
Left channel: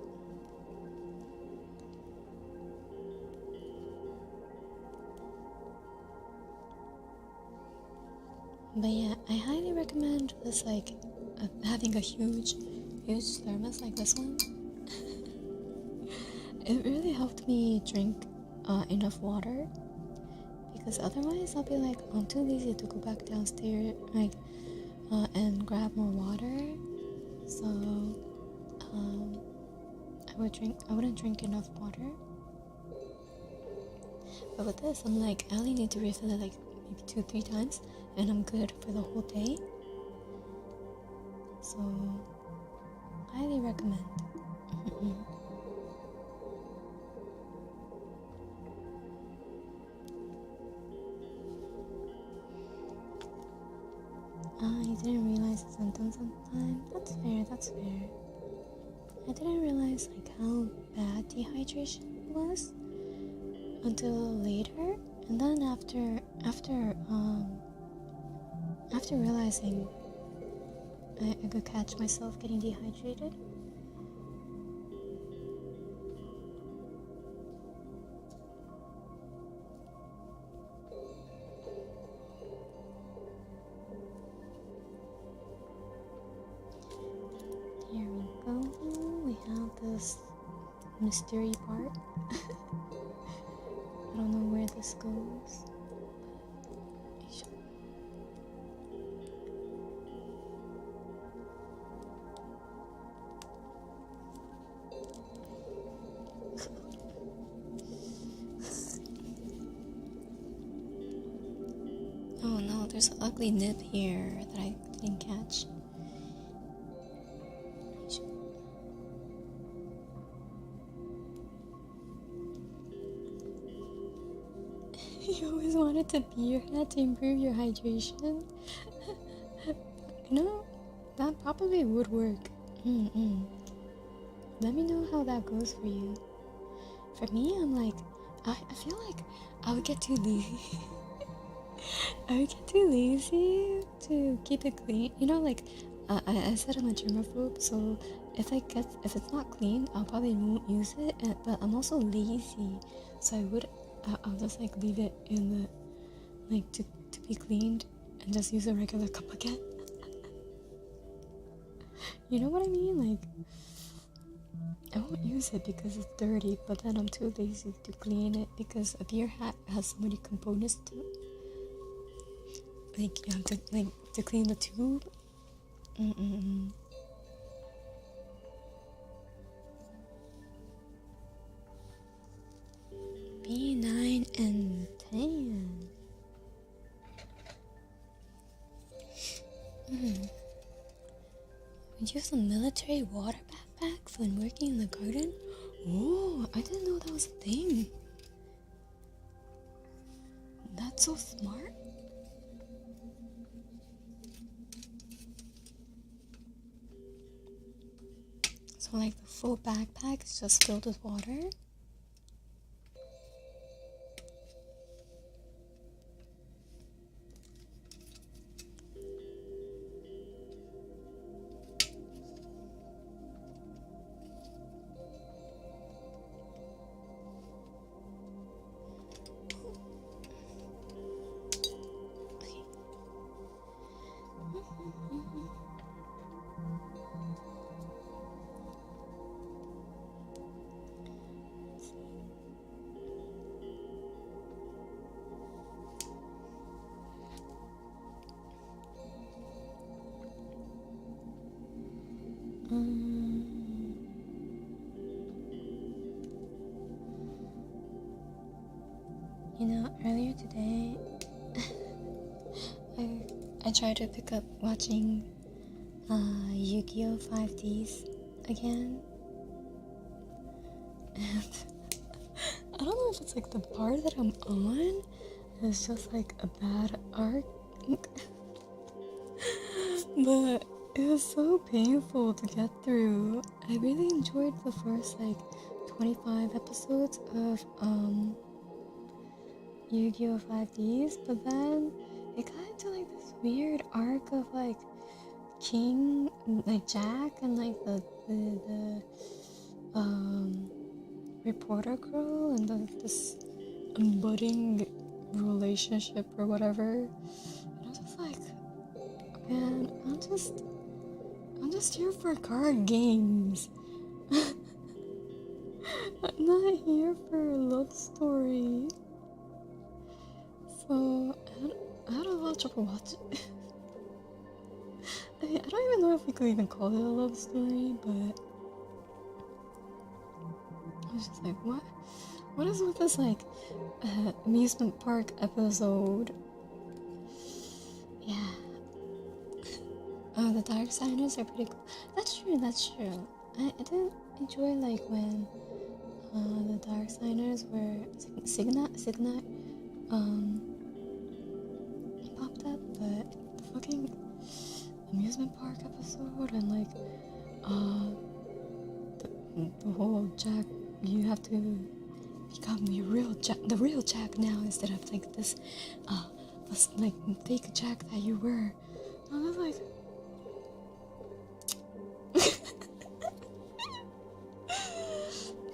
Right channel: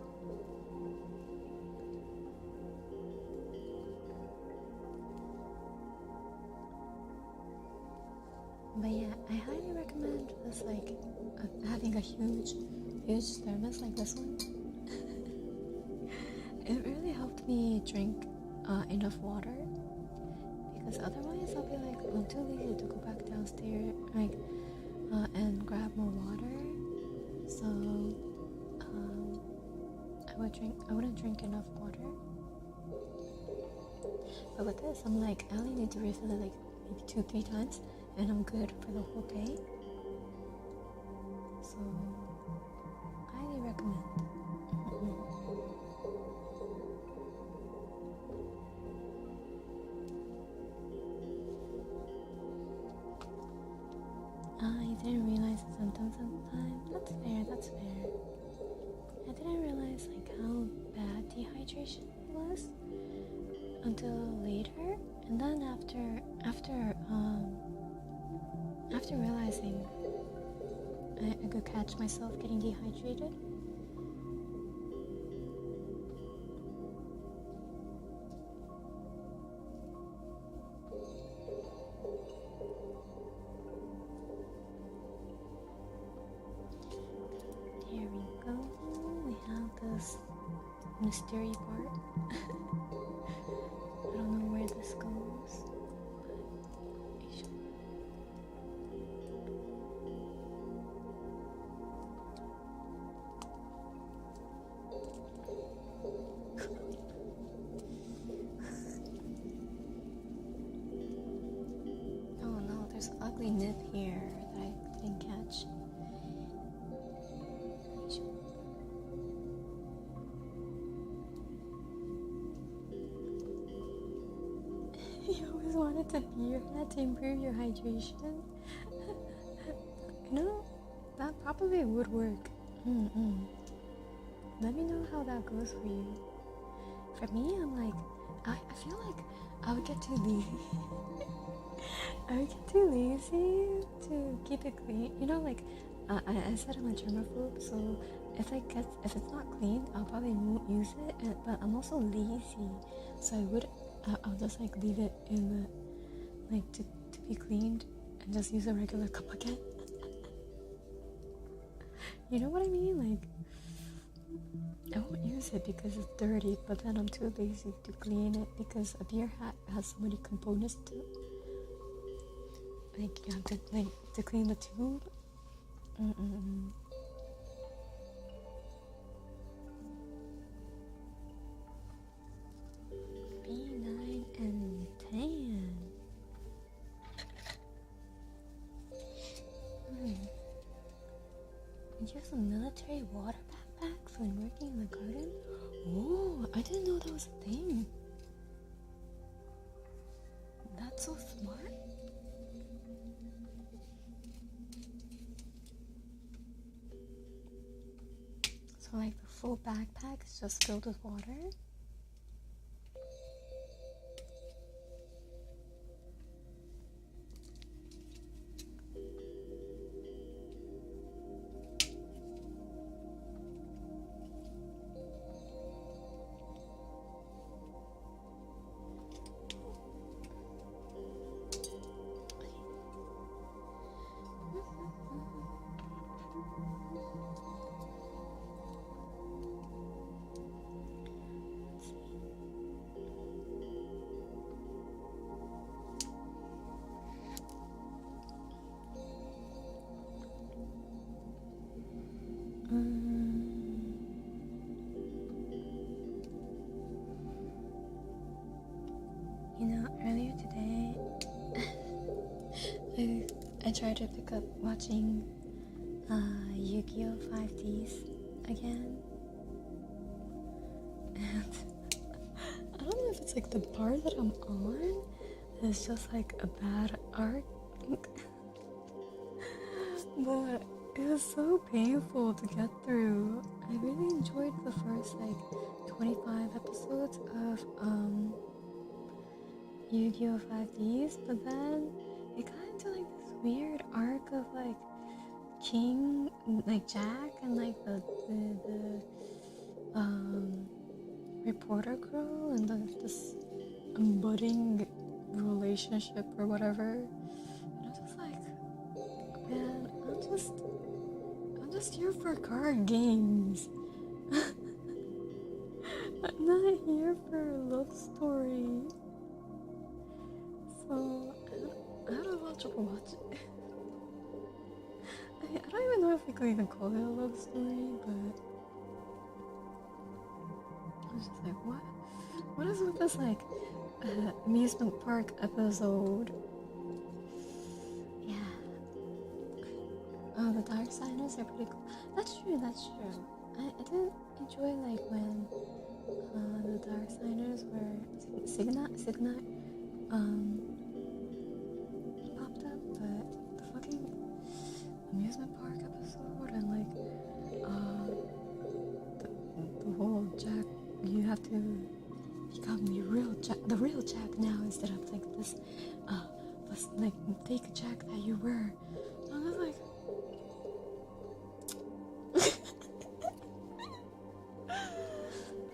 But yeah, I highly recommend this, like, having a huge thermos like this one. It really helped me drink enough water, because otherwise I'll be like, I'm too lazy to go back downstairs, like, and grab more water. So I wouldn't drink enough water. But with this, I'm like, I only need to refill it like maybe 2-3 times, and I'm good for the whole day. So highly recommend. I didn't realize the symptoms at the time. That's fair. I didn't realize like how bad dehydration was until later, and then after realizing I could catch myself getting dehydrated. We have this mystery part. I don't know where this goes, but I should. Oh no, there's an ugly nip here that I didn't catch. You always wanted to pee your head to improve your hydration. You know, that probably would work. Let me know how that goes for you. For me, I'm like, I feel like I would get too lazy. I get too lazy to keep it clean. You know, like I said I'm a germaphobe, so if it's not clean, I'll probably won't use it. But I'm also lazy, so I'll just like leave it in the like to be cleaned and just use a regular cup again. You know what I mean? Like I won't use it because it's dirty, but then I'm too lazy to clean it because a beer hat has so many components to it. Like you have to clean the tube. B9 and 10. Would use a military water backpack when working in the garden? Oh, I didn't know that was a thing. That's so smart. So like the full backpack is just filled with water? You know, earlier today, I tried to pick up watching Yu-Gi-Oh! 5Ds again, and I don't know if it's like the part that I'm on is just like a bad arc, but it was so painful to get through. I really enjoyed the first like 25 episodes of Yu-Gi-Oh! 5Ds, but then it got into like this weird arc of like King, like Jack, and like the reporter girl, and this budding relationship or whatever. And I was just like, man, I'm just here for card games. I'm not here for a love story. So I had a lot of trouble watching. I mean, I don't even know if we could even call it a love story, but I was just like, what is with this like amusement park episode? Yeah. Oh, the dark signers are pretty cool. That's true. I did enjoy like when the dark signers were Signa popped up, but the fucking amusement park episode and like the whole Jack, you have to become the real Jack now instead of like this like fake Jack that you were. I was like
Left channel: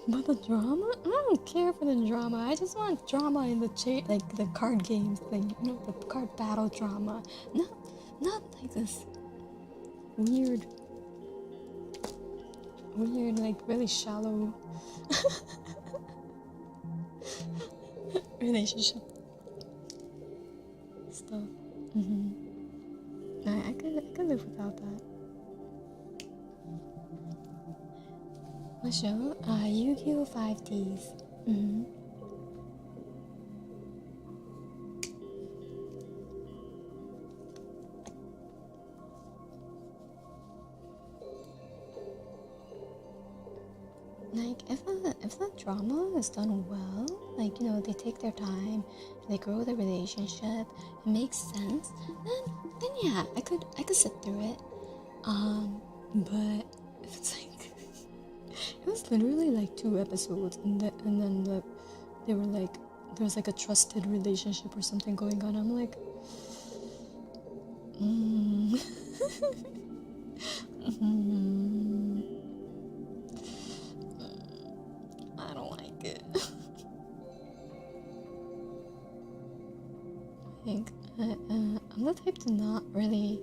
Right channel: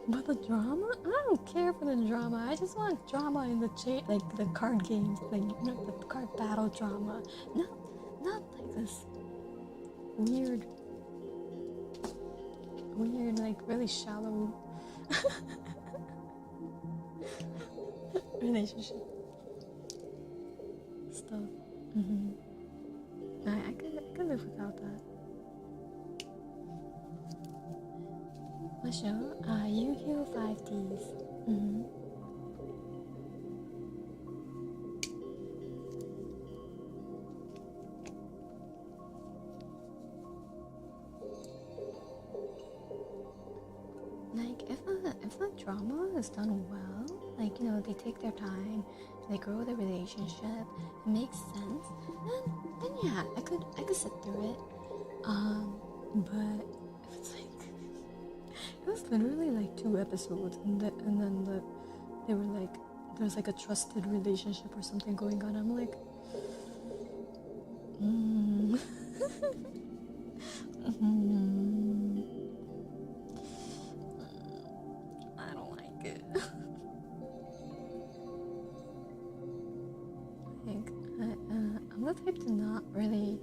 but the drama? I don't care for the drama. I just want drama in the like the card games, like you know, the card battle drama. Not like this weird, like really shallow relationship stuff. I could live without that. What show? Yu-Gi-Oh! 5Ds. Like, if the drama is done well, like, you know, they take their time, they grow the relationship, it makes sense, then yeah, I could sit through it. But if it's like it was literally like 2 episodes, and then they were like there's like a trusted relationship or something going on. I'm like, I don't like it. I think I'm the type to not really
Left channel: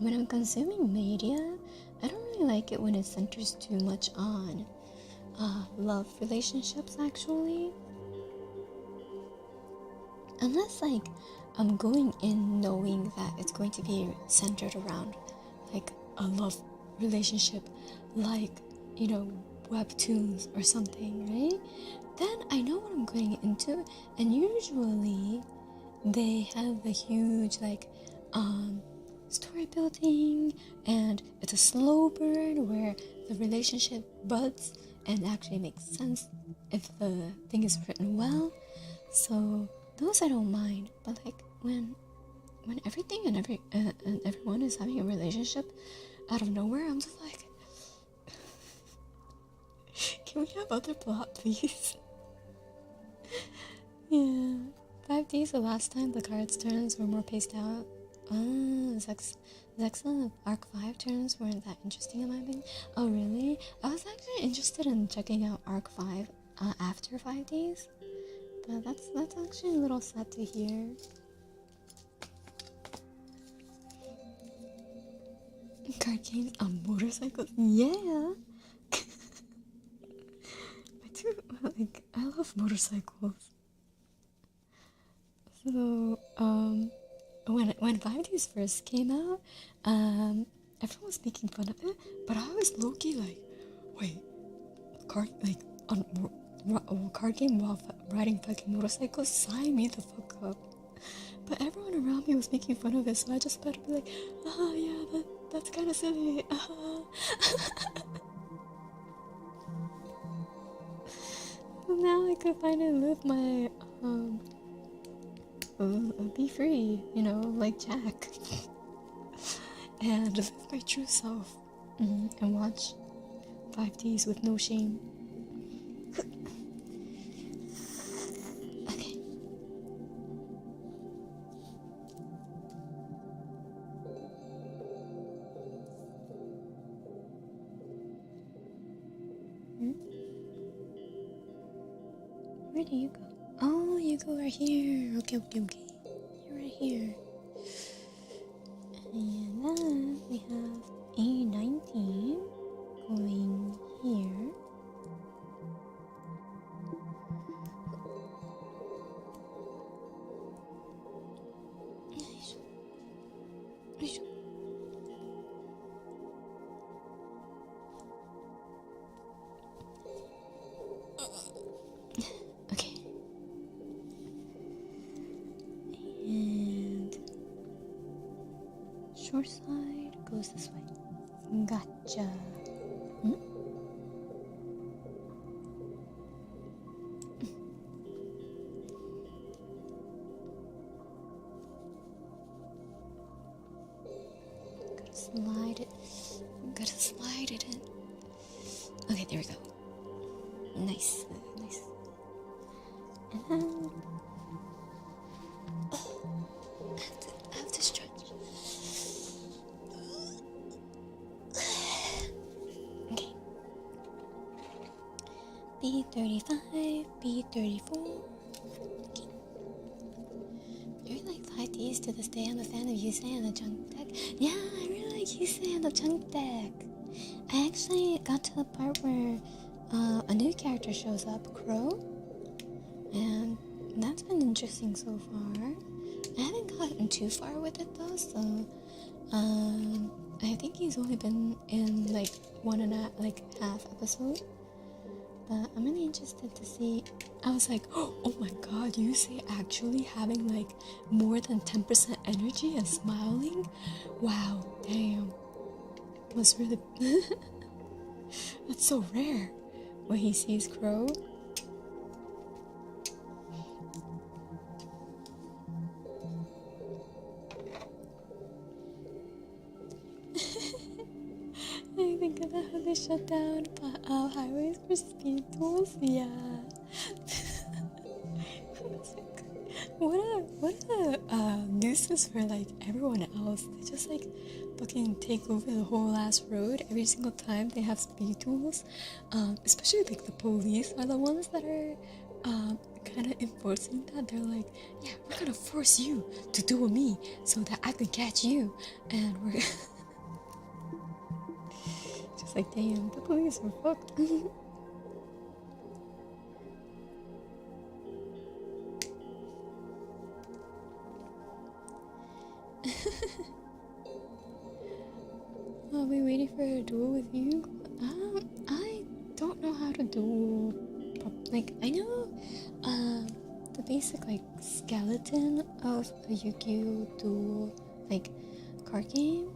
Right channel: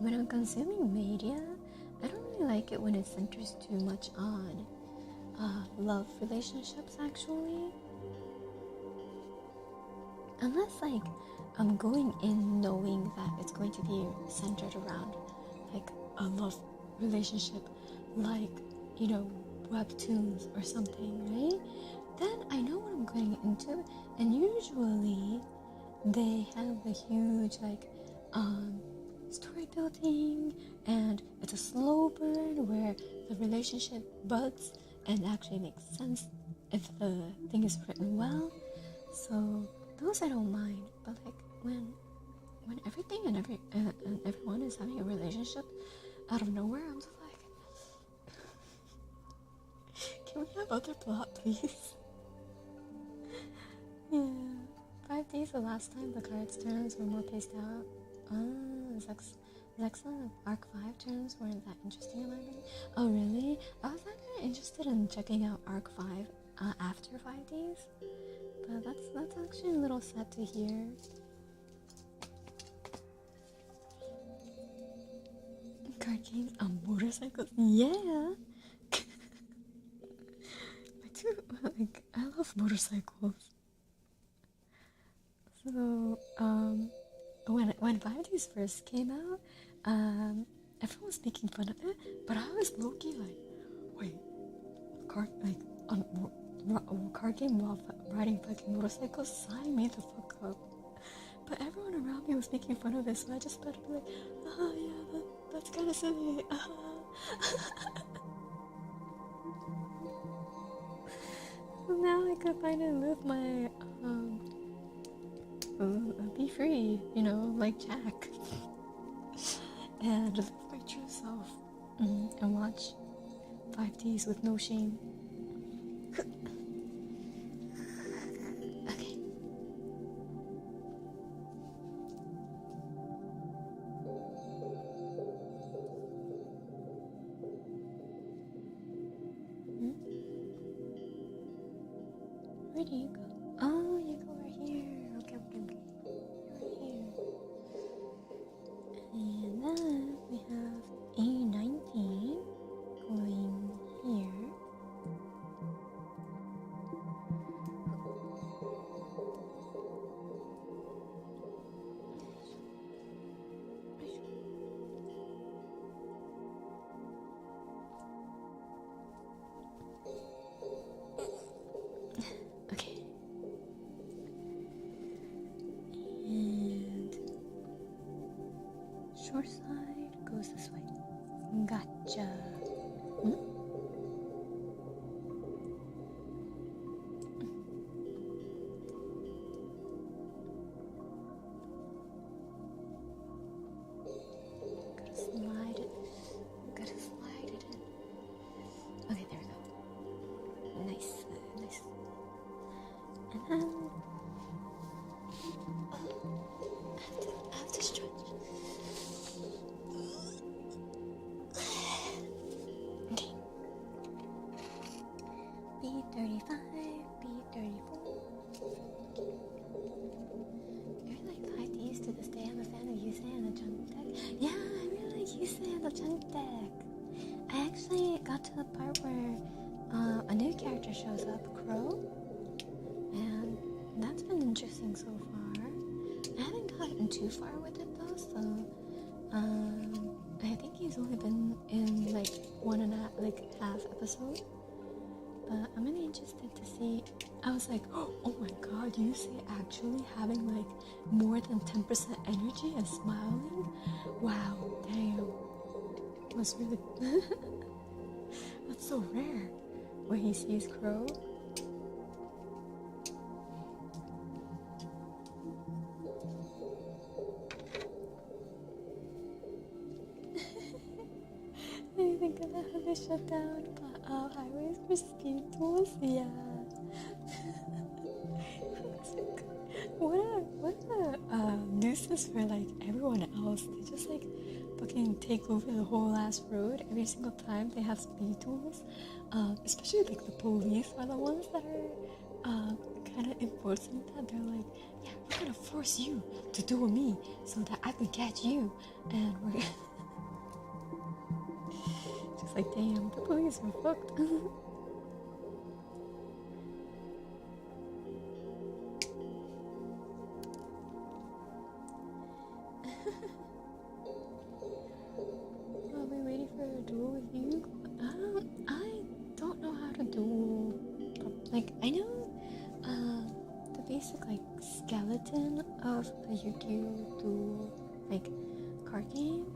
when I'm consuming media, I don't really like it when it centers too much on love relationships, actually. Unless, like, I'm going in knowing that it's going to be centered around, like, a love relationship, like, you know, webtoons or something, right? Then I know what I'm going into, and usually they have a huge, like, story building, and it's a slow burn where the relationship buds and actually makes sense if the thing is written well. So those I don't mind, but like when everything and everyone is having a relationship out of nowhere, I'm just like, can we have other plot, please? Yeah, 5Ds the last time the cards turns were more paced out. Zexon Arc 5 turns weren't that interesting in my opinion. Oh really? I was actually interested in checking out Arc 5 after 5Ds. But that's actually a little sad to hear. Card games on motorcycles? Yeah! I love motorcycles. So, when 5Ds first came out, everyone was making fun of it, but I was low-key like, wait, card game while riding fucking motorcycles? Sign me the fuck up. But everyone around me was making fun of it, so I just better be like, yeah, that's kind of silly. Now I can finally live my be free, you know, like Jack, and live my true self, and watch 5Ds with no shame. Okay. Where do you go? Oh, you go over here. Okay. You're right here. And then we have A19 going here. Okay. And short side goes this way. Gotcha. Gotta slide it in. Okay, there we go. Nice. And then I have to stretch. Okay. B35, B34. Okay. I really like 5Ds to this day. I'm a fan of Yusei and the Junk deck. Yeah, I really like Yusei and the Junk deck. I actually got to the part where a new character shows up, Crow, and that's been interesting so far. I haven't gotten too far with it though, so I think he's only been in like half episode. But I'm really interested to see. I was like, oh my god, you say actually having like more than 10% energy and smiling? Wow, damn. Was really that's so rare when he sees Crow. I think think about how they shut down highways for speed tools? Yeah. What a nuisance for like everyone else. They just like fucking take over the whole last road every single time they have speed tools. Especially like the police are the ones that are kind of enforcing that. They're like, yeah, we're gonna force you to duel me so that I could catch you, and we're just like, damn, the police are fucked. I'll be waiting for a duel with you. I don't know how to duel. Like, I know the basic like skeleton of a Yu-Gi-Oh duel like card game,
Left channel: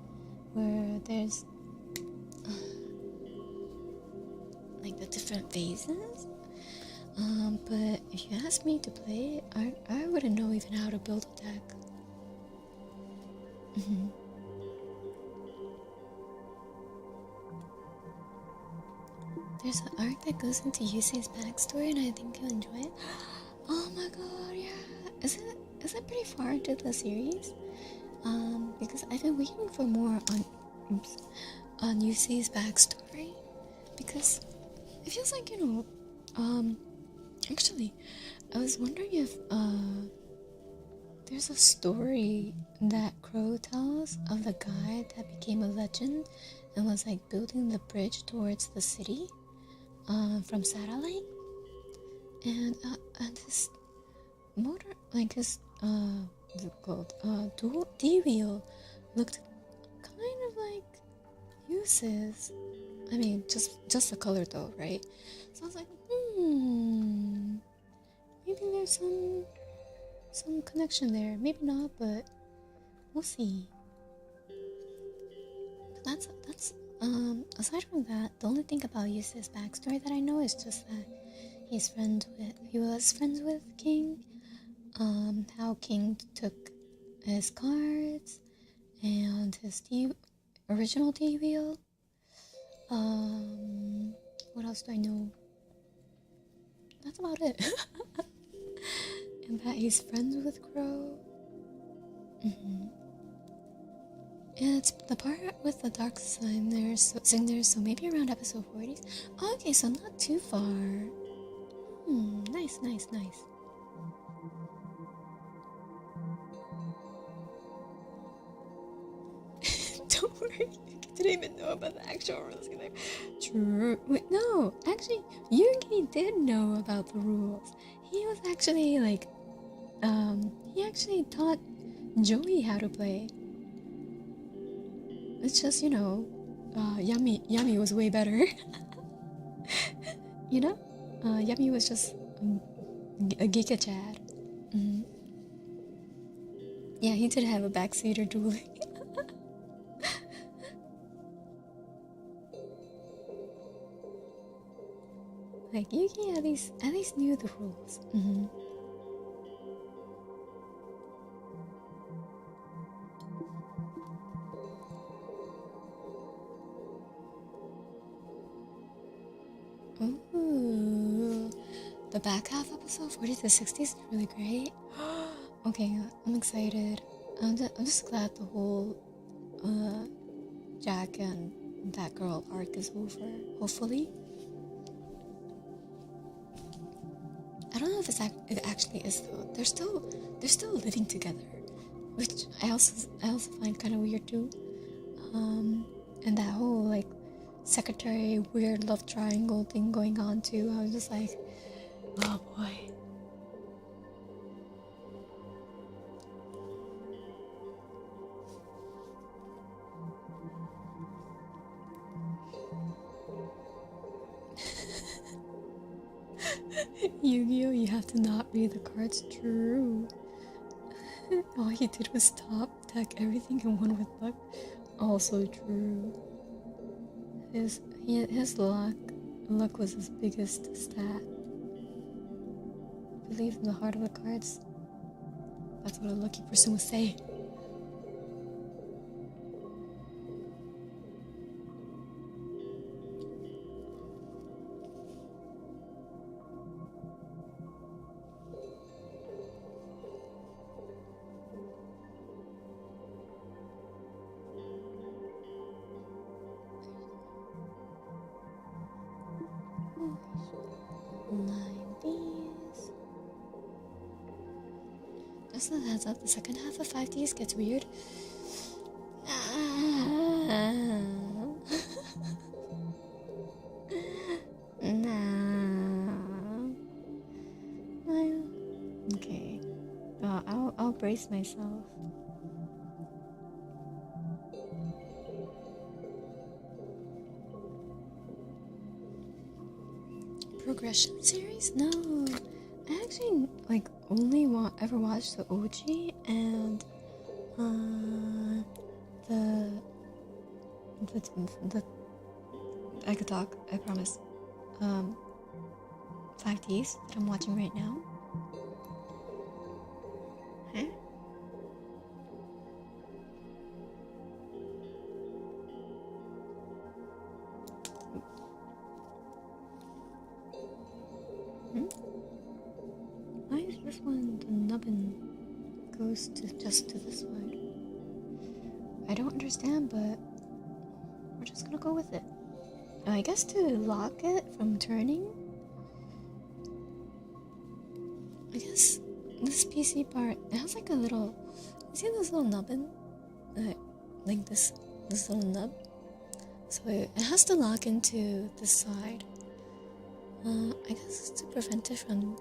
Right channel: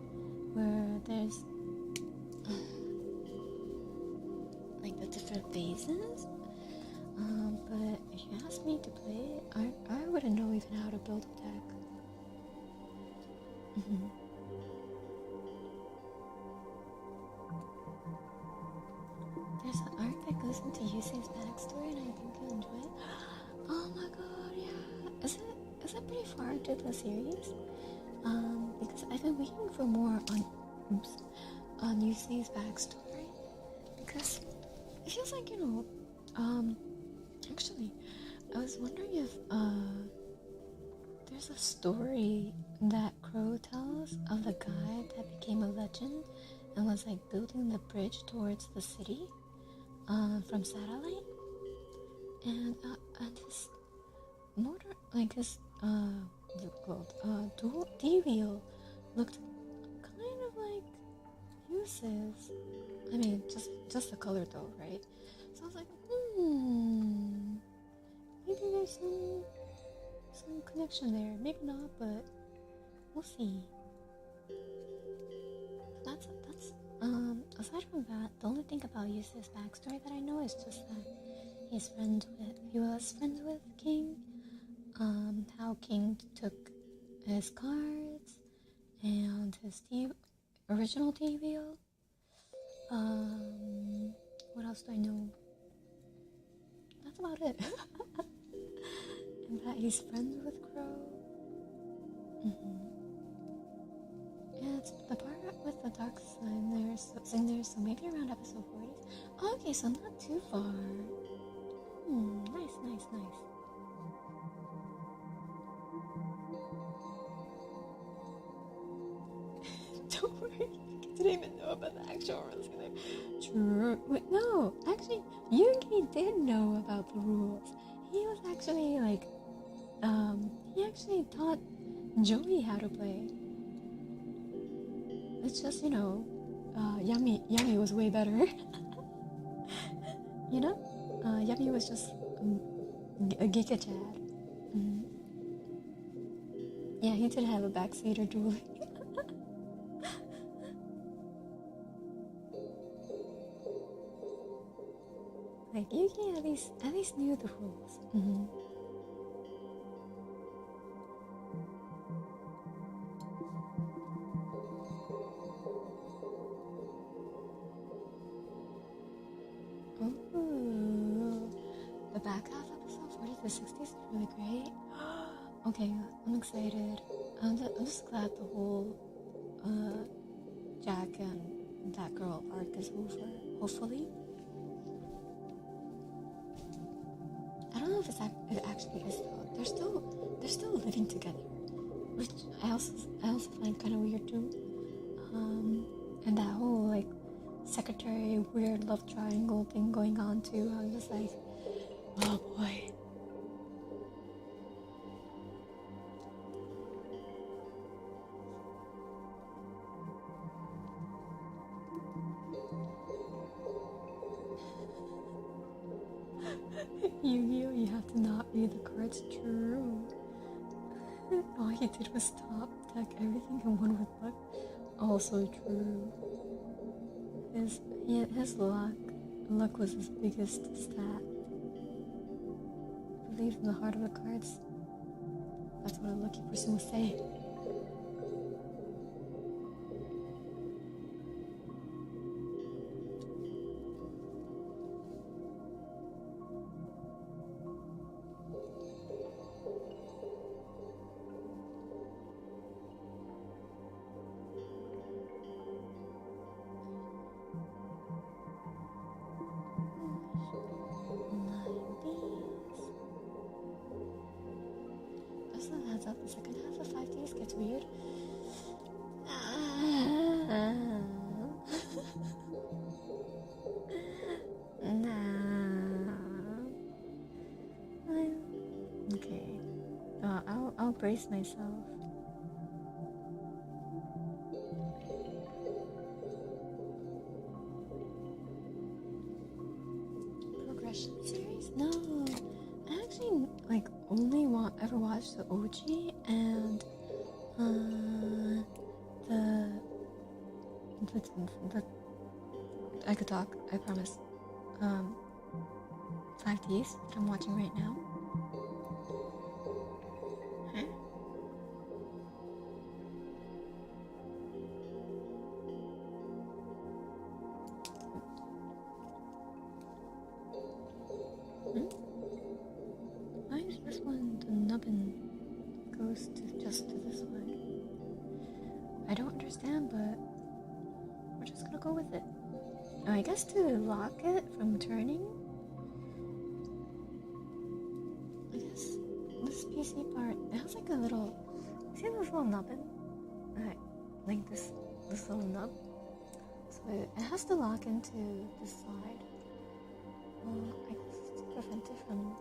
where there's like the different phases. But if you ask me to play, I wouldn't know even how to build a deck. There's an arc that goes into Yusei's backstory, and I think you'll enjoy it. Oh my god, yeah. Is it pretty far into the series? Because I've been waiting for more on Yusei's backstory, because it feels like, actually, I was wondering if there's a story that Crow tells of the guy that became a legend and was like building the bridge towards the city from satellite, and this motor, like his what's it called, D-wheel looked kind of like Uses. I mean, just the color though, right? So I was like, maybe there's some connection there. Maybe not, but we'll see. That's aside from that, the only thing about Yusa's backstory that I know is just that he was friends with King. How King took his cards and his original D-wheel. What else do I know? That's about it. And that he's friends with Crow. It's the part with the dark sign there, so maybe around episode 40. Oh, okay, so not too far. Nice. Don't worry, you didn't even know about the actual rules. True. Wait, no, actually, Yugi did know about the rules. He was actually like, he actually taught Joey how to play. It's just, Yami was way better. Yami was just a Giga Chad. Yeah, he did have a backseater dueling. Like, Yuki at least knew the rules. Ooh, the back half episode 40 to 60 is really great. Okay, I'm excited. I'm just glad the whole Jack and that girl arc is over. Hopefully. I don't know if it actually is though. They're still living together, which I also find kind of weird too. And that whole like secretary weird love triangle thing going on too. I was just like, oh boy. Yu-Gi-Oh! You have to not read the cards. True. All he did was top deck everything and won with luck. Also true. His luck was his biggest stat. Believe in the heart of the cards. That's what a lucky person would say. line these. Just a heads up, the second half of 5Ds gets weird. Okay. I'll brace myself. Progression series? No. I actually only ever watched the OG and the I could talk, I promise. 5Ds that I'm watching right now. Huh? Why is this one the nubbin goes just to this one? I don't understand, but we're just gonna go with it. I guess to lock it from turning, I guess this PC part, it has a little, you see this little nubbin? Like this little nub? So it has to lock into this side. I guess to prevent it from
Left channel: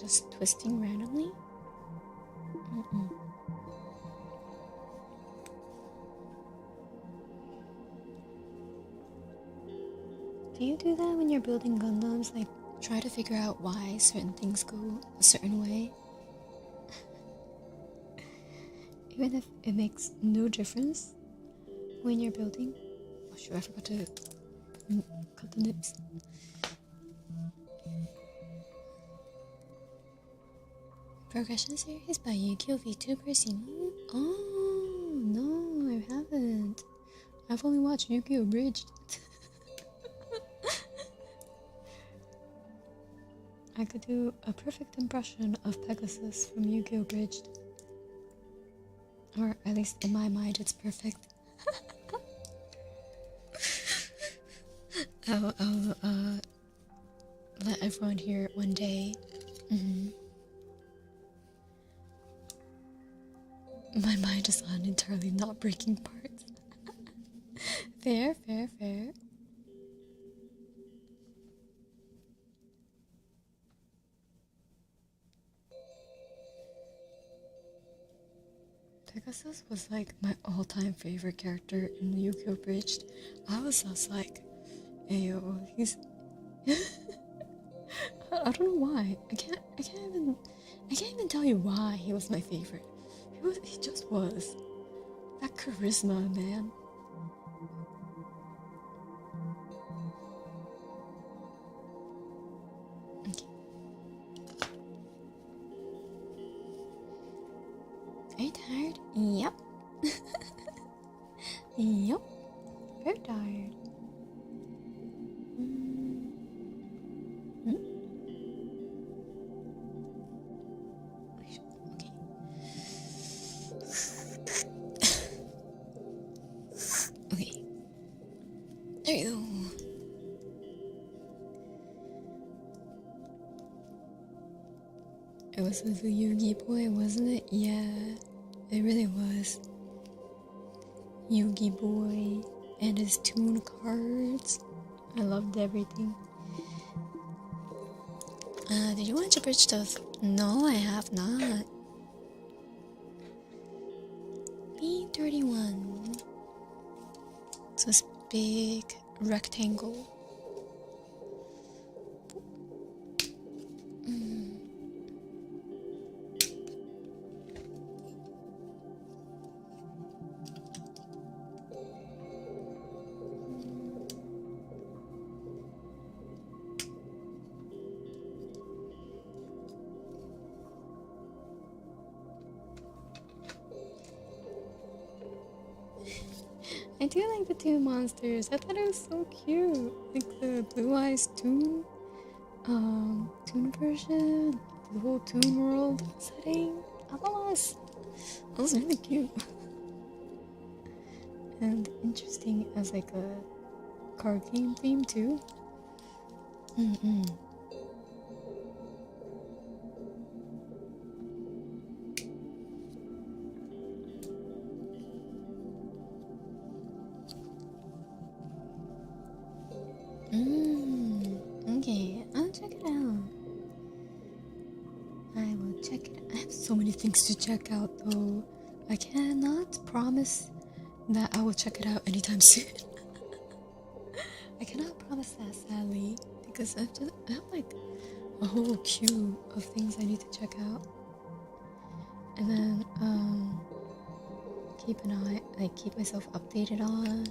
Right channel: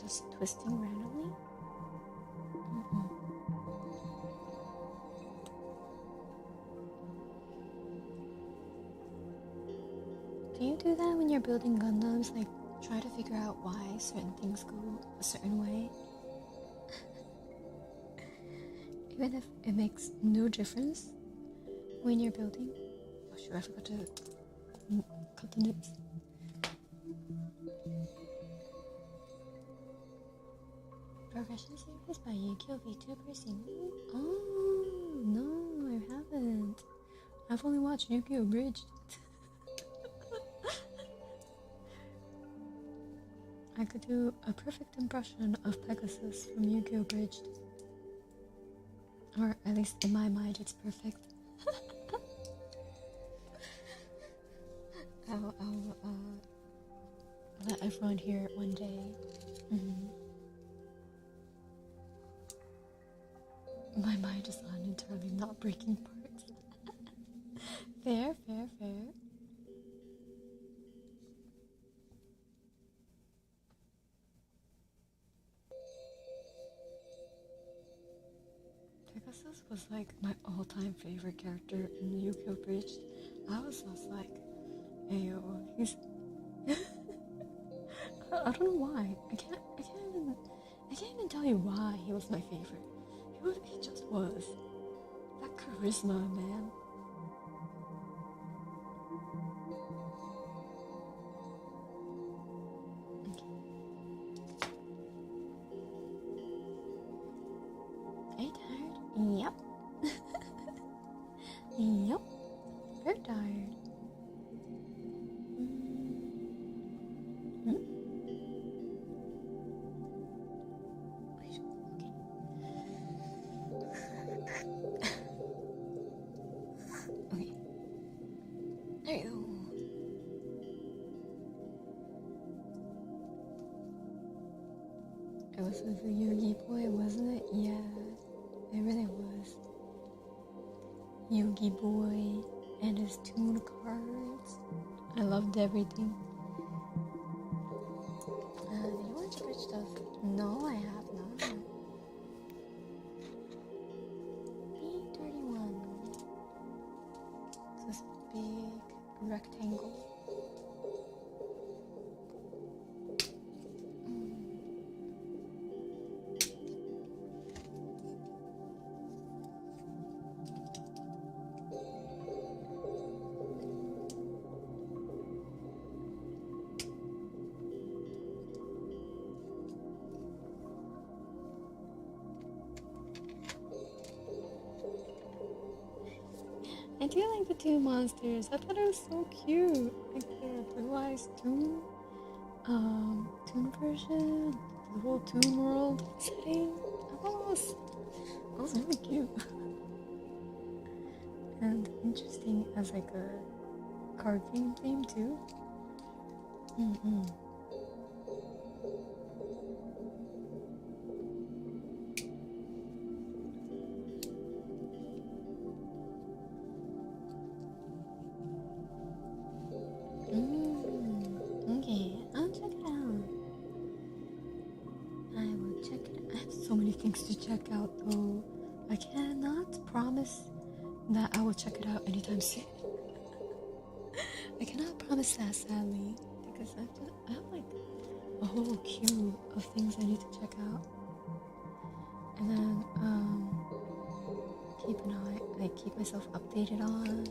just twisting randomly. Do you do that when you're building Gundams? Try to figure out why certain things go a certain way? Even if it makes no difference when you're building? Oh sure, I forgot to cut the nips. Progression series by Yu-Gi-Oh! VTuber seen? Oh, no, I haven't. I've only watched Yu-Gi-Oh! Bridged. I could do a perfect impression of Pegasus from Yu-Gi-Oh! Bridged. Or at least in my mind, it's perfect. I'll let everyone hear it one day. My mind is on entirely not breaking parts. Fair. Pegasus was my all-time favorite character in Yu-Gi-Oh! Bridged. I was just ayo, he's I don't know why. I can't even tell you why he was my favorite. He just was. That charisma, man. Okay. Are you tired? Yep. Yep. Very tired. Okay. There you go. It was a Yugi boy, wasn't it? Yeah, it really was. Yugi boy and his tune cards. I loved everything. Did you watch a bridge stuff? No, I have not. B31. It's this big rectangle. I do like the two monsters. I thought it was so cute. Like the Blue Eyes Toon, Toon version, the whole Toon World setting. I thought that was really cute. And interesting as a card game theme too. Mm-mm. Okay, I'll check it out. I will check it. I have so many things to check out though. I cannot promise that I will check it out anytime soon. I cannot promise that, sadly, because I have like a whole queue of things I need to check out. And then keep myself updated on.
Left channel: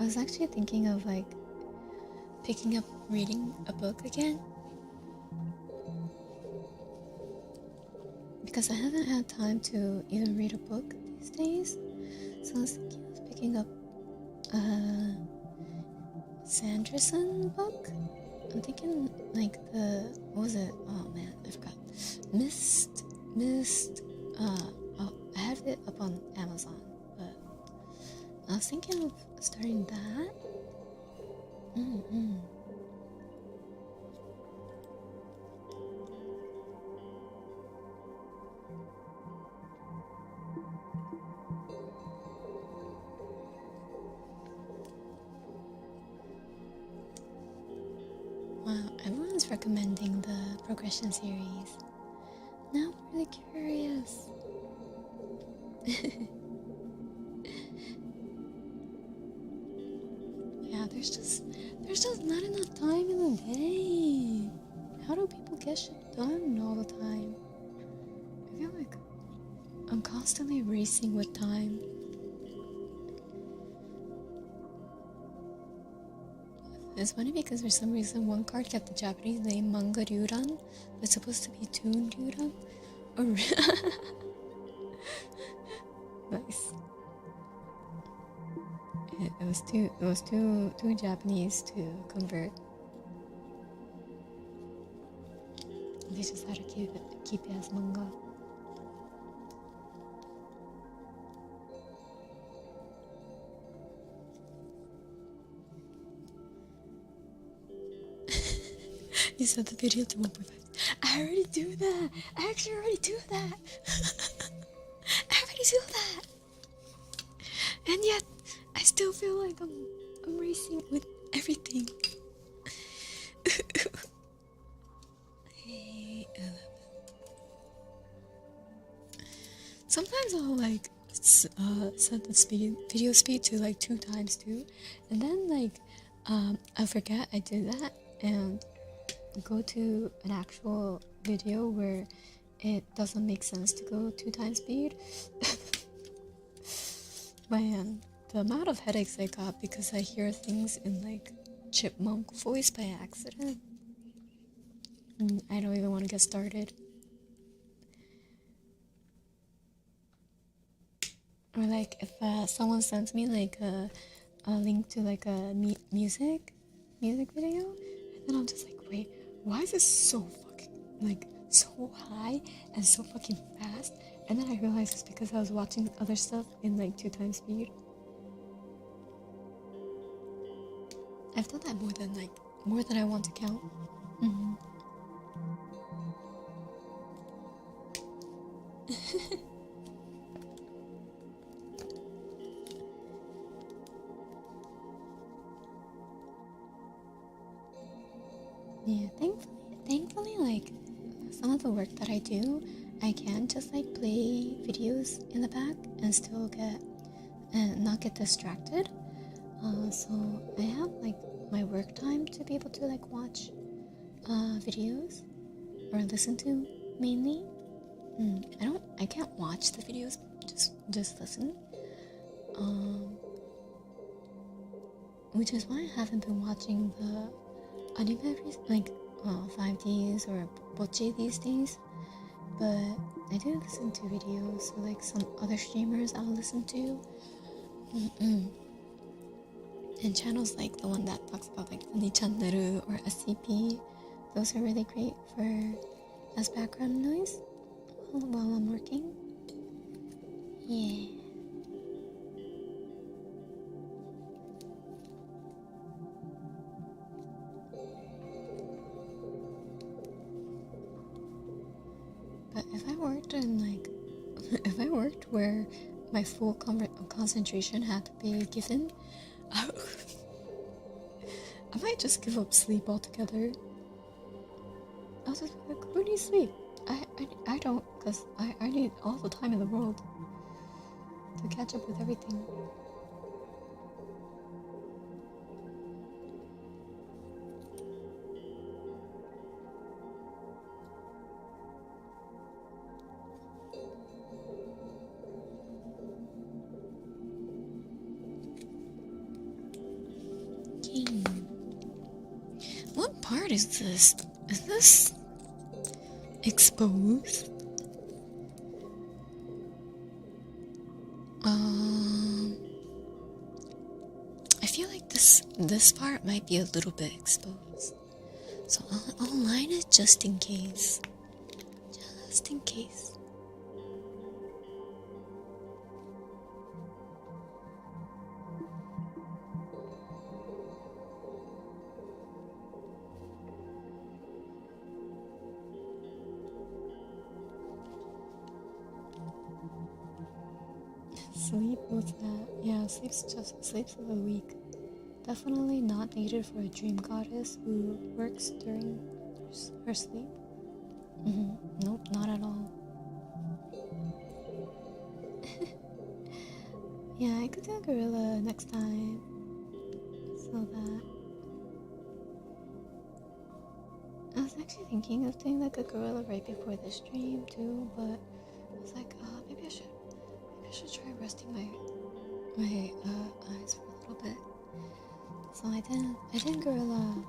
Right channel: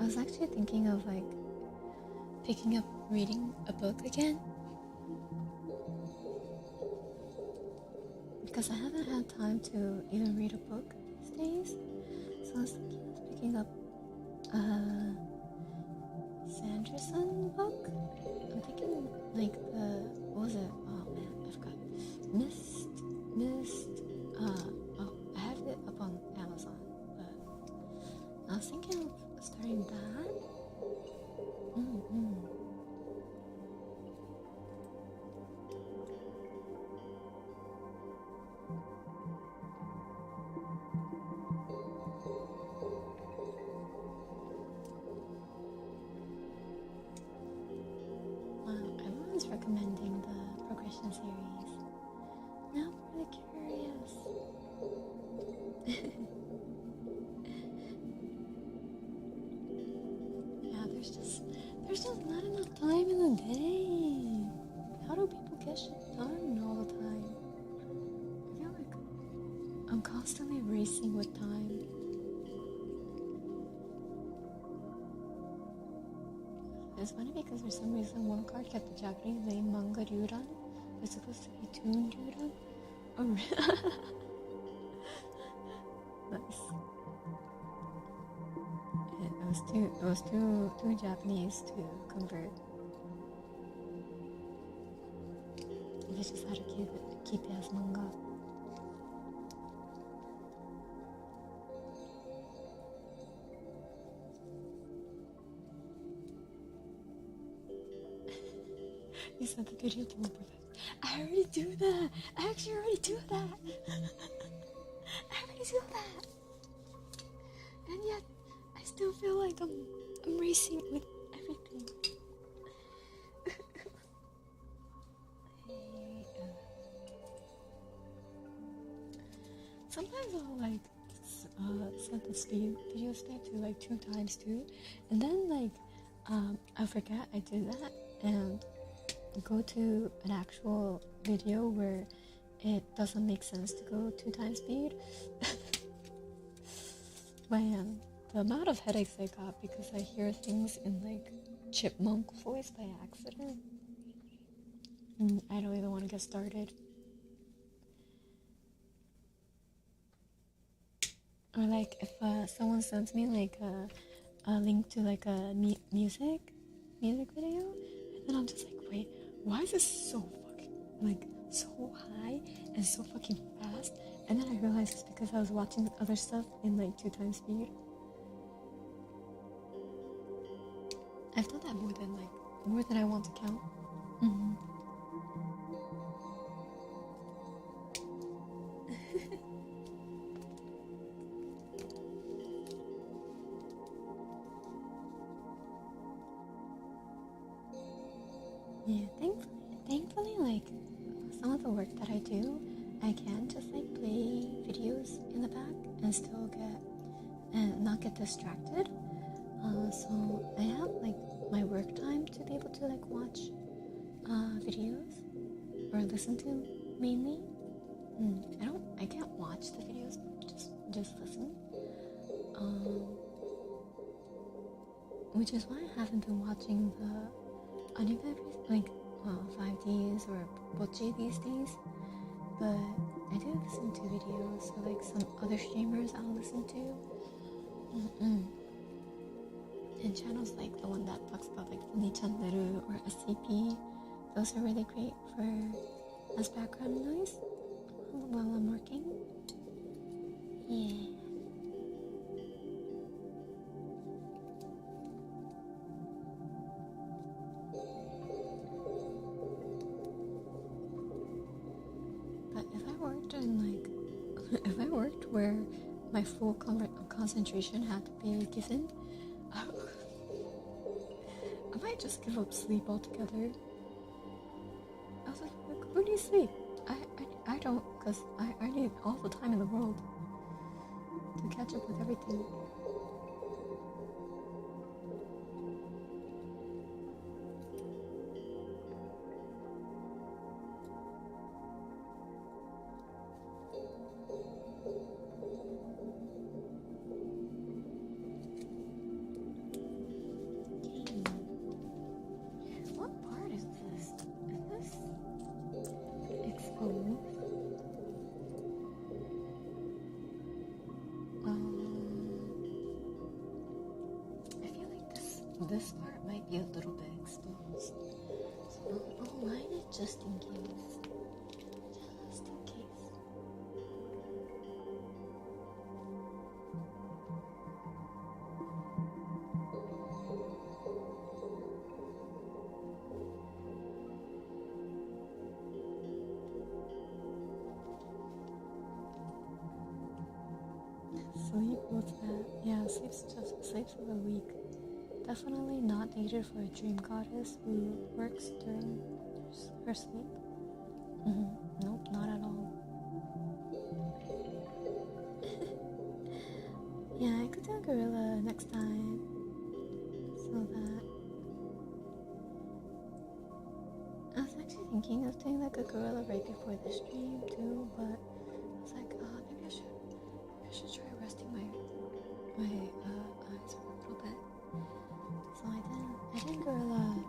I was actually thinking of like picking up reading a book again, because I haven't had time to even read a book these days. So I was thinking of picking up a Sanderson book. I'm thinking like what was it? Oh man, I forgot. Mist. I have it up on Amazon, but I was thinking of starting that. Wow, everyone's recommending the progression series. Now I'm really curious. Yeah, there's just not enough time in the day. How do people get shit done all the time? I feel like I'm constantly racing with time. It's funny because for some reason one card kept the Japanese name Manga Ryuran, but it's supposed to be Toon Ryuran. Nice. It was too Japanese to convert. They just had to keep it as manga. You said the video to 1.5. I already do that. I actually already do that. I already do that. And yet, I still feel like I'm racing with everything. Sometimes I'll like set the video speed to like 2 times too, and then like I forget I did that and go to an actual video where it doesn't make sense to go 2 times speed. Man, the amount of headaches I got because I hear things in like chipmunk voice by accident. I don't even want to get started. Or like if someone sends me like a link to like a music video, and then I'm just like, wait, why is this so fucking like so high and so fucking fast? And then I realized it's because I was watching other stuff in like 2 times speed. I've done that more than I want to count. Yeah, thankfully, like some of the work that I do, I can just like play videos in the back and still not get distracted. So I have like my work time to be able to like watch videos or listen to mainly. I can't watch the videos, just listen. Which is why I haven't been watching the anime like 5Ds or Boche these days. But I do listen to videos, so like some other streamers I'll listen to. And channels like the one that talks about like the channel or SCP, those are really great as background noise while I'm working. Yeah. if I worked in like, if I worked where my full concentration had to be given, I might just give up sleep altogether. I was just like, who needs sleep? I don't, because I need all the time in the world to catch up with everything. What part is this? Is this exposed? I feel like this part might be a little bit exposed, so I'll line it just in case. Just in case. Sleep, what's that? Yeah, sleep's a week. Definitely not needed for a dream goddess who works during her sleep. Nope, not at all. Yeah, I could do a gorilla next time. So that I was actually thinking of doing like a gorilla right before the stream too, but I was like, maybe I should try resting my eyes for a little bit. So I did gorilla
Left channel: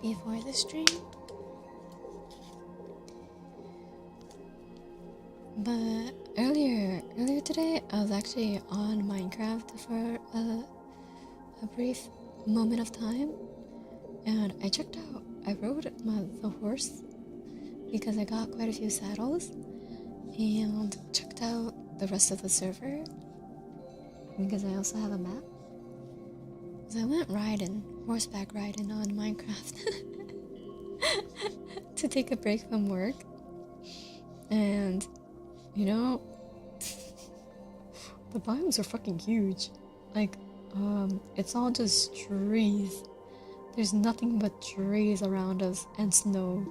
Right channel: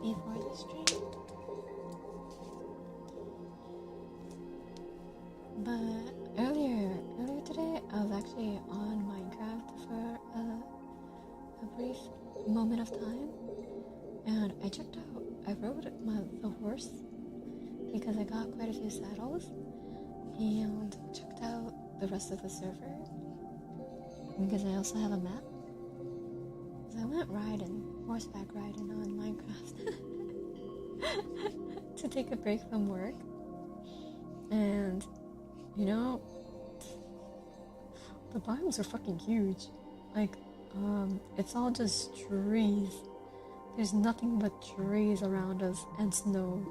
before the stream, but earlier today I was actually on Minecraft for a brief moment of time, and I rode the horse because I got quite a few saddles, and checked out the rest of the server because I also have a map. So I went horseback riding on Minecraft to take a break from work. And, you know, the biomes are fucking huge. Like, it's all just trees. There's nothing but trees around us and snow.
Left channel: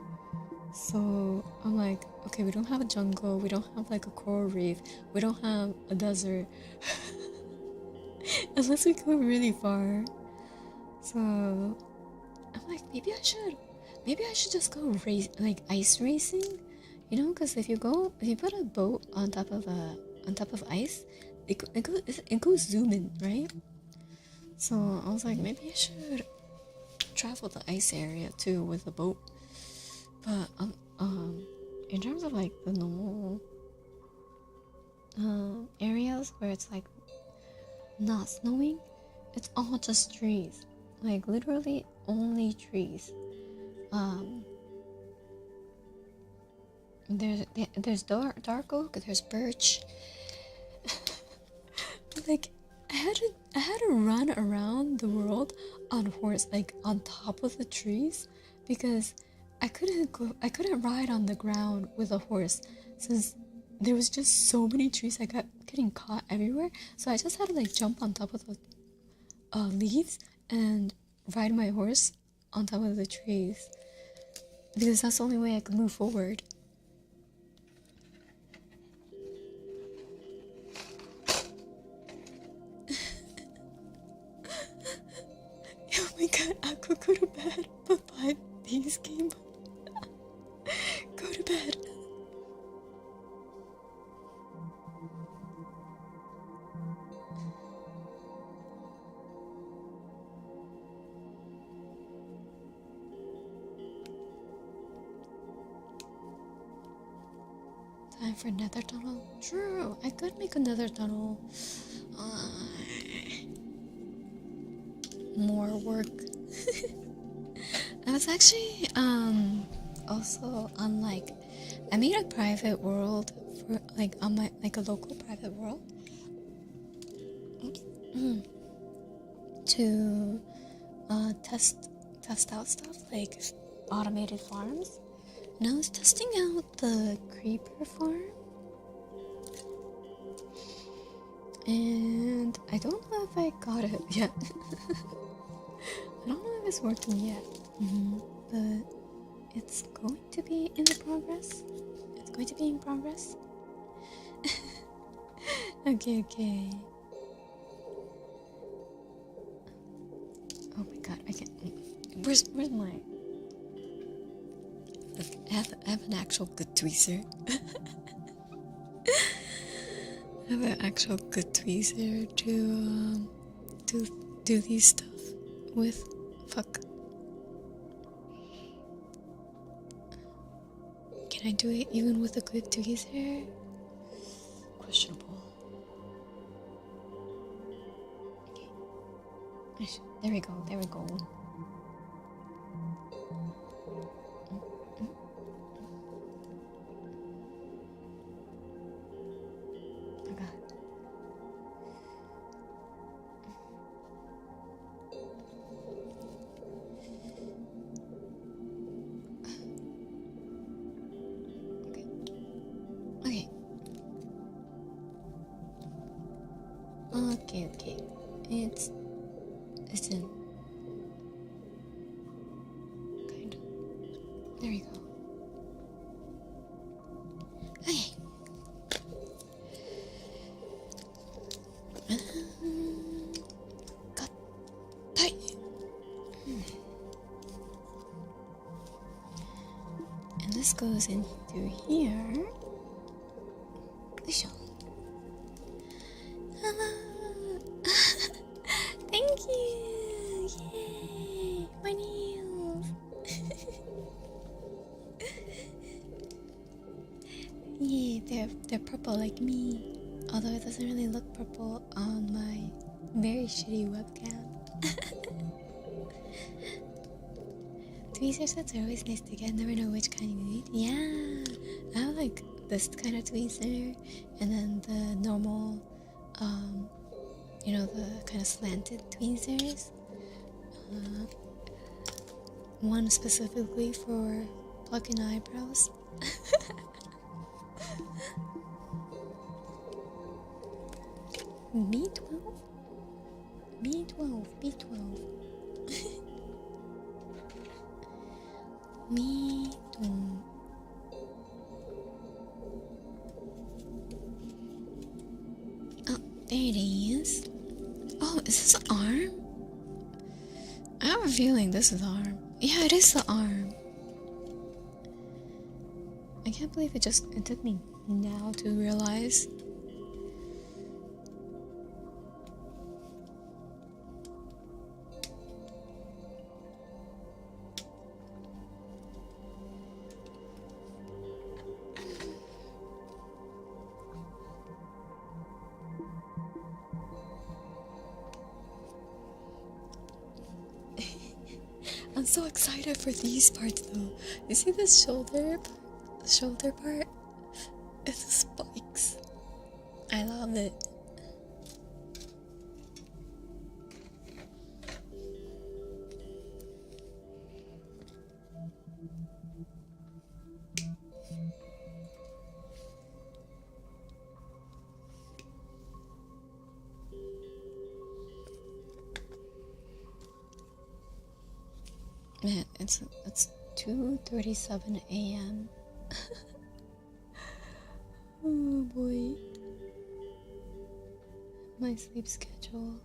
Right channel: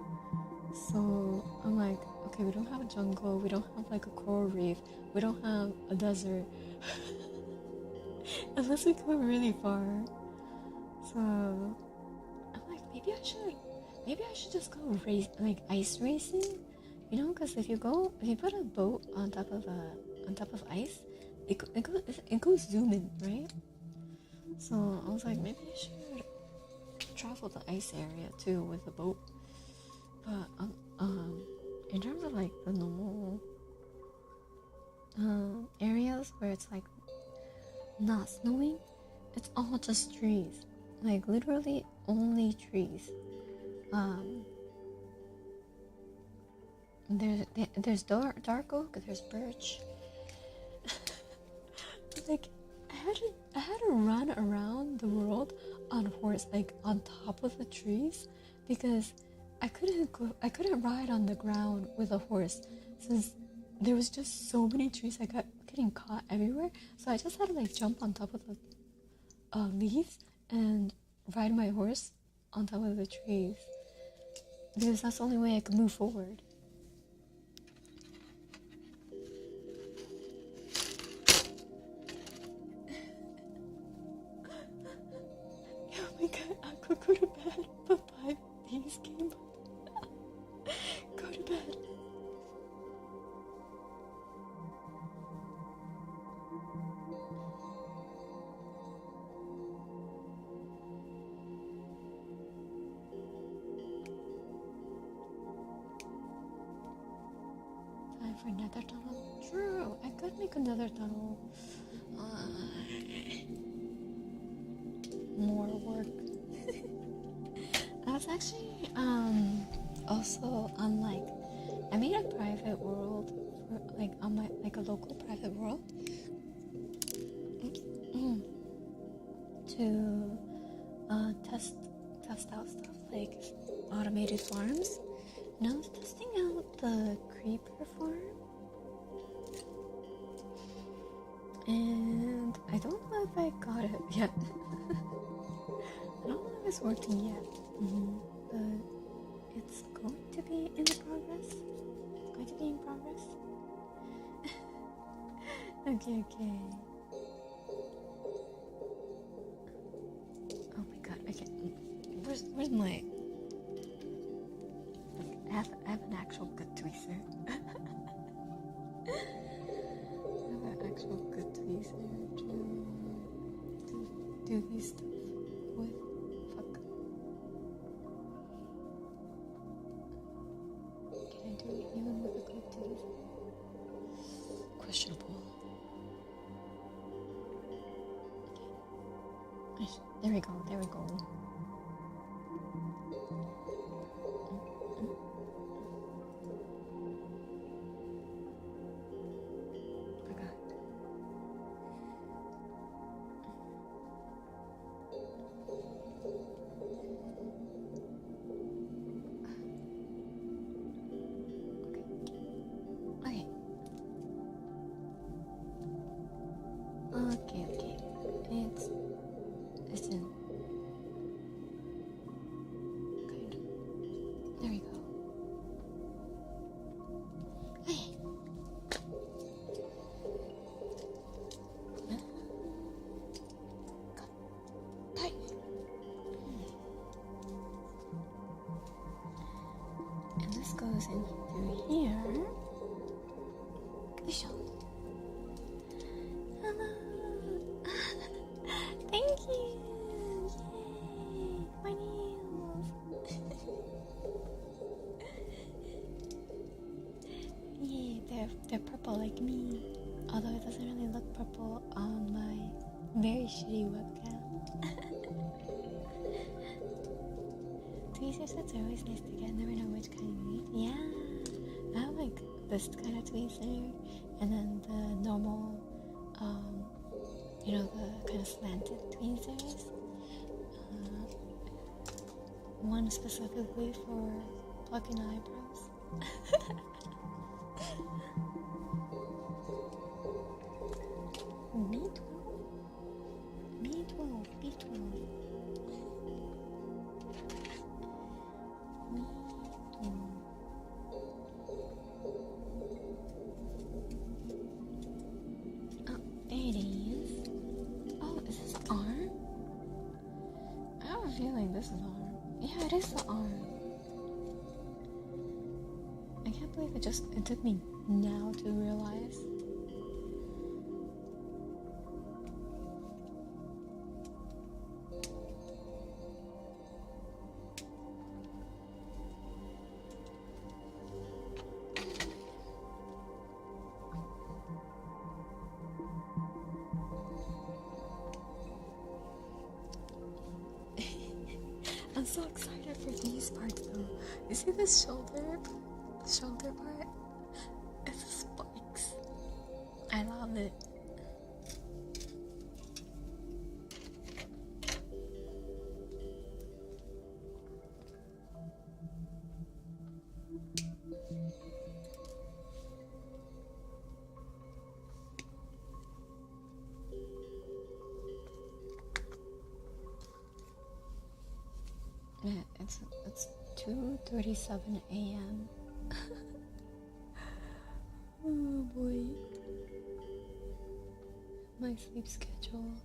So I'm like, okay, we don't have a jungle, we don't have like a coral reef, we don't have a desert. Unless we go really far. So I'm like, maybe I should just go ice racing, you know, because if you put a boat on top of ice, it goes zooming, right? So I was like, maybe I should travel the ice area too with a boat. But in terms of like the normal areas where it's like not snowing, it's all just trees, like literally only trees. There's dark oak, there's birch. Like I had to run around the world on horse, like on top of the trees, because I couldn't ride on the ground with a horse since there was just so many trees. I got getting caught everywhere, so I just had to like jump on top of the leaves and ride my horse on top of the trees because that's the only way I could move forward. Oh my god, Aqua, go to bed. Bye-bye, this game. Go to bed. Time for nether tunnel? True, I could make a nether tunnel. More work. I was actually also on like I made a private world for like on my like a local private world. Oops. To test out stuff like automated farms, And I was testing out the creeper farm. And I don't know if I got it yet. I don't know if it's working yet. But it's going to be in the progress. It's going to be in progress. Okay. Oh my god, I can't. Where's my. Look, I have an actual good tweezer. I have an actual good tweezer to do these stuff with. Fuck. Can I do it even with a good tweezer? Questionable. Okay. There we go. Okay. It's in. Kind of. There we go. Okay. Got tight. And this goes in through here. Thank you! Yay! My nails! Yeah, they're purple like me. Although it doesn't really look purple on my very shitty webcam. Tweezer sets are always nice to get. Never know which kind you need. Yeah! I have like this kind of tweezer, and then the normal, the kind of slanted tweezers. One specifically for plucking eyebrows. B12? B12. B12. Oh, there it is. Oh, is this the arm? I have a feeling this is the arm. Yeah, it is the arm. I can't believe it took me now to realize. I'm so excited for these parts though. You see this shoulder part? It's spikes. I love it. Man, it's 2:37 a.m. Oh boy. My sleep schedule.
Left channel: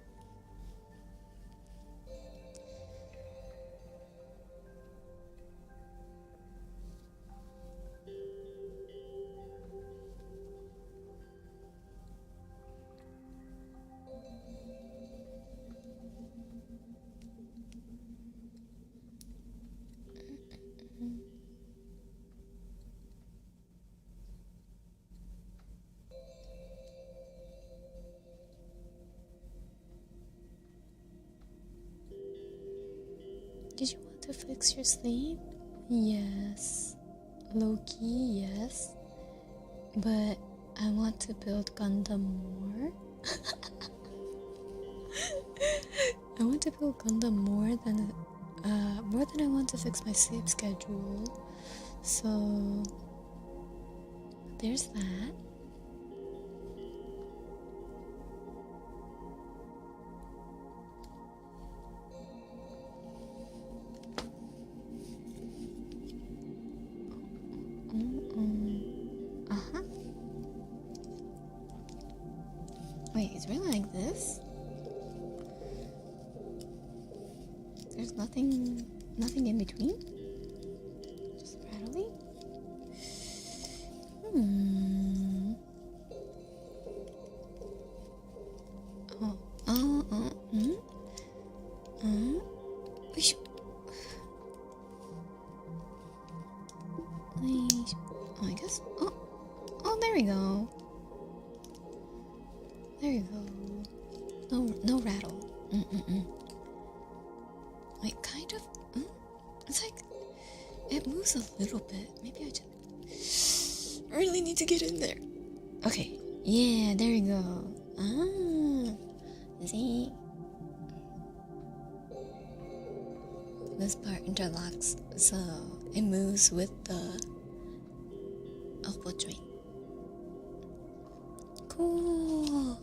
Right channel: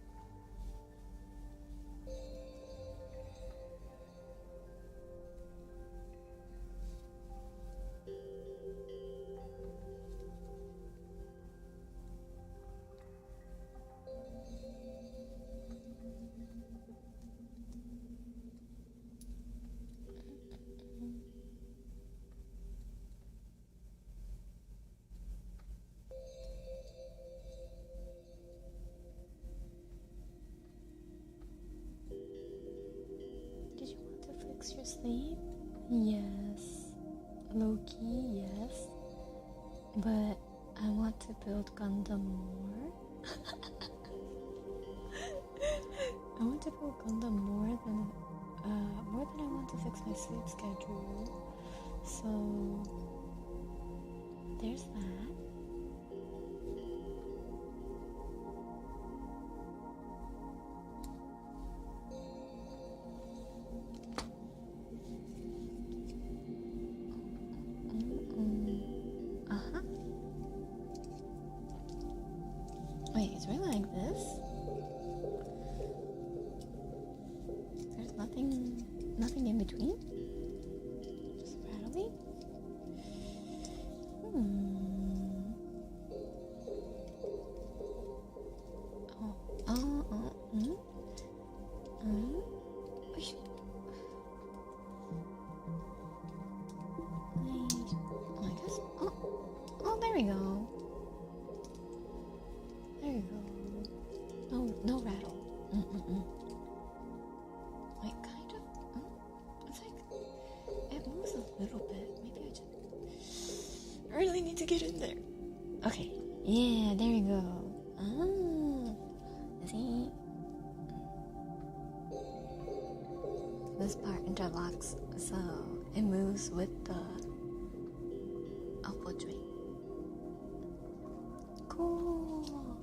Did you want to fix your sleep? Yes. Low-key, yes. But I want to build Gundam more. I want to build Gundam more than I want to fix my sleep schedule. So there's that. Wait, it's really like this? There's nothing in between? Just rattly? I guess. Oh, there we go. There you go. No rattle. Like, kind of. It's like it moves a little bit. Maybe I just really need to get in there. Okay. Yeah, there you go. See? This part interlocks, so it moves with the elbow joint. Cool.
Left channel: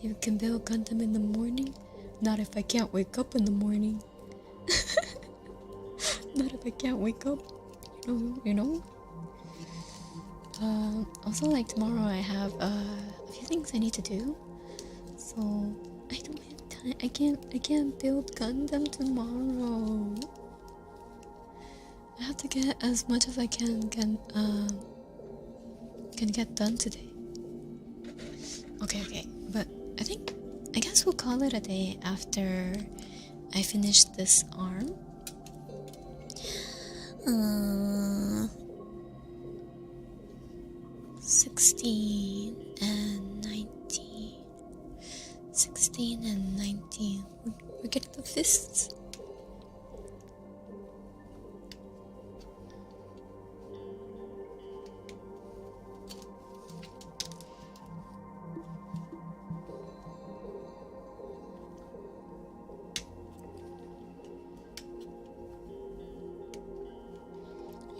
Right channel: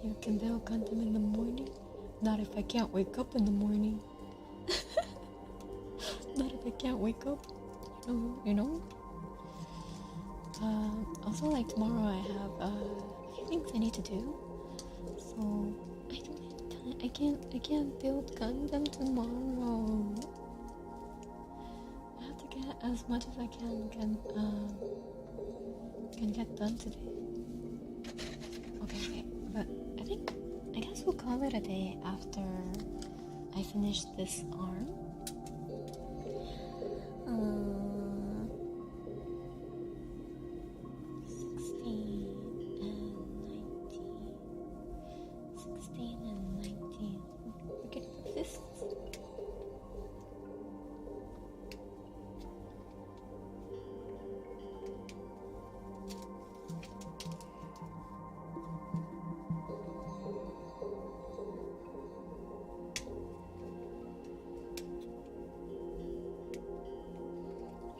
You can build Gundam in the morning? Not if I can't wake up in the morning. Not if I can't wake up. You know? Also, like, tomorrow I have a few things I need to do. So, I don't have time. I can't build Gundam tomorrow. I have to get as much as I can get done today. Okay. But I guess we'll call it a day after I finish this arm. 16 and 19. 16 and 19. We're getting the fists.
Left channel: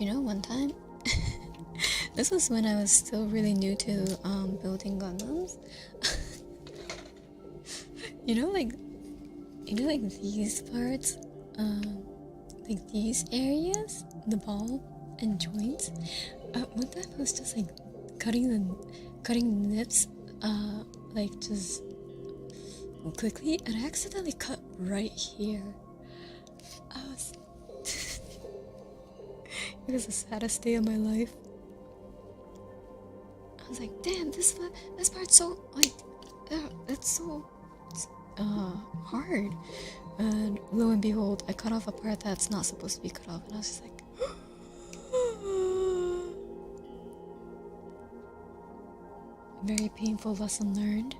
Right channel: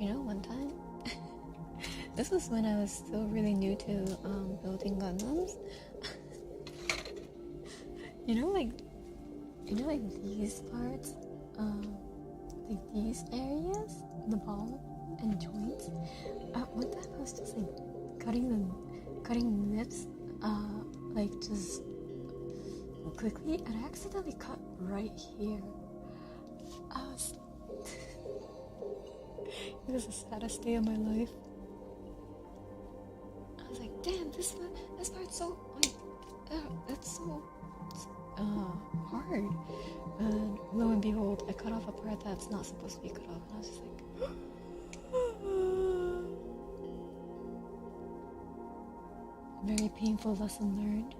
You know, one time, this was when I was still really new to building Gundams. you know, like these parts, like these areas, the ball and joints. One time I was just like cutting nips, like just quickly, and I accidentally cut right here. It was the saddest day of my life. I was like, damn, this part's so, like, it's so hard. And lo and behold, I cut off a part that's not supposed to be cut off, and I was just like, very painful lesson learned.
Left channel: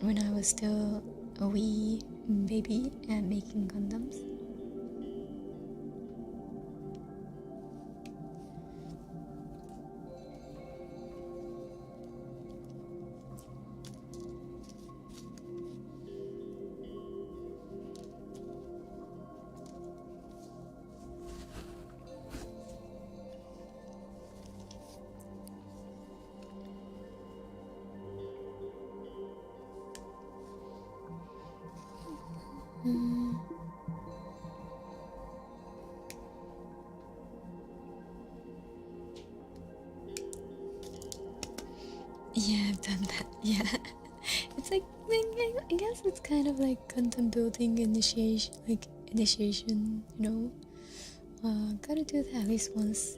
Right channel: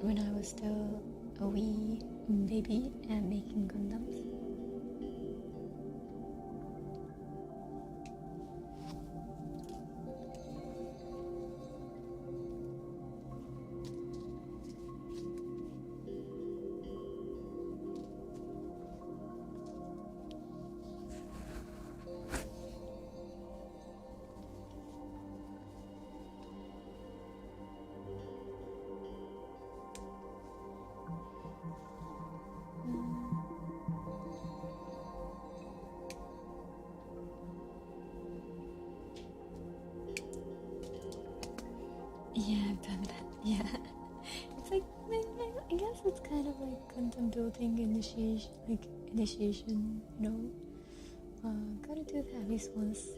When I was still a wee baby and making Gundams. Yeah, I've done that. Yeah, it's like I guess it's kind of like Gundam building initiation. You know. Gotta do that at least once.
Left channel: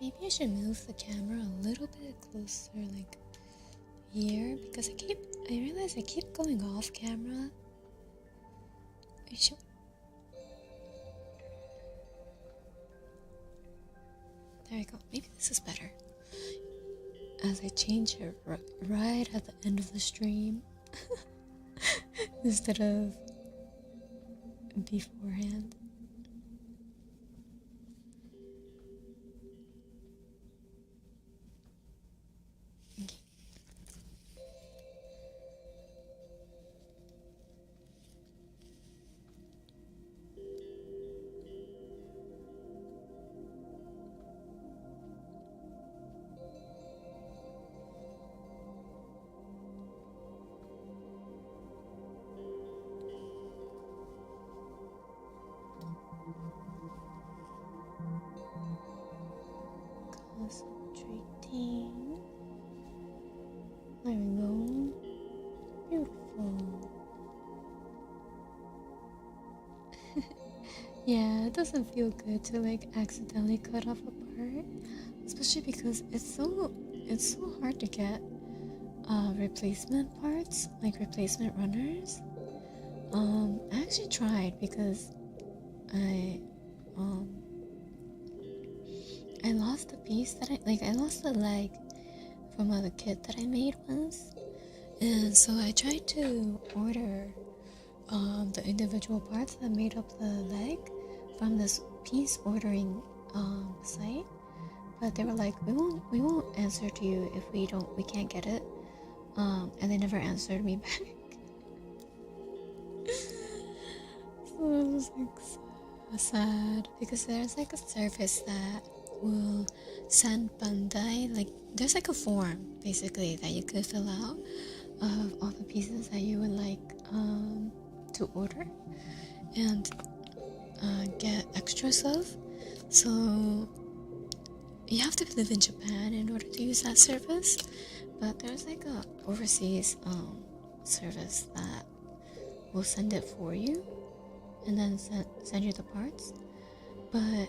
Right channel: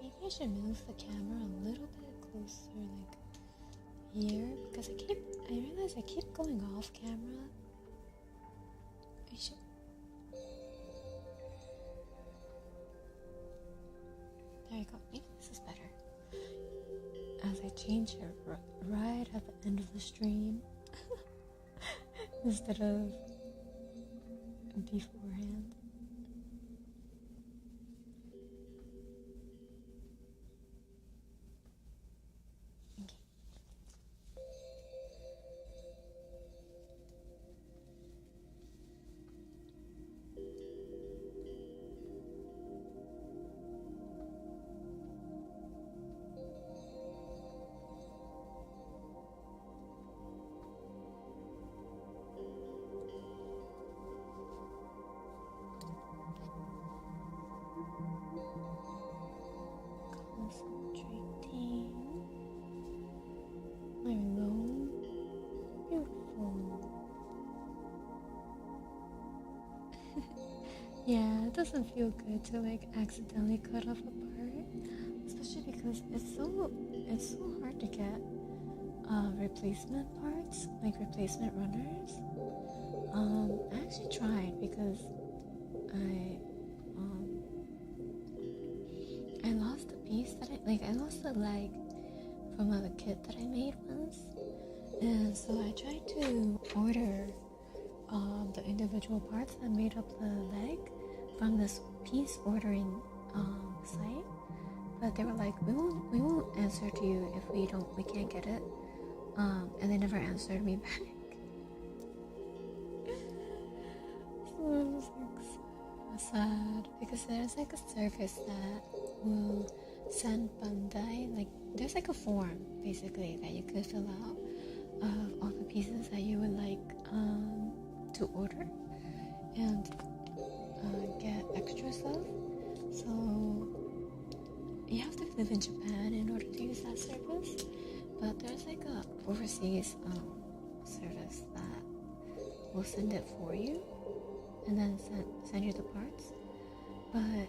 Maybe I should move the camera a little bit closer, like here, because I realize I keep going off camera. There we go. Maybe this is better. As I change it right at the end of the stream, instead of beforehand. Okay. Concentrating. There we go. Beautiful. Yeah, it doesn't feel good to like accidentally cut off a part, especially because it's so hard to get replacement parts, like replacement runners. I actually tried because I lost the piece that I lost the leg from a kit that I made once, and so I tried to order the individual parts that made up the leg from this piece ordering site, but they were like, we won't answer to you if we can't get it, and they never answered me back. So it was like so sad, because there's like a service that will send Bandai, like there's like a form basically that you could fill out of all the pieces that you would like to order and get extras of. So you have to live in Japan in order to use that service, but there's like a overseas service that will send it for you and then send you the parts, but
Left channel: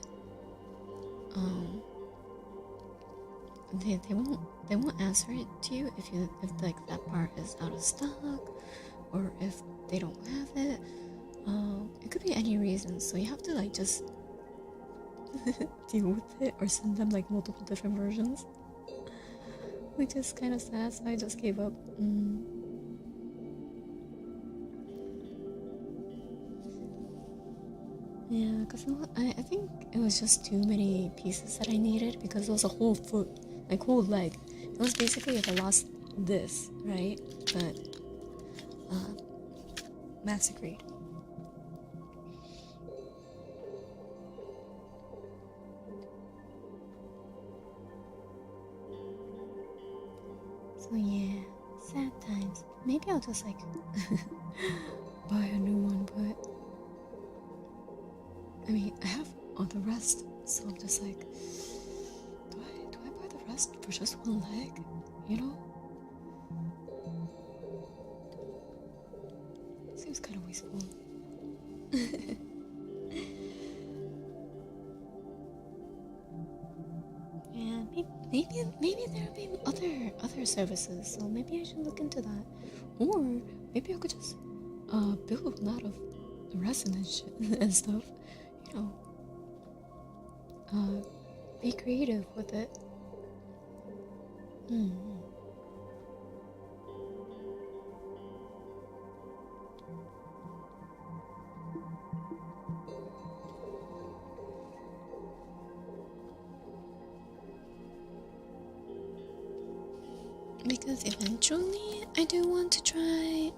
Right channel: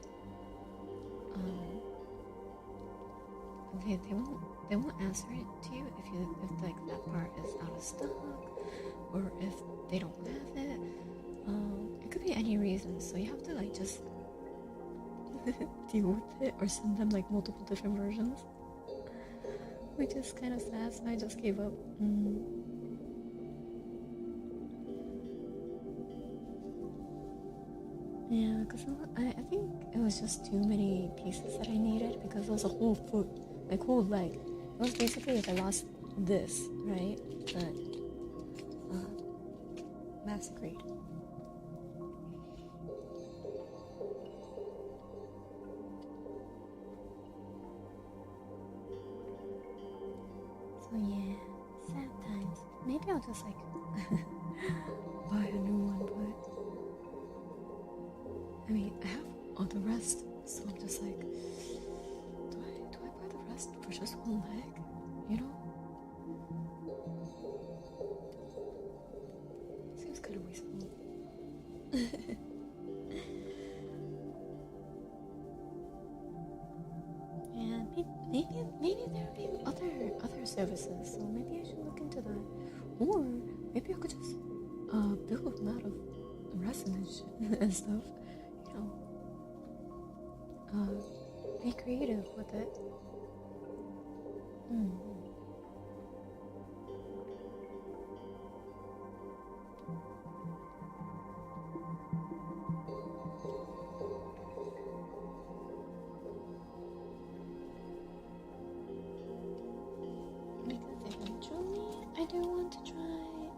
they won't answer it to you if like that part is out of stock or if they don't have it. It could be any reason, so you have to like just deal with it or send them like multiple different versions, which is kind of sad, so I just gave up. Yeah, because I think it was just too many pieces that I needed, because it was a whole foot, like whole leg. It was basically if I lost this, right? But massacred. So yeah, sad times. Maybe I'll just like buy a new one, but I mean, I have all the rest, so I'm just like, do I buy the rest for just one leg? You know? Seems kind of wasteful. Yeah, maybe there'll be other services, so maybe I should look into that. Or maybe I could just build a lot of resin and shit and stuff. You know, be creative with it. Because eventually I do want to try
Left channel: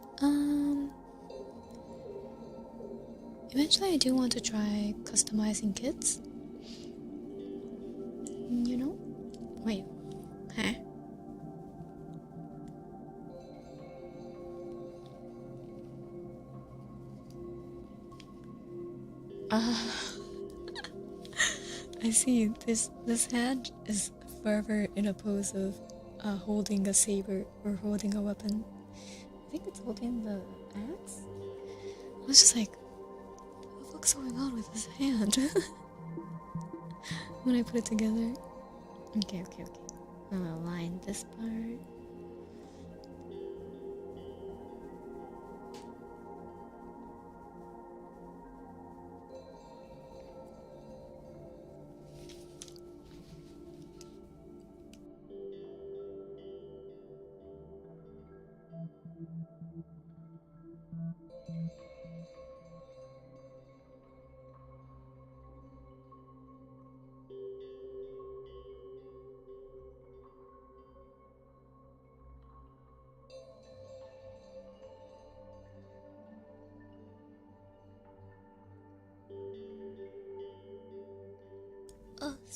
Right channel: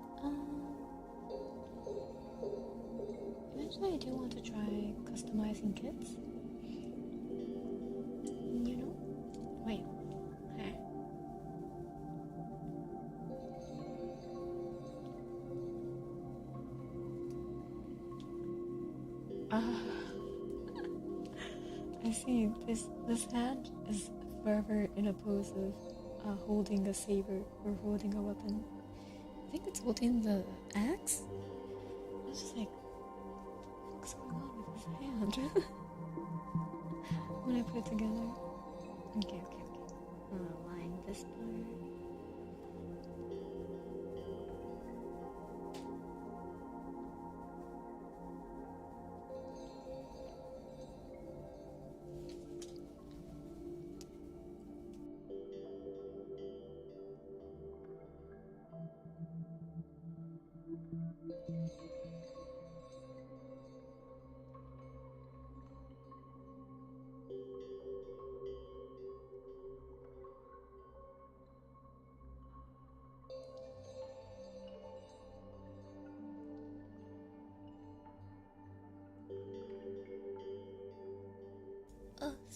customizing kits. You know? Wait. Huh? I see. This hand is forever in a pose of holding a saber or holding a weapon. I think it's holding the axe. I was just like, what the fuck's going on with his hand? When I put it together. Okay. I'm gonna align this part.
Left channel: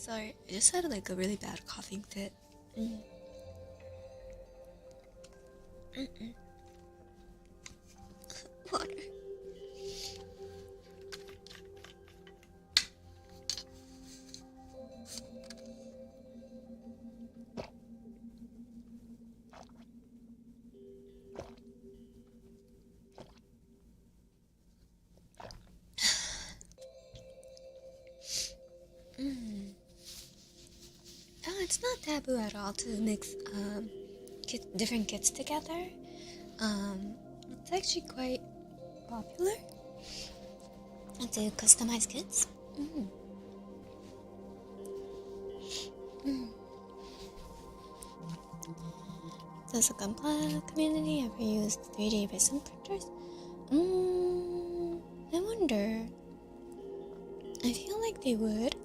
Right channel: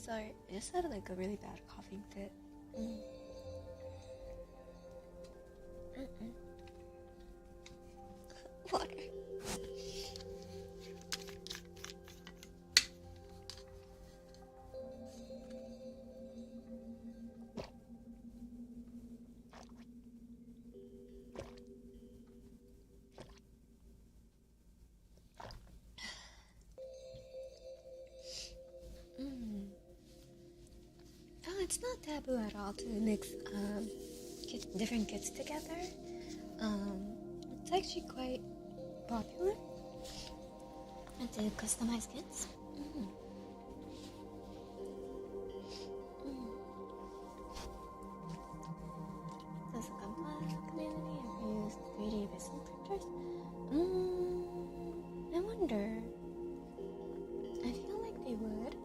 Sorry, I just had like a really bad coughing fit. Water. Oh, it's not taboo at all to mix different kits together. It's actually quite popular to customize kits. Does the Gunpla community ever use 3D resin printers? I wonder. I feel like they would.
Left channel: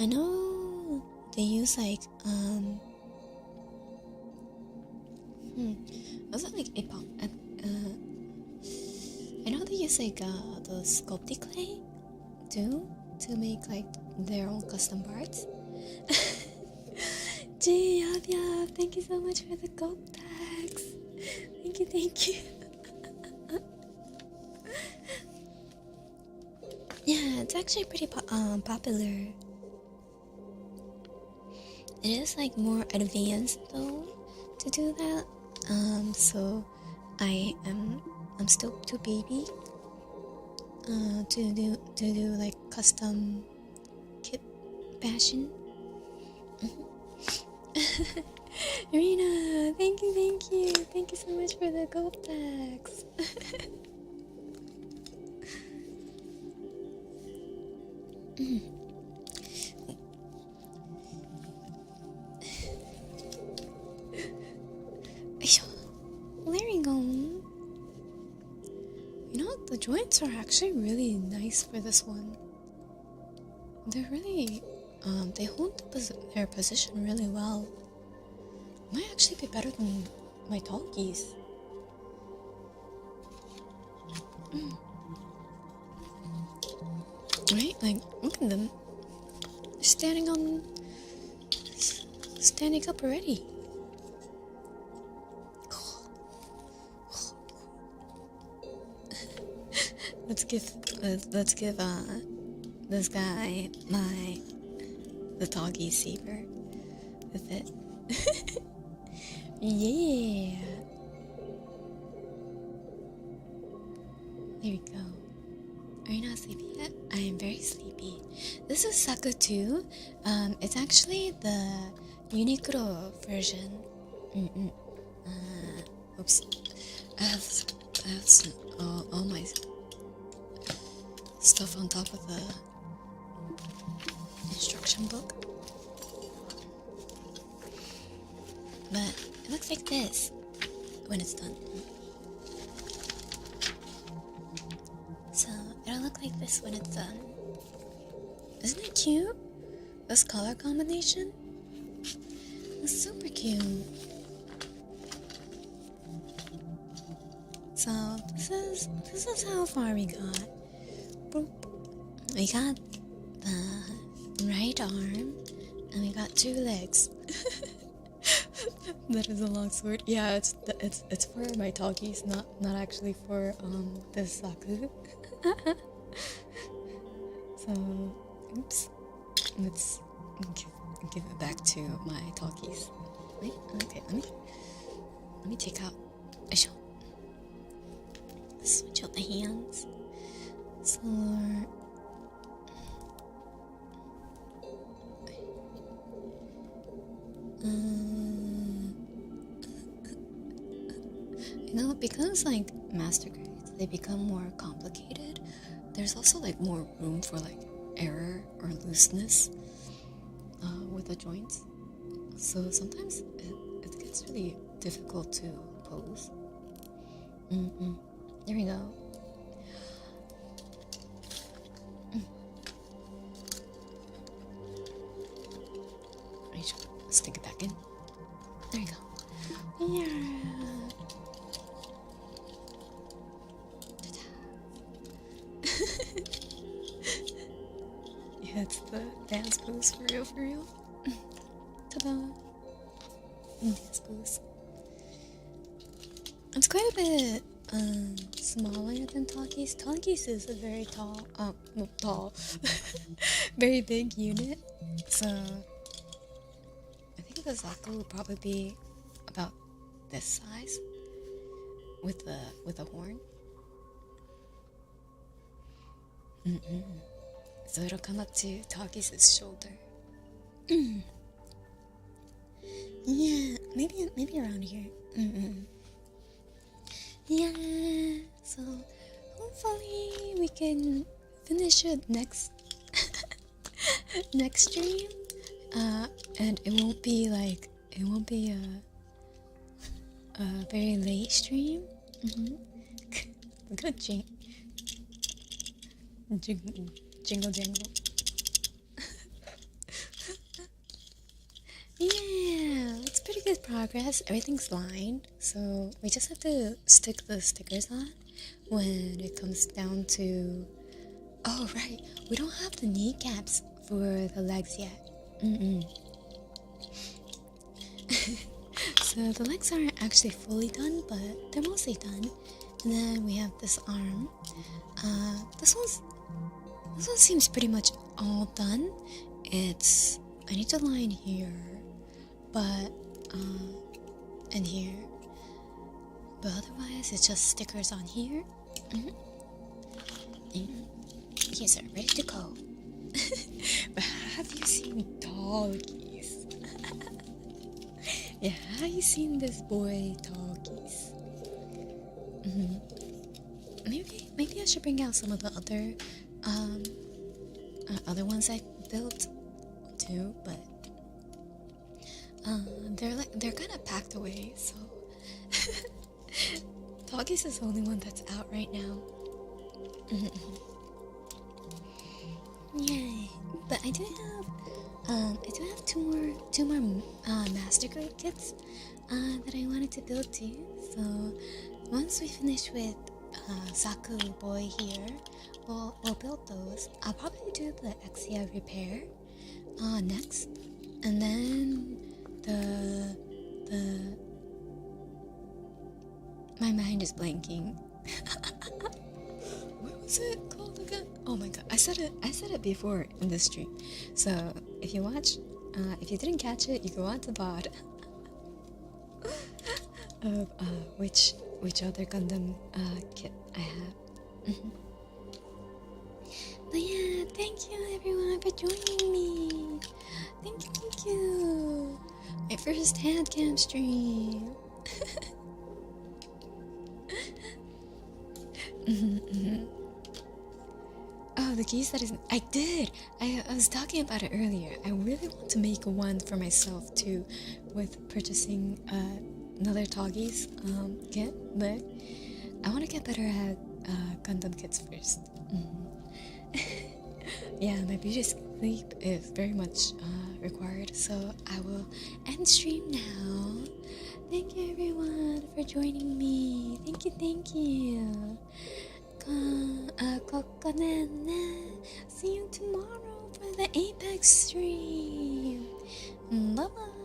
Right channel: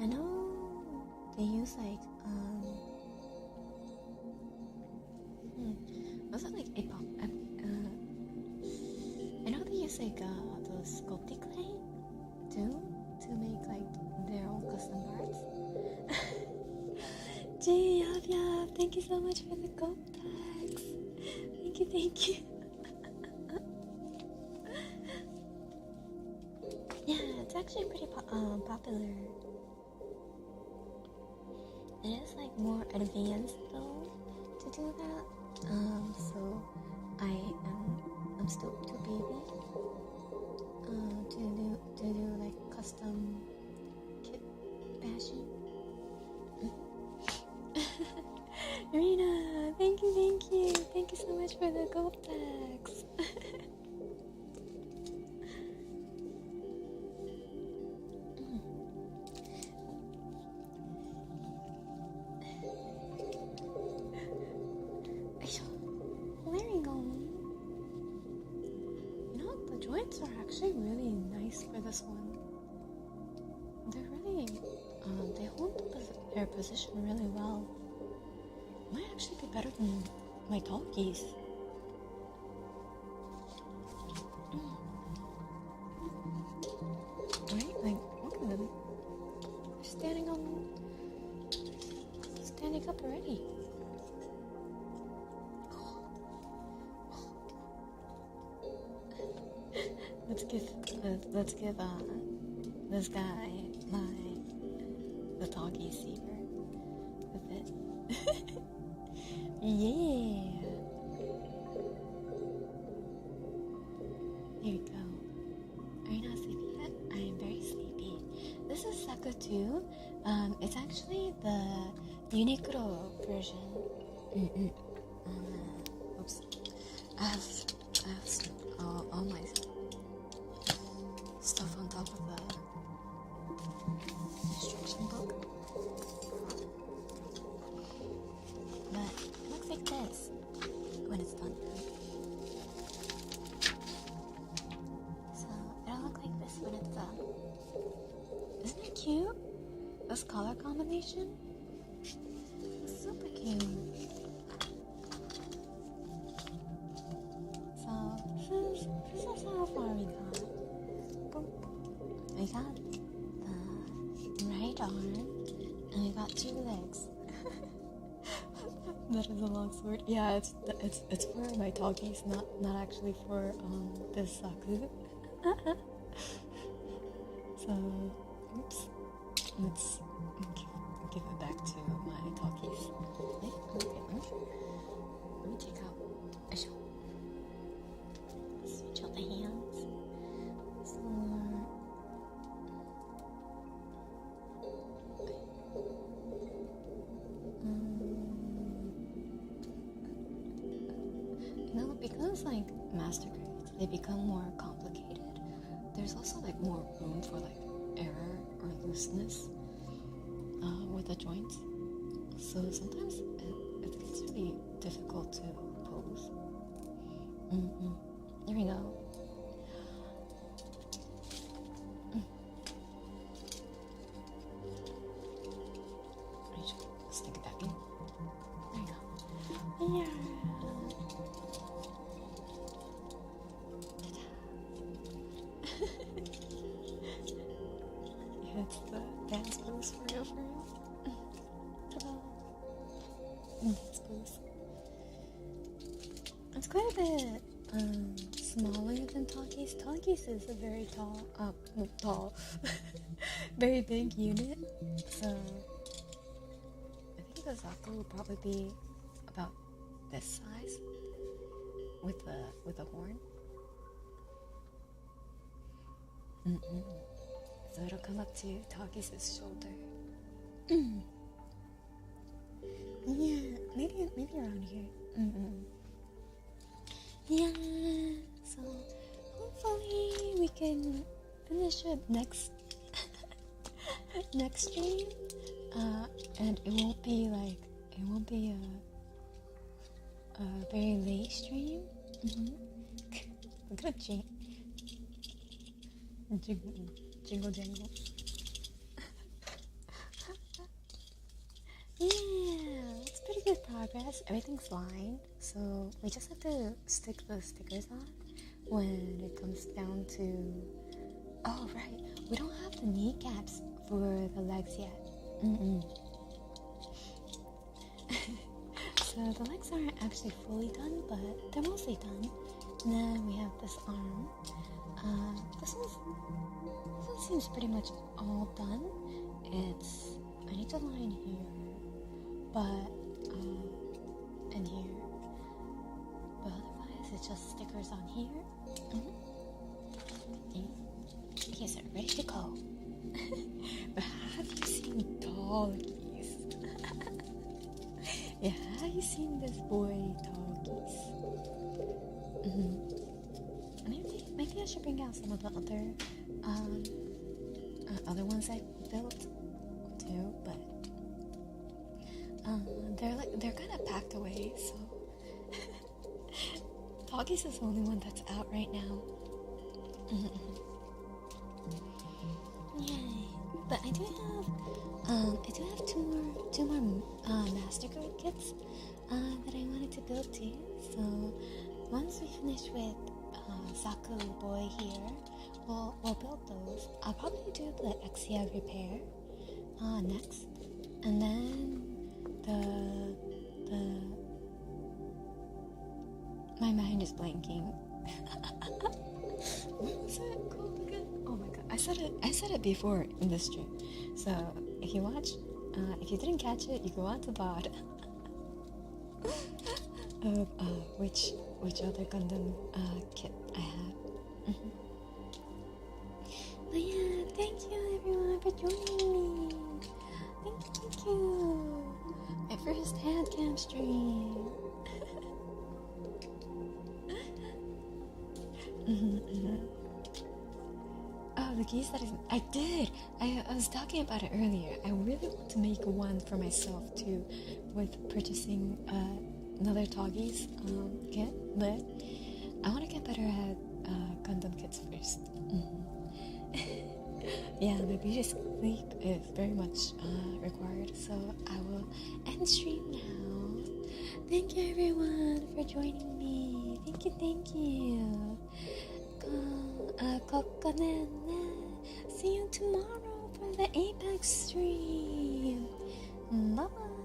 I know they use like was it like I know they use like the sculpty clay too to make like their own custom parts. Gee, Yab, thank you so much for the gold tags. Thank you. Yeah, it's actually pretty popular. It is like more advanced though to do that. So I'm still too baby to do like custom kit fashion. Irina, thank you so much for the gold tags. There you go. You know, the joints are actually really nice for this one. They're really, they hold their position really well. Might actually be better than my talkies. Right? Like, look at them. They're standing up already. Let's give this guy the doggy saber with it. Yeah. There we go. Are you not sleepy yet? I am very sleepy. This is Zaku too. It's actually the Uniqlo version. Oops. I have all my stuff on top of the instruction book. But it looks like this when it's done. So it'll look like this when it's done. Isn't it cute? This color combination? It's super cute. So this is how far we got. Boop. We got the right arm and we got 2 legs. That is a long sword. Yeah, it's for my talkies, not actually for this Zaku. So, oops. Let's give it back to my talkies. Okay, let me take out. Switch out the hands. So, you know, because like master grades, they become more complicated. There's also like more room for like error or looseness with the joints. So sometimes it gets really difficult to pose. There we go. Let's stick it back in. There you go. Yeah. Yeah, it's the dance dance pose, for real, for real. Ta-da! Dance pose. It's quite a bit smaller than Talkies. Talkies is a very tall, very big unit. So I think the Zaku will probably be about this size with a horn. So it'll come up to Talkies' shoulder. Yeah, maybe around here. Yeah, so hopefully we can finish it next stream, and it won't be a very late stream. Good jingle jangle. Yeah, it's pretty good progress. Everything's lined, so we just have to stick the stickers on when it comes down to... Oh, right, we don't have the kneecaps for the legs yet. So the legs aren't actually fully done, but they're mostly done. And then we have this arm. This one seems pretty much all done. I need to line here, but and here, but otherwise it's just stickers on here. Yes, sir, ready to go. But have you seen Talkies? Yeah, have you seen this boy Talkies? Maybe I should bring out some of the other ones I built too, but they're kind of packed away, so Talkies is the only one that's out right now. Yay! But I do have two more master grade kits that I wanted to build too. So once we finish with Zaku boy here, we'll build those. I'll probably do the Exia repair next, and then the my mind is blanking. What was it called again? Oh my god, I said it before in this stream. So if you watch, if you didn't catch it, you go on to VOD of which other Gundam kit I have. But yeah, thank you everyone for joining me. Thank you. My first Handcam stream. Oh, the keys that isn't... I did! I was talking about it earlier. I really want to make one for myself too, with purchasing another Talkies kit, but I want to get better at Gundam kits first. Yeah, my beauty sleep is very much required, so I will end stream now. Thank you everyone for joining me. Thank you. Kokone. See you tomorrow for the Apex stream. Bye bye.